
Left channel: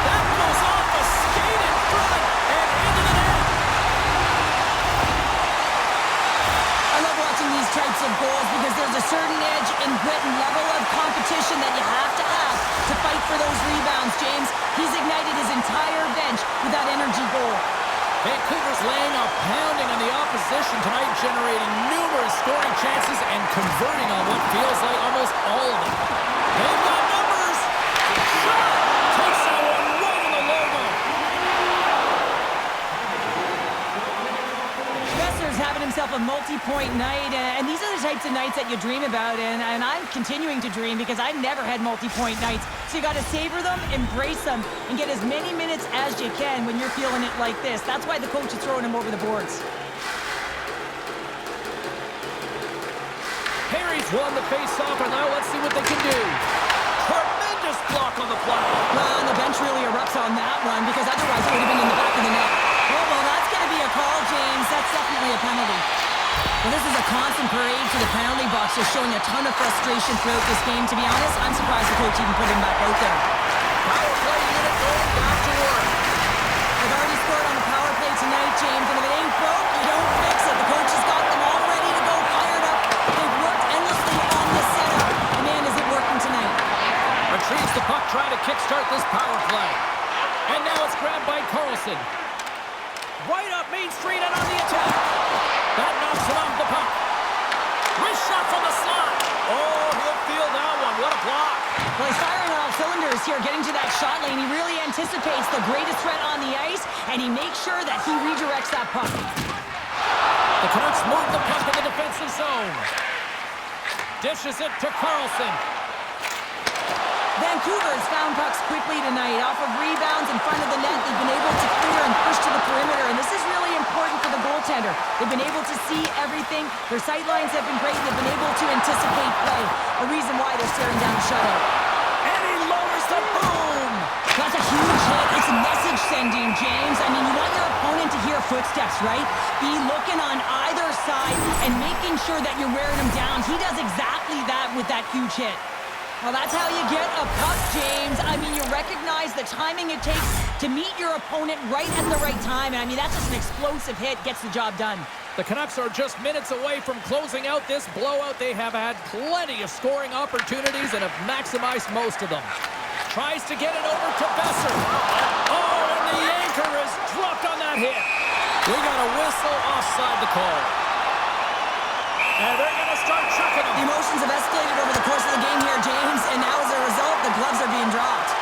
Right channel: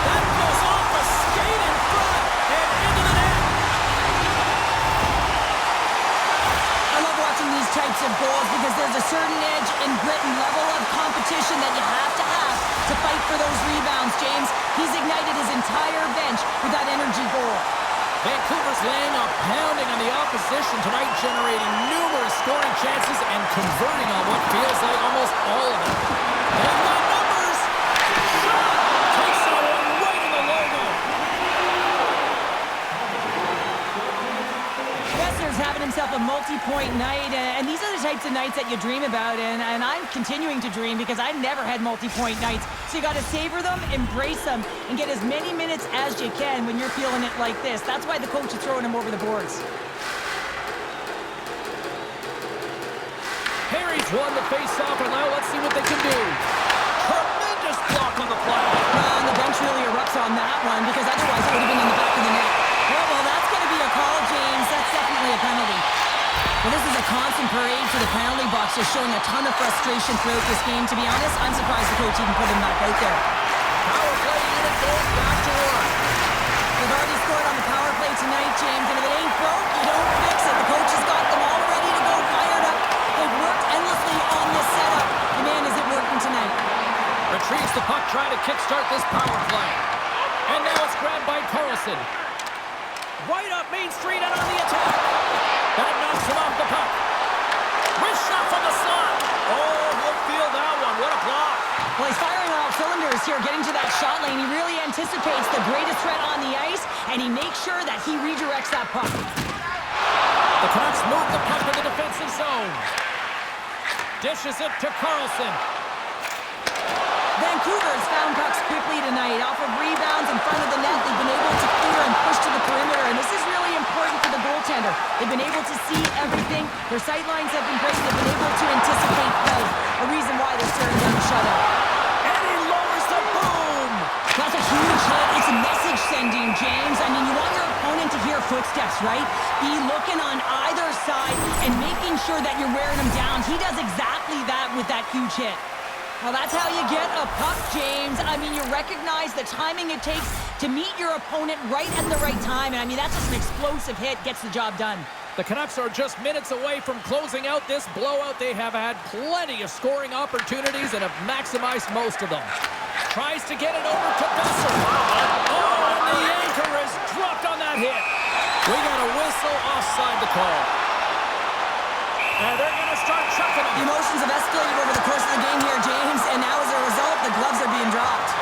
That goes off a skate in front and into the net. I love watching these types of goals because there's a certain edge and grit and level of competition that you have to fight for those rebounds, James. He's ignited his entire bench with that energy goal. Vancouver's laying a pounding on the opposition tonight, generating numerous scoring chances and converting on what feels like almost all of them. They've got numbers. Shot! Takes that one right in the logo. Besser's having himself a multi-point night, and these are the types of nights that you dream about, and I'm continuing to dream because I've never had multi-point nights. So you got to savor them, embrace them, and get as many minutes as you can when you're feeling it like this. That's why the coach is throwing them over the boards. Harry's won the face-off, and now let's see what they can do. Tremendous block on the play. And the bench really erupts on that one because otherwise it would have been in the back of the net. Well, that's going to be a call, James. That's definitely a penalty. Well, this is a constant parade to the penalty box, just showing a ton of frustration throughout this game. To be honest, I'm surprised the coach even put him back out there. Power play unit going back to work. They've already scored on the power play tonight, James, and if it ain't broke, you don't fix it. The coach has got them all ready to go, fired up. They've worked endlessly on this setup. And man, is it working tonight. Retrieves the puck, trying to kickstart this power play. And now it's grabbed by Carlson. Right up Main Street and on the attack. That knocks it off the puck. Wrist shot from the slot. Oh, he'll feel that one. What a block. Well, he's firing on all cylinders here, getting to that shot lane. He really anticipates the greatest threat on the ice, and he makes sure that he redirects that puck. The Canucks move the puck in the defensive zone. Dishes it to Carlson. Vancouver's found pucks quickly tonight. Off of rebounds in front of the net, they've been able to clear and push to the perimeter, and this is really important for the goaltender. They've been able to see everything. Their sight lines have been great. They've been able to anticipate play. A reason why they're staring down a shutout. And he lowers the boom. That's a huge hit. It's message sending, James. I mean, you want your opponent to hear footsteps, right? Be looking on either side and making sure that you're wearing them down. He does exactly that with that huge hit. Well, that's how you get a puck, James. I mean, you recognize the timing it takes to meet your opponent right at the right time. And I mean, that's just an explosive hit, gets the job done. The Canucks are just minutes away from closing out this blowout. They have had plenty of scoring opportunities and have maximized most of them. Tries to get it over to Besser. Oh, and the anchor is dropped on that hit. We got a whistle offside the call. And they're going to start chucking them. The emotions have escalated over the course of the game here, James, and now as a result, the gloves are being dropped.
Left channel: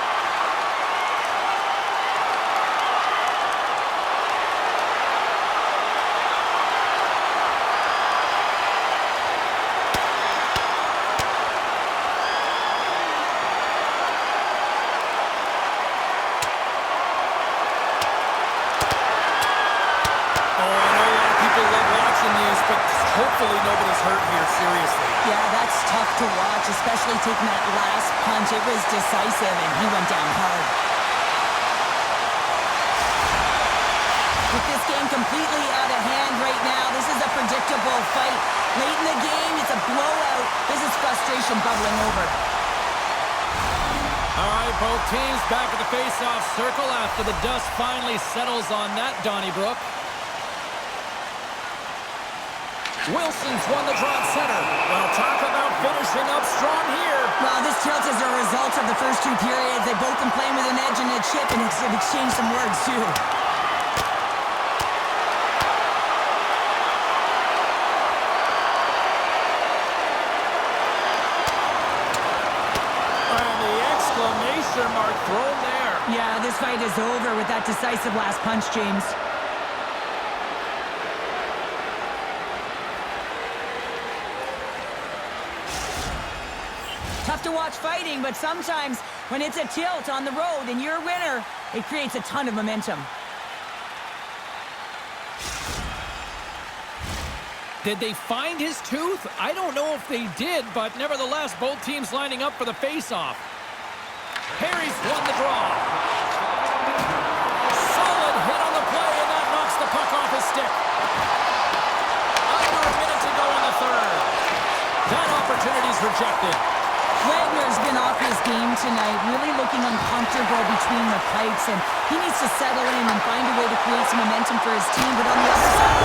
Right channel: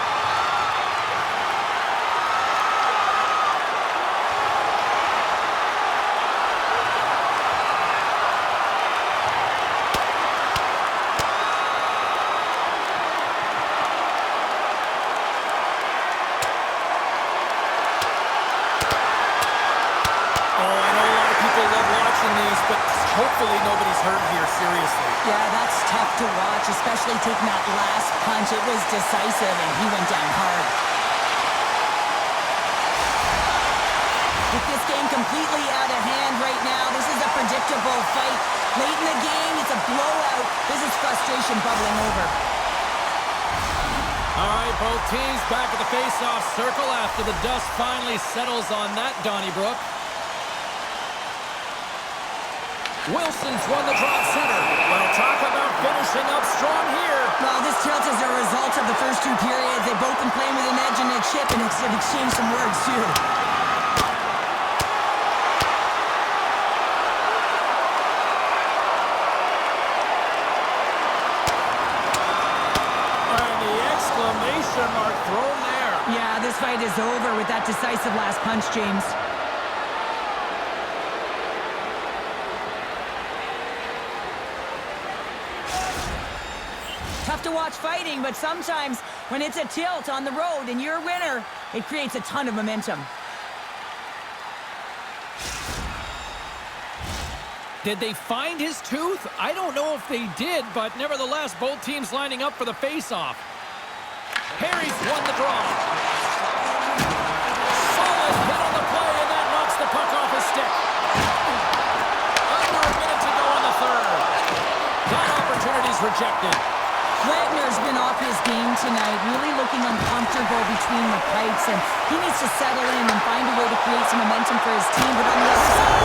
These, but hopefully nobody's hurt here, seriously. Yeah, that's tough to watch, especially taking that last punch. It was decisive, and he went down hard. With this game completely out of hand right now, this is a predictable fight. Late in the game, it's a blowout. This is frustration bubbling over. All right, both teams back at the face-off circle after the dust finally settles on that Donnybrook. Wilson's won the draw at center. Well, talk about finishing up strong here. Well, this tilt is a result of the first two periods. They've both been playing with an edge and a chip, and have exchanged some words, too. And the exclamation mark thrown there. Yeah, this fight is over with that decisive last punch, James. Tough to watch fighting, but sometimes when it's a tilt on the road and you're a winner, it creates a ton of momentum. Did they find his tooth? I don't know if they did, but nevertheless, both teams lining up for the face-off. Harry's won the draw. Solid hit on the play, and that knocks the puck off his stick. Under a minute to go in the third. That opportunity's rejected. Wagner's been off his game tonight, really looking uncomfortable between the pipes, and he needs to settle in and find a way to create some momentum for his team, but on the other side...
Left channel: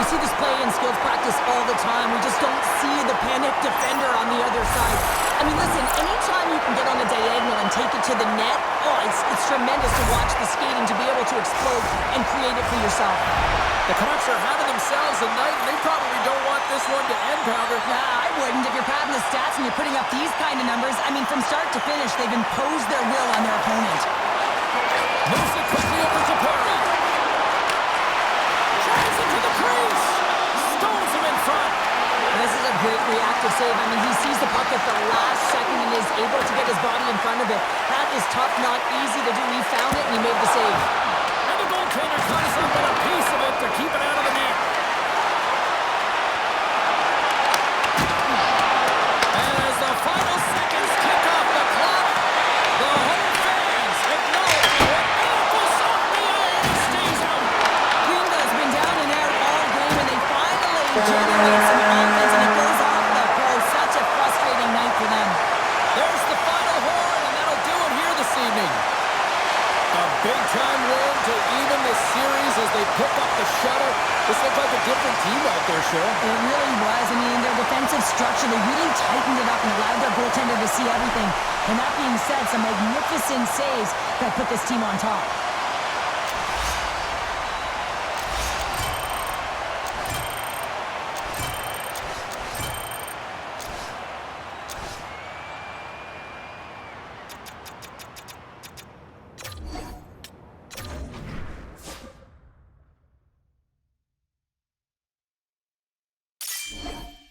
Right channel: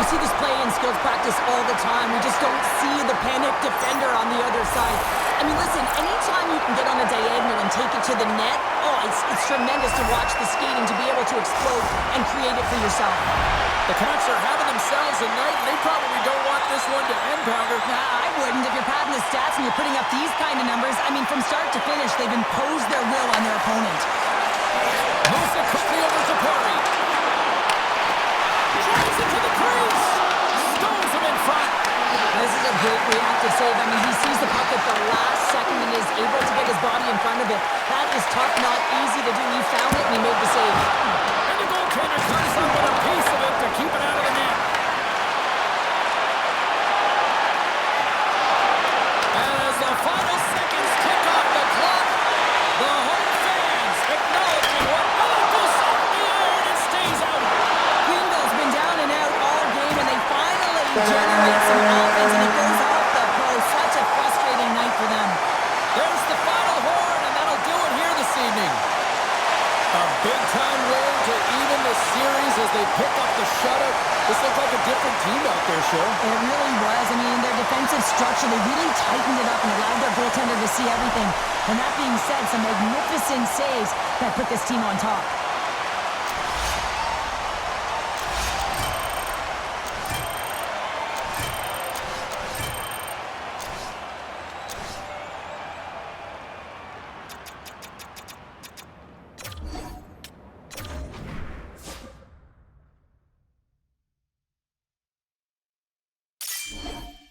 We see this play in skills practice all the time. We just don't see the panic defender on the other side. I mean, listen, anytime you can get on a diagonal and take it to the net, it's tremendous to watch the skating, to be able to explode and create it for yourself. The Canucks are having themselves a night, and they probably don't want this one to end, Pounder. Nah, I wouldn't. If you're padding the stats and you're putting up these kind of numbers, I mean, from start to finish, they've imposed their will on their opponent. Moves it quickly over to Perry. Drives it to the crease. Stones him in front. This is a great reactive save. I mean, he sees the puck at the last second and is able to get his body in front of it. That is tough, not easy to do. He found it and he made the save. And the goaltender comes up with a piece of it to keep it out of the net. And as the final seconds tick off the clock, the home fans acknowledging what goes off the iron and stays out. Greenville's been down and out all game, and they finally generate some offense, and it goes off the post. Such a frustrating night for them. There's the final horn, and that'll do it here this evening. A big-time win to even the series as they pick up the shutout. This looked like a different team out there, Cheryl. It really was. I mean, their defensive structure, they really tightened it up and allowed their goaltender to see everything. And that being said, some magnificent saves that put this team on top.